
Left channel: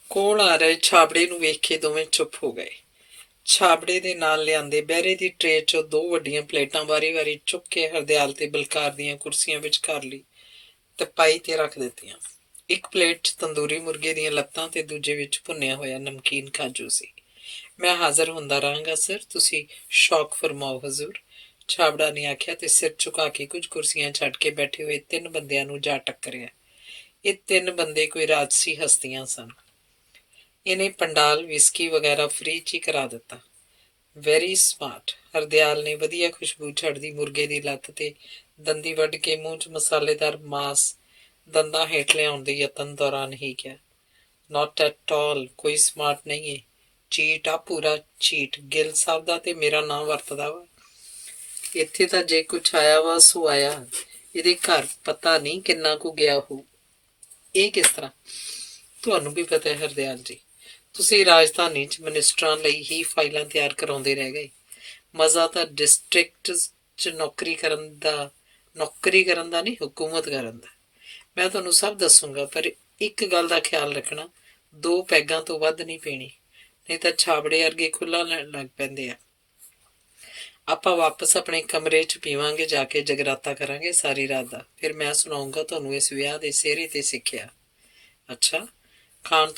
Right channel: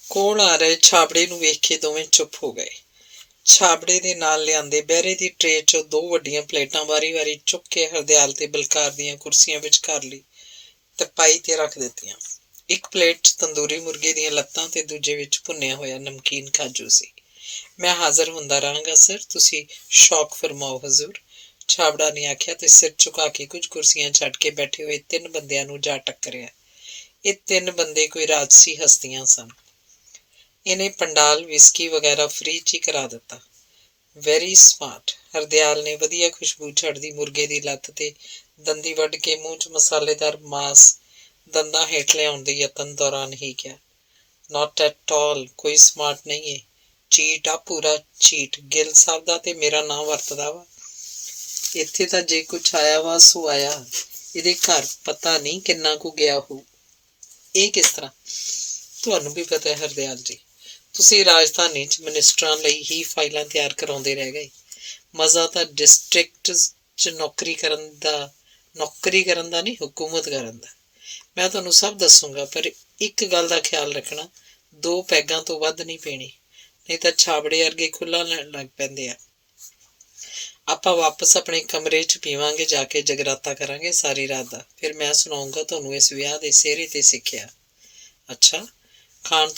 ਕੋਲ ਆ ਰਹੇ ਛਾਬੜੇ ਨੂੰ ਵੇਖ ਕੇ ਦੋਵੇਂ ਚੁੱਪ ਹੋ ਗਏ। ਛਾਬੜੇ ਦੇ ਨਾਲ ਲਿਆਂਦੇ ਬਹਿਰੇ ਦੀ ਟਰੇ 'ਚੋਂ ਦੋ ਵੱਡੀਆਂ ਪਲੇਟਾਂ ਵਾਰੀ ਚੁੱਕ ਕੇ ਹਰਦਿਆਲ ਤੇ ਬਲਕਾਰ ਦੀਆਂ ਕੁਰਸੀਆਂ ਵਿੱਚ ਕਰ ਲਈ ਤੇ ਪਾਈ ਤੇ ਰੱਖ ਦਿੱਤੀਆਂ। ਇੱਕ ਪਲੇਟ 'ਚ ਤੰਦੂਰੀ ਮੁਰਗੇ ਦੀਆਂ ਲੱਤਾਂ ਤੇ ਦੂਜੇ ਵਿੱਚ ਭੁੰਨਿਆ ਹੋਇਆ ਨਮਕੀਨ ਕਾਜੂ ਸੀ। ਮੈਂ ਹਾਜ਼ਰ ਹੁੰਦਾ ਰਹਾਂਗਾ ਸਰ, ਤੁਸੀਂ ਸ਼ੌਕ ਫਰਮਾਓ ਹਜ਼ੂਰ, ਛਾਬੜਾ ਨੇ ਆਖਿਆ ਤੇ ਸਿਰ ਝੁਕਾ ਕੇ ਕੁਝ ਕੁਰਸੀਆਂ ਛੱਡ ਕੇ ਬੈਠੇ ਹੋਏ ਤਿੰਨ ਬੰਦਿਆਂ ਨੂੰ ਜਾ ਟੱਕਰਿਆ। ਇਹ ਤਿੰਨ ਬੰਦੇ ਕੋਈ ਰਾਜਸੀ ਹਸਤੀਆਂ ਸਨ। ਇਹਨੇ ਪੰਡਾਲ, ਵਿਸਕੀ ਵਗੈਰਾ ਫ੍ਰੀ 'ਚ ਹੀ ਕਰਾ ਦਿੱਤਾ। Very smart. ਹਰਦਿਆਲ ਨੇ ਵਧੀਆ ਖੁਸ਼ਬੂ ਛੱਡਦੀ ਮੁਰਗੇ ਦੀ ਲੱਤ ਤੇ ਦੰਦੀ ਵੱਢ ਕੇ ਮੂੰਹ 'ਚ ਮਸਾਲੇਦਾਰ ਮਾਸ ਦੰਦਾਂ ਹੇਠ ਲਿਆਉਣ ਦੇ ਯਤਨ ਦੌਰਾਨ ਹੀ ਕਿਹਾ। ਨਾਟ ਐਟ ਆਲ, ਕੋਈ ਸਮਾਰਟ ਨਹੀਂ ਏ। ਚੀਟ ਆ, ਪੂਰਾ ਚੀਟ। ਗਿੱਲ ਸਾਹਿਬ ਦਾ ਤੇ ਮੇਰਾ ਨਾਂ ਵਰਤਦਾ ਵਾ। ਇੱਥੇ ਤਾਂ ਜੇ ਕੁਛ ਆਇਆ ਵਾ ਸੋ ਆਇਆ। ਇਹਦੇ ਘਰ ਪਤਾ ਨਹੀਂ ਕਿੰਨਾ ਕੁ ਗਿਆ ਹੋ। ਇਹ ਕਿਸ ਤਰ੍ਹਾਂ? ਤੁਹਾਨੂੰ ਵੀ ਪਤਾ ਹੈ ਹਰਦਿਆਲ ਜੀ, ਤੁਸੀਂ ਰਾਜਧਾਨੀ 'ਚ ਮਨਿਸਟਰਾਂ ਲਈ ਹੀ ਫਾਈਲਾਂ ਤਿਆਰ ਕਰਾਉਂਦੇ ਰਹਿ ਗਏ। ਮਜ਼ਾ ਤਾਂ ਡਿਸਟ੍ਰਿਕਟ 'ਚ ਨੌਕਰੀ ਕਰਨ ਦਾ ਨਹੀਂ, ਹੁਕੂਮਤ ਕਰਨ ਦਾ। ਮੈਂ ਤੁਹਾਨੂੰ ਸਭ ਦੱਸੂਗਾ, ਪਰ ਇੱਕ ਗੱਲ ਦਾ ਖਿਆਲ ਰੱਖਣਾ, 2 ਪੈਗਾਂ ਤੋਂ ਵੱਧ ਨਹੀਂ ਪੀਣੀ, ਨਹੀਂ ਤਾਂ ਛਾਬੜੇ ਵਰਗੇ ਖੁੱਲ੍ਹਾ ਲੈਣ ਲੱਗ ਪੈਂਦੇ ਆ। ਆਪਾਂ ਵਾਪਸ ਆਪਣੇ ਕਮਰੇ 'ਚ ਪੀਵਾਂਗੇ, ਜਾ ਕੇ ਜਗਰਾਤਾ ਕਰਾਂਗੇ ਸਾਰੀ ਰਾਤ ਦਾ। ਫਿਰ ਮੈਂ ਸੁਣਾਊਂਗਾ ਤੁਹਾਨੂੰ ਇਸ ਵਿਆਹ ਦੇ ਸਿਹਰੇ ਤੇ ਸਿੱਖਿਆ। ਅੱਛਾ, ਖਾਣ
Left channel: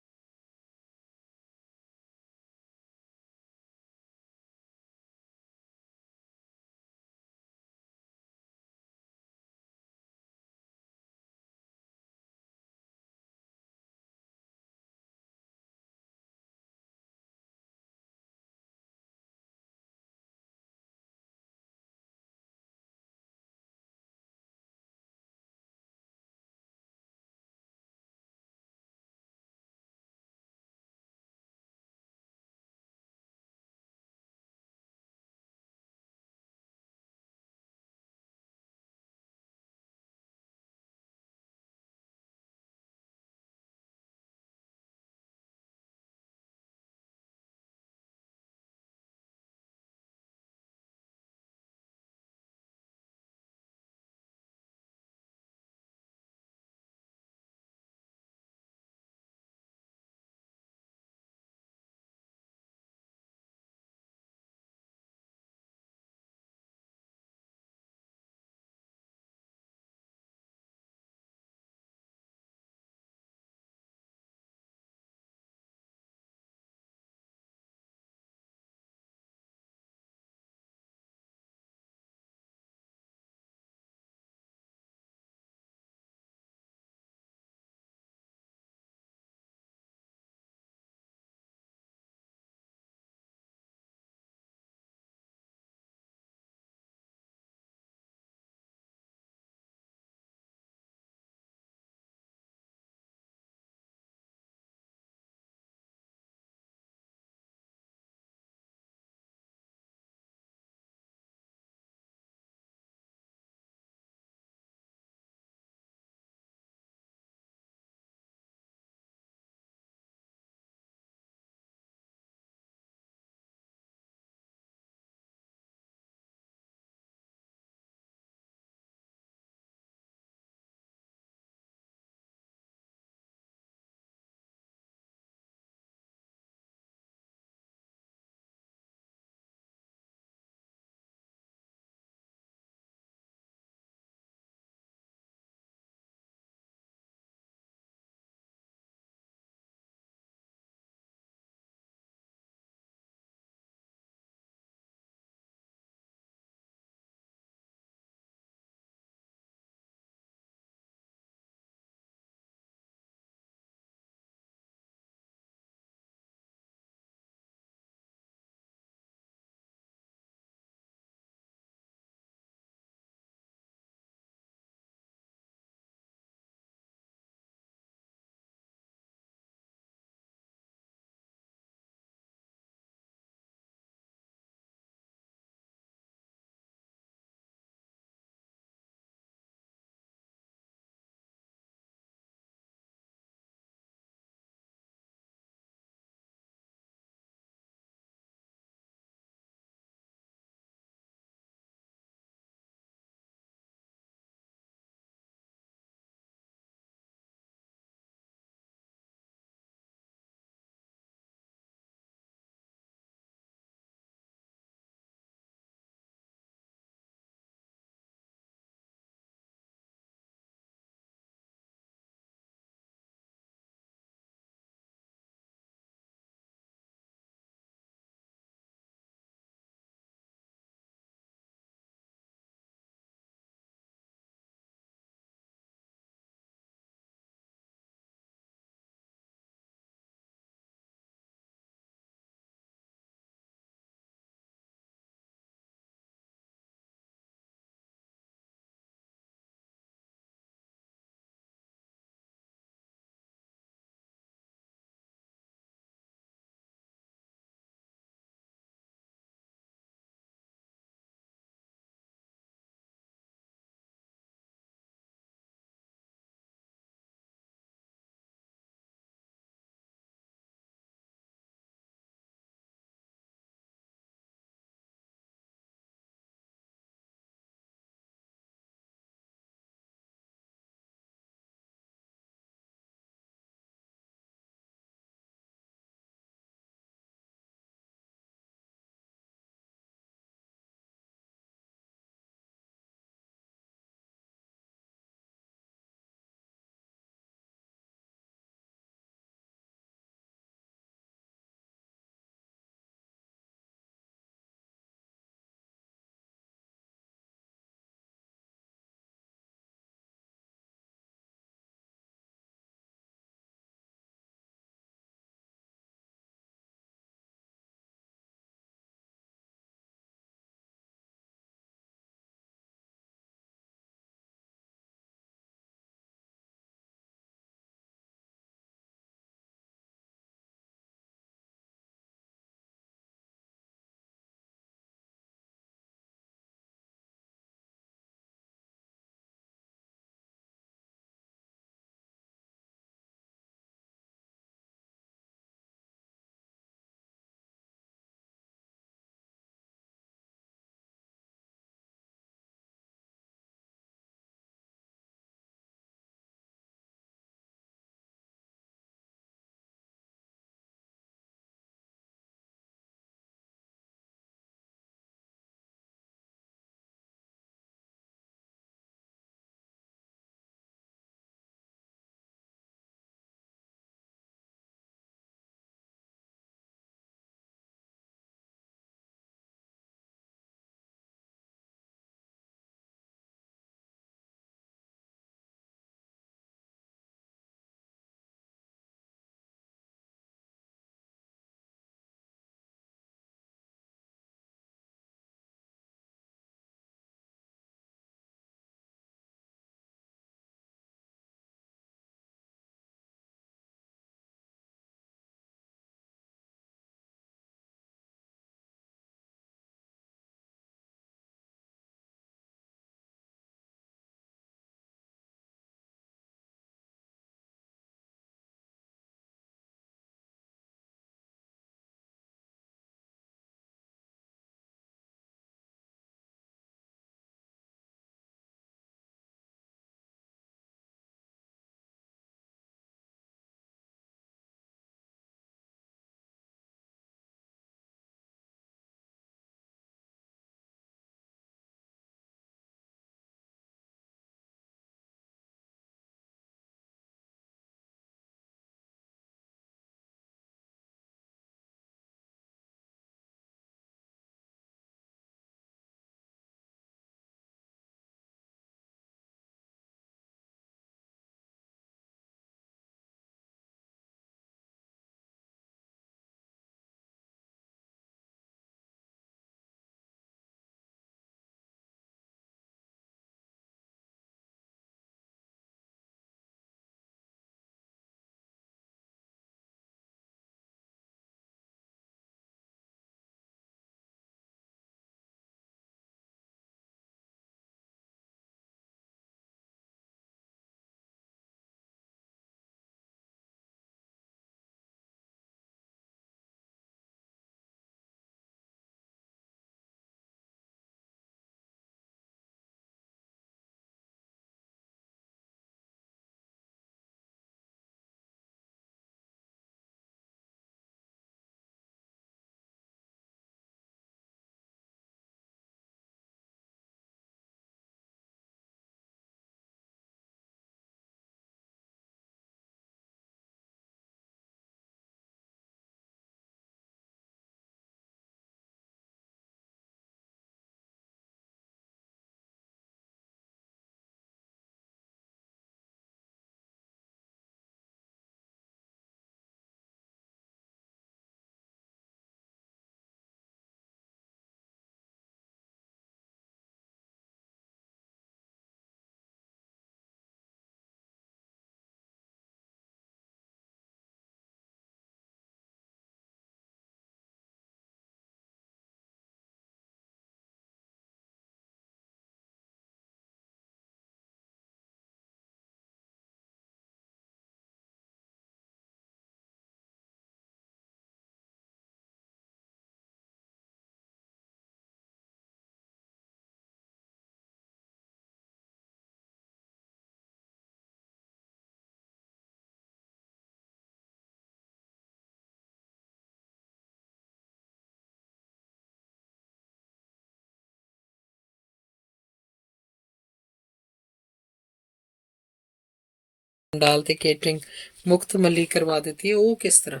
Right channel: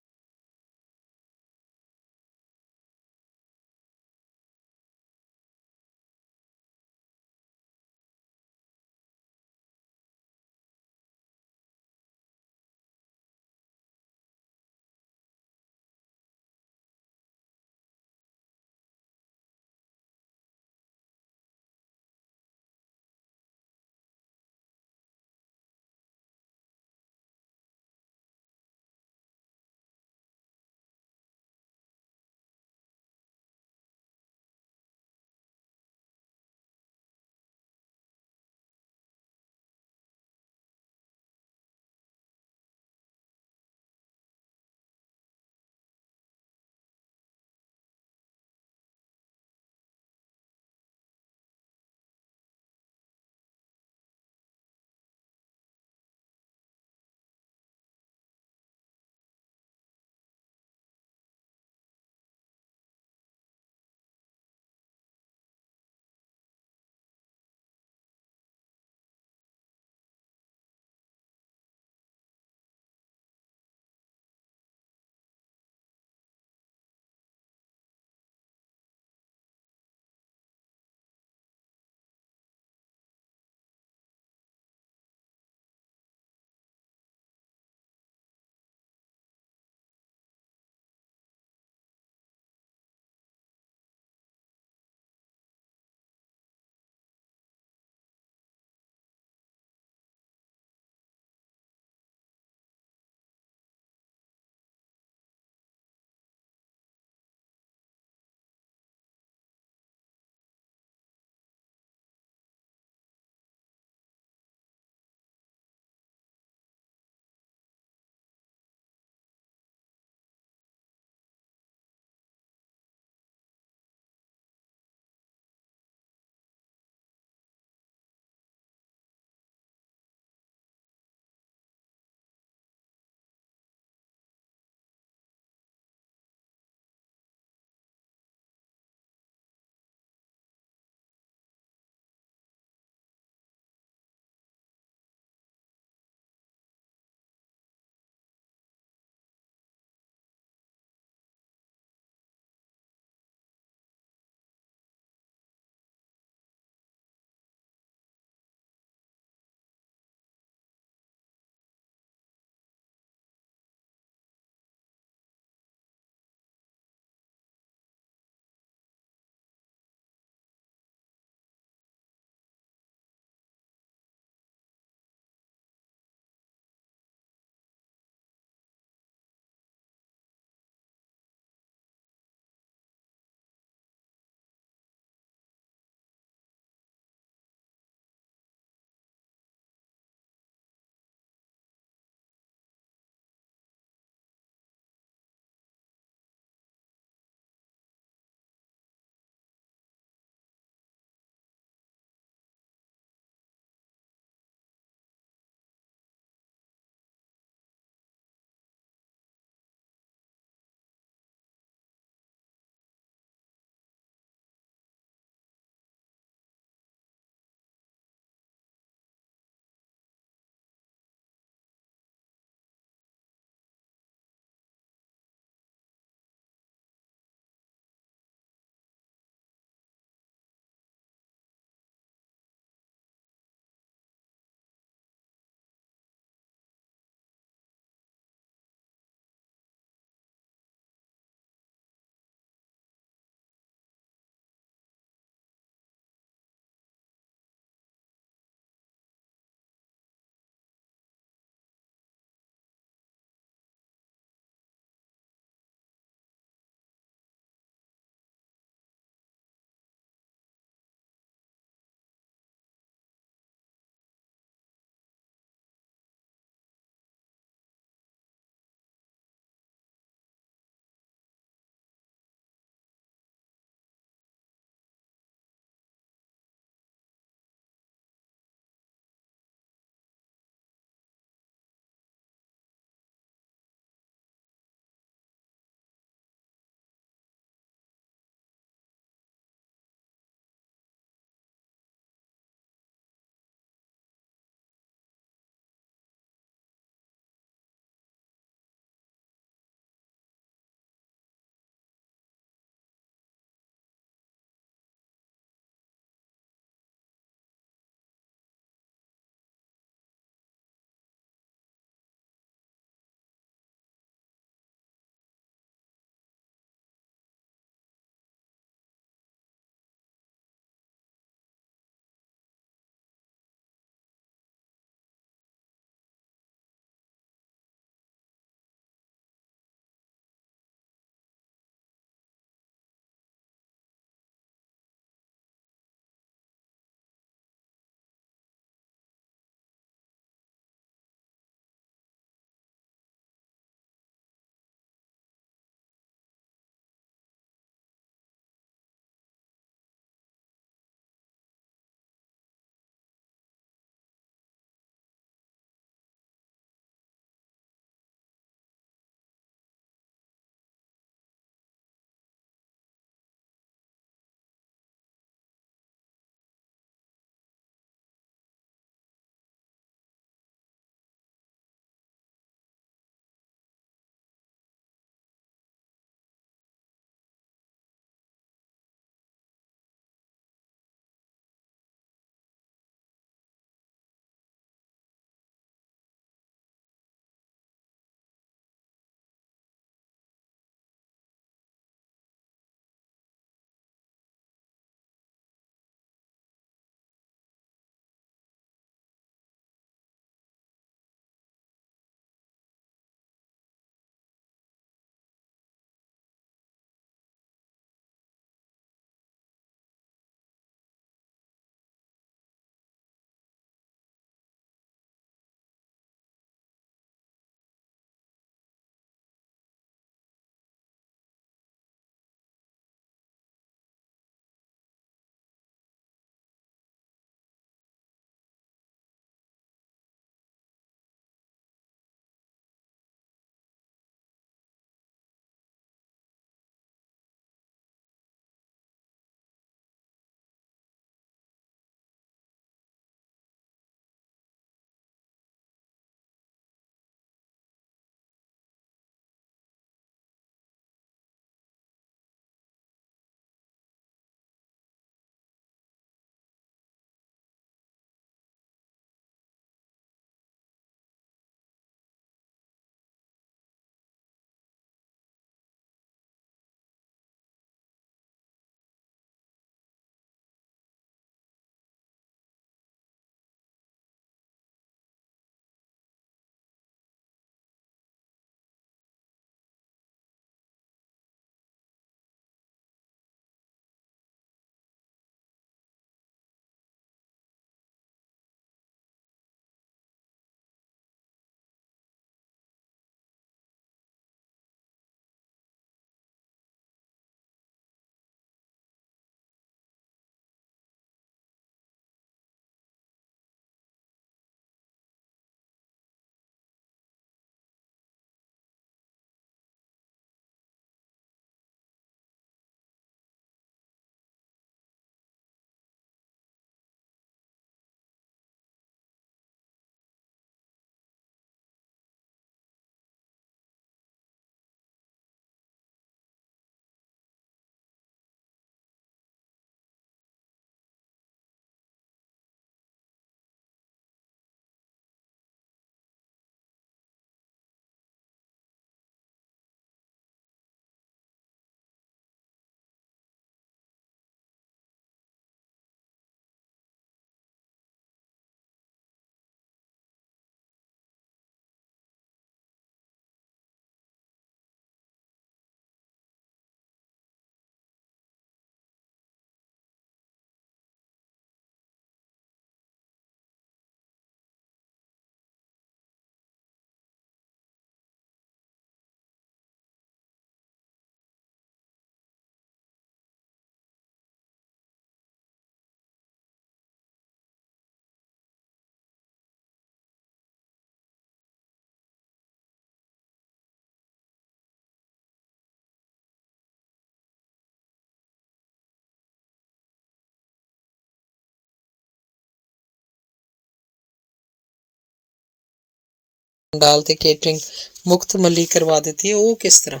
पंडाल ते केटरिंग मुफ्त मली करवा ਦਿੱਤੀ ਉਹ ਕਿਸ ਤਰ੍ਹਾਂ?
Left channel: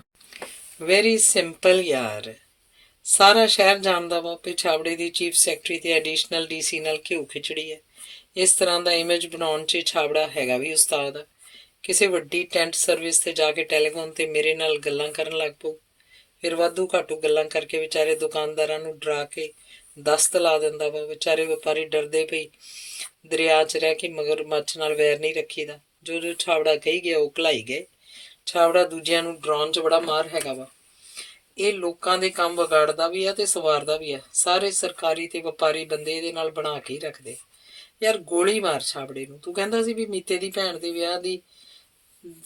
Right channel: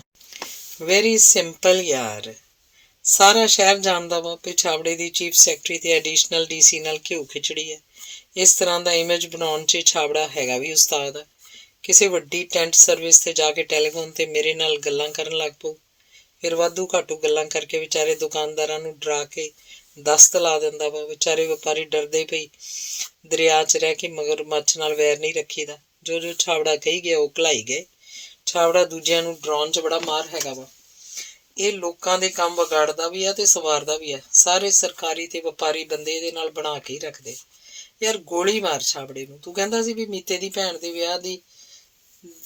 ਵੈਰੀ ਸਿੰਪਲ ਯਾਰ। ਸਾਰਾ ਸ਼ਹਿਰ ਜਾਣਦਾ ਵਾ ਕਿ ਛਾਬੜੇ ਦੀ ਚੀਫ ਸੈਕਟਰੀ ਤੇ ਐਡੀਸ਼ਨਲ ਡੀਸੀ ਨਾਲ ਘਿਓ ਖਿਚੜੀ ਹੈ। ਇਸ ਤਰ੍ਹਾਂ ਦਾ ਇਮੇਜ ਬਣਾਉਣ 'ਚ ਛਾਬੜਾ ਹੈਗਾ ਵੀ ਉਸਤਾਦ ਆ। ਕਿਸੇ ਵੱਡੀ ਟੈਂਟ ਸਰਵਿਸ ਤੇ ਜਾ ਕੇ ਟੈਲੀਫੋਨ ਤੇ ਮੇਰੇ ਨਾਲ ਗੱਲਾਂ ਕਰਨ ਲੱਗ ਪਊ। ਫਿਰ ਵਾਧੂ ਘਾਟੂ ਗੱਲਾਂ ਕਰਕੇ ਵਿਚਾਰੇ ਦੁਕਾਨਦਾਰਾਂ ਨੂੰ ਡਰਾ ਕੇ ਦਸਤ ਲਾ ਦਿੰਦਾ ਵਾ। ਵਿਚਾਰੇ ਵਪਾਰੀ ਡਰਦੇ ਪਈ ਦਰਿਆ 'ਚ ਰਹਿ ਕੇ ਮਗਰਮੱਛ ਨਾਲ ਵੈਰ ਨਹੀਂ ਰੱਖੀਦਾ। ਜੋ ਜੋ ਛਾਬੜਾ ਕਹੀ ਗਿਆ ਉਹ ਘਲਾਈ ਗਏ। ਛਾਬੜਾ ਦੂਜਿਆਂ ਨੂੰ ਡਰਾਉਣ 'ਚ ਬੜਾ ਮਾਹਰ ਹੈਗਾ ਵਾ। ਇਹ ਲੋਕਾਂ ਦੇ ਕੰਮ ਵਿਗਾੜਦਾ ਵੀ ਆ ਤੇ ਸਵਾਰਦਾ ਵੀ ਆ। ਸਾਰੇ ਸਰਕਾਰੀ ਤੇ ਵਪਾਰੀ ਬੰਦੇ ਇਹਦੇ ਨਾਲ ਬਣਾ ਕੇ ਹੀ ਰੱਖਦੇ। ਯਾਰ ਗੋਲੀ ਮਾਰ ਛਾਬੜੇ ਨੂੰ। ਤੂੰ ਕਹਿੰਦਾ ਸੀ ਵੀ ਮੀਤੇ ਦੀ ਭੈਣ ਦੇ ਵਿਆਹ ਦੀ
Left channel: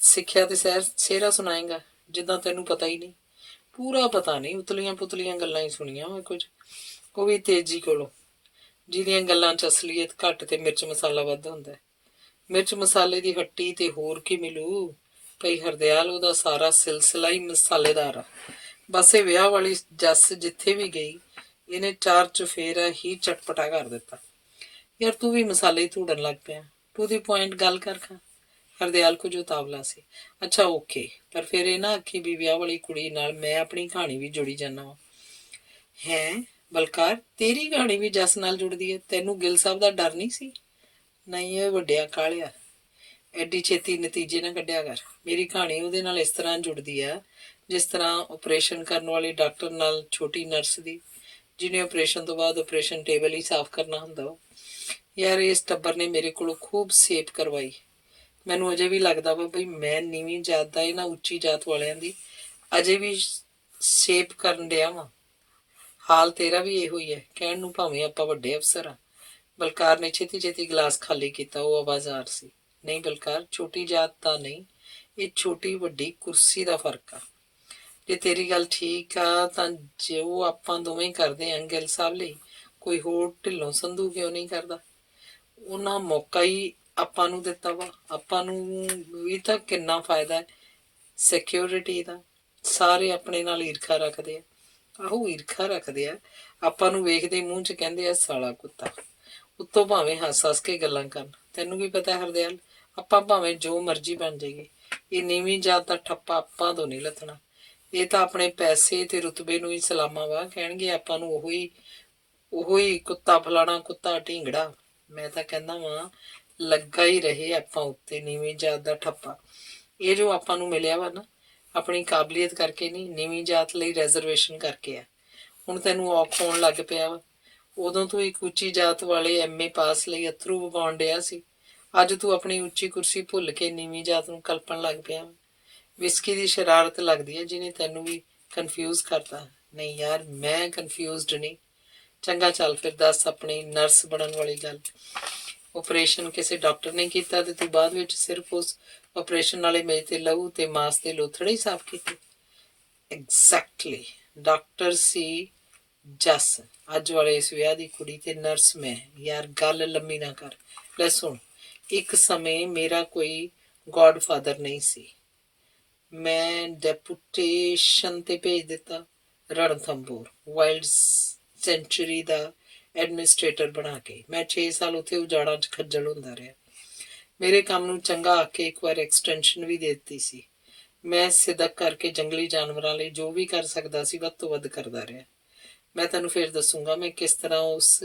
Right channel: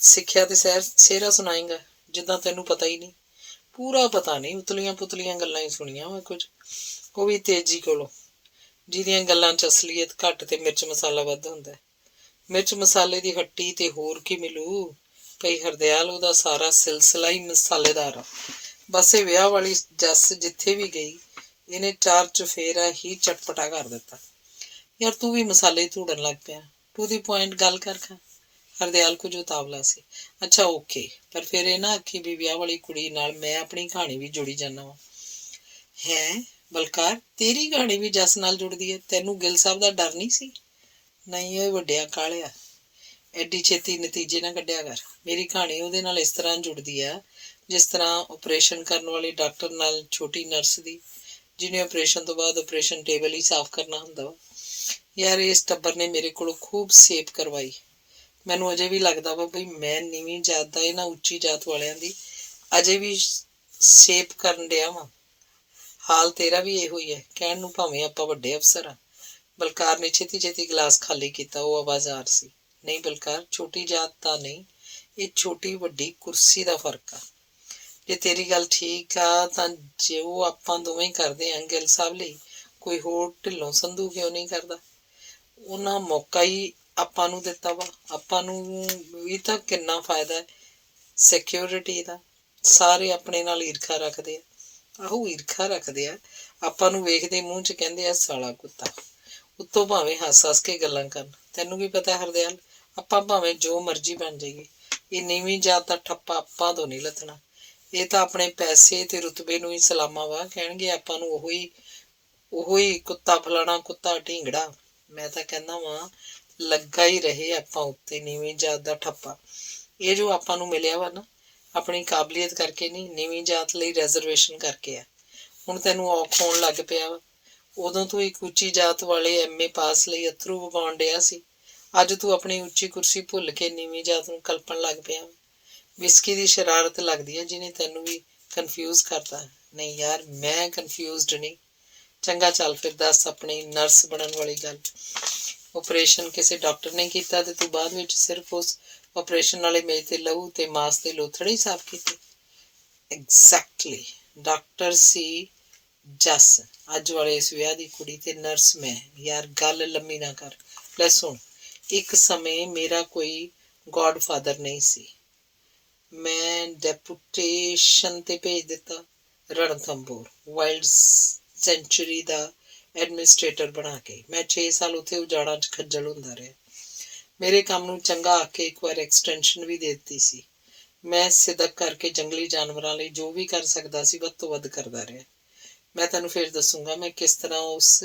ਸਿੱਖਿਆ ਤੇ ਸਿਹਰਾ ਸੁਣਾਏਗਾ, ਜਿੱਦਾਂ ਤੈਨੂੰ ਪਤਾ ਹੀ ਨਹੀਂ। ਪੂਰਾ ਪਤਾ ਨਹੀਂ, ਉਤਲੀਆਂ ਪੁਤਲੀਆਂ ਗੱਲਾਂ ਹੀ ਸੁਣੀਆਂ ਵਾ ਕੁਝ, ਉਹ ਵੀ ਤੇਜੀ ਕੋਲੋਂ, ਜਿਹਦੀਆਂ ਗੱਲਾਂ 'ਚ ਅਸਲੀਅਤ ਘੱਟ ਤੇ ਮਿਰਚ ਮਸਾਲਾ ਵੱਧ ਹੁੰਦਾ। ਮਿਰਚ ਮਸਾਲੇ ਦੀ ਹੱਟੀ ਤੇ ਹੋਰ ਕੀ ਮਿਲੂ। ਭਈ ਹਰਦਿਆਲ ਉਹਦਾ ਸਾਰਾ ਸਿਲਸਿਲਾ ਹੀ ਮਸਾਲੇਦਾਰ ਆ। ਬਸ ਇਹ ਵਿਆਹ ਵਾਲੀ ਜੱਸ ਜਿੱਥੇ ਵੀ ਗਈ ਇਹਨੇ ਚਾਰ ਚੁਫੇਰਾ ਹੀ ਚਟਪਟਾ ਕਰ ਦਿੱਤਾ। ਯਾਰ ਤੂੰ ਵੀ ਮਸਾਲੇ ਧੂੜਨ ਲੱਗ ਪਿਆ। ਟੂ ਦੀ ਪੁਆਇੰਟ ਗੱਲ ਕਰ ਖਾ। ਹਰਦਿਆਲ ਕੁਝ ਉਤਾਵਲਾ ਸੀ। ਅੱਛਾ ਓਕੇ, ਪਰ ਫਿਰ ਇਹ ਨਾ ਆਖੀ ਵੀ ਵਿਆਹ ਵਾਲੀ ਕੁੜੀ ਨਾਲ ਮੈਂ ਆਪਣੀ ਕਹਾਣੀ ਵੀ ਜੁੜੀ ਜਾਂਦਾ ਵਾਂ। ਹੈਂ ਬਲਕਾਰ, ਤੇਰੀ ਕਹਾਣੀ ਵੀ ਜੱਸ ਨਾਲ ਜੁੜਦੀ ਹੈ? ਤੈਨੂੰ ਗਿੱਲ ਸਾਹਿਬ ਦਾ ਡਰ ਨਹੀਂ ਸੀ? ਨਹੀਂ ਇਹ ਵੱਡਿਆ ਕਾਲਿਆ, ਐਡੀ ਛੇਤੀ ਨਤੀਜੇ ਨਾ ਕੱਢਿਆ ਕਰ। ਮੇਰੀ ਕਹਾਣੀ ਉਹਦੇ ਨਾਲ ਇਸ ਤਰ੍ਹਾਂ ਜੁੜਦੀ ਆ ਜਿਸ ਤਰ੍ਹਾਂ ਆਪਰੇਸ਼ਨ ਕਰਨ ਵਾਲੇ ਡਾਕਟਰ ਨਾਲ ਛੋਟੀ ਨਰਸ ਦੀ, ਜਿਹਨੇ ਆਪਰੇਸ਼ਨ ਤੋਂ ਬਾਅਦ ਆਪਰੇਸ਼ਨ ਟੇਬਲ ਹੀ ਸਾਫ਼ ਕਰਨਾ ਹੁੰਦਾ ਵਾ। ਯਾਰ ਇਸ ਟੱਬਰ ਨੇ ਮੇਰੇ ਕੋਲੋਂ ਖੂਬ ਸੇਪ ਕਰਵਾਈ। ਮੈਨੂੰ ਅਜੇ ਵੀ ਲੱਗਦਾ ਵਾ ਬਈ ਮੈਂ ਨੀਵੀਂ ਜਾਤ ਦਾ ਇਹਨਾਂ ਉੱਚੀ ਜਾਤ ਵਾਲਿਆਂ ਦੀ ਅਜੇ ਵੀ ਸੇਪ ਕਰਨ ਡਿਆ ਵਾਂ। ਹਾਲ ਤੇਰਾ ਵੀ ਇਹੋ ਹੀ ਹੈ, ਕਹਿਣ ਨੂੰ ਭਾਵੇਂ ਆਪਾਂ ਵੱਡੇ ਅਫਸਰ ਆ। ਬਲਕਾਰ ਨੇ ਛੇਤੀ ਛੇਤੀ ਗਲਾਸ ਖਾਲੀ ਕੀਤਾ। ਉਹ ਆਵਾਜ਼ਾਰ ਸੀ। ਨਹੀਂ ਬਲਕਾਰ, ਛੋਟੀ ਜਾਤ ਦਾ ਨਹੀਂ, ਇਹ ਛੋਟੀ ਵੱਡੀ ਕੁਰਸੀ ਦਾ ਫਰਕ ਆ। ਜੇ ਤੇਰੀ ਗੱਲ ਠੀਕ ਆ ਤਾਂ ਜੋ ਆਪਾਂ ਦੋਵੇਂ ਕਰਦੇ ਆਂ ਗਿੱਲ ਸਾਹਿਬ ਲਈ, ਕੋਈ ਹੋਰ ਢਿੱਲੋਂ ਸੰਧੂ ਕਿਉਂ ਨਹੀਂ ਕਰਦਾ? ਉਹਨਾਂ ਮੌਕਾ ਹੀ ਆਪਾਂ ਨੂੰ ਦਿੱਤਾ ਵਾ। ਆਪਾਂ ਨੂੰ ਵੀ ਤਾਂ ਕਿੰਨਾ ਫਾਇਦਾ ਹੈ ਸਿਕਿਉਰਿਟੀ ਦਾ। ਸਾਰੇ ਆਪਣੇ ਨਾਲ ਈਰਖਾ ਰੱਖਦੇ ਆ। ਆਹੋ ਈਰਖਾ ਰੱਖਦੇ ਆ। ਆਪਾਂ ਨੂੰ ਵੇਖਦੇ ਮੂੰਹ 'ਚ ਕਹਿੰਦੇ ਆ ਸਾਲਾ ਕੁੱਤਾ। ਉੱਤੋਂ ਭਾਵੇਂ ਹੱਸ ਹੱਸ ਕੇ ਗੱਲਾਂ ਕਰਨ। ਤੈਨੂੰ ਕੀ ਪਤਾ ਹਰਦਿਆਲ, ਆਪਾਂ ਭਾਵੇਂ ਜੋ ਮਰਜ਼ੀ ਬਣ ਜਾਈਏ, ਇਹ ਨੀਵੀਂ ਜਾਤ ਦਾ ਠੱਪਾ ਆਪਾਂ ਤੋਂ ਨਹੀਂ ਲੱਥਣਾ। ਇਹ ਤਾਂ ਆਪਣੇ ਪੈਸੇ ਤੇ ਰੁਤਬੇ ਨੂੰ ਹੀ ਸਲਾਮਾ ਵਾ ਕਹਿਣਗੇ ਆਪਾਂ ਨੂੰ। ਉਹੀ ਕੁੱਤਾ ਫਲਾਣਾ, ਕੁੱਤਾ ਢੀਂਗੜਾ। ਮੈਂ ਤਾਂ ਕਹਿੰਦਾ ਵਾਂ ਲੱਗਾ ਹੀ ਰਹੇ ਆਪਾਂ ਉੱਤੇ ਨੀਵੀਂ ਜਾਤ ਦਾ ਠੱਪਾ। ਇਹ ਜੋ ਆਪਾਂ ਨੂੰ ਮਿਲਿਆ ਵਾ ਨਾ, ਆਪਣੀ ਕਾਬਲੀਅਤ ਕਰਕੇ ਨਹੀਂ, ਨੀਵੀਂ ਜਾਤ ਲਈ ਰਿਜ਼ਰਵੇਸ਼ਨ ਕਰਕੇ ਆ। ਹੁਣ ਤੈਨੂੰ ਔਖ ਹੋਣ ਲੱਗ ਪਿਆ ਵਾ। ਉਦੋਂ ਤੂੰ ਇੱਕ ਉੱਚੀ ਜਾਤ ਵਾਲੇ MA ਪਾਸ ਲਈ ਅਥਰੂ ਵਗਾਉਣ ਡਿਆ ਸੀ। ਅੱਜ ਤੂੰ ਆਪਣੀ ਉੱਚੀ ਕੁਰਸੀ ਭੁੱਲ ਕੇ ਨੀਵੀਂ ਜਾਤ ਨੂੰ ਕਲਪਣ ਲੱਗ ਪਿਆ। ਵਿਸਕੀ ਦੀ ਸ਼ਰਾਰਤ ਲੱਗਦੀ ਹੈ ਜਿਹਨੇ ਤੈਨੂੰ ਵੀ ਕਨਫਿਊਜ਼ ਕਰਤਾ। ਨਹੀਂ ਯਾਰ ਮੈਂ ਕਨਫਿਊਜ਼ਡ ਨਹੀਂ। ਚੰਗਾ ਚੱਲ ਫਿਰ ਦੱਸ ਆਪਣੀ ਨਰਸ ਬਣਨ ਵਾਲੀ ਗੱਲ। ਆਪਰੇਸ਼ਨ ਕਿਸੇ ਡਾਕਟਰ ਨੇ ਕੀਤਾ ਤੇ ਤੂੰ ਬਾਅਦ ਵਿੱਚ ਸਿਰਫ ਉਸ ਆਪਰੇਸ਼ਨ ਵਾਲੇ ਮੇਜ਼ ਤੇ ਲਹੂ ਤੇ ਮਾਸ ਤੇ ਲੋਥੜੇ ਹੀ ਸਾਫ਼ ਕੀਤੇ? ਐਗਜ਼ੈਕਟਲੀ। ਡਾਕਟਰ ਸੀ ਜੱਸ, ਅੱਜ ਵਾਲੇ ਇਸ ਵਿਆਹ ਦੀ ਕੁੜੀ, ਤੇ ਨਰਸ ਮੈਂ। ਯਾਰ ਗੱਲ ਲੰਮੀ ਨਾ ਕਰ। ਲੈ ਸੁਣ, ਇੱਕ ਸਮੇਂ ਮੇਰਾ ਕੋਈ ਗॉडफादर ਨਹੀਂ ਸੀ। ਮੈਂ ਡੈਪੂਟੇਸ਼ਨ ਤੇ ਭੇਜ ਦਿੱਤਾ ਰਣਥੰਭੋਰ ਵਾਈਲਡ ਸੈਂਚੁਰੀ ਦਾ ਐਡਮਿਨਿਸਟ੍ਰੇਟਰ ਬਣਾ ਕੇ। ਮੈਂ 6 ਸਾਲ ਉੱਥੇ ਉਜਾੜਾਂ 'ਚ ਖੱਜਲ ਹੁੰਦਾ ਰਿਹਾ। ਮੇਰੇ ਕੰਮ ਨੂੰ ਚੰਗਾ ਆ ਕੇ ਇੱਕ ਵਾਰ ਐਕਸਟੈਂਸ਼ਨ ਵੀ ਦੇ ਦਿੱਤੀ ਸੀ। ਮੈਂ ਸਿਦਕ ਕਰਕੇ ਜੰਗਲੀ ਜਾਨਵਰਾਂ ਲਈ ਜੋ ਵੀ ਕਰ ਸਕਦਾ ਸੀ ਵੱਧ ਤੋਂ ਵੱਧ ਕਰਦਾ ਰਿਹਾ। ਮੈਂ ਤੈਨੂੰ ਫਿਰ ਦੱਸੂਗਾ ਮੈਂ ਕਿਸ ਤਰ੍ਹਾਂ ਉਸ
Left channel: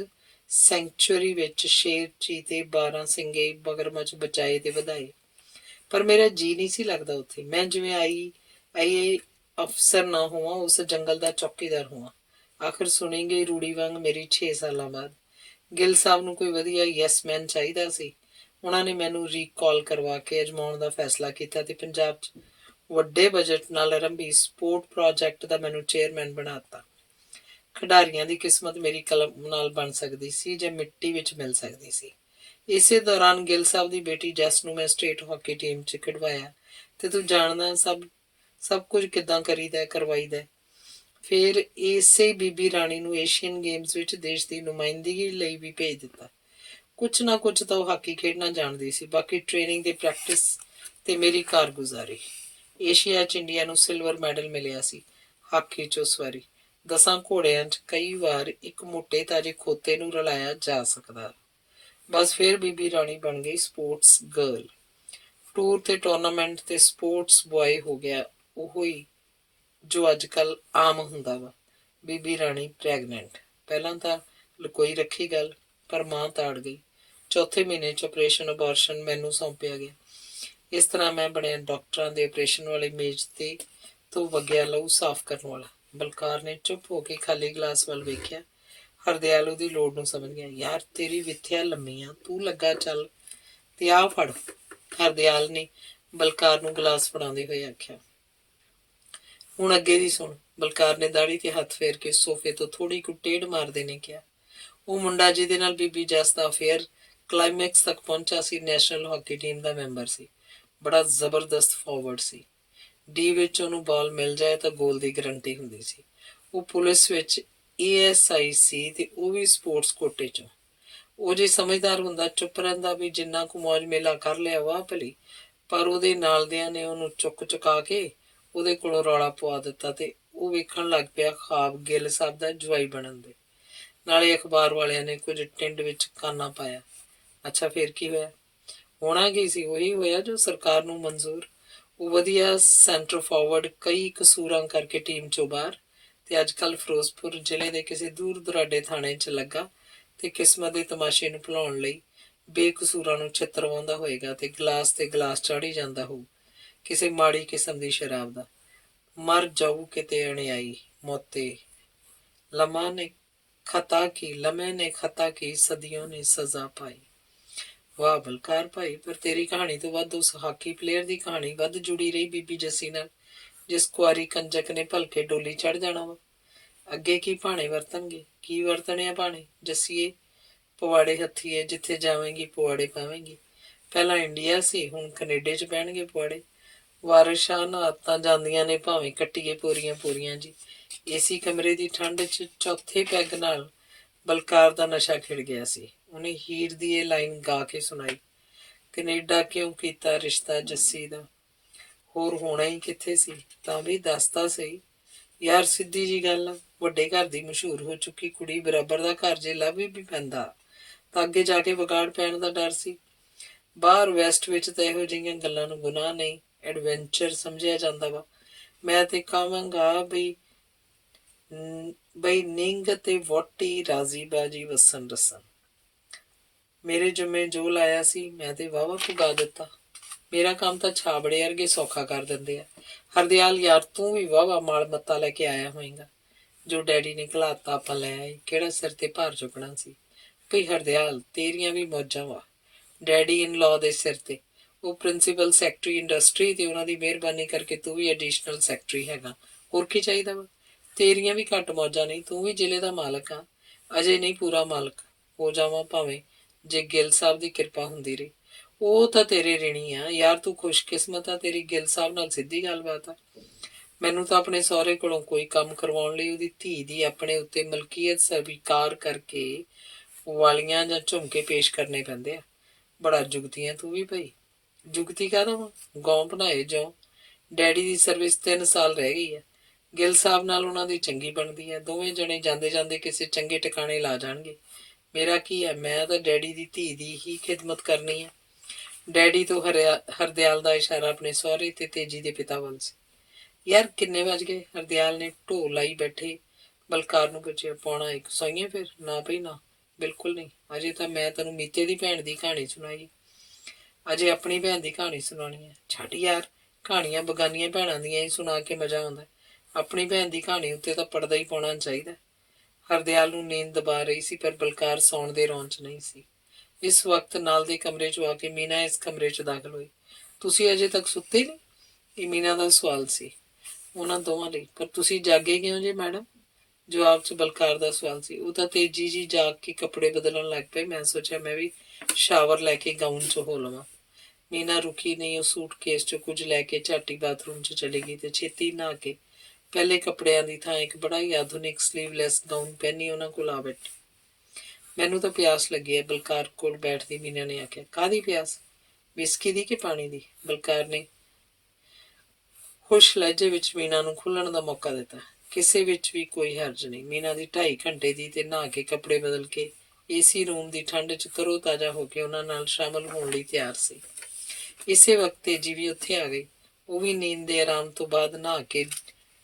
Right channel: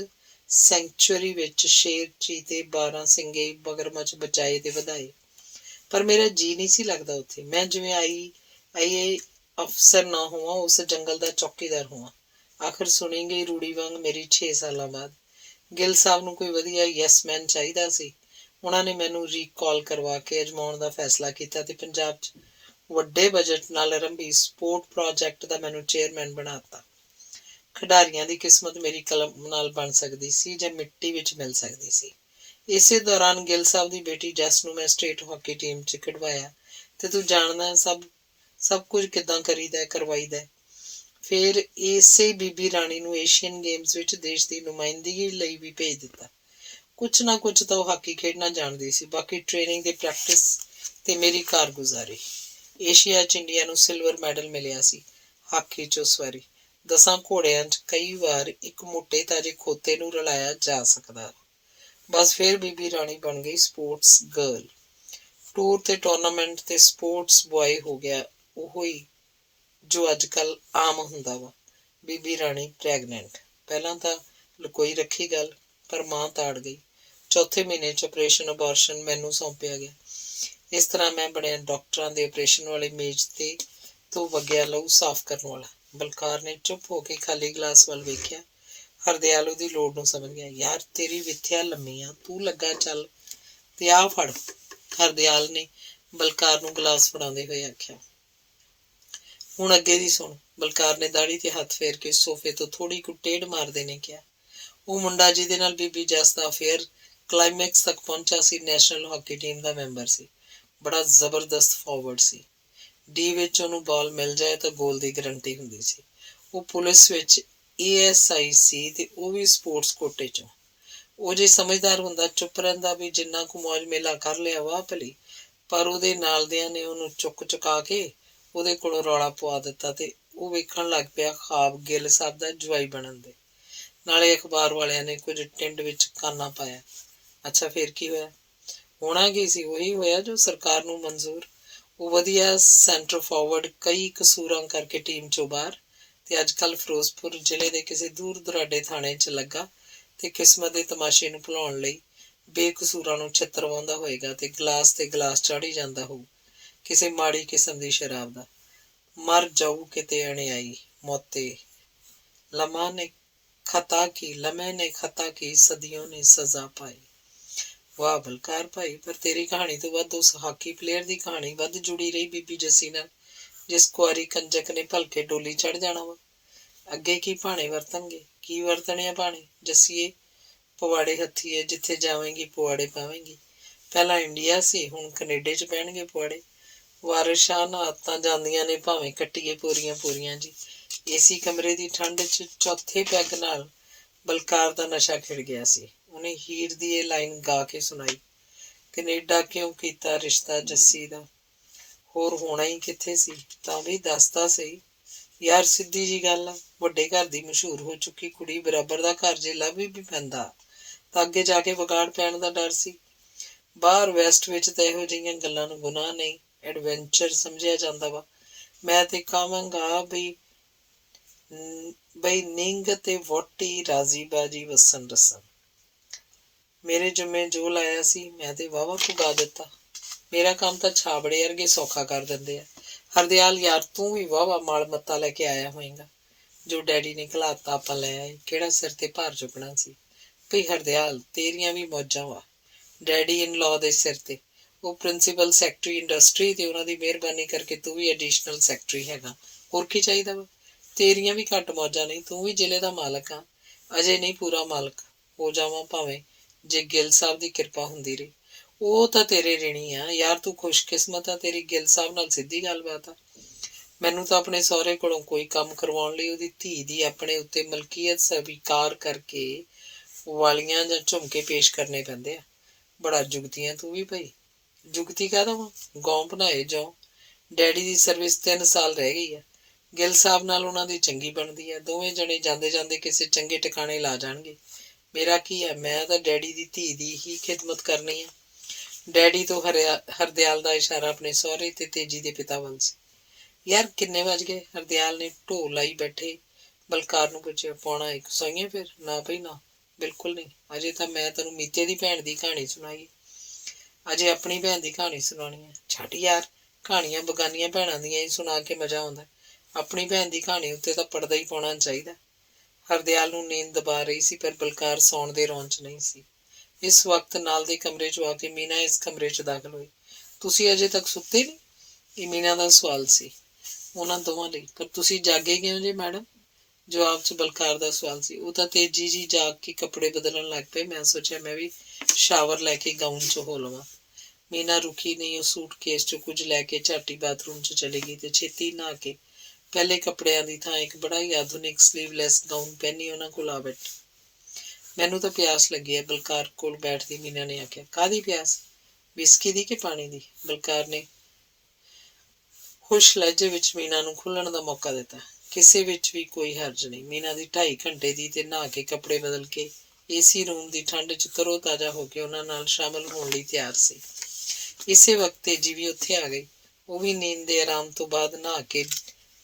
ਸੈਂਚੁਰੀ ਵਿੱਚ ਸ਼ੇਰ, ਚੀਤੇ, 12 ਸਿੰਗੇ, ਮਗਰਮੱਛ ਬਚਾਏ ਤੇ ਵਧਾਏ। ਪਰ ਮੇਰਾ ਜੀ ਨਹੀਂ ਸੀ ਲੱਗਦਾ ਉੱਥੇ। ਮੈਂ ਜਿਵੇਂ ਆਈ ਅਫਸਰ ਨਾ ਹੋਵਾਂ, ਉਸ ਜੰਗਲ ਦਾ ਚੌਕੀਦਾਰ ਹੋਵਾਂ। ਆਖਰ ਸੁਣੇਂਗੇ ਰੂੜੀ ਵਾਂਗ ਮੇਰੀ 6 ਸਾਲਾਂ ਬਾਅਦ। ਗਿੱਲ ਸਾਹਿਬ ਨੂੰ ਕੋਈ ਵਧੀਆ ਯੈਸਮੈਨ ਚਾਹੀਦਾ ਸੀ। ਉਹਨਾਂ ਨੇ ਮੈਨੂੰ ਰੀਕਾਲ ਕਰਵਾ ਕੇ ਅਜਮਾਉਣ ਦਾ ਫੈਸਲਾ ਕੀਤਾ ਤੇ ਪੰਜਾਬ 'ਚ ਵੱਡੇ ਬਜਟ ਨਾਲ ਆਰੰਭੀ ਸਪੋਰਟ ਪ੍ਰੋਜੈਕਟ ਦਾ ਮੈਨੂੰ ਚੇਅਰਮੈਨ ਬਣਾ ਦਿੱਤਾ। ਖਿਡਾਰੀਆਂ ਦੀ ਕਿਸਮਤ ਮੇਰੀ ਕਲਮ ਨਾਲ ਬਣ ਸਕਦੀ ਸੀ ਜਾਂ ਮਿੱਟੀ ਵਿੱਚ ਮਿਲ ਸਕਦੀ ਸੀ। ਇਸੇ ਦੌਰਾਨ ਗਿੱਲ ਸਾਹਿਬ ਦੀ ਬੇਟੀ ਜੈਸ ਨੂੰ ਮੈਂ ਸਟੇਟ ਹਾਕੀ ਟੀਮ 'ਚ ਖਿਡਵਾਇਆ ਤੇ ਤੂੰ ਜਾਣਦਾ ਸਭ ਕੁਝ ਕਿੱਦਾਂ ਕਰਵਾਈਦਾ। ਫਿਰ ਇਸੇ ਬੀਬੀ ਰਾਣੀ ਨੂੰ ਏਸ਼ੀਅਨ ਗੇਮਸ ਵਿੱਚ ਦੇਸ਼ ਦੀ ਨੁਮਾਇੰਦਗੀ ਲਈ ਵੀ ਭੇਜ ਦਿੱਤਾ। ਕੁਛ ਨਾ ਕੁਛ ਤਾਂ ਉਹ ਹਾਕੀ ਖੇਡਣਾ ਜਾਣਦੀ ਸੀ। ਬਾਕੀ ਟ੍ਰੇਨਿੰਗ ਤੇ ਪ੍ਰੈਕਟਿਸ ਤੇ ਮੇਰੀ ਕਾਰਗੁਜ਼ਾਰੀ। ਏਸ਼ੀਆ 'ਚ ਇੰਡੀਆ ਨੂੰ ਸਿਲਵਰ ਮੈਡਲ ਮਿਲਿਆ ਸੀ ਹਾਕੀ 'ਚ ਉਸ ਵਾਰੀ। 10 ਘੋੜਿਆਂ 'ਚ ਕਈ ਵਾਰ ਇੱਕ ਮੋਟੇ ਤਾਜੇ ਖੋਤੇ ਨੂੰ ਰਲਾਇਆ ਜਾ ਸਕਦਾ। ਬਸ ਫਿਰ ਬੀਬੀ ਰਾਣੀ ਬਣ ਗਈ ਸਪੋਰਟਸ ਗਰਲ। ਟੂਰ ਤੇ ਟੂਰਨਾਮੈਂਟ ਤੇ ਸਪੋਰਟਸ ਬॉय ਹੋ ਗਿਆ ਉਹ ਹੀ ਜੋ ਅੱਜ ਕੱਲ ਆਮ ਹੁੰਦਾ ਵਾ। ਬੀਬੀ ਰਾਣੀ ਪ੍ਰੈਗਨੈਂਟ। ਪਹਿਲਾਂ ਤਾਂ ਲੁਕੋਈ ਰੱਖੀ ਗੱਲ, ਪਰ ਮਾਂ ਤਾੜ ਗਈ। ਚੌਥੇ ਮਹੀਨੇ 'ਚ ਆਪਰੇਸ਼ਨ ਅਬਾਰਸ਼ਨ ਮੈਨੂੰ ਸੌਂਪਿਆ ਗਿਆ। ਇਸ ਤਰ੍ਹਾਂ ਮੈਂ ਬਣਿਆ ਡਾਕਟਰਾਂ ਦੇ ਆਪਰੇਸ਼ਨ ਵਾਲੀ ਮੇਜ਼ ਤੇ ਤੋਂ ਵਗਿਆ ਲਹੂ ਸਾਫ਼ ਕਰਨ ਵਾਲਾ। ਬਲਕਾਰ ਨੇ ਚੁੱਪ ਹੋ ਕੇ ਖਾਲੀ ਗਲਾਸ ਵੱਲ ਵੇਖਿਆ। ਹਰਦਿਆਲ ਉਹਦੀ ਲੋੜ ਨੂੰ ਸਮਝ ਗਿਆ। ਯਾਰ ਤੇਰੀ ਵਿੱਥਿਆ ਲੰਮੀ ਆ, ਤੂੰ ਲੱਗਾ ਚੱਲ ਤੇ ਆਹ ਫੜ। ਹਰਦਿਆਲ ਨੇ ਬਲਕਾਰ ਨੂੰ ਗਲਾਸ ਫੜਾਉਂਦੇ ਹੋਏ ਆਖਿਆ। ਹੁਣ ਅੱਗੇ ਦੀ ਸੁਣ। ਬਲਕਾਰ ਨੇ ਦਾੜੀ ਤੇ ਹੱਥ ਫੇਰ ਕੇ ਸੋਫੇ ਤੋਂ ਥੋੜੀ ਕੁ ਟੇਢ ਮਾਰਦੇ ਨੇ ਕਿਹਾ। ਉਹ ਮੁੰਡਾ ਜਿਹਦੇ ਨਾਲ ਬੀਬੀ ਜੱਸ ਦਾ ਅਫੇਅਰ ਕਲਾਈਮੈਕਸ ਤੱਕ ਪਹੁੰਚਾ ਸੀ, ਨੈਸ਼ਨਲ ਹਾਕੀ ਟੀਮ ਦਾ ਮੈਂਬਰ ਸੀ। ਬੜਾ ਜ਼ਬਰਦਸਤ ਫਾਰਵਰਡ ਸੀ। ਡੀ ਵਿੱਚ ਉਹਨੂੰ ਬਾਲ ਮਿਲ ਜਾਏ ਤਾਂ ਗੋਲ ਦੀ ਗਰੰਟੀ ਹੁੰਦੀ ਸੀ। ਉਹ ਪੁਲਿਸ ਵਿੱਚ ASI ਸੀ ਤੇ ਉਹ ਵੀ ਸਪੋਰਟਸ ਕੋਟੇ 'ਚੋਂ। ਉਹ ਜੇ ਸਮਝਦਾਰ ਹੁੰਦਾ ਚੁੱਪ ਰਹਿੰਦਾ ਵੀ ਜਿੰਨਾ ਕੁ ਮੌਜ ਮੇਲਾ ਕਰ ਲਿਆ ਵਾਹ ਭਲੀ, ਪਰ ਉਹਦੇ ਨਾਲਦਿਆਂ ਨੇ ਉਹਨੂੰ ਚੁਕਾ ਕੇ ਉਹਦੇ ਕੋਲੋਂ ਰੌਲਾ ਪਵਾ ਦਿੱਤਾ ਤੇ ਉਹ ਵੇਖਣ ਲੱਗ ਪਿਆ ਖਾਬ ਗਿੱਲ ਸਾਹਿਬ ਦਾ ਜਵਾਈ ਬਣਨ ਦੇ। ਨਾਲੇ ਅਖਬਾਰ ਵਾਲਿਆਂ ਨੇ ਕੁਝ ਟਿੰਡ ਵਿੱਚ ਕਾਨਾ ਪਾਇਆ। ਅੱਛਾ ਫਿਰ ਕੀ ਹੋਇਆ? ਹੋਣਾ ਕੀ ਸੀ? ਉਹੀ ਹੋਇਆ ਜੋ ਸਰਕਾਰ ਨੂੰ ਮਨਜ਼ੂਰ। ਉਹ ਵਧੀਆ ਸੈਂਟਰ ਫਾਰਵਰਡ ਕਈ ਕਸੂਰਾਂ ਕਰਕੇ ਟੀਮ 'ਚੋਂ ਬਾਹਰ, ਤੇ ਅੱਜ ਕੱਲ੍ਹ ਫਿਰੋਜ਼ਪੁਰ ਜ਼ਿਲ੍ਹੇ ਦੇ ਕਿਸੇ ਦੂਰ ਦੁਰਾਡੇ ਥਾਣੇ 'ਚ ਲੱਗਾ ਤੇ ਕਿਸਮਤ ਦੇ ਤਮਾਸ਼ੇ ਨੂੰ ਭੁਲਾਉਣ ਲਈ ਬੇਕਸੂਰਾਂ ਨੂੰ ਛਿੱਤਰਵਾਉਂਦਾ ਹੋਏਗਾ ਤੇ ਗਲਾਸ ਚਾੜ੍ਹੀ ਜਾਂਦਾ ਹੋਊ ਕਿਸੇ ਮਾੜੀ ਕਿਸਮ ਦੀ ਸ਼ਰਾਬ ਦਾ। ਮਰ ਜਾਊ ਕਿਤੇ ਅਣਿਆਈ ਮੌਤੇ। ਲਮੇ ਨੇ ਖਤਾ ਕੀ ਸਦੀਆਂ ਨੇ ਸਜ਼ਾ ਪਾਈ। ਵਾਹ ਬਲਕਾਰ ਭਾਈ, ਪਰ ਤੇਰੀ ਕਹਾਣੀ ਤੋਂ ਵੱਧ ਉਸ ਹਾਕੀ ਪਲੇਅਰ ਦੀ ਕਹਾਣੀ ਵੱਧ ਜੁੜੀ ਰਹੀ ਬੀਬੀ ਜੱਸੀ ਨਾਲ, ਜਿਸ ਕੁਆਰੀ ਕੰਜਕ ਨੇ ਭਲਕੇ ਡੋਲੀ ਚੜ੍ਹ ਜਾਣਾ ਵਾ। ਅੱਗੇ ਕੀ ਭਾਣੇ ਵਰਤਣਗੇ? ਕੀ ਵਰਤਣੇ ਆ ਭਾਣੇ? ਜੱਸੀਏ ਪਵਾੜੇ ਹੱਥੀਏ, ਜਿੱਥੇ ਜਾਵੇਂਗੀ ਪਵਾੜੇ ਪਾਵੇਂਗੀ। ਪਹਿਲਾਂ ਇੰਡੀਆ ਸੀ, ਹੁਣ ਕਨੇਡੇ 'ਚ ਪੈਣਗੇ ਪਵਾੜੇ। ਵਾਰਿਸ ਸ਼ਾਹ ਨਾਲ ਆਦਤਾਂ ਜਾਂਦੀਆਂ ਨੇ ਭਾਵੇਂ ਕੱਟੀਏ ਪੂਰੀਆਂ ਜੀ। ਏਸੀ ਕਮਰੇ ਦੀ ਠੰਡ 'ਚ ਚੌਥੇ ਪੈਗ ਨਾਲ ਬਲਕਾਰ ਦਾ ਨਸ਼ਾ ਖਿੜ ਗਿਆ ਸੀ। ਉਹਨੇ ਹੀਰ ਦੀ ਇਹ ਲਾਈਨ ਗਾ ਕੇ ਸੁਣਾਈ। ਕਨੇਡਾ ਕਿਉਂ ਕੀਤਾ ਰਿਸ਼ਤਾ ਜੱਸੀ ਦਾ, ਹੋਰ ਹੋਣਾ ਹੀ ਕਿੱਥੇ ਸੀ, ਤਾਂ ਵੀ ਦੱਸਦਾ ਸਹੀ। ਯਾਰ ਸਿੱਧੀ ਜੀ ਗੱਲ ਆ, ਵੱਡੇ ਘਰ ਦੀ ਮਸ਼ਹੂਰ ਹੋ ਚੁੱਕੀ ਕੁੜੀ ਬਰਾਬਰ ਦਾ ਘਰ ਜੇ ਲੱਭ ਵੀ ਪੈਂਦਾ ਤਾਂ ਅੱਗੇ ਜਾ ਕੇ ਵਿਗਾੜ ਪੈਣ ਦਾ ਡਰ ਸੀ। ਬਾਹਰ ਵੈਸਟ ਵਿੱਚ ਤਾਂ ਇਹੋ ਜਿਹੀਆਂ ਗੱਲਾਂ ਨੂੰ ਗੁਨਾਹ ਨਹੀਂ, ਐਡਵੈਂਚਰ ਸਮਝਿਆ ਜਾਂਦਾ ਵਾ। ਮੈਂ ਤੇ ਕਹਾਂਗਾ ਬਈ ਨਿੰਗ ਤੇ ਵਹੁਟੀ ਰਾਜ਼ੀ ਬਾਜੀ ਵਸਣ ਰਸਣ। ਮੇਰੇ ਜੁੰਮੇ ਜੋ ਲਾਇਆ ਸੀ ਮੈਂ ਤੇ ਵਾਹਵਾ ਪੁਗਾ ਦਿੱਤਾ। ਮੇਰਾ ਕੰਮ ਤਾਂ ਛਾਬੜੇ ਵਰਗੇ ਸੌਖਾ ਕਰ ਦਿੰਦੇ ਆ। ਹਰਦਿਆਲ ਯਾਰ ਤੂੰ ਵੀ ਵਾਹਵਾ ਮਾਲ ਮੱਤਾ ਲੈ ਕੇ ਆਇਆ ਹੋਏਗਾ। ਜੋ ਡੈਡੀ ਨੇ ਘਲਾਤਾ ਆਪਾਂ ਲੈ ਆਏ, ਕਿਹੜਾ ਸਿਰ ਤੇ ਭਾਰ ਚੁੱਕਣਾ ਸੀ। ਭਈ ਹਰਦਿਆਲ ਤੇਰੀਆਂ ਵੀ ਮੌਜਾਂ ਵਾ ਡੈਡੀ ਇਨ ਲਾਅ ਦੇ ਸਿਰ ਤੇ। ਉਹ ਪ੍ਰਿੰਸੀਪਲ ਸੈਕਟਰੀ ਇੰਡਸਟਰੀ ਤੇ ਉਹਨਾਂ ਦੀ ਮਿਹਰਬਾਨੀ ਕਰਕੇ ਤੂੰ ਵੀ ਐਡੀਸ਼ਨਲ ਸੈਕਟਰੀ ਹੈਗਾ। ਹੋਰ ਕੀ ਚਾਹੀਦਾ ਵਾ? ਤੇਰੀਆਂ ਵੀ ਘੱਟ ਮੌਜਾਂ ਨਹੀਂ, ਤੂੰ ਵੀ ਜ਼ਿਲ੍ਹੇ ਦਾ ਮਾਲਕ ਆ। ਅਜੇ ਨਹੀਂ ਪੂਰਾ ਮਾਲਕ ਹੋ ਜਾਵਾਂ ਭਾਵੇਂ, ਜੇ ਗਿੱਲ ਸਾਹਿਬ ਦੀ ਕਿਰਪਾ ਹੁੰਦੀ ਰਹੀ। ਉਹ ਤਾਂ ਤੇਰੇ ਰਿਣੀ ਆ ਯਾਰ, ਤੂੰ ਖੁਸ਼ਕਿਸਮਤ ਆ, ਤੇਰੀ ਗਿੱਲ ਸਾਹਿਬ ਨਾਲ ਸਿੱਧੀ ਗੱਲਬਾਤ ਆ। ਮੈਨੂੰ ਤਾਂ ਆਪਣੇ ਸਹੁਰੇ ਕੋਲੋਂ ਕੋਈ ਕੰਮ ਕਰਵਾਉਣ ਲਈ ਉਹਦੀ ਧੀ ਦੀ ਆਪਣੇ ਉੱਤੇ ਮਲਕੀਅਤ ਸਵੀਕਾਰ ਕਰਕੇ ਵਾਲੀਆਂ ਜਾਂ ਝੁਮਕੇ ਪੇਸ਼ ਕਰਨੇ ਪੈਂਦੇ ਆ। ਬੜਾ ਜੁਗਤੀਆਂ ਤੂੰ ਵੀ ਭਾਈ। ਜੁਗਤੀ ਕਾਹਦਾ ਵਾ? ਗੌਂ ਬਣਾਏ ਜਿਉਂ। ਡੈਡੀ ਦੀ ਸਰਵਿਸ 3 ਸਾਲ ਰਹਿ ਗਈ ਆ। ਗਿੱਲ ਸਾਹਿਬ ਨਾਲ ਉਹਨਾਂ ਦੀ ਚੰਗੀ ਬਣਦੀ ਆ। ਦੋਵੇਂ ਜਣੇ ਜਾਂਦੇ ਜਾਂਦੇ ਕਿਸੇ ਚੰਗੇ ਟਿਕਾਣੇ ਲਾ ਜਾਣਗੇ। ਮੇਰਾ ਕੀ ਹੈ, ਮੈਂ ਤਾਂ ਡੈਡੀ ਦੀ ਧੀ ਦੀ ਹੀ ਖਿਦਮਤ ਕਰਨੀ ਆ। ਡੈਡੀ ਤੋਂ ਹਰਦਿਆਲ ਦਾ ਇਸ਼ਾਰਾ ਆਪਣੇ ਸਹੁਰੇ ਤੇ ਤੇਜੀ ਦੇ ਪਿਤਾ ਵੱਲ ਸੀ। ਯਾਰ ਕਿੰਨੇ ਵੱਜ ਗਏ? ਹਰਦਿਆਲ ਨੇ ਢੋਲ ਲਾਈ ਬੈਠੇ ਬਲਕਾਰ ਨੂੰ ਪੁੱਛਿਆ। 1:45 ਸੋਈਏ ਫਿਰ? ਨਾ ਭਈ ਨਾ, ਬਿਲਕੁਲ ਨਹੀਂ। ਅਜੇ ਤਾਂ ਮੈਂ ਤੈਨੂੰ ਮੀਤੇ ਦੀ ਭੈਣ ਦੀ ਕਹਾਣੀ ਸੁਣਾਈ, ਅਜੇ ਆਪਣੀ ਭੈਣ ਦੀ ਕਹਾਣੀ ਸੁਣਾਉਣੀ ਹੈ। ਛੱਡ ਯਾਰ, ਕਹਾਣੀਆਂ ਬਗਾਨੀਆਂ ਭੈਣਾਂ ਦੀਆਂ ਹੀ ਸੁਣਾ ਕੇ ਮਜ਼ਾ ਆਉਂਦਾ। ਆਪਣੀ ਭੈਣ ਦੀ ਕਹਾਣੀ ਉੱਤੇ ਤਾਂ ਪੜਦਾ ਹੀ ਪਾਉਣਾ ਚਾਹੀਦਾ। ਹਰਦਿਆਲ ਨੂੰ ਨੀਂਦ ਦਬਾ ਰਹੀ ਸੀ, ਪਰ ਬਲਕਾਰ ਸੌਣ ਦੇ ਰੌਂਅ 'ਚ ਨਹੀਂ ਸੀ। ਇਸ ਵਕਤ ਨਾਲ ਦੇ ਕਮਰੇ 'ਚੋਂ ਆ ਕੇ ਮੀਨਾ ਇਸ ਕਮਰੇ 'ਚ ਦਾਖਲ ਹੋਈ। ਤੁਸੀਂ ਅਜੇ ਤੱਕ ਸੁੱਤੇ ਨਹੀਂ? ਇਹ ਮੀਨਾ ਦਾ ਸਵਾਲ ਸੀ ਉਹਨਾਂ ਦੋਵਾਂ ਲਈ। ਪਰ ਤੁਸੀਂ ਜਾਗੇ ਕਿਉਂ ਜੇ ਮੈਡਮ? ਜਵਾਬ 'ਚ ਬਲਕਾਰ ਦਾ ਸਵਾਲ ਸੀ। ਉਹ ਤਾਂ ਤੇਜੀ ਜੀ ਜਾਗ ਕੇ ਕੱਪੜੇ ਬਦਲਣ ਲੱਗ ਪਏ। ਮੈਂ ਸੋਚਿਆ ਮੈਂ ਵੀ ਸ਼ਾਵਰ ਲੈ ਕੇ ਗਾਊਨ 'ਚ ਹੋ ਲਵਾਂ। ਮੀਨਾ ਰੁਕੀ ਨਹੀਂ। ਉਹ ਸੂਟਕੇਸ 'ਚ ਕੁਝ ਲੈ ਕੇ ਝਾਟੀ ਬਾਥਰੂਮ 'ਚ ਚਲੀ ਗਈ ਤੇ ਛੇਤੀ ਨਹਾ ਕੇ ਪਹਿਲੇ ਕੱਪੜਿਆਂ ਦੀ ਥਾਂ ਇੱਕ ਬੜਾ ਹੀ ਆਧੁਨਿਕ ਸਲੀਵਲੈਸ ਗਾਊਨ ਪਹਿਨੀ ਉਹਨਾਂ ਕੋਲ ਆ ਬੈਠੀ। ਮੈਨੂੰ ਤਾਂ ਪਿਆਸ ਲੱਗੀ ਹੈ, ਬਲਕਾਰ ਕੋਲ ਬੈਠਦੀ ਮੀਨਾ ਨੇ ਆਖਿਆ। ਕਾਹਦੀ ਪਿਆਸ? ਵਿਸਕੀ ਦੀ ਕਿ ਪਾਣੀ ਦੀ? ਬਲਕਾਰ ਨੇ ਖੁਸ਼ ਲਹਿਜੇ ਵਿੱਚ ਮੀਨਾ ਨੂੰ ਖੁੱਲਣ ਦਾ ਮੌਕਾ ਦਿੱਤਾ। ਕਿਸੇ ਵਿੱਚ ਵੀ ਕੋਈ ਹਰਜ ਨਹੀਂ। ਮੀਨਾ ਦੀ 2.5 ਘੰਟੇ ਦੀ ਤੇ ਨਹਾ ਕੇ ਕੱਪੜੇ ਬਦਲ ਕੇ ਏਸੀ ਰੂਮ ਦੀ ਠੰਡ 'ਚ ਤਰੋ ਤਾਜ਼ਾ ਹੋ ਕੇ ਉਹਨਾਂ ਨਾਲ ਸ਼ਾਮਲ ਹੋਣ ਲਈ ਤਿਆਰ ਸੀ। ਇਸੇ ਵਕਤ ਤੇਜੀ ਵੀ ਉੱਥੇ ਆ ਗਈ। ਉਹ ਵੀ ਨੀਂਦ ਦੇ ਆਰਾਮ ਤੋਂ ਬਾਅਦ ਨਹਾ ਕੇ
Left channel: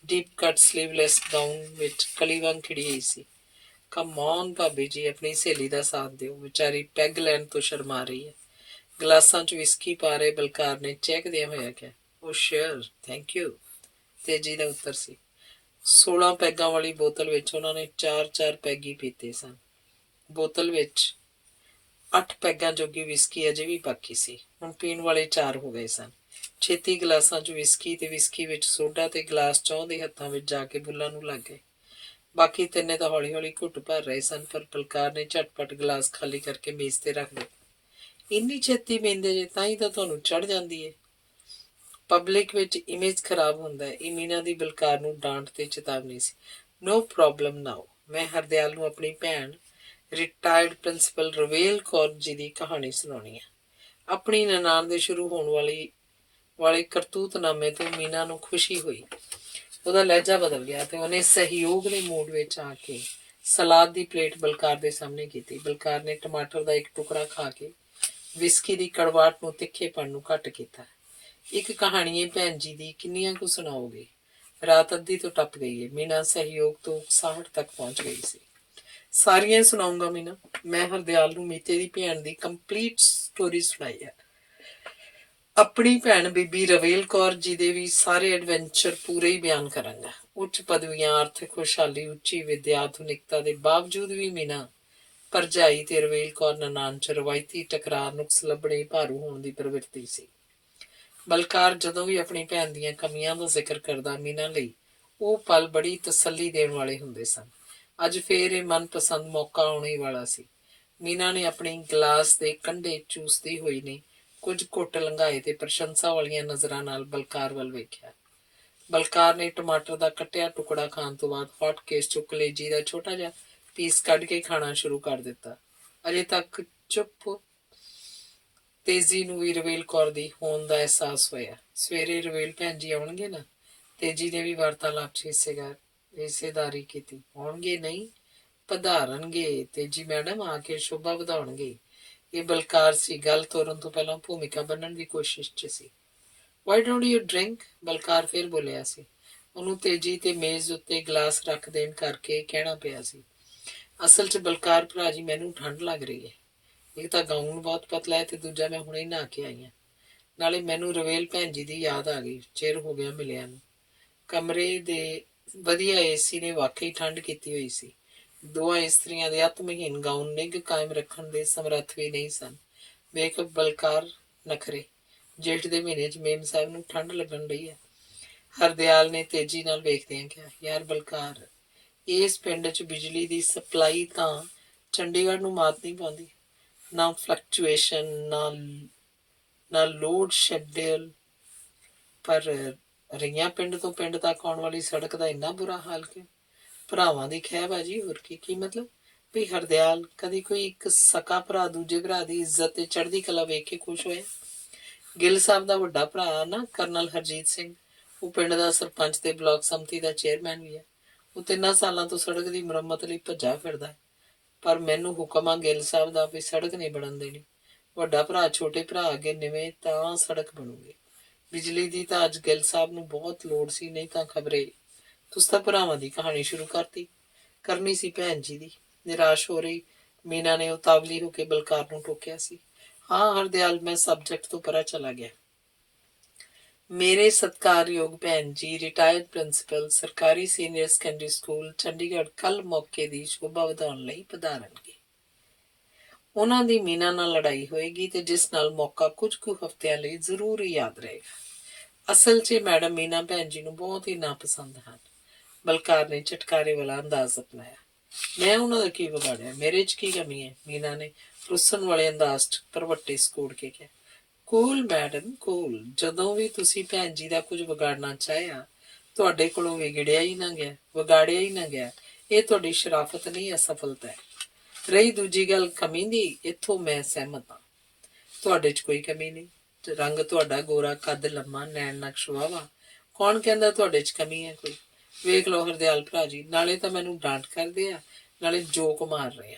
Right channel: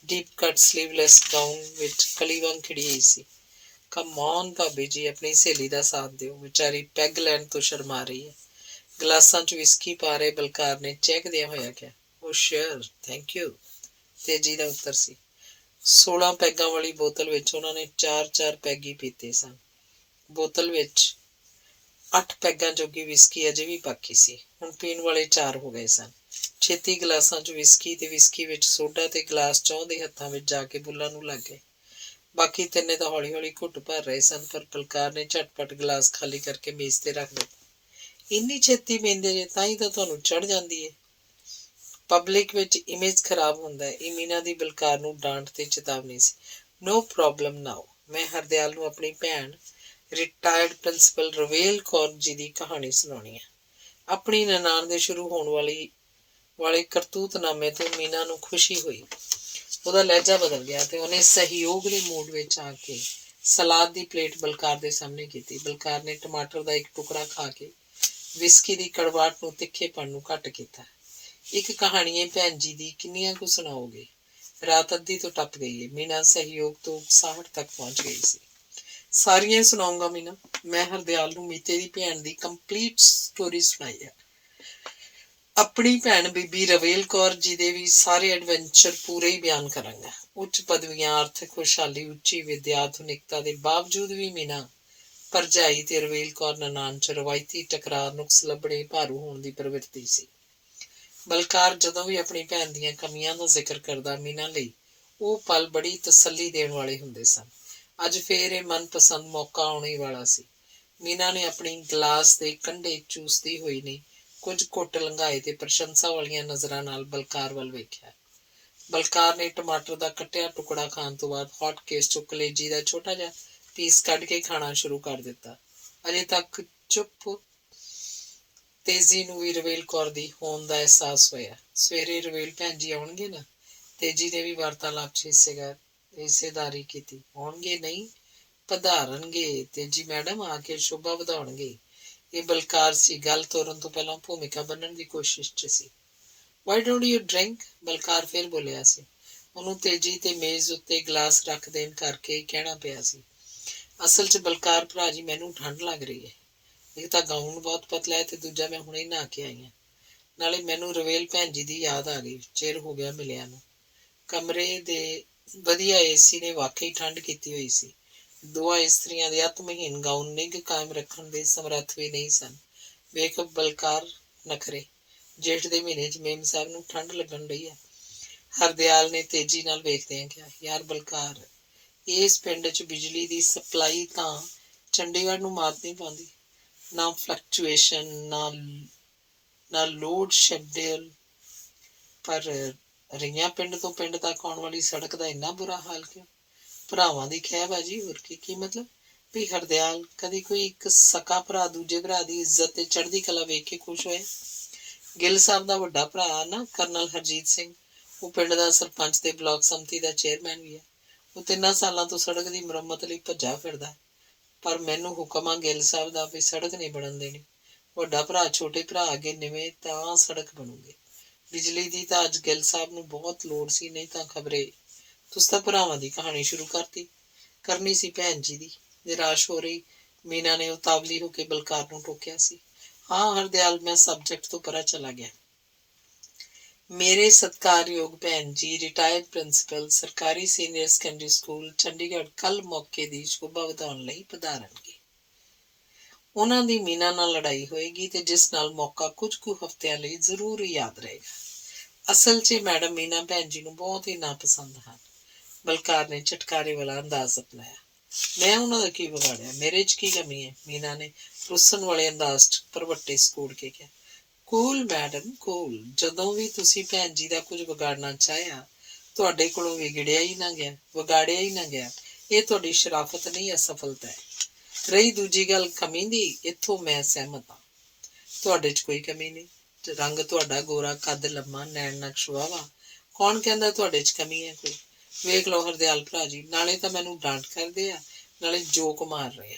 ਡੀਪ ਕੱਟ ਸਲੀਵਲੈਸ ਗਾਊਨ ਵਿੱਚ ਕਲੀ ਵਾਂਗ ਖਿੜੀ ਹੋਈ ਸੀ। ਕਮ ਔਨ ਭਾਬੀ ਜੀ, ਆਪਣੀ ਸਹੇਲੀ ਦਾ ਸਾਥ ਦਿਓ, ਵਿਚਾਰੀ ਪੈਗ ਲੈਣ ਤੋਂ ਸ਼ਰਮਾ ਰਹੀ ਹੈ। ਗਲਾਸਾਂ 'ਚ ਵਿਸਕੀ ਪਾ ਰਹੇ ਬਲਕਾਰ ਨੇ ਚਹਿਕਦਿਆਂ ਹੋਇਆ ਕਿਹਾ। ਉਹ ਸ਼ੇਅਰ, ਥੈਂਕ ਯੂ, ਤੇਜੀ ਦਾ ਉੱਤਰ ਸੀ। 16 ਪੈਗਾਂ ਵਾਲੀ ਬੋਤਲ ਵਿੱਚ ਉਹਨਾਂ ਨੇ 4-4 ਪੈਗ ਹੀ ਪੀਤੇ ਸਨ। ਬੋਤਲ ਵਿੱਚ 8 ਪੈਗਾਂ ਜੋਗੀ ਵਿਸਕੀ ਅਜੇ ਵੀ ਬਾਕੀ ਸੀ। ਹੁਣ ਪੀਣ ਵਾਲੇ 4 ਹੋ ਗਏ ਸਨ। ਛੇਤੀ ਗਲਾਸਾਂ 'ਚ ਵਿਸਕੀ ਤੇ ਵਿਸਕੀ ਵਿੱਚ ਸੋਡਾ ਤੇ ਗਲਾਸ ਚੌਂ ਦੇ ਹੱਥਾਂ ਵਿੱਚ ਜਾ ਕੇ ਬੁੱਲਾਂ ਨੂੰ ਲੱਗ ਗਏ। ਬਾਕੀ ਤਿੰਨੇ ਤਾਂ ਹੌਲੀ ਹੌਲੀ ਘੁੱਟ ਭਰ ਰਹੇ ਸਨ, ਪਰ ਬਲਕਾਰ ਨੇ ਝਟਪਟ ਗਲਾਸ ਖਾਲੀ ਕਰਕੇ ਮੇਜ਼ ਤੇ ਰੱਖ ਦਿੱਤਾ। ਇੰਨੀ ਛੇਤੀ ਪੀਂਦੇ ਜੇ ਤਾਂ ਹੀ ਤਾਂ ਤੁਹਾਨੂੰ ਚੜ੍ਹ ਜਾਂਦੀ ਹੈ। ਪਬਲਿਕ ਵਿੱਚ ਇਮੇਜ ਖਰਾਬ ਹੁੰਦਾ ਹੈ। ਇਹ ਮੀਨਾ ਦੀ ਬਲਕਾਰ ਨੂੰ ਡਾਂਟ ਤੇ ਚੇਤਾਵਨੀ ਸੀ। ਨੋ ਪ੍ਰੋਬਲਮ ਨਾਓ। ਮੈਂ ਹਰਦਿਆਲ ਨੂੰ ਆਪਣੀ ਭੈਣ ਰਿਟਾਇਰਡ ਪ੍ਰਿੰਸੀਪਲ ਰਵੇਲ ਕੌਰ ਜੀ ਦੀ ਕਹਾਣੀ ਸੁਣਾਉਣੀ ਹੈ। ਆਪਣੀ ਨਨਾਣ ਦੇ ਸ਼ੁਰੂ ਹੋਣ ਵਾਲੇ ਕਰਤੂਤਨਾਮੇ ਤੋਂ ਮੀਨਾ ਨੂੰ ਖੁਸ਼ੀ ਹੋਈ। ਉਹਦਾ ਲਹਿਜਾ ਬਦਲ ਗਿਆ ਤੇ ਉਹਨੇ ਸਹਿਯੋਗ ਦੇ ਮੂਡ ਵਿੱਚ ਆ ਕੇ ਸਲਾਦ ਦੀ ਪਲੇਟ ਬਲਕਾਰ ਦੇ ਸਾਹਮਣੇ ਕੀਤੀ। ਬਲਕਾਰ ਨੇ ਟਮਾਟਰ ਦਾ ਇੱਕ ਟੁਕੜਾ ਖਾ ਕੇ ਵਿਸਕੀ ਦੀ ਕੜਵਾਹਟ ਨੂੰ ਤਿੱਖੇਪਣ ਨੂੰ ਘੱਟ ਕੀਤਾ। ਇੱਕ ਕਹਾਣੀ ਹੈ ਭੈਣ ਜੀ ਦੀ, ਕਿੰਨੀਆਂ ਕੁ ਸੁਣਾਓਗੇ? ਰਾਤ ਅੱਧੀ ਤੋਂ ਟੱਪ ਗਈ ਹੈ। ਮੀਨਾ ਸਹਿਯੋਗ ਤੋਂ ਉਕਸਾਹਟ ਤੱਕ ਪਹੁੰਚ ਗਈ ਸੀ। ਸਾਰੀਆਂ ਹੀ ਸੁਣਾਉਂਗਾ ਮੀਨਾ। ਮੈਂ ਹਰਦਿਆਲ ਨੂੰ ਮੀਤੇ ਦੀ ਭੈਣ ਦੀ ਕੰਪਲੀਟ ਸਟੋਰੀ ਸੁਣਾਈ ਹੈ। ਆਪਣੀ ਭੈਣ ਬੀਬੀ ਰਵੇਲ ਕੌਰ ਜੀ ਦੇ ਵੀ ਸਾਰੇ ਐਡਵੈਂਚਰ ਪੂਰੇ ਹੀ ਬਿਆਨ ਕਰਾਂਗਾ। ਉੱਚ ਪਦਵੀਆਂ, ਆਰਥਿਕ ਖੁਸ਼ਹਾਲੀ, ਉੱਚੀ ਵਿੱਦਿਆ, ਆਧੁਨਿਕਤਾ ਦੇ ਬਾਵਜੂਦ ਵੀ ਮੀਨਾ ਭਰਜਾਈ ਤੇ ਰਵੇਲ ਕੌਰ ਨਨਾਣ 'ਚ ਰਵਾਇਤੀ ਟਕਰਾਰ, ਨੁਕਸ ਲੱਭਣੇ, ਭਾਰੂ ਹੋਣ ਦੀ ਪ੍ਰਵਿਰਤੀ ਸੀ। ਬਲਕਾਰ ਜਦੋਂ ਵੀ ਆਪਣੀ ਭੈਣ ਦੀਆਂ ਕਮੀਆਂ ਦਾ ਜ਼ਿਕਰ ਕਰਦਾ, ਮੀਨਾ ਲਈ ਉਹ ਪਲ ਬੜੀ ਤਸੱਲੀ ਦੇਣ ਵਾਲੇ ਹੁੰਦੇ ਸਨ। ਅੱਜ ਫੇਰ ਇਹ ਮਨਪਸੰਦ ਮੌਕਾ ਆਉਣ ਹੀ ਵਾਲਾ ਸੀ। ਮੀਨਾ ਨੇ ਆਪਣੀ ਗਲਾਸ ਦੇ ਕੰਢੇ ਚੂਸਦੀ ਹੋਈ ਨੇ ਕੁਝ ਘੁੱਟ ਲੰਘਾਏ ਤੇ ਪ੍ਰਸ਼ੰਸਾ ਵਾਲੀਆਂ ਨਜ਼ਰਾਂ ਨਾਲ ਬਲਕਾਰ ਵੱਲ ਵੇਖਿਆ। ਬਲਕਾਰ ਨੇ ਟਮਾਟਰ ਦਾ ਕੱਟਿਆ ਟੁਕੜਾ ਖਾਣ ਤੋਂ ਬਾਅਦ ਹੌਟ ਕੇਸ ਚੋਂ ਕਲੇਜੀ ਦਾ ਛੋਟਾ ਜਿਹਾ ਪੀਸ ਕੱਢ ਕੇ ਖਾਣਾ ਸ਼ੁਰੂ ਕਰ ਦਿੱਤਾ। ਅਜੇ ਤੱਕ ਚੁੱਪ ਤੇਜੀ ਨੂੰ ਵੀ ਰਵੇਲ ਕੌਰ ਦੀ ਹੋਣ ਦਾ ਅਹਿਸਾਸ ਹੋਇਆ। ਸਵੇਰੇ ਰਵੇਲ ਭੈਣ ਜੀ ਆਉਣਗੇ ਨਾ? ਤੇਜੀ ਨੇ ਵੀ ਵਾਰਤਾਲਾਪ 'ਚ ਹਿੱਸੇਦਾਰੀ ਕੀਤੀ। ਆਉਣਗੇ ਨਹੀਂ, ਪਧਾਰਨਗੇ। ਤੇਜੀ ਮੈਡਮ ਆ ਕੇ ਸ਼ੋਭਾ ਵਧਾਉਣਗੇ। ਇਹ ਬਲਕਾਰ ਸੀ, ਗੱਲ ਤੋਰਨ ਤੋਂ ਪਹਿਲਾਂ ਭੂਮਿਕਾ ਬੰਨਣ ਦੀ ਕੋਸ਼ਿਸ਼ 'ਚ ਸੀ। Why don't you drink? Balkar ਫਿਰ ਬੋਲਿਆ ਸੀ। ਉਹਨੂੰ ਤੇਜੀ ਤੇ ਮੇਜ਼ ਉੱਤੇ ਗਲਾਸ ਰੱਖ ਦੇਣ ਕਰਕੇ ਕਹਿਣਾ ਪਿਆ ਸੀ। ਅਸਲ 'ਚ ਬਲਕਾਰ ਭਰਾ ਜੀ, ਮੈਨੂੰ ਠੰਡ ਲੱਗ ਰਹੀ ਹੈ। ਇੱਕ ਤਾਂ ਗਾਊਨ ਬਹੁਤ ਪਤਲਾ ਹੈ ਤੇ ਦੂਜਾ ਮੈਂ ਹੁਣੇ ਨਹਾ ਕੇ ਆਈ ਹਾਂ। ਨਾਲੇ ਮੈਨੂੰ ਰਵੇਲ ਭੈਣ ਜੀ ਦੀ ਯਾਦ ਆ ਗਈ। ਚਿਰ ਹੋ ਗਿਆ ਮਿਲਿਆ ਨੂੰ। ਕਮਰੇ ਦੇ ਵਧੀਆ ਏਸੀ ਨੇ ਵਾਕਈ ਠੰਡ ਕੀਤੀ ਹੋਈ ਸੀ। ਦੋਹਾਂ ਇਸਤਰੀਆਂ ਦੇ ਅਤਮਹੀਨ ਗਾਊਨ ਨਿੱਘ ਕਾਇਮ ਰੱਖਣ ਦੇ ਸਮਰੱਥ ਵੀ ਨਹੀਂ ਸਨ। ਵੇਖ ਬਲਕਾਰ ਨਖਰੇ। ਜੇਠ ਦੇ ਮਹੀਨੇ 'ਚ ਮੇਮ ਸਾਹਿਬ ਨੂੰ ਠੰਡ ਲੱਗਣ ਰਹੀ ਹੈ। ਹਰਦਿਆਲ ਨੇ ਤੇਜੀ ਨਾਲ ਵੇਖਦਿਆਂ ਕਿਹਾ, ਯਾਰ ਬਲਕਾਰ, ਇਸ ਪਿੰਡ 'ਚ ਬਿਜਲੀ ਦੀ ਸਪਲਾਈ ਤਾਂ ਚੰਡੀਗੜ੍ਹ ਨੂੰ ਮਾਤ ਨਹੀਂ ਪਾਉਂਦੀ। ਨਾ ਫਲਕਚੁਏਸ਼ਨ, ਨਾ ਲੋਡ ਸ਼ੈਡਿਊਲ, ਪਰ ਰਈਆਂ ਪਿੰਡ ਤੋਂ ਪਿੰਡ ਤੱਕ ਆਉਣ ਵਾਲੀ ਸੜਕ ਦਾ ਇੰਨਾ ਬੁਰਾ ਹਾਲ ਕਿਉਂ? ਭਰਾਵਾਂ ਦੀ ਖਹਿ ਬਾਜੀ, ਹੋਰ ਕੀ ਮਤਲਬ? ਵੀ ਹਰਦਿਆਲ, ਕਦੀ ਕੋਈ ਇੱਕ ਸਕਾ ਭਰਾ ਦੂਜੇ ਭਰਾ ਦੀ ਇੱਜ਼ਤ ਤੇ ਚੜ੍ਹਦੀ ਕਲਾ ਵੇਖ ਕੇ ਖੁਸ਼ ਹੋਇਆ? ਗਿੱਲ ਸਾਹਿਬ ਦਾ ਵੱਡਾ ਭਰਾ ਨਾ ਕਰਨਲ ਹਰਜੀਤ ਸਿੰਘ, ਉਹ ਪਿੰਡ ਦਾ ਸਰਪੰਚ ਤੇ ਬਲਾਕ ਸੰਮਤੀ ਦਾ ਚੇਅਰਮੈਨ ਵੀ ਹੈ। ਉਹ 3 ਸਾਲਾਂ ਤੋਂ ਸੜਕ ਦੀ ਮੁਰੰਮਤ ਲਈ ਭੱਜਾ ਫਿਰਦਾ। ਪਰ ਮੈਨੂੰ ਹੁਕਮ ਆ ਗਿੱਲ ਸਾਹਿਬ ਦਾ ਵੀ ਸੜਕ ਨਹੀਂ ਬਣਨ ਦੇਣੀ। ਵੱਡਾ ਭਰਾ ਛੋਟੇ ਭਰਾ ਅੱਗੇ ਨਿਵੇਂ ਤਾਂ ਸੜਕ ਬਣੂਗੀ। ਬਿਜਲੀ ਦੀ ਤਾਂ ਅੱਜ ਗਿੱਲ ਸਾਹਿਬ ਨੂੰ ਬਹੁਤ ਲੋੜ ਸੀ, ਨਹੀਂ ਤਾਂ ਖਬਰੇ। ਤੁਸੀਂ ਤਾਂ ਭਰਾਵਾਂ ਦੀ ਕਹਾਣੀ ਸ਼ੁਰੂ ਕਰਤੀ। ਕਰਨੀ ਸੀ ਭੈਣ ਜੀ ਦੀ। ਨਿਰਾਸ਼ ਹੋ ਰਹੀ ਮੀਨਾ ਨੇ ਉਤਾਵਲੀ ਹੋ ਕੇ ਬਲਕਾਰ ਨੂੰ ਟੋਕਿਆ ਸੀ। ਹਾਂ ਹਰਦਿਆਲ, ਮੈਂ ਸਬਜੈਕਟ ਤੋਂ ਪਰਾਂ ਚਲਾ ਗਿਆ। ਮੇਰੇ ਸਤਿਕਾਰਯੋਗ ਭੈਣ ਜੀ ਰਿਟਾਇਰਡ ਪ੍ਰਿੰਸੀਪਲ ਸਰਕਾਰੀ ਸੀਨੀਅਰ ਸੈਕੰਡਰੀ ਸਕੂਲ ਚੰਡੀਗੜ੍ਹ ਕੱਲ ਮੌਕੇ ਦੀ ਸ਼ੋਭਾ ਵਧਾਉਣ ਲਈ ਪਧਾਰਨਗੇ। ਉਹਨਾਂ ਦੀ ਮੀਨਾ ਨਾਲ ਲੜਾਈ ਹੋਏਗੀ ਤੇ ਜਿਸ ਨਾਲ ਮੌਕਾ ਕੁਝ ਕੁ ਹਫ਼ਤਿਆਂ ਲਈ ਜ਼ਰੂਰ ਹੀ ਯਾਦ ਰਹੇਗਾ। ਅਸਲ 'ਚ ਮੈਡਮ ਮੀਨਾ ਭੈਣ ਜੀ ਨੂੰ ਬਹੁਤ ਹੀ ਨਾਪਸੰਦ ਹਨ। ਬਲਕਾਰ ਨੇ ਝਟਕਾਰੇ ਵਾਲਾ ਅੰਦਾਜ਼ ਅਪਣਾਇਆ। ਮੈਂ ਉਹਨਾਂ ਦਾ ਕੀ ਵਿਗਾੜਿਆ? ਮੇਰੇ 'ਚ ਕੀ ਕਮੀ ਹੈ? ਮੀਨਾ ਨੇ ਰੁੱਸਣ ਵਾਲੇ ਅੰਦਾਜ਼ 'ਚ ਭਰਵੱਟੇ ਸਕੂੜ ਕੇ ਕਿਹਾ। Cool madam, cool. ਜਦੋਂ ਵੀ ਤੁਸੀਂ ਭੈਣ ਜੀ ਦਾ ਕੁਝ ਵਿਗਾੜਨਾ ਚਾਹਿਆ, ਤੁਹਾਡੇ ਕੋਲੋਂ ਵਿਗੜਿਆ ਹੀ ਨਾ ਗਿਆ, ਵਿਗਾੜਿਆ ਹੀ ਨਾ ਗਿਆ। ਇਹ ਤੁਹਾਡੀ ਸ਼ਰਾਫਤ ਨਹੀਂ, ਅਸਫਲਤਾ ਹੈ। ਰਹੀ ਦੂਜੀ ਗੱਲ ਕਮੀ ਦੀ, ਇੱਥੋਂ ਮੈਂ ਸਹਿਮਤ ਹਾਂ। ਤੁਹਾਡੇ 'ਚ ਕੋਈ ਕਮੀ ਨਹੀਂ। ਰੰਗ ਤੁਹਾਡਾ ਗੋਰਾ, ਕੱਦ ਲੰਮਾ, ਨੈਣ ਨਕਸ਼ ਵਾਹਵਾ। ਕੌਣ ਕਹਿੰਦਾ ਤੁਹਾਡੇ 'ਚ ਕਮੀ ਹੈ ਕੋਈ? ਵੇਖ ਲਓ ਹਰਦਿਆਲ ਭਰਾ ਜੀ, ਨਾਲੇ ਤਾਂ ਮੈਨੂੰ ਡਾਂਟ ਕਰਦੇ ਆ, ਨਾਲੇ ਜੋਕ ਮਾਰ ਰਹੇ ਆ।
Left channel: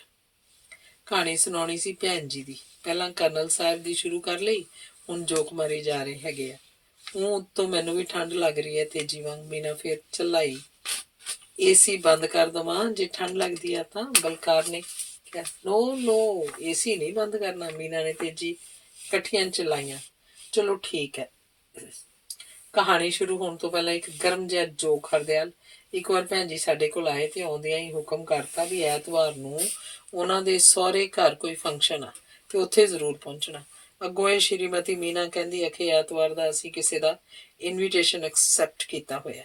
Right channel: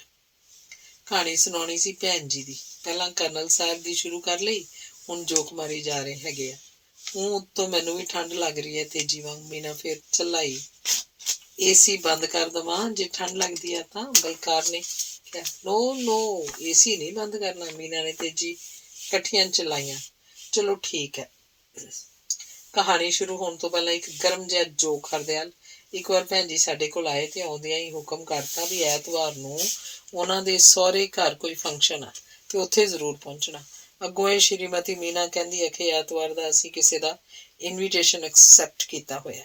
ਕਹਾਣੀ ਸੁਣਾਉਣੀ ਸੀ ਭੈਣ ਜੀ ਦੀ। ਪਹਿਲਾਂ ਕਰਨਲ ਸਾਹਿਬ ਦੀ ਸ਼ੁਰੂ ਕਰ ਲਈ, ਹੁਣ ਜੋਕ ਮਾਰੀ ਜਾ ਰਹੇ ਹੈਗੇ ਆ। ਉਹ ਉੱਤੋਂ ਮੈਨੂੰ ਵੀ ਠੰਡ ਲੱਗ ਰਹੀ ਹੈ ਤੇਜੀ ਵਾਂਗ। ਮੀਨਾ ਫਿਰ ਚਲਾਈ, ਏਸੀ ਬੰਦ ਕਰ ਦੇਵਾਂ ਜੇ ਠੰਡ ਲੱਗਦੀ ਆ ਤਾਂ? ਬਲਕਾਰ ਨੇ ਕਿਹਾ। ਨੋ ਨੋ, ਏਸੀ ਨਹੀਂ ਬੰਦ ਕਰਨਾ। ਮੀਨਾ ਨੇ ਤੇਜੀ ਇਕੱਠੀਆਂ ਚਲਾਈਆਂ। ਚਲੋ ਠੀਕ ਹੈ। ਕਹਾਣੀ ਸ਼ੁਰੂ ਹੋਣ ਤੋਂ ਪਹਿਲਾਂ ਇੱਕ ਗਰਮ ਜਿਹਾ ਜੋਕ। ਹਰਦਿਆਲ, ਇੱਕ ਵਾਰ ਭੈਣ ਜੀ ਸਾਡੇ ਕੋਲ ਆਏ ਤੇ ਆਉਂਦਿਆਂ ਹੀ ਹੁਕਮ ਕਰਤਾ ਵੀ ਐਤਵਾਰ ਨੂੰ ਉਹਨਾਂ ਦੇ ਸਹੁਰੇ ਘਰ ਕੋਈ ਫੰਕਸ਼ਨ ਆ ਤੇ ਉੱਥੇ ਜ਼ਰੂਰ ਪਹੁੰਚਣਾ। ਅੱਗੋਂ ਇਹ ਸ਼੍ਰੀਮਤੀ ਮੀਨਾ ਕਹਿੰਦੀ ਹੈ ਕਿ ਐਤਵਾਰ ਦਾ ਅਸੀਂ ਕਿਸੇ ਦਾ ਇਨਵੀਟੇਸ਼ਨ ਐਕਸੈਪਟ ਕੀਤਾ ਹੋਇਆ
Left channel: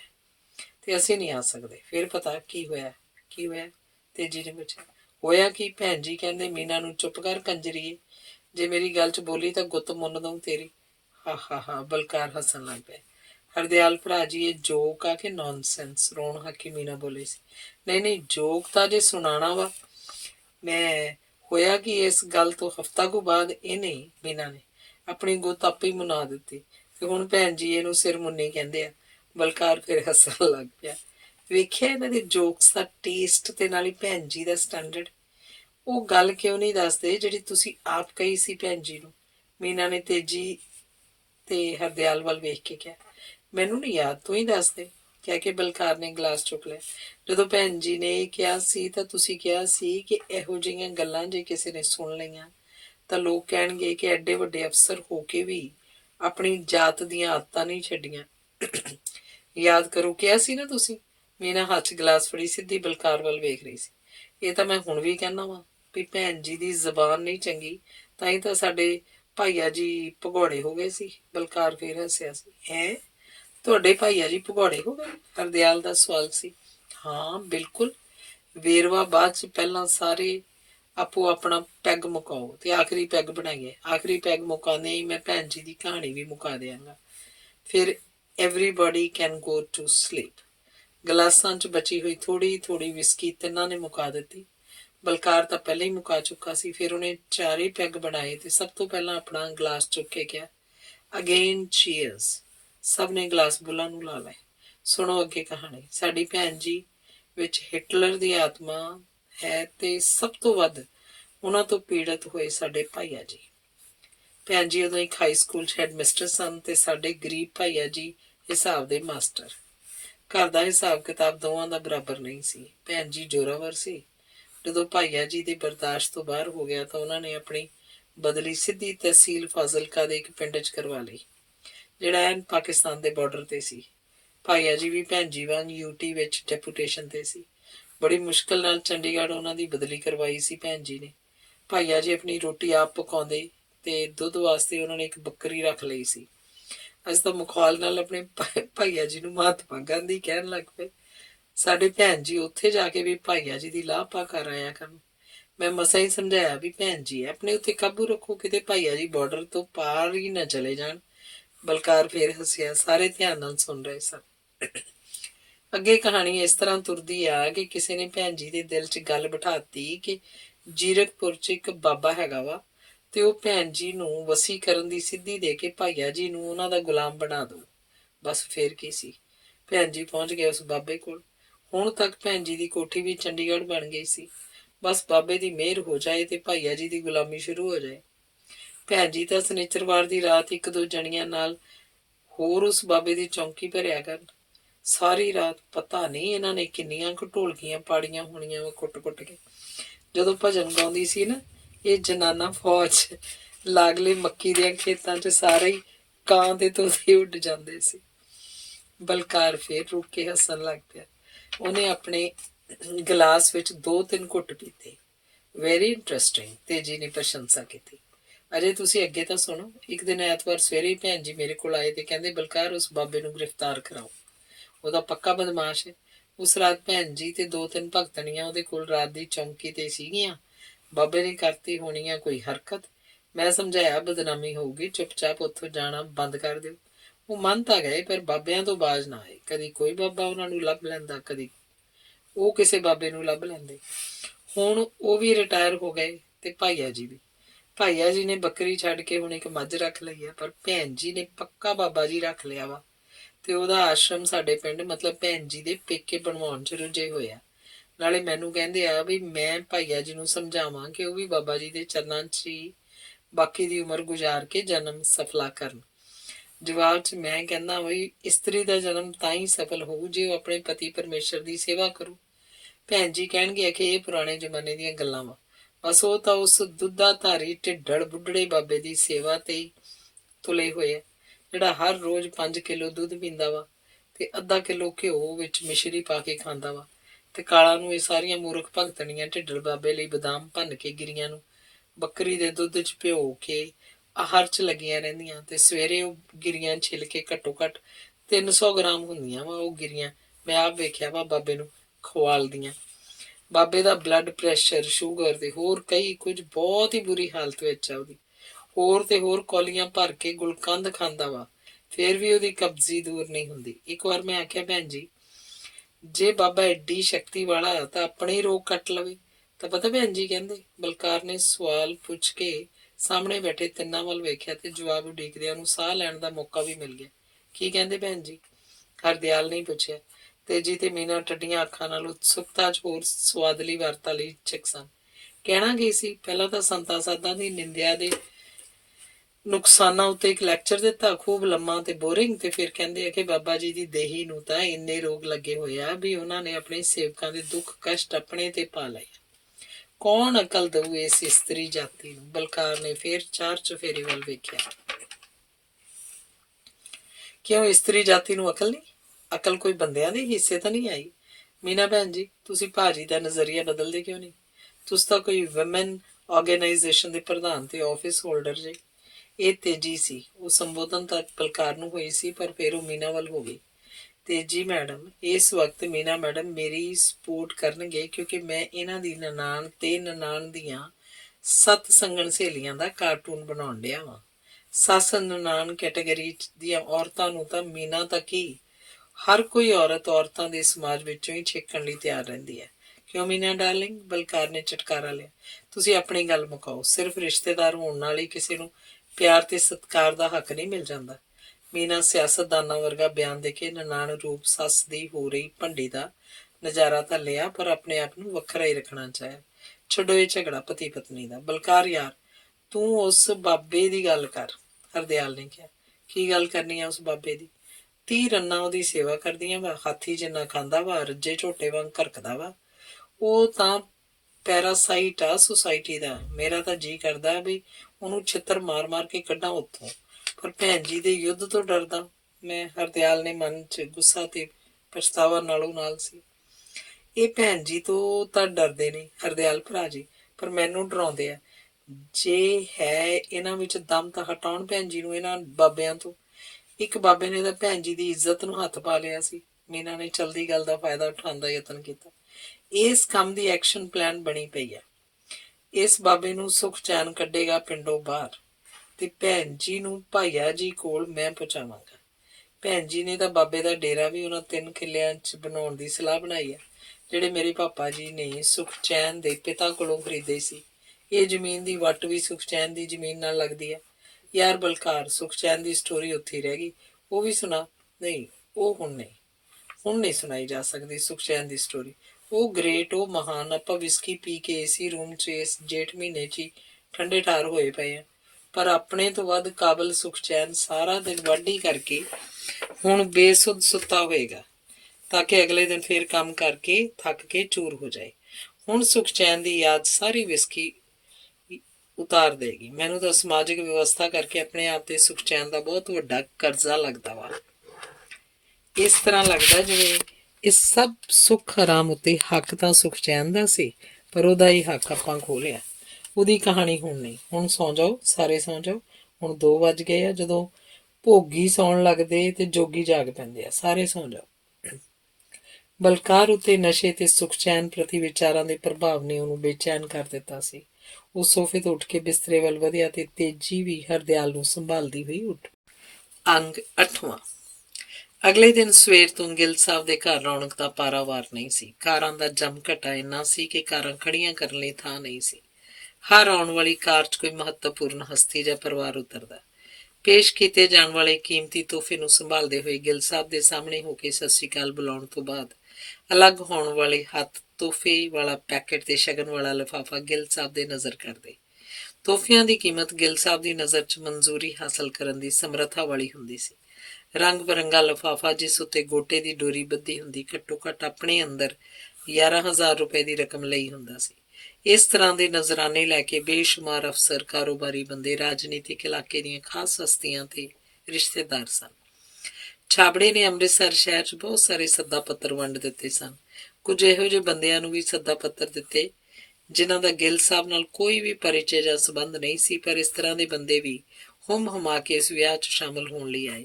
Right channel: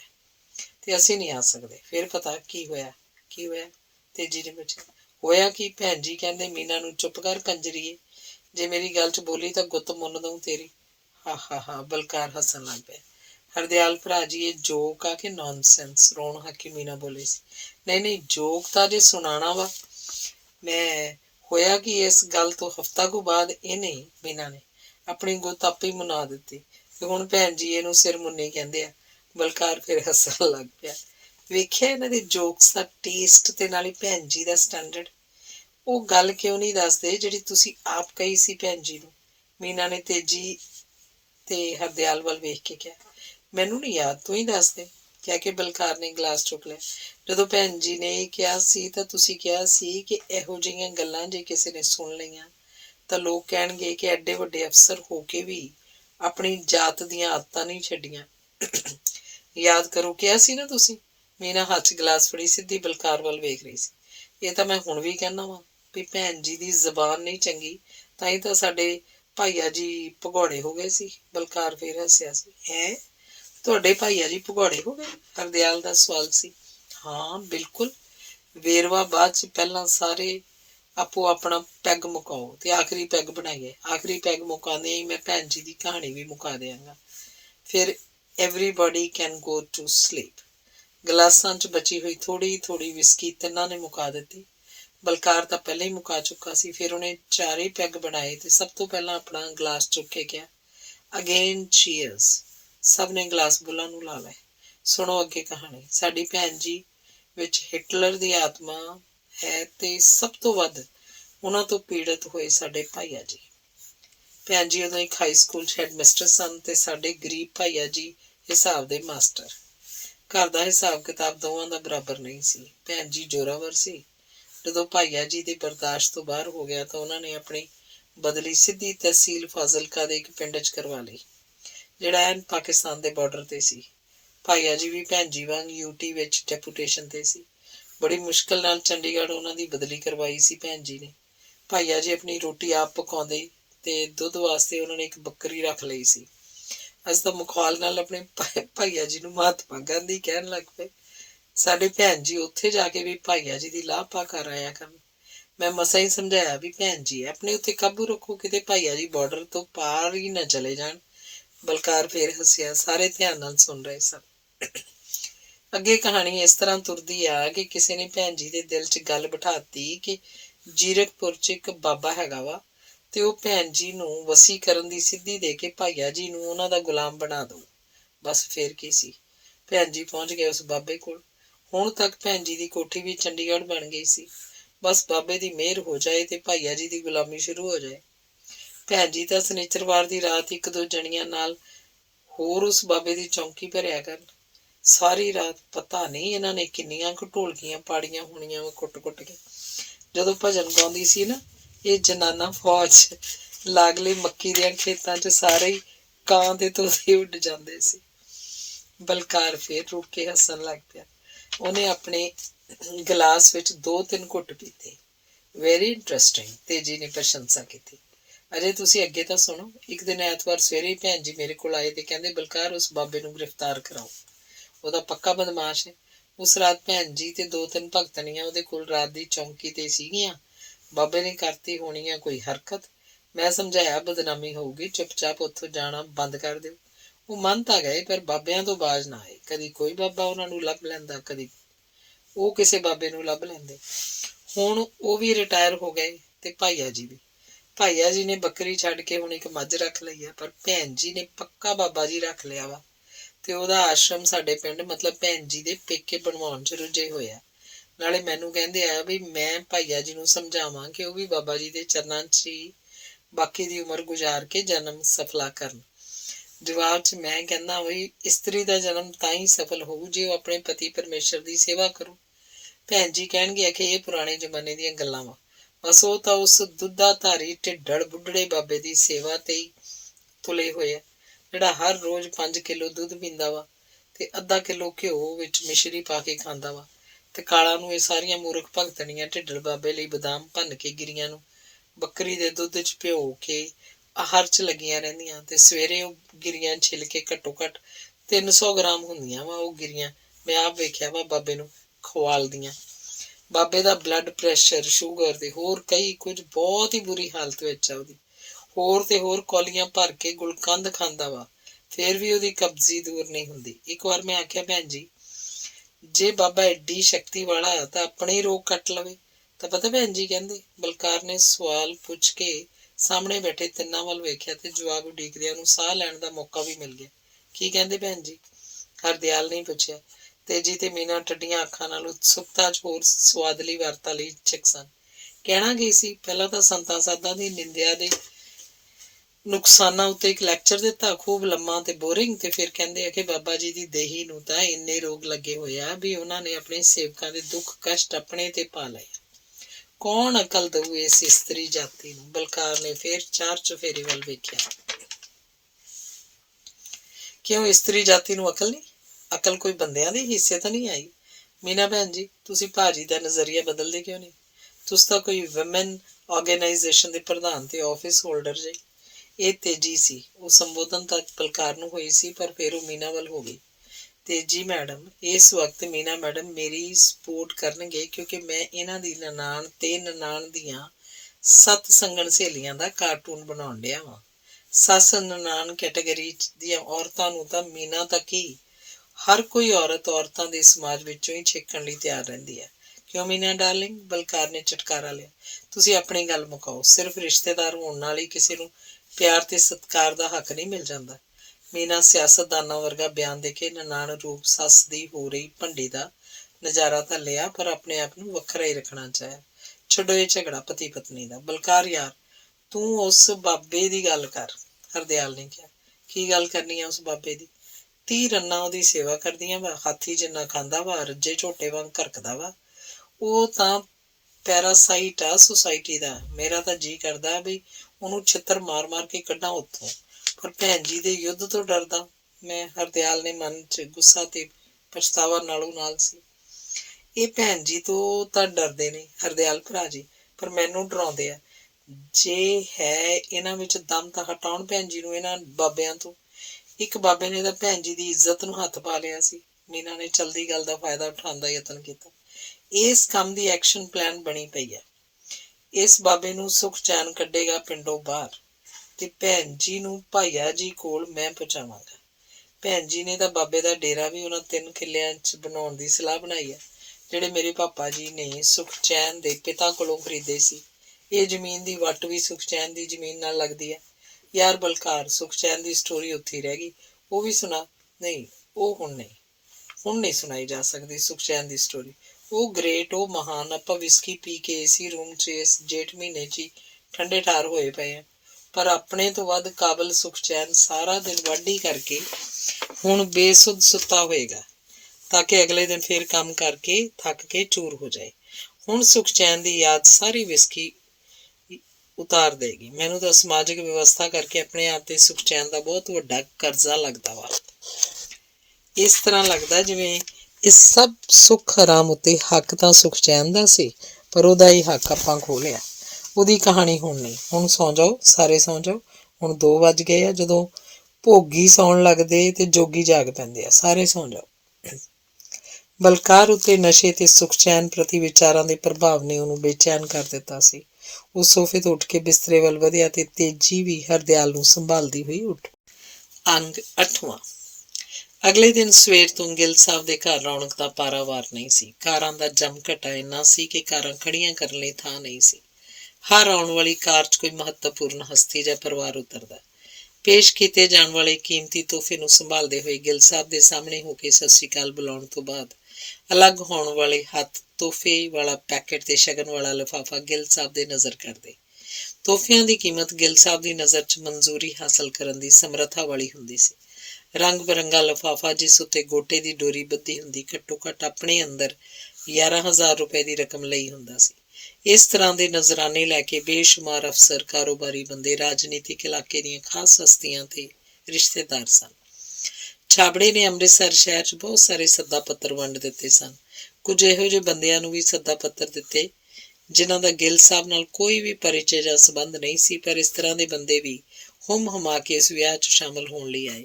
ਤੇ ਅਸੀਂ ਨਹੀਂ ਆ ਸਕਦੇ। ਫਿਰ ਪਤਾ ਕੀ ਹੋਇਆ? ਕੀ ਹੋਇਆ? ਤੇਜੀ ਨੇ ਪੁੱਛਿਆ। ਹੋਇਆ ਕੀ? ਭੈਣ ਜੀ ਕਹਿੰਦੇ ਮੀਨਾ ਨੂੰ ਚੁੱਪ ਕਰ ਕੰਜਰੀਏ, ਜੇ ਮੇਰੀ ਗੱਲ 'ਚ ਬੋਲੀ ਤਾਂ ਗੁੱਤ ਮੁੰਨ ਦਊਂ ਤੇਰੀ। ਹਾ ਹਾ ਹਾ, ਬਲਕਾਰ ਹੱਸਣ ਲੱਗ ਪਿਆ। ਹਰਦਿਆਲ ਭਰਾ ਜੀ, ਇਹ ਜੋਕ ਆ ਕਿ ਨੌਨਸੈਂਸ? ਰੋਣ ਹੱਕੀ ਮੀਨਾ ਬੋਲੀ ਸੀ। ਨਹੀਂ ਨਹੀਂ, ਜੋਕ ਤਾਂ ਜੇ ਸੁਣਾਣਾ ਵਾ ਮੈਂ। ਹੋਇਆ ਕਿ ਇਸ ਗੱਲ ਤੋਂ ਹਫ਼ਤਾ ਕੁ ਬਾਅਦ ਇਹਨੇ, ਮੀਨਾ ਨੇ, ਆਪਣੀ ਗੁੱਤ ਆਪੇ ਹੀ ਮੁਨਾ ਦਿੱਤੀ ਤੇ ਹੁਣ ਭੈਣ ਜੀ ਇਹਨੂੰ ਸਿਰ ਮੁੰਨੀ ਕਹਿੰਦੇ ਆ। ਬਲਕਾਰ ਫਿਰ ਹੱਸਣ ਲੱਗ ਪਿਆ। ਵੇਖਿਆ ਇਹਨਾਂ ਦੇ ਜੋਕਸ ਦਾ ਟੇਸਟ ਤੇ ਨਾਲੇ ਭੈਣ ਜੀ ਦਾ ਸਟੈਂਡਰਡ। ਉਹ ਗੱਲ ਕਿਉਂ ਨਹੀਂ ਦੱਸਦੇ ਜਿਹੜੀ ਤੁਸੀਂ ਆਪ ਕਹੀ ਸੀ ਭੈਣ ਜੀ ਨੂੰ? ਮੀਨਾ ਨੇ ਤੇਜੀ ਤੇ ਹਰਦਿਆਲ ਵੱਲ ਵੇਖ ਕੇ ਕਿਹਾ। ਮੈਨੂੰ ਨਹੀਂ ਯਾਦ, ਤੂੰ ਹੀ ਦੱਸ ਦੇ, ਕਹਿ ਕੇ ਬਲਕਾਰ ਨੇ ਗਲਾਸ ਚੁੱਕ ਲਿਆ। ਜਦੋਂ ਭੈਣ ਜੀ ਨੇ ਇਹ ਕਿਹਾ ਸੀ ਤਾਂ ਤੁਸੀਂ ਕਿਹਾ ਸੀ ਕਿ ਇਹੋ ਜਿਹੀਆਂ ਗੱਲਾਂ ਜੇ ਕਿਸੇ ਨੇ ਸੁਣ ਲਈਆਂ ਤਾਂ ਲੋਕ ਕਹਿਣਗੇ ਕਿ ਐਡੇ ਵੱਡੇ ਅਫਸਰ ਹੋ ਕੇ ਵੀ ਆਪਣੀ ਜਾਤ ਦੀਆਂ ਆਦਤਾਂ ਨਹੀਂ ਛੱਡੀਆਂ। ਯਾਦ ਕਰੋ, ਕਿਹਾ ਸੀ ਨਾ ਤੁਸੀਂ? ਮੀਨਾ ਹੱਥ 'ਚ ਗਲਾਸ ਫੜੀ ਸਿੱਧੀ ਬਲਕਾਰ ਵੱਲ ਵੇਖ ਰਹੀ ਸੀ। ਇਹ ਤਾਂ ਮੈਂ ਹੁਣ ਵੀ ਕਹਿੰਦਾ ਵਾਂ ਵੀ ਭੈਣ ਜੀ ਦੀ ਜ਼ਬਾਨ ਨਹੀਂ ਚੰਗੀ, ਤਾਂ ਹੀ ਤਾਂ ਸਾਡੇ ਭਾਈਆ ਜੀ ਭਗੌੜੇ ਹੋ ਗਏ ਸੀ। ਬਲਕਾਰ ਫੇਰ ਹੱਸਿਆ ਸੀ। ਹੈਂ, ਤੁਹਾਡੇ ਭਾਈਆ ਜੀ ਭਗੌੜੇ ਹੋ ਗਏ? ਹਰਦਿਆਲ ਦਾ ਸਵਾਲ ਸੀ। ਹਾਂ ਬਿਲਕੁਲ। ਵੇਰਵਾ ਬਾਅਦ 'ਚ, ਪਹਿਲਾਂ ਸਾਰੇ ਆਪੋ ਆਪਣਾ ਪੈਗ ਮੁਕਾਓ ਤੇ ਆਖਰੀ ਪੈਗ ਬਣਾਈਏ। ਆਖਰੀ ਪੈਗ ਮੁਕਾਉਂਦੇ ਹੀ ਮੈਂ ਭੈਣ ਜੀ ਦੀ ਕਹਾਣੀ ਵੀ ਮੁਕਾ ਦਿਆਂਗਾ। ਫਿਰ everybody can go to sleep. ਗਲਾਸਾਂ 'ਚ ਬਚੀ ਹੋਈ ਥੋੜ੍ਹੀ ਥੋੜ੍ਹੀ ਵਿਸਕੀ ਤਿੰਨਾਂ ਨੇ ਮੁਕਾ ਦਿੱਤੀ। ਬਲਕਾਰ ਤਾਂ ਪਹਿਲਾਂ ਹੀ ਮੁਕਾ ਚੁੱਕਾ ਸੀ। ਫਿਰ ਉਹਨੇ ਚਾਰੇ ਪੈਗ ਬਣਾਏ ਤੇ ਸਭ ਤੋਂ ਪਹਿਲਾਂ ਆਪਣਾ ਗਲਾਸ ਚੁੱਕ ਕੇ ਕਿਹਾ, ਅਗੇਨ ਚੀਅਰਸ। ਸਭ ਨੇ ਗਲਾਸ ਬੁੱਲਾਂ ਨੂੰ ਲਾ ਲਏ। ਸੁਣੋ ਅੱਗੇ ਕਹਾਣੀ। ਸਾਡੀ ਭੈਣ ਜੀ ਵਿੱਚ ਹਿਟਲਰ ਦੀ ਆਤਮਾ ਹੈ ਤੇ ਸਭ ਤੋਂ ਵੱਧ ਉਹਨਾਂ ਤੋਂ ਪੀੜਤ ਹੋਏ ਸਾਡੇ ਭਾਈਆ ਜੀ। ਭੈਣ ਜੀ ਉਦੋਂ ਇੱਕ ਹਾਈ ਸਕੂਲ 'ਚ ਹੈਡ ਮਿਸਟਰ ਸਨ ਤੇ ਸਾਡੇ ਗਰੀਬ ਭਾਈਆ ਜੀ ਹਿਸਾਬ ਦੇ ਮਾਸਟਰ। ਘਰ ਦਾ ਹਿਸਾਬ ਕਿਤਾਬ ਦੋਵਾਂ ਦਾ ਬਰਾਬਰ ਨਹੀਂ ਸੀ। ਭੈਣ ਜੀ ਜ਼ੋਰਾਵਰ ਸੀ। ਜਦੋਂ ਭਾਈਆ ਜੀ ਦੇ ਬਰਦਾਸ਼ਤ ਤੋਂ ਬਾਹਰ ਹੋ ਗਿਆ ਤਾਂ ਉਹਨਾਂ ਨੇ ਆਪਣੀ ਬਦਲੀ ਸਿੱਧੀ ਤਹਿਸੀਲ ਫਾਜ਼ਿਲਕਾ ਦੇ ਇੱਕ ਪਿੰਡ 'ਚ ਕਰਵਾ ਲਈ, ਜਿਹੜਾ ਐਨ ਪਾਕਿਸਤਾਨ ਦੇ ਬਾਰਡਰ ਤੇ ਸੀ। ਭਾਈਆ ਜੀ ਵੀ ਭੈਣ ਜੀ ਵਾਂਗ ਯੂਟੀ ਵਿੱਚ ਡੈਪੂਟੇਸ਼ਨ ਤੇ ਸੀ। ਬੜੀ ਮੁਸ਼ਕਿਲ ਨਾਲ ਚੰਡੀਗੜ੍ਹ ਉਹਨਾਂ ਦੀ ਬਦਲੀ ਕਰਵਾਈ ਸੀ ਭੈਣ ਜੀ ਨੇ। ਭਾਈਆ ਜੀ ਆਪਣੀ ਰੋਟੀ ਆਪ ਪਕਾਉਂਦੇ ਤੇ ਦੁੱਧ ਵਾਸਤੇ ਉਹਨਾਂ ਨੇ ਇੱਕ ਬੱਕਰੀ ਰੱਖ ਲਈ ਸੀ। ਅੱਜ ਤਾਂ ਮੁਖਾਲ ਨਾਲ ਆਪਣੇ ਭਾਈਆ ਜੀ ਨੂੰ ਮਹਾਤਮਾ ਗਾਂਧੀ ਕਹਿਣ ਲੱਗ ਪਏ। ਸਾਡੇ ਭੈਣ ਜੀ ਉੱਥੇ ਜਾ ਕੇ ਵੀ ਭਾਈਆ ਜੀ ਦੀ ਲਾਹ ਪਾ ਕਰ ਆਇਆ ਕਰਨ। ਮੈਂ ਮਸਾਂ ਹੀ ਸਮਝਾਇਆ ਵੀ ਭੈਣ ਜੀ ਆਪਣੇ ਉੱਤੇ ਕਾਬੂ ਰੱਖੋ, ਕਿਤੇ ਭਾਈਆ ਜੀ ਬਾਰਡਰ ਤੋਂ ਪਾਰ ਹੀ ਨਾ ਚਲੇ ਜਾਣ। ਬਲਕਾਰ ਫੇਰ ਹੱਸਿਆ। ਸਾਰੇ ਧਿਆਨ ਨਾਲ ਸੁਣ ਰਹੇ ਸਨ। ਅੱਗੇ ਕਹਾਣੀ ਇਸ ਤਰ੍ਹਾਂ ਤੁਰਦੀ ਆ ਕਿ ਕਿਸੇ ਨੇ ਭੈਣ ਜੀ ਦੇ ਦਿਲ 'ਚ ਗੱਲ ਬਿਠਾਤੀ ਕਿ ਜੀਰਕਪੁਰ 'ਚ ਇੱਕ ਬਾਬਾ ਹੈਗਾ ਵਾ ਤੇ ਉਹ ਭੈਣ ਜੀ ਨੂੰ ਵਸੀ ਕਰਨ ਦੀ ਸਿੱਧੀ ਦੇ ਕੇ ਭਾਈਆ ਜੀ ਨੂੰ ਉਹਨਾਂ ਦਾ ਗੁਲਾਮ ਬਣਾ ਦਊ। ਬਸ ਫੇਰ ਕੀ ਸੀ, ਭੈਣ ਜੀ ਪਹੁੰਚ ਗਏ ਉਸ ਬਾਬੇ ਕੋਲ। ਹੁਣ ਤੱਕ ਭੈਣ ਜੀ ਦੀ ਕੋਠੀ ਵੀ ਚੰਡੀਗੜ੍ਹ ਬਣ ਗਈ ਸੀ। ਬਸ ਬਾਬੇ ਦੀ ਮਿਹਰ ਹੋ ਜਾਏ ਤੇ ਭਾਈਆ ਜੀ ਦੀ ਗੁਲਾਮੀ ਸ਼ੁਰੂ ਹੋ ਜਾਏ। ਭੈਣ ਜੀ ਤਾਂ ਸ਼ਨਿਚਰਵਾਰ ਦੀ ਰਾਤ ਇੱਕ ਦੋ ਜਣੀਆਂ ਨਾਲ ਹੋਰ ਉਸ ਬਾਬੇ ਦੀ ਚੌਂਕੀ ਭਰਿਆ ਕਰਨ। ਸਾਰੀ ਰਾਤ ਪਤਾ ਨਹੀਂ ਇਹਨਾਂ ਨੇ ਕਿੰਨੀਆਂ ਕੁ ਢੋਲਕੀਆਂ ਪਾੜੀਆਂ ਹੋਣੀਆਂ ਵਾ ਕੁੱਟ-ਕੁੱਟ ਕੇ। ਜਦੋਂ ਭਜਨ ਗਾਉਂਦੀ ਸੀ ਨਾ ਇਹ ਜਨਾਨਾ ਫੌਜ, ਲਾਗਲੇ ਮੱਕੀ ਦੇ ਖੇਤਾਂ 'ਚ ਸਾਰੇ ਹੀ ਕਾਂ ਤੇ ਤੋਤੇ ਉੱਡ ਜਾਂਦੇ ਸੀ। ਬਲਕਾਰ ਫੇਰ ਰੁਕ ਕੇ ਹੱਸਣ ਲੱਗ ਪਿਆ। ਉਹਨੇ ਆਪਣੇ ਗਲਾਸ ਵਿੱਚ 2-3 ਘੁੱਟ ਪੀਤੇ। ਵੈਰੀ ਇੰਟਰਸਟਿੰਗ, ਤੇਜੀ ਨੇ ਪ੍ਰਸ਼ੰਸਾ ਕੀਤੀ। ਅਜੇ ਤੁਸੀਂ ਅੱਗੇ ਤਾਂ ਸੁਣੋ। ਇੱਕ ਦਿਨ ਐਤਵਾਰ ਸਵੇਰੇ ਹੀ ਭੈਣ ਜੀ ਮੇਰੇ ਕੋਲ ਆਏ ਤੇ ਕਹਿੰਦੇ, ਬਲਕਾਰ ਉਸ ਬਾਬੇ ਨੂੰ ਗ੍ਰਿਫਤਾਰ ਕਰਾਓ, ਉਹਦਾ ਪੱਕਾ ਬਦਮਾਸ਼ ਹੈ। ਉਸ ਰਾਤ ਭੈਣ ਜੀ ਤੇ 2-3 ਭਗਤਣੀਆਂ ਉਹਦੇ ਕੋਲ ਰਾਤ ਦੀ ਚੌਂਕੀ ਤੇ ਸੀਗੀਆਂ। ਬਾਬੇ ਨੇ ਕਰਤੀ ਹੋਣੀ ਆ ਕੋਈ ਹਰਕਤ। ਮੈਂ ਸਮਝਾਇਆ ਬਦਨਾਮੀ ਹੋਊਗੀ, ਚੁੱਪਚਾਪ ਉੱਥੋਂ ਜਾਣਾ ਬੰਦ ਕਰ ਦਿਓ। ਉਹ ਮੰਨ ਤਾਂ ਗਏ ਪਰ ਬਾਬਿਆਂ ਤੋਂ ਬਾਜ਼ ਨਾ ਆਏ। ਕਦੀ ਕੋਈ ਬਾਬਾ ਉਹਨਾਂ ਨੂੰ ਲੱਭ ਲੈਂਦਾ, ਕਦੀ ਉਹ ਕਿਸੇ ਬਾਬੇ ਨੂੰ ਲੱਭ ਲੈਂਦੇ। ਹੁਣ ਉਹ ਵੀ ਰਿਟਾਇਰ ਹੋ ਗਏ ਤੇ ਭਾਈਆ ਜੀ ਵੀ। ਭਾਈਆ ਜੀ ਨੇ ਬੱਕਰੀ ਛੱਡ ਕੇ ਹੁਣ ਇੱਕ ਮੱਝ ਰੱਖ ਲਈ ਆ, ਪਰ ਭੈਣ ਜੀ ਨੇ ਪੱਕਾ ਬਾਬਾ ਜੀ ਰੱਖ ਲਿਆ ਵਾ ਤੇ ਉਹਦਾ ਆਸ਼ਰਮ ਸਾਡੇ ਪਿੰਡ ਮਤਲਬ ਭੈਣ ਜੀ ਦੇ ਪੇਕੇ ਬਣਵਾਉਣ 'ਚ ਰੁੱਝੇ ਹੋਏ ਆ। ਨਾਲੇ ਮੈਨੂੰ ਕਹਿੰਦੇ ਆ ਵੀ ਮੈਂ ਭਾਈਆ ਜੀ ਨੂੰ ਸਮਝਾਵਾਂ ਕਿ ਉਹ ਵੀ ਬਾਬਾ ਜੀ ਦੇ ਚਰਨਾਂ 'ਚ ਹੀ ਬਾਕੀ ਦੀ ਉਮਰ ਗੁਜ਼ਾਰ ਕੇ ਜਨਮ ਸਫਲਾ ਕਰਨ। ਜਵਾਬ 'ਚ ਮੈਂ ਕਹਿੰਦਾ ਬਈ ਇਸਤਰੀ ਦਾ ਜਨਮ ਤਾਂ ਹੀ ਸਫਲ ਹੋਊ ਜੇ ਉਹ ਆਪਣੇ ਪਤੀ ਪਰਮੇਸ਼ਰ ਦੀ ਸੇਵਾ ਕਰੂ। ਭੈਣ ਜੀ ਕਹਿਣਗੇ ਕਿ ਇਹ ਪੁਰਾਣੇ ਜ਼ਮਾਨੇ ਦੀਆਂ ਗੱਲਾਂ ਵਾ, ਬਸ ਉਹ ਤਾਂ ਉਸ ਦੁੱਧਾਧਾਰੀ ਢਿੱਡੜ ਬੁੱਢੜੇ ਬਾਬੇ ਦੀ ਸੇਵਾ ਤੇ ਹੀ ਤੁਲੇ ਹੋਏ ਆ, ਜਿਹੜਾ ਹਰ ਰੋਜ਼ 5 ਕਿਲੋ ਦੁੱਧ ਪੀਂਦਾ ਵਾ ਤੇ ਅੱਧਾ ਕਿਲੋ ਘਿਓ ਵਿੱਚ ਮਿਸ਼ਰੀ ਪਾ ਕੇ ਖਾਂਦਾ ਵਾ। ਤੇ ਕਾਲਾ ਨੂੰ ਇਹ ਸਾਰੀਆਂ ਮੂਰਖ ਭਗਤਣੀਆਂ ਢਿੱਡੜ ਬਾਬੇ ਲਈ ਬਦਾਮ ਭੰਨ ਕੇ ਗਿਰੀਆਂ ਨੂੰ ਬੱਕਰੀ ਦੇ ਦੁੱਧ 'ਚ ਭਿਓ ਕੇ ਆਹਾਰ 'ਚ ਲੱਗੀਆਂ ਰਹਿੰਦੀਆਂ ਤੇ ਸਵੇਰੇ ਉਹ ਗਿਰੀਆਂ ਛਿੱਲ ਕੇ ਘੱਟੋ ਘੱਟ 300 ਗ੍ਰਾਮ ਹੁੰਦੀਆਂ ਵਾ। ਉਹ ਗਿਰੀਆਂ ਮੈਂ ਆਪ ਵੇਖਿਆ ਵਾ ਬਾਬੇ ਨੂੰ ਖਵਾਲਦੀਆਂ। ਬਾਬੇ ਦਾ ਬਲੱਡ ਪ੍ਰੈਸ਼ਰ, ਸ਼ੂਗਰ ਤੇ ਹੋਰ ਕਈ ਕੁਝ ਬਹੁਤ ਹੀ ਬੁਰੀ ਹਾਲਤ ਵਿੱਚ ਆ ਉਹਦੀ। ਹੋਰ ਤੇ ਹੋਰ ਕੌਲੀਆਂ ਭਰ ਕੇ ਗੁਲਕੰਦ ਖਾਂਦਾ ਵਾ, ਫੇਰ ਵੀ ਉਹਦੀ ਕਬਜ਼ੀ ਦੂਰ ਨਹੀਂ ਹੁੰਦੀ। ਇੱਕ ਵਾਰ ਮੈਂ ਆਖਿਆ ਭੈਣ ਜੀ ਜੇ ਬਾਬਾ ਐਡੀ ਸ਼ਕਤੀ ਵਾਲਾ ਆ ਤਾਂ ਆਪਣੇ ਹੀ ਰੋਗ ਕੱਟ ਲਵੇ। ਤਾਂ ਪਤਾ ਭੈਣ ਜੀ ਕਹਿੰਦੇ, ਬਲਕਾਰ ਨੇ ਸਵਾਲ ਪੁੱਛ ਕੇ ਸਾਹਮਣੇ ਬੈਠੇ ਤਿੰਨਾਂ ਵੱਲ ਵੇਖਿਆ ਤੇ ਜਵਾਬ ਉਡੀਕਦਿਆਂ ਨੂੰ ਸਾਹ ਲੈਣ ਦਾ ਮੌਕਾ ਵੀ ਮਿਲ ਗਿਆ। ਕੀ ਕਹਿੰਦੇ ਭੈਣ ਜੀ? ਹਰਦਿਆਲ ਨੇ ਪੁੱਛਿਆ। ਤੇਜੀ ਤੇ ਮੀਨਾ ਟੱਡੀਆਂ ਅੱਖਾਂ ਨਾਲ ਉਤਸੁਕਤਾ 'ਚ ਹੋਰ ਸਵਾਦਲੀ ਵਾਰਤਾ ਲਈ ਇੱਛਕ ਸਨ। ਕਹਿਣਾ ਕੀ ਸੀ, ਪਹਿਲਾਂ ਤਾਂ ਸੰਤਾਂ ਸਾਧਾਂ ਦੀ ਨਿੰਦਿਆ ਦੇ ਨੁਕਸਾਨਾਂ ਉੱਤੇ ਇੱਕ ਲੈਕਚਰ ਦਿੱਤਾ, ਖੂਬ ਲੰਮਾ ਤੇ ਬੋਰਿੰਗ, ਤੇ ਫਿਰ ਕਹਿੰਦੇ ਆ ਕਿ ਬਾਬਾ ਜੀ ਦੀ ਦੇਹੀ ਨੂੰ ਤਾਂ ਇੰਨੇ ਰੋਗ ਲੱਗੇ ਹੋਏ ਆ ਵੀ ਉਹਨਾਂ ਨੇ ਆਪਣੇ ਸੇਵਕਾਂ ਦੇ ਦੁੱਖ ਕਸ਼ਟ ਆਪਣੇ ਤੇ ਪਾ ਲਏ। ਕੌਣ ਅਕਲ ਦਊ ਇਸ ਇਸਤਰੀ ਜਾਤੀ ਨੂੰ? ਬਲਕਾਰ ਨੇ ਫੇਰ ਚਾਰ ਚੁਫੇਰੇ ਵੱਲ ਵੇਖਿਆ। ਕਿਉਂ ਇਸਤਰੀ ਜਾਤੀ ਨੂੰ ਅਕਲ ਨਹੀਂ? ਅਕਲ ਕੋਈ ਬੰਦਿਆਂ ਦੇ ਹਿੱਸੇ ਤਾਂ ਨਹੀਂ ਆਈ? ਮੀਨਾ ਭੈਣ ਜੀ ਤੁਸੀਂ ਭਾਜੀ ਦਾ ਨਜ਼ਰੀਆ ਬਦਲਦੇ ਕਿਉਂ ਨਹੀਂ? ਤੁਸੀਂ ਤਾਂ ਕੋਈ ਵੂਮਨ ਆਰਗੇਨਾਈਜੇਸ਼ਨ ਦੇ ਪ੍ਰਧਾਨ ਤੇ ਆਫਿਸ ਹੋਲਡਰ ਜੇ। ਇਹ ਤੇਜੀ ਸੀ। ਉਹ ਸੰਬੋਧਨ ਤਾਂ ਬਲਕਾਰ ਨੂੰ ਹੋਈ ਸੀ ਪਰ ਫਿਰ ਉਹ ਮੀਨਾ ਵੱਲ ਹੋ ਗਈ। ਤੇਜੀ ਮੈਡਮ, ਇਸ ਵਕਤ ਮੀਨਾ ਮੈਡਮ ਮੇਰੀ ਸਪੋਰਟ ਕਰਨਗੇ ਕਿਉਂਕਿ ਮੈਂ ਇਹਨਾਂ ਦੀ ਨਨਾਣ ਤੇ ਨਨਾਣ ਦੀਆਂ 7 ਸੰਗਣ ਸਹੇਲੀਆਂ ਦਾ ਕਾਰਟੂਨ ਬਣਾਉਣ ਡਿਆ ਵਾਂ। ਸੱਸ ਨਨਾਣ ਕੈਟਾਗਰੀ ਦੀਆਂ ਔਰਤਾਂ ਨੂੰ ਤਾਂ ਮੀਨਾ ਤੱਕ ਹੀ, ਹਰ ਕੋਈ ਔਰਤਾਂ ਦੇ ਸਮਾਜ ਵਿੱਚੋਂ ਹੀ ਛੇਕਣ ਲਈ ਤਿਆਰ ਰਹਿੰਦੀ ਹੈ। ਕਿਉਂ ਮੀਨਾ ਡਾਰਲਿੰਗ? ਬਲਕਾਰ ਨੇ ਝਟਕਾਰਾ ਲਿਆ। ਤੁਸੀਂ ਆਪਣੀ ਗੱਲ ਮੁਕਾਓ। ਸਿਰਫ ਰਿਸ਼ਤੇਦਾਰ ਹੋਣ ਨਾਲ ਹੀ ਕਿਸੇ ਨੂੰ ਪਿਆਰ ਤੇ ਸਤਿਕਾਰ ਦਾ ਹੱਕ ਨਹੀਂ ਮਿਲ ਜਾਂਦਾ। ਮੀਨਾ ਸਿਆਸਤਦਾਨਾਂ ਵਰਗਾ ਬਿਆਨ ਦੇ ਕੇ ਨਨਾਣ ਰੂਪ ਸੱਸ ਦੀ ਹੋ ਰਹੀ ਭੰਡੀ ਦਾ ਨਜ਼ਾਰਾ ਤਾਂ ਲਿਆ ਪਰ ਆਪਣੇ ਆਪ ਨੂੰ ਵੱਖਰਾ ਹੀ ਰੱਖਣਾ ਚਾਹਿਆ। ਛੱਡੋ ਇਹ ਝਗੜਾ ਪਤੀ ਪਤਨੀ ਦਾ। ਬਲਕਾਰ ਯਾਰ ਤੂੰ ਉਸ ਬਾਬੇ ਦੀ ਗੱਲ ਕਰ, ਹਰਦਿਆਲ ਨੇ ਕਿਹਾ। ਕੀ ਗੱਲ ਕਰਨੀ ਆ ਉਸ ਬਾਬੇ ਦੀ? 30 ਰੰਨਾਂ ਉਹਦੀ ਸੇਵਾ ਕਰਦੀਆਂ ਵਾ, ਹਾਥੀ ਜਿੰਨਾ ਖਾਂਦਾ ਵਾ, ਰੱਜੇ ਝੋਟੇ ਵਾਂਗ ਘਰਕਦਾ ਵਾ। ਉਹ ਤਾਂ ਪੈਰਾਸਾਈਟ ਆ ਸੁਸਾਇਟੀ ਦਾ। ਮੇਰਾ ਤਾਂ ਜੀ ਕਰਦਾ ਵੀ ਉਹਨੂੰ ਛਿੱਤਰ ਮਾਰ ਮਾਰ ਕੇ ਕੱਢਾਂ ਉੱਥੋਂ, ਪਰ ਭੈਣ ਜੀ ਦੇ ਯੁੱਧ ਤੋਂ ਡਰਦਾ ਮੈਂ। ਹਰਦਿਆਲ ਨੇ ਮਨ 'ਚ ਗੁੱਸਾ ਤੇ ਪਛਤਾਵਾ ਨਾਲੋਂ ਨਾਲ ਸੀ। ਇਹ ਭੈਣ ਜੀ ਤੋਂ ਤਾਂ ਡਰਦੇ ਨੇ ਹਰਦਿਆਲ ਭਰਾ ਜੀ, ਪਰ ਮੈਨੂੰ ਡਰਾਉਂਦੇ ਆ। ਜੇ ਹੈ ਇਹਨਾਂ ਵਿੱਚ ਦਮ ਤਾਂ ਹਟਾਉਣ ਭੈਣ ਜੀ ਨੂੰ ਇਹਨਾਂ ਬਾਬਿਆਂ ਤੋਂ। ਇੱਕ ਬਾਬੇ ਨੇ ਤਾਂ ਭੈਣ ਜੀ ਦੀ ਇੱਜ਼ਤ ਨੂੰ ਹੱਥ ਪਾ ਲਿਆ ਸੀ। ਮੀਨਾ ਨੇ ਚਲਦੀ ਗੱਲ ਦਾ ਫਾਇਦਾ ਉਠਾਉਣ ਦਾ ਯਤਨ ਕੀਤਾ। ਇਸ ਕੰਮ ਦੀ ਐਕਸ਼ਨ ਪਲਾਨ ਬਣੀ ਪਈ ਆ। ਇਸ ਬਾਬੇ ਨੂੰ ਸੁਖ ਚੈਨ ਕੱਢੇਗਾ ਪਿੰਡੋਂ ਬਾਹਰ ਤੇ ਭੈਣ ਜੀ ਨੂੰ ਭਾਈਆ ਜੀ ਕੋਲ ਮੈਂ ਪਹੁੰਚਾਵਾਂਗਾ। ਭੈਣ ਜੀ ਨੇ ਤਾਂ ਬਾਬੇ ਦਾ ਡੇਰਾ ਵੀ ਉਹਨਾਂ 3 ਕਿੱਲਿਆਂ 'ਚ ਬਣਾਉਣ ਦੀ ਸਲਾਹ ਬਣਾਈ ਆ ਜਿਹੜੇ ਮੇਰੇ ਪਾਪਾ ਜੀ ਨੇ ਸੁਖਚੈਨ ਦੇ ਪਿਤਾ ਕੋਲੋਂ ਖਰੀਦੇ ਸੀ। ਇਹ ਜ਼ਮੀਨ ਦੀ ਵੱਟ ਵੀ ਸੁਖਚੈਨ ਦੀ ਜ਼ਮੀਨ ਨਾਲ ਲੱਗਦੀ ਹੈ। ਯਾਰ ਬਲਕਾਰ, ਸੁਖਚੈਨ ਦੀ ਸਟੋਰੀ ਉੱਥੇ ਹੀ ਰਹਿ ਗਈ, ਉਹ ਵੀ ਸੁਣਾ। ਨਹੀਂ, ਉਹ ਹੁਣ ਨਹੀਂ ਸੁਣਾਈ ਜਾ ਸਕਦੀ ਸੁਖਚੈਨ ਦੀ ਸਟੋਰੀ। ਉਹ ਗ੍ਰੇਟ, ਉਹ ਮਹਾਨ। ਆਪਾਂ ਵਿਸਕੀ ਪੀ ਕੇ ਏਸੀ ਰੂਮ 'ਚ ਇਸ ਜੇਠ ਮਹੀਨੇ 'ਚ ਹੀ ਠੰਡੇ ਠਾਰ ਹੋਏ ਪਏ ਆ, ਪਰ ਆਪਣੇ ਤੋਂ ਵੱਧ ਕਾਬਲ ਸੁਖਚੈਨ ਸਾਰਾ ਦਿਨ ਵਾਢੀ ਕਰਕੇ ਹੁਣ ਬੇਸੁੱਧ ਸੁੱਤਾ ਹੋਏਗਾ ਤਾਂ ਕਿ ਅਗਲੇ ਦਿਨ ਫੇਰ ਕੰਮ ਕਰਕੇ ਥੱਕ ਕੇ ਚੂਰ ਹੋ ਜਾਏ। ਹੁਣ ਸੁਖਚੈਨ ਦੀ ਯਾਦ ਸਾਰੀ ਵਿਸਕੀ ਉਤਾਰ ਦੇਗੀ। ਮੈਨੂੰ ਤਾਂ ਸਮਾਜਿਕ ਵਿਵਸਥਾ ਕਰਕੇ ਆਪਣੇ ਆਪ ਤੇ ਸੁਖਚੈਨ ਦਾ ਬਹੁਤ ਵੱਡਾ ਕਰਜ਼ਾ ਲੱਗਦਾ ਵਾ। ਇਸ ਤਰ੍ਹਾਂ ਲੱਗਦਾ ਜਿਵੇਂ ਇਸ ਸਭ ਸੁੱਖ ਆਰਾਮ ਉੱਤੇ ਹੱਕ ਤਾਂ ਸੁਖਚੈਨ ਦਾ ਸੀ ਪਰ ਉਹਦਾ ਹੀ ਹੱਕ ਆਪਾਂ ਖੋਹ ਲਿਆ। ਉਹਦੀ ਕਹਾਣੀ ਹੁਣ ਨਹੀਂ। ਹੁਣ ਸੌਂ ਜਾਓ, ਸਾਰੇ ਸੌਂ ਜਾਓ। ਹੁਣ 2 ਵੱਜ ਗਏ ਆ। ਜਦੋਂ ਭੋਗੀ ਸੌਣ ਲੱਗਦੇ ਤੇ ਜੋਗੀ ਜਾਗ ਪੈਂਦੇ ਆ। ਸਾਰੇ ਸੌਂ ਜਾਓ। ਬਲਕਾਰ ਉੱਤੇ ਨਸ਼ੇ ਤੇ ਸੁਖਚੈਨ ਪ੍ਰਤੀ ਵਿਚਾਰਾਂ ਦੇ ਪ੍ਰਭਾਵ ਨੇ ਉਹਨੂੰ ਬੇਚੈਨ ਕਰ ਦਿੱਤਾ ਸੀ। ਉਹ ਸੋਫੇ ਤੋਂ ਉੱਠ ਕੇ ਬਿਸਤਰੇ ਵੱਲ ਵਧਿਆ ਤੇ ਤੇਜੀ ਵੀ ਹਰਦਿਆਲ ਨੂੰ ਸੰਭਾਲਦੀ ਹੋਈ ਉੱਠ। ਅੰਗ 8ਵਾਂ। ਅਗਲੇ ਦਿਨ ਸਵੇਰ ਤੋਂ ਗਿੱਲ ਸਾਹਿਬ ਦੇ ਘਰ ਰੌਣਕ ਦਾ ਪਾਰਾਵਾਰ ਨਹੀਂ ਸੀ। ਕਾਰਾਂ ਦਾ ਜਮਘਟਾ ਇੰਨਾ ਸੀ ਕਿ ਕਾਰਾਂ ਖੜੀਆਂ ਕਰਨ ਲਈ ਥਾਂ ਨਹੀਂ ਸੀ। ਹਰ ਆਉਣ ਵਾਲੀ ਕਾਰ 'ਚ ਕੋਈ ਮਹੱਤਵਪੂਰਨ ਹਸਤੀ ਜਾਂ ਪਰਿਵਾਰ ਉਤਰਦਾ। ਪੇਸ਼ ਕੀਤੇ ਜਾਣ ਵਾਲੇ ਕੀਮਤੀ ਤੋਹਫੇ ਨੂੰ ਸੰਭਾਲਦੇ ਹੋਏ ਗਿੱਲ ਸਾਹਿਬ ਦੇ ਸਾਹਮਣੇ ਹੋ ਕੇ ਸਤਿ ਸ਼੍ਰੀ ਅਕਾਲ ਬੁਲਾਉਣ ਤੋਂ ਬਾਅਦ ਅਲੱਗ ਹੋਣ ਵਾਲੇ ਹੱਥ ਤੋਹਫੇ ਵਾਲਾ ਪੈਕਟ ਤੇ ਸ਼ਗਨ ਵਾਲਾ ਲਿਫਾਫਾ ਗਿੱਲ ਸਾਹਿਬ ਦੇ ਨਜ਼ਰ ਕਰਦੇ। ਤੋਹਫਿਆਂ ਦੀ ਕੀਮਤ ਗਿੱਲ ਸਾਹਿਬ ਦੀ ਨਜ਼ਰ 'ਚ ਮਨਜ਼ੂਰੀ ਹਾਸਲ ਕਰਨ ਦੀ ਸਮਰੱਥਾ ਵਾਲੀ ਹੁੰਦੀ ਸੀ। ਰੰਗ ਬਿਰੰਗਾ ਲਿਫਾਫਾ ਜਿਸ ਉੱਤੇ ਗੋਟੇ ਦੀ ਡੋਰੀ ਬੱਧੀ ਹੁੰਦੀ ਘੱਟੋ ਘੱਟ ਆਪਣੇ ਅੰਦਰ 11,000 ਰੁਪਏ ਦੀ ਰਕਮ ਲਈ ਹੁੰਦਾ ਸੀ। ਇਸ ਤਰ੍ਹਾਂ ਦੇ ਨਜ਼ਰਾਨੇ ਲੈ ਕੇ ਬੇਸ਼ੁਮਾਰ ਅਫਸਰ, ਕਾਰੋਬਾਰੀ ਬੰਦੇ, ਰਾਜਨੀਤਿਕ ਇਲਾਕੇ ਦੀਆਂ ਖਾਸ ਹਸਤੀਆਂ ਤੇ ਰਿਸ਼ਤੇਦਾਰ ਸਨ। ਛਾਬੜੇ ਨੇ ਅੰਮ੍ਰਿਤਸਰ ਸ਼ਹਿਰ 'ਚ ਬਹੁਤ ਸਾਰੇ ਸੱਦਾ ਪੱਤਰ ਵੰਡ ਦਿੱਤੇ ਸਨ। ਕੁਝ ਇਹੋ ਜਿਹੇ ਬੰਦਿਆਂ ਨੂੰ ਵੀ ਸੱਦਾ ਪੱਤਰ ਦਿੱਤੇ ਜਿਨ੍ਹਾਂ ਦਾ ਗਿੱਲ ਸਾਹਿਬ ਨਾਲ ਕੋਈ ਵੀ ਪਰਿਚੈ ਜਾਂ ਸੰਬੰਧ ਨਹੀਂ ਸੀ, ਪਰ ਇਸ ਤਰ੍ਹਾਂ ਦੇ ਬੰਦੇ ਵੀ ਹੁਮ ਹੁਮਾ ਕੇ ਇਸ ਵਿਆਹ 'ਚ ਸ਼ਾਮਲ ਹੋਣ ਲਈ ਆਏ।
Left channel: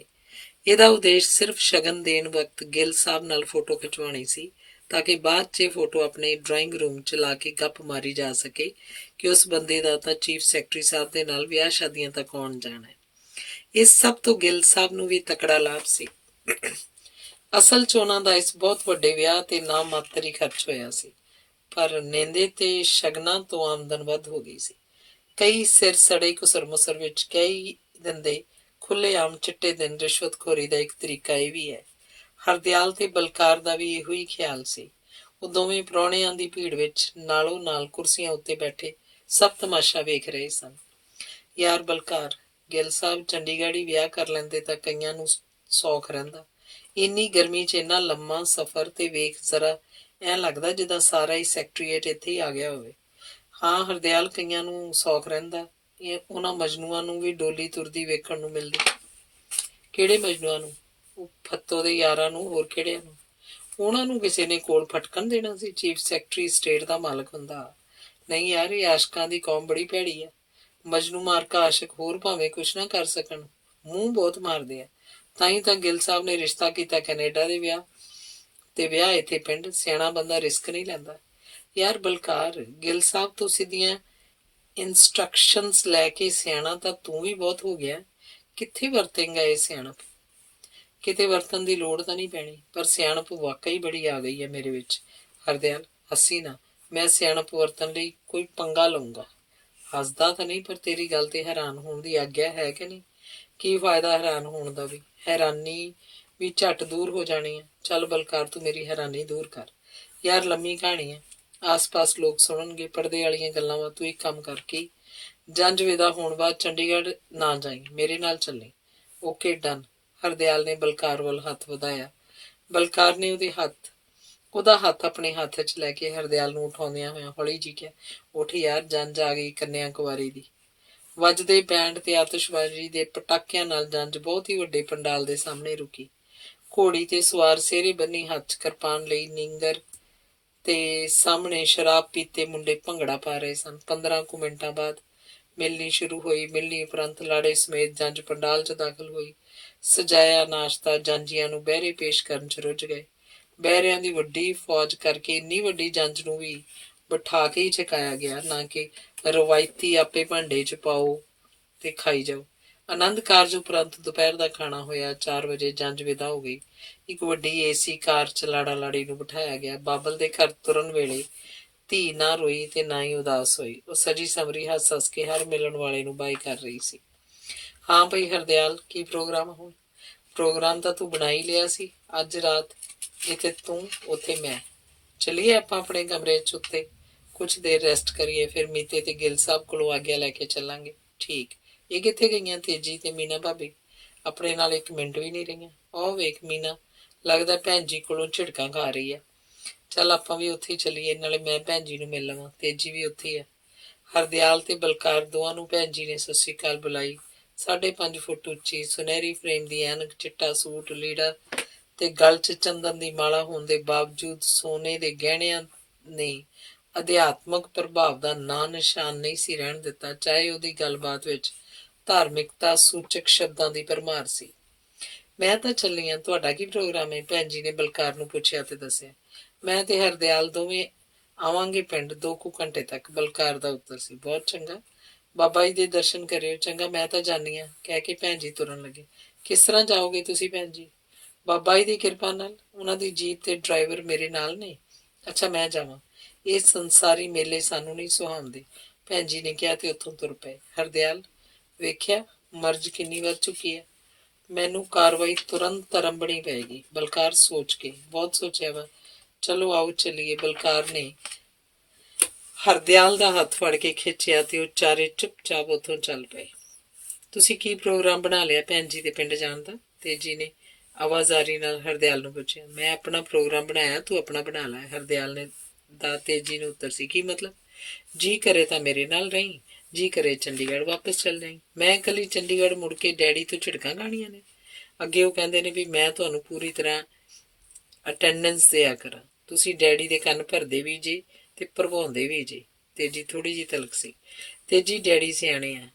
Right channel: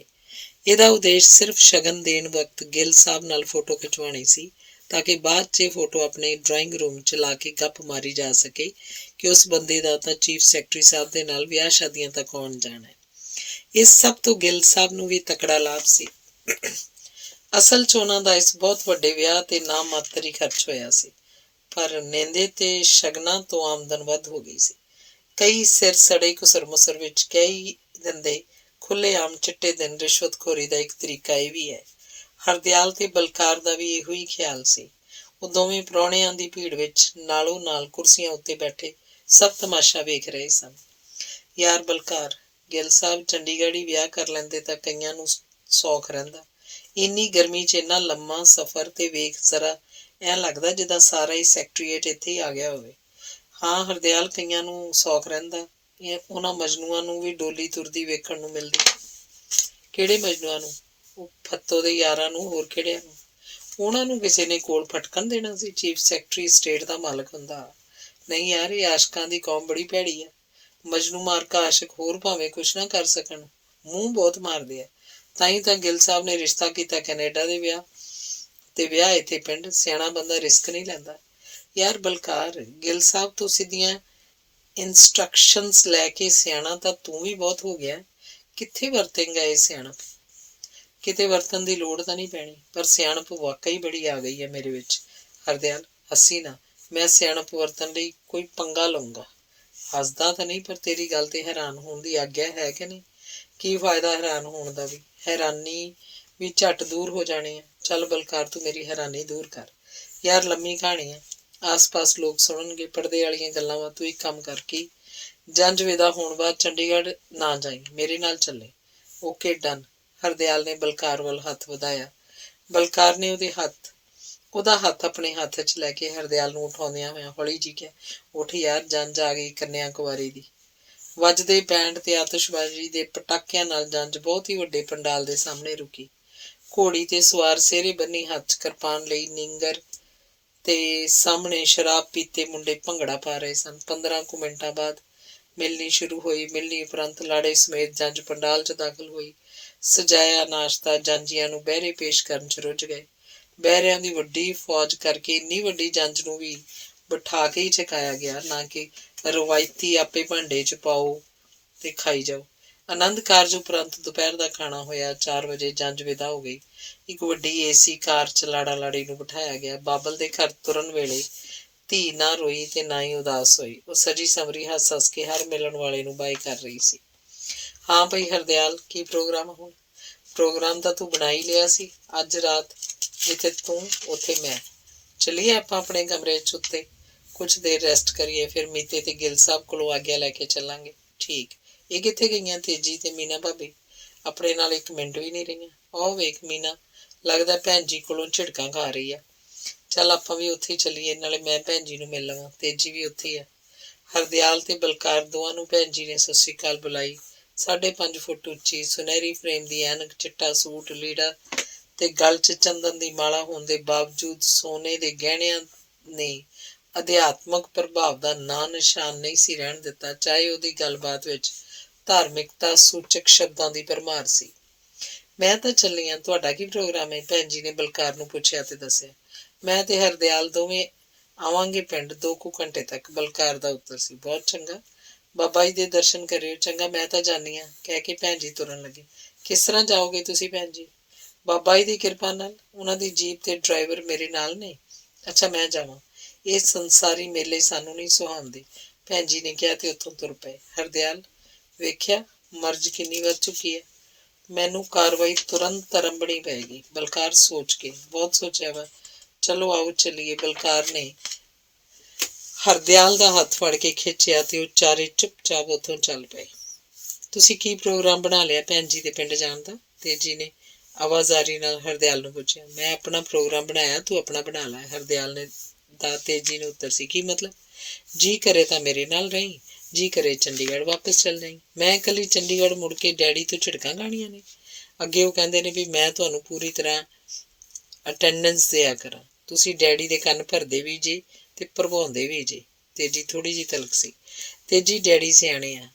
ਇਹਦਾ ਉਦੇਸ਼ ਸਿਰਫ ਸ਼ਗਨ ਦੇਣ ਵਕਤ ਗਿੱਲ ਸਾਹਿਬ ਨਾਲ ਫੋਟੋ ਖਿਚਵਾਉਣੀ ਸੀ, ਤਾਂ ਕਿ ਬਾਅਦ 'ਚ ਇਹ ਫੋਟੋ ਆਪਣੇ ਡਰਾਇੰਗ ਰੂਮ 'ਚ ਲਾ ਕੇ ਗੱਪ ਮਾਰੀ ਜਾ ਸਕੇ ਕਿ ਉਸ ਬੰਦੇ ਦਾ ਤਾਂ ਚੀਫ ਸੈਕਟਰੀ ਸਾਹਿਬ ਦੇ ਨਾਲ ਵਿਆਹ ਸ਼ਾਦੀਆਂ ਤੱਕ ਆਉਣ ਜਾਣਾ ਹੈ। ਇਸ ਸਭ ਤੋਂ ਗਿੱਲ ਸਾਹਿਬ ਨੂੰ ਵੀ ਤਕੜਾ ਲਾਭ ਸੀ। ਅਸਲ 'ਚ ਉਹਨਾਂ ਦਾ ਇਸ ਬਹੁਤ ਵੱਡੇ ਵਿਆਹ ਤੇ ਨਾ ਮਾਤਰ ਹੀ ਖਰਚ ਹੋਇਆ ਸੀ, ਪਰ ਨੇਂਦੇ ਤੇ ਸ਼ਗਨਾਂ ਤੋਂ ਆਮਦਨ ਵੱਧ ਹੋ ਗਈ ਸੀ। ਕਈ ਸਿਰ ਸੜੇ ਘੁਸਰ ਮੁਸਰ ਵਿੱਚ ਕਈ ਦਿੰਦੇ ਖੁੱਲ੍ਹੇਆਮ ਚਿੱਟੇ ਦਿਨ ਰਿਸ਼ਵਤਖੋਰੀ ਦਾ ਇੱਕ ਤਰੀਕਾ ਇਹ ਵੀ ਹੈ। ਹਰਦਿਆਲ ਤੇ ਬਲਕਾਰ ਦਾ ਵੀ ਇਹੋ ਹੀ ਖਿਆਲ ਸੀ। ਉਹ ਦੋਵੇਂ ਪ੍ਰਾਹੁਣਿਆਂ ਦੀ ਭੀੜ ਵਿੱਚ ਨਾਲੋਂ ਨਾਲ ਕੁਰਸੀਆਂ ਉੱਤੇ ਬੈਠੇ ਸਭ ਤਮਾਸ਼ਾ ਵੇਖ ਰਹੇ ਸਨ। ਯਾਰ ਬਲਕਾਰ, ਗਿੱਲ ਸਾਹਿਬ ਚੰਡੀਗੜ੍ਹ ਹੀ ਵਿਆਹ ਕਰ ਲੈਂਦੇ ਤਾਂ ਕਈਆਂ ਨੂੰ ਸੌਖ ਰਹਿੰਦਾ। ਇੰਨੀ ਗਰਮੀ 'ਚ ਇੰਨਾ ਲੰਮਾ ਸਫ਼ਰ ਤੇ ਵੇਖ ਜ਼ਰਾ ਐਂ ਲੱਗਦਾ ਜਿੱਦਾਂ ਸਾਰਾ ਹੀ ਸੈਕਟਰੀਏਟ ਇੱਥੇ ਹੀ ਆ ਗਿਆ ਹੋਵੇ। ਹਾਂ ਹਰਦਿਆਲ, ਕਈਆਂ ਨੂੰ ਸੌਖ ਰਹਿੰਦਾ। ਉਹਨਾਂ ਮਜਨੂਆਂ ਨੂੰ ਵੀ ਡੋਲੀ ਤੁਰਦੀ ਵੇਖਣ ਨੂੰ ਮਿਲਦੀ। ਕਿਹੜੇ ਮਜਨੂਆਂ ਨੂੰ? ਉਹ ਫੱਤੋ ਦੇ ਯਾਰਾਂ ਨੂੰ, ਹੋਰ ਕਿਹੜਿਆਂ ਨੂੰ? ਉਹਨਾਂ ਨੂੰ ਕਿਸੇ ਨੇ ਕੋਲ ਫਟਕਣ ਦੇਣਾ ਸੀ? ਚੀਫ ਸੈਕਟਰੀ ਸਟੇਟ ਦਾ ਮਾਲਕ ਹੁੰਦਾ। ਨਹੀਂ ਯਾਰ, ਇਹ ਆਸ਼ਕਾਂ ਦੀ ਕੌਮ ਬੜੀ ਭੈੜੀ ਆ। ਮਜਨੂ ਮਾਰਕਾ ਆਸ਼ਕ ਹੋਰ ਭਾਵੇਂ ਕੁਛ ਨਾ ਕਰ ਸਕਣ, ਮੂੰਹ ਬਹੁਤ ਮਾਰਦੇ ਆ। ਤਾਂ ਹੀ ਤਾਂ ਗਿੱਲ ਸਾਹਿਬ ਨੇ ਰਿਸ਼ਤਾ ਕੀਤਾ ਕੈਨੇਡਾ ਦੇ ਵਿਆਹ ਤੇ ਵਿਆਹ ਇੱਥੇ ਪਿੰਡ। ਸਿਆਣਾ ਬੰਦਾ ਰਿਸਕ ਨਹੀਂ ਲੈਂਦਾ। ਯਾਰ ਬਲਕਾਰ, ਗਿੱਲ ਸਾਹਿਬ ਤੋਂ ਸਿੱਧੀਆਂ ਇੰਸਟਰਕਸ਼ਨਸ ਲੈ ਕੇ ਸਿਆਣਾ ਤਾਂ ਤੂੰ ਵੀ ਬਹੁਤ ਹੋ ਗਿਆ। ਕਿੱਥੇ ਵਰਤੇਂਗਾ ਇਹ ਸਿਆਣਪ? ਕਿਤੇ ਵਰਤਣ ਦੀ ਲੋੜ ਤਾਂ ਨਹੀਂ ਪੈਣੀ, ਪਰ ਸਿਆਣਪ ਵਾਕਈ ਬੜੀ ਆ ਗਈ ਹੈ ਮੇਰੇ ਵਿੱਚ। ਹਰਦਿਆਲ, ਹੱਸੀ ਨਾ। ਮੈਂ ਸਿਆਣਪ ਵਰਤਣ ਲਈ ਕੋਈ ਪੰਗਾ ਲਊਂਗਾ। ਹੱਸਦਾ ਤਾਂ ਨਹੀਂ, ਪਰ ਤੇਰੀ ਗੱਲ ਤੇ ਹੈਰਾਨ ਹੋਣ ਦੀ ਆਗਿਆ ਹੈ ਕਿ ਨਹੀਂ? ਕੀ ਫਾਇਦਾ ਹੈਰਾਨ ਹੋਣ ਦਾ ਵੀ? ਹੈਰਾਨੀ ਵੀ ਝੱਟ ਦੂਰ ਹੋ ਜਾਣੀ ਹੈ। ਚੱਲ ਬਲਕਾਰ, ਤੂੰ ਮੇਰੀ ਹੈਰਾਨੀ ਦੂਰ ਕਰ। ਯਾਰ ਲੰਮੀ ਕਹਾਣੀ ਹੈ, ਆਸ-ਪਾਸ ਲੋਕ ਸੁਣਨਗੇ। ਪਰਦੇ ਵਾਲੀਆਂ ਗੱਲਾਂ ਵਾ। ਤੂੰ ਇੱਕ ਕੰਮ ਕਰ, ਕੀ ਜੰਝ ਵਿਦਾ ਹੋਣ ਬਾਅਦ ਚੰਡੀਗੜ੍ਹ ਨਾ ਜਾਈਂ, ਮੇਰੇ ਨਾਲ ਚੱਲੇ। Okay done. ਹਰਦਿਆਲ ਨੇ ਬਲਕਾਰ ਵੱਲ ਹੱਥ ਵਧਾਇਆ। ਬਲਕਾਰ ਨੇ ਉਹਦਾ ਹੱਥ ਆਪਣੇ ਹੱਥ 'ਚ ਲੈ ਕੇ ਹਰਦਿਆਲ ਨੂੰ ਉਠਾਉਂਦਿਆਂ ਹੋਇਆਂ ਹੌਲੀ ਜਿਹੀ ਕਿਹਾ, ਉੱਠ ਯਾਰ, ਜੰਝ ਆ ਗਈ ਕੰਨਿਆ ਕੁਆਰੀ ਦੀ। ਵੱਜਦੇ ਬੈਂਡ ਤੇ ਆਤਿਸ਼ਬਾਜ਼ੀ ਦੇ ਪਟਾਕਿਆਂ ਨਾਲ ਜੰਝ ਬਹੁਤ ਹੀ ਵੱਡੇ ਪੰਡਾਲ ਦੇ ਸਾਹਮਣੇ ਰੁਕੀ। ਘੋੜੀ ਤੇ ਸਵਾਰ ਸਿਹਰੇ ਬੰਨੀ ਹੱਥ 'ਚ ਕਿਰਪਾਨ ਲਈ ਨਿੰਗਰ ਤੇ ਸਾਹਮਣੇ ਸ਼ਰਾਬ ਪੀਤੇ ਮੁੰਡੇ ਭੰਗੜਾ ਪਾ ਰਹੇ ਸਨ। 15 ਕੁ ਮਿੰਟਾਂ ਬਾਅਦ ਮਿਲਣੀ ਸ਼ੁਰੂ ਹੋਈ। ਮਿਲਣੀ ਉਪਰੰਤ ਲਾੜੇ ਸਮੇਤ ਜੰਝ ਪੰਡਾਲ 'ਚ ਦਾਖਲ ਹੋਈ। ਸਜਾਇਆ ਨਾਸ਼ਤਾ ਜਾਂਝੀਆਂ ਨੂੰ ਬਹਿਰੇ ਪੇਸ਼ ਕਰਨ 'ਚ ਰੁੱਝ ਗਏ। ਬਹਿਰਿਆਂ ਦੀ ਵੱਡੀ ਫੌਜ ਕਰਕੇ ਇੰਨੀ ਵੱਡੀ ਜੰਝ ਨੂੰ ਵੀ ਬਿਠਾ ਕੇ ਹੀ ਛਕਾਇਆ ਗਿਆ, ਨਾ ਕਿ ਰਵਾਇਤੀ ਆਪੇ ਭਾਂਡੇ 'ਚ ਪਾਓ ਤੇ ਖਾਈ ਜਾਓ। ਆਨੰਦ ਕਾਰਜ ਉਪਰੰਤ ਦੁਪਹਿਰ ਦਾ ਖਾਣਾ ਹੋਇਆ। 4 ਵਜੇ ਜੰਝ ਵਿਦਾ ਹੋ ਗਈ। ਇੱਕ ਵੱਡੀ ਏਸੀ ਕਾਰ 'ਚ ਲਾੜਾ ਲਾੜੀ ਨੂੰ ਬਿਠਾਇਆ ਗਿਆ। ਬਾਬਲ ਦੇ ਘਰ ਤੁਰਨ ਵੇਲੇ ਧੀ ਨਾ ਰੋਈ ਤੇ ਨਾ ਹੀ ਉਦਾਸ ਹੋਈ। ਉਹ ਸਜੀ ਸਮਰੀ ਹੱਸ ਹੱਸ ਕੇ ਹਰ ਮਿਲਣ ਵਾਲੇ ਨੂੰ ਬਾਈ ਕਰ ਰਹੀ ਸੀ। ਹਾਂ ਭਈ ਹਰਦਿਆਲ, ਕੀ ਪ੍ਰੋਗਰਾਮ? ਹੁਣ ਪ੍ਰੋਗਰਾਮ ਤਾਂ ਤੂੰ ਬਣਾ ਹੀ ਲਿਆ ਸੀ। ਅੱਜ ਰਾਤ ਜਿੱਥੇ ਤੂੰ ਉੱਥੇ ਮੈਂ। ਚੱਲੀਏ ਆਪਾਂ ਆਪਣੇ ਕਮਰੇ 'ਚ ਉੱਤੇ, ਕੁਛ ਦੇਰ ਰੈਸਟ ਕਰੀਏ, ਫਿਰ ਮੀਤੇ ਤੇ ਗਿੱਲ ਸਾਹਿਬ ਕੋਲੋਂ ਆਗਿਆ ਲੈ ਕੇ ਚੱਲਾਂਗੇ। ਠੀਕ। ਇਹ ਕਿੱਥੇ ਗਈਆਂ ਤੇਜੀ ਤੇ ਮੀਨਾ ਭਾਬੀ? ਆਪਣੇ ਨਾਲ ਇੱਕ ਮਿੰਟ ਵੀ ਨਹੀਂ ਰਹੀਆਂ। ਉਹ ਵੇਖ ਮੀਨਾ, ਲੱਗਦਾ ਭੈਣ ਜੀ ਕੋਲੋਂ ਝਿੜਕਾਂ ਖਾ ਰਹੀ ਆ। ਚੱਲ ਆਪਾਂ ਵੀ ਉੱਥੇ ਹੀ ਚੱਲੀਏ, ਨਾਲੇ ਮੈਂ ਭੈਣ ਜੀ ਨੂੰ ਮਿਲ ਲਵਾਂ। ਤੇਜੀ ਵੀ ਉੱਥੇ ਆ। ਹਰਦਿਆਲ ਤੇ ਬਲਕਾਰ ਦੋਵਾਂ ਨੂੰ ਭੈਣ ਜੀ ਨੇ ਸਤਿ ਸ੍ਰੀ ਅਕਾਲ ਬੁਲਾਈ। 5.5 ਫੁੱਟ ਉੱਚੀ, ਸੁਨਹਿਰੀ ਫਰੇਮ ਦੀ ਐਨਕ, ਚਿੱਟਾ ਸੂਟ, ਲੀੜਾ ਤੇ ਗਲ 'ਚ ਚੰਦਨ ਦੀ ਮਾਲਾ ਹੋਣ ਦੇ ਬਾਵਜੂਦ ਸੋਨੇ ਦੇ ਗਹਿਣਿਆਂ ਨੇ ਅਧਿਆਤਮਕ ਪ੍ਰਭਾਵ ਦਾ ਨਾਂ ਨਿਸ਼ਾਨ ਨਹੀਂ ਸੀ ਰਹਿਣ ਦਿੱਤਾ, ਚਾਹੇ ਉਹਦੀ ਗੱਲਬਾਤ ਵਿੱਚ ਧਾਰਮਿਕਤਾ ਸੂਚਕ ਸ਼ਬਦਾਂ ਦੀ ਭਰਮਾਰ ਸੀ। ਮੈਂ ਤਾਂ ਚੱਲੀ ਹਾਂ, ਤੁਹਾਡਾ ਕੀ ਪ੍ਰੋਗਰਾਮ ਹੈ? ਭੈਣ ਜੀ ਨੇ ਬਲਕਾਰ ਨੂੰ ਪੁੱਛਿਆ ਤੇ ਦੱਸਿਆ। ਮੈਂ ਤੇ ਹਰਦਿਆਲ ਦੋਵੇਂ ਆਵਾਂਗੇ ਪਿੰਡ 2 ਕੁ ਘੰਟੇ ਤੱਕ। ਬਲਕਾਰ ਦਾ ਉੱਤਰ ਸੀ। ਬਹੁਤ ਚੰਗਾ, ਬਾਬਾ ਜੀ ਦੇ ਦਰਸ਼ਨ ਕਰਿਓ। ਚੰਗਾ, ਮੈਂ ਤਾਂ ਜਾਨੀ ਹਾਂ, ਕਹਿ ਕੇ ਭੈਣ ਜੀ ਤੁਰਨ ਲੱਗੇ। ਕਿਸ ਤਰ੍ਹਾਂ ਜਾਓਗੇ ਤੁਸੀਂ ਭੈਣ ਜੀ? ਬਾਬਾ ਜੀ ਦੀ ਕਿਰਪਾ ਨਾਲ। ਉਹਨਾਂ ਦੀ ਜੀਪ ਤੇ ਡਰਾਈਵਰ ਮੇਰੇ ਨਾਲ ਨੇ। ਅੱਛਾ, ਮੈਂ ਜਾਵਾਂ? ਇਹ ਸੰਸਾਰੀ ਮੇਲੇ ਸਾਨੂੰ ਨਹੀਂ ਸੁਹਾਉਂਦੇ, ਭੈਣ ਜੀ ਨੇ ਕਿਹਾ ਤੇ ਉੱਥੋਂ ਤੁਰ ਪਏ। ਹਰਦਿਆਲ, ਵੇਖਿਆ ਮਰਜ਼ ਕਿੰਨੀ ਵੱਧ ਚੁੱਕੀ ਹੈ। ਮੈਨੂੰ ਕਾਰਵਾਈ ਤੁਰੰਤ ਆਰੰਭਣੀ ਪਏਗੀ। ਬਲਕਾਰ ਸੋਚ ਕੇ, ਬਹੁਤ ਸੋਚਿਆ ਵਾ। ਚਲੋ ਆਓ ਚੱਲੀਏ। ਬਲਕਾਰ ਨੇ ਹਰਦਿਆਲ ਦਾ ਹੱਥ ਫੜ ਕੇ ਖਿੱਚਿਆ ਤੇ ਉਹ ਚਾਰੇ ਚੁੱਪਚਾਪ ਉੱਥੋਂ ਚੱਲ ਪਏ। ਤੁਸੀਂ ਕੀ ਪ੍ਰੋਗਰਾਮ ਬਣਾ ਲਿਆ ਭੈਣ ਜੀ ਦੇ ਪਿੰਡ ਜਾਣ ਦਾ? ਤੇਜੀ ਨੇ ਆਵਾਜ਼ਾਰੀ ਨਾਲ ਹਰਦਿਆਲ ਨੂੰ ਪੁੱਛਿਆ। ਮੈਂ ਆਪਣਾ ਪ੍ਰੋਗਰਾਮ ਬਣਾਇਆ, ਤੂੰ ਆਪਣਾ ਬਣਾ ਲੈ, ਹਰਦਿਆਲ ਨੇ ਦਾ ਤੇਜੀ ਨੂੰ ਉੱਤਰ ਸੀ। ਕੀ ਮਤਲਬ? ਜੀ ਕਰੇ ਤਾਂ ਮੇਰੇ ਨਾਲ ਰਹੀ, ਜੀ ਕਰੇ ਚੰਡੀਗੜ੍ਹ ਵਾਪਸ ਚੱਲ ਜਾਈਂ। ਮੈਂ ਇਕੱਲੀ ਚੰਡੀਗੜ੍ਹ ਮੁੜ ਕੇ ਡੈਡੀ ਤੋਂ ਝਿੜਕਾਂ ਖਾਣੀਆਂ ਨੇ? ਅੱਗੇ ਉਹ ਕਹਿੰਦੇ ਨੇ ਵੀ ਮੈਂ ਤੁਹਾਨੂੰ ਪੂਰੀ ਤਰ੍ਹਾਂ ਅਟੈਂਡੈਂਸ ਦਿਆ ਕਰਾਂ। ਤੁਸੀਂ ਡੈਡੀ ਦੇ ਕੰਨ ਭਰਦੇ ਵੀ ਜੀ ਤੇ ਭਰਵਾਉਂਦੇ ਵੀ ਜੀ। ਤੇਜੀ ਥੋੜ੍ਹੀ ਜਿਹੀ ਤਲਕ ਸੀ। ਤੇਜੀ ਡੈਡੀ ਸਿਆਣੇ ਆ।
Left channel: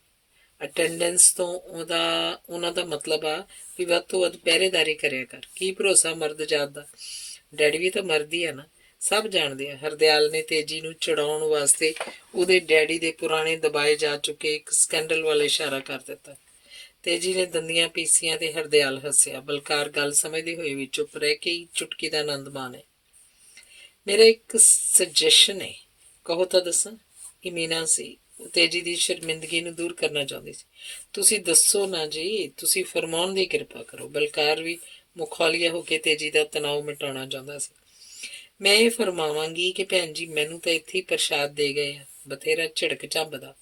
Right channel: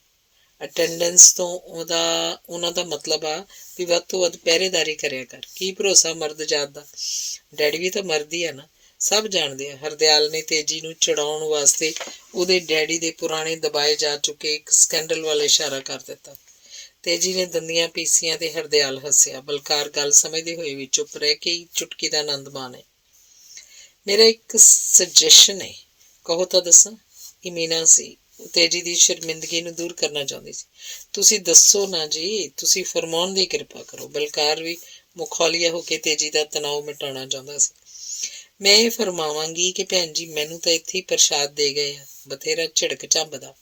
ਅਟੈਂਡੈਂਸ ਤੋਂ ਉਹਨਾਂ ਦਾ ਮਤਲਬ ਆ ਵੀ ਵੱਧ ਤੋਂ ਵੱਧ ਪਹਿਰੇਦਾਰੀ ਕਰਿਆ ਕਰ। ਕੀ ਭਰੋਸਾ ਮਰਦ ਜਾਤ ਦਾ? ਡੈਡੀ ਵੀ ਤਾਂ ਮਰਦ ਹੀ ਆ ਨਾ, ਸਭ ਜਾਣਦੇ ਆ। ਹਰਦਿਆਲ ਨੇ ਤੇਜੀ ਨੂੰ ਚੜਾਉਣ ਵਾਸਤੇ ਉਹਦੇ ਡੈਡੀ ਦੇ ਪੁਰਾਣੇ ਦਬਾਏ ਜਾ ਚੁੱਕੇ ਇੱਕ ਸਕੈਂਡਲ ਵੱਲ ਇਸ਼ਾਰਾ ਕਰ ਦਿੱਤਾ। ਤੇਜੀ ਨੇ ਦੰਦੀਆਂ ਪੀਸੀਆਂ ਤੇ ਹਰਦਿਆਲ ਹੱਸਿਆ। ਬਲਕਾਰ ਗੱਲ ਸਮਝਦੇ ਹੋਏ ਵੀ ਚੁੱਪ ਰਹਿ ਕੇ ਹੀ ਚੁਟਕੀ ਦਾ ਆਨੰਦ ਮਾਣੇ। ਮੇਰਾ ਇੱਕ ਸੁਜੈਸ਼ਨ ਹੈ, ਕਹੋ ਤਾਂ ਦੱਸਾਂ? ਇਹ ਮੀਨਾ ਸੀ, ਤੇਜੀ ਦੀ ਸ਼ਰਮਿੰਦਗੀ ਨੂੰ ਦੂਰ ਕਰਨਾ ਚਾਹੁੰਦੀ ਸੀ। ਤੁਸੀਂ ਦੱਸੋ ਨਾ ਜੀ, ਤੁਸੀਂ ਫਰਮਾਉਣ ਦੀ ਕਿਰਪਾ ਕਰੋ। ਬਲਕਾਰ ਵੀ ਮੁਖੌਲੀਆ ਹੋ ਕੇ ਤੇਜੀ ਦਾ ਤਣਾਅ ਮਿਟਾਉਣਾ ਚਾਹੁੰਦਾ ਸੀ। ਮੈਂ ਇਹ ਫਰਮਾਵਾਂਗੀ ਕਿ ਭੈਣ ਜੀ ਮੈਨੂੰ ਤਾਂ ਇੱਥੇ ਹੀ ਪ੍ਰਸ਼ਾਦ ਦੇ ਗਏ ਆ, ਬਥੇਰਾ ਝਿੜਕ ਝੰਬਦਾ,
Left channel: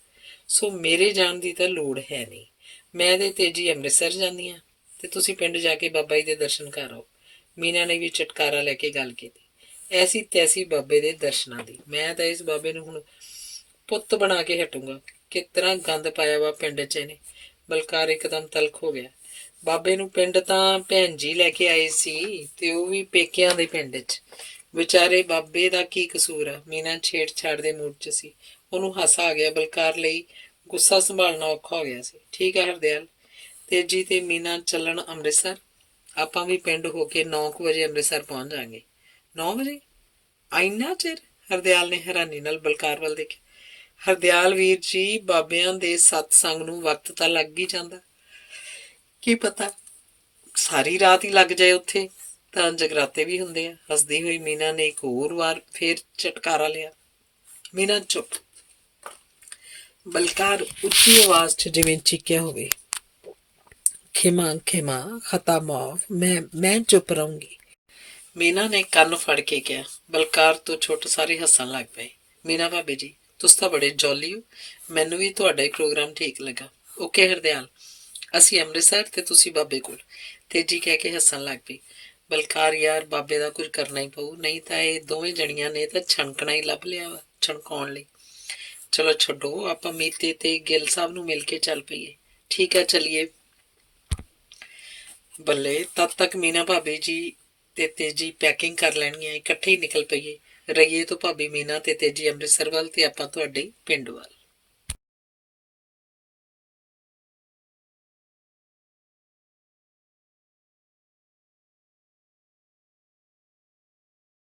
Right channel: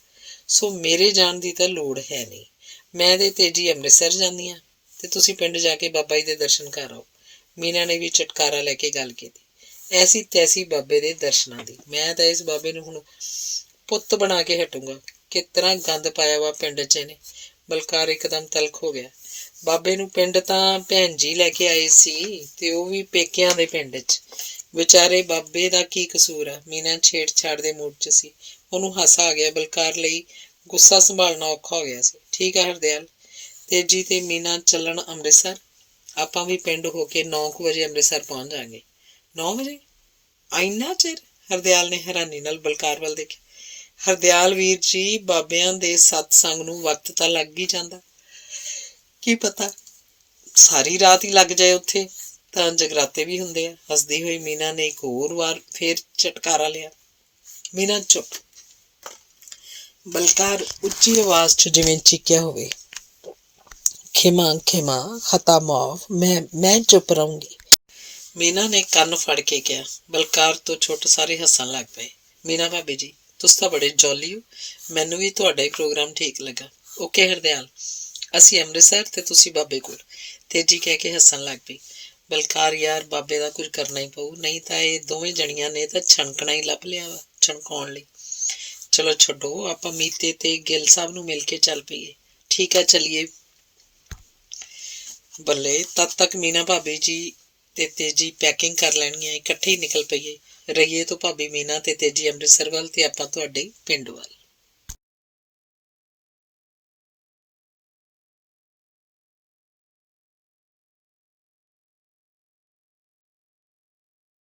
ਸੋ ਮੇਰੇ ਜਾਣ ਦੀ ਤਾਂ ਲੋੜ ਹੈ ਨਹੀਂ। ਮੈਂ ਤੇ ਤੇਜੀ ਅੰਮ੍ਰਿਤਸਰ ਜਾਂਦੀ ਹਾਂ ਤੇ ਤੁਸੀਂ ਪਿੰਡ ਜਾ ਕੇ ਬਾਬਾ ਜੀ ਦੇ ਦਰਸ਼ਨ ਕਰ ਆਓ। ਮੀਨਾ ਨੇ ਵੀ ਚਟਕਾਰਾ ਲੈ ਕੇ ਗੱਲ ਕੀਤੀ। ਐਸੀ ਤੈਸੀ ਬਾਬੇ ਦੇ ਦਰਸ਼ਨਾਂ ਦੀ? ਮੈਂ ਤਾਂ ਇਸ ਬਾਬੇ ਨੂੰ ਹੁਣ ਪੁੱਤ ਬਣਾ ਕੇ ਹਟੂੰਗਾ। ਕਿਸ ਤਰ੍ਹਾਂ ਗੰਦ ਪਾਇਆ ਵਾ ਪਿੰਡ 'ਚ ਇਹਨੇ। ਬਲਕਾਰ ਇੱਕਦਮ ਤਲਖ ਹੋ ਗਿਆ। ਬਾਬੇ ਨੂੰ ਪਿੰਡ ਤਾਂ ਭੈਣ ਜੀ ਲੈ ਕੇ ਆਏ ਸੀ, ਤੇ ਉਹ ਵੀ ਪੇਕਿਆਂ ਦੇ ਪਿੰਡ 'ਚ। ਵਿਚਾਰੇ ਬਾਬੇ ਦਾ ਕੀ ਕਸੂਰ ਆ? ਮੀਨਾ ਛੇੜਛਾੜ ਦੇ ਮੂਡ 'ਚ ਸੀ। ਉਹਨੂੰ ਹਾਸਾ ਆ ਗਿਆ। ਬਲਕਾਰ ਲਈ ਗੁੱਸਾ ਸੰਭਾਲਣਾ ਔਖਾ ਹੋ ਗਿਆ ਸੀ। ਠੀਕ ਆ ਹਰਦਿਆਲ, ਤੇਜੀ ਤੇ ਮੀਨਾ ਚੱਲਣ ਅੰਮ੍ਰਿਤਸਰ। ਆਪਾਂ ਵੀ ਪਿੰਡ ਹੋ ਕੇ 9 ਵਜੇ ਅੰਮ੍ਰਿਤਸਰ ਪਹੁੰਚ ਜਾਵਾਂਗੇ। 9 ਵਜੇ? ਇੰਨਾ ਚਿਰ? ਹਰਦਿਆਲ ਨੇ ਹੈਰਾਨੀ ਨਾਲ ਬਲਕਾਰ ਵੱਲ ਦੇਖਿਆ। ਹਰਦਿਆਲ ਵੀਰ ਜੀ, ਬਾਬਿਆਂ ਦੇ ਸਤਸੰਗ ਨੂੰ ਵਕਤ ਤਾਂ ਲੱਗ ਹੀ ਜਾਂਦਾ। ਕੀ ਪਤਾ ਸਾਰੀ ਰਾਤ ਹੀ ਲੱਗ ਜਾਏ, ਉੱਥੇ ਤਾਂ ਜਗਰਾਤੇ ਵੀ ਹੁੰਦੇ ਆ। ਹੱਸਦੀ ਹੋਈ ਮੀਨਾ ਨੇ ਇੱਕ ਹੋਰ ਵਾਰ ਫੇਰ ਝਟਕਾਰਾ ਲਿਆ। ਮੀਨਾ ਚੁੱਪ। ਬਲਕਾਰ ਉੱਚੀ ਆਵਾਜ਼ 'ਚ ਜਿਵੇਂ ਚੀਕਿਆ ਹੋਵੇ, ਖਿਮਾ ਖਿਮਾ, ਖਤਾ ਮਾਫ, ਮੈਂ ਚੁੱਪ ਰਹੂੰਗੀ। ਮੀਨਾ ਨੇ ਕੰਨ ਫੜ ਕੇ ਕਿਹਾ। ਬਲਕਾਰ ਤੋਂ ਛੁੱਟ ਸਾਰੇ ਹੱਸਣ ਲੱਗ ਪਏ। ਮੀਨਾ ਭਾਬੀ ਜੀ, ਤੁਸੀਂ ਤਾਂ ਬੜੇ ਜੌਲੀ ਹੋ। ਮੈਨੂੰ ਵੀ ਤੁਹਾਡਾ ਹੀ ਪ੍ਰੋਗਰਾਮ ਠੀਕ ਲੱਗਾ। ਓਕੇ ਹਰਦਿਆਲ, ਅਸੀਂ ਅੰਮ੍ਰਿਤਸਰ ਤੇ ਤੁਸੀਂ ਬਾਬੇ ਕੋਲ, ਤੇਜੀ ਕਹਿ ਕੇ ਹੱਸਣ ਲੱਗ ਪਈ। ਬਲਕਾਰ ਯਾਰ, ਬਾਬੇ ਦਾ ਕੁਝ ਕਰਨਾ ਹੀ ਪਊ, ਨਹੀਂ ਤਾਂ ਇਹ ਦੋਵੇਂ ਜਣੀਆਂ ਨੇ ਤਾਂ ਛਣਕਣਾ ਹੀ ਲੱਭ ਲਿਆ ਵਾ ਛਣਕਾਉਣ ਲਈ। ਚਲੋ ਛੱਡੋ, ਆਪਾਂ ਮੀਤੇ ਤੇ ਗਿੱਲ ਸਾਹਿਬ ਨੂੰ ਮਿਲ ਕੇ ਚੱਲ ਪਈਏ। ਠੀਕ ਆ, ਚੱਲੀਏ। ਬੱਲੇ, ਤਦ ਤੱਕ ਮੀਨਾ ਭਾਬੀ ਜੀ ਤੇ ਤੇਜੀ ਪੈਕਿੰਗ ਕਰ ਲੈਣਗੀਆਂ, ਇਕੱਠੇ ਹੀ ਨਿਕਲ ਪਈਏ। ਰਈਏ ਤੋਂ ਭਾਬੀ ਮੀਨਾ ਤੇ ਤੇਜੀ ਅੰਮ੍ਰਿਤਸਰ ਵੱਲ ਤੇ ਆਪਾਂ ਤੁਹਾਡੇ ਪਿੰਡ ਵੱਲ।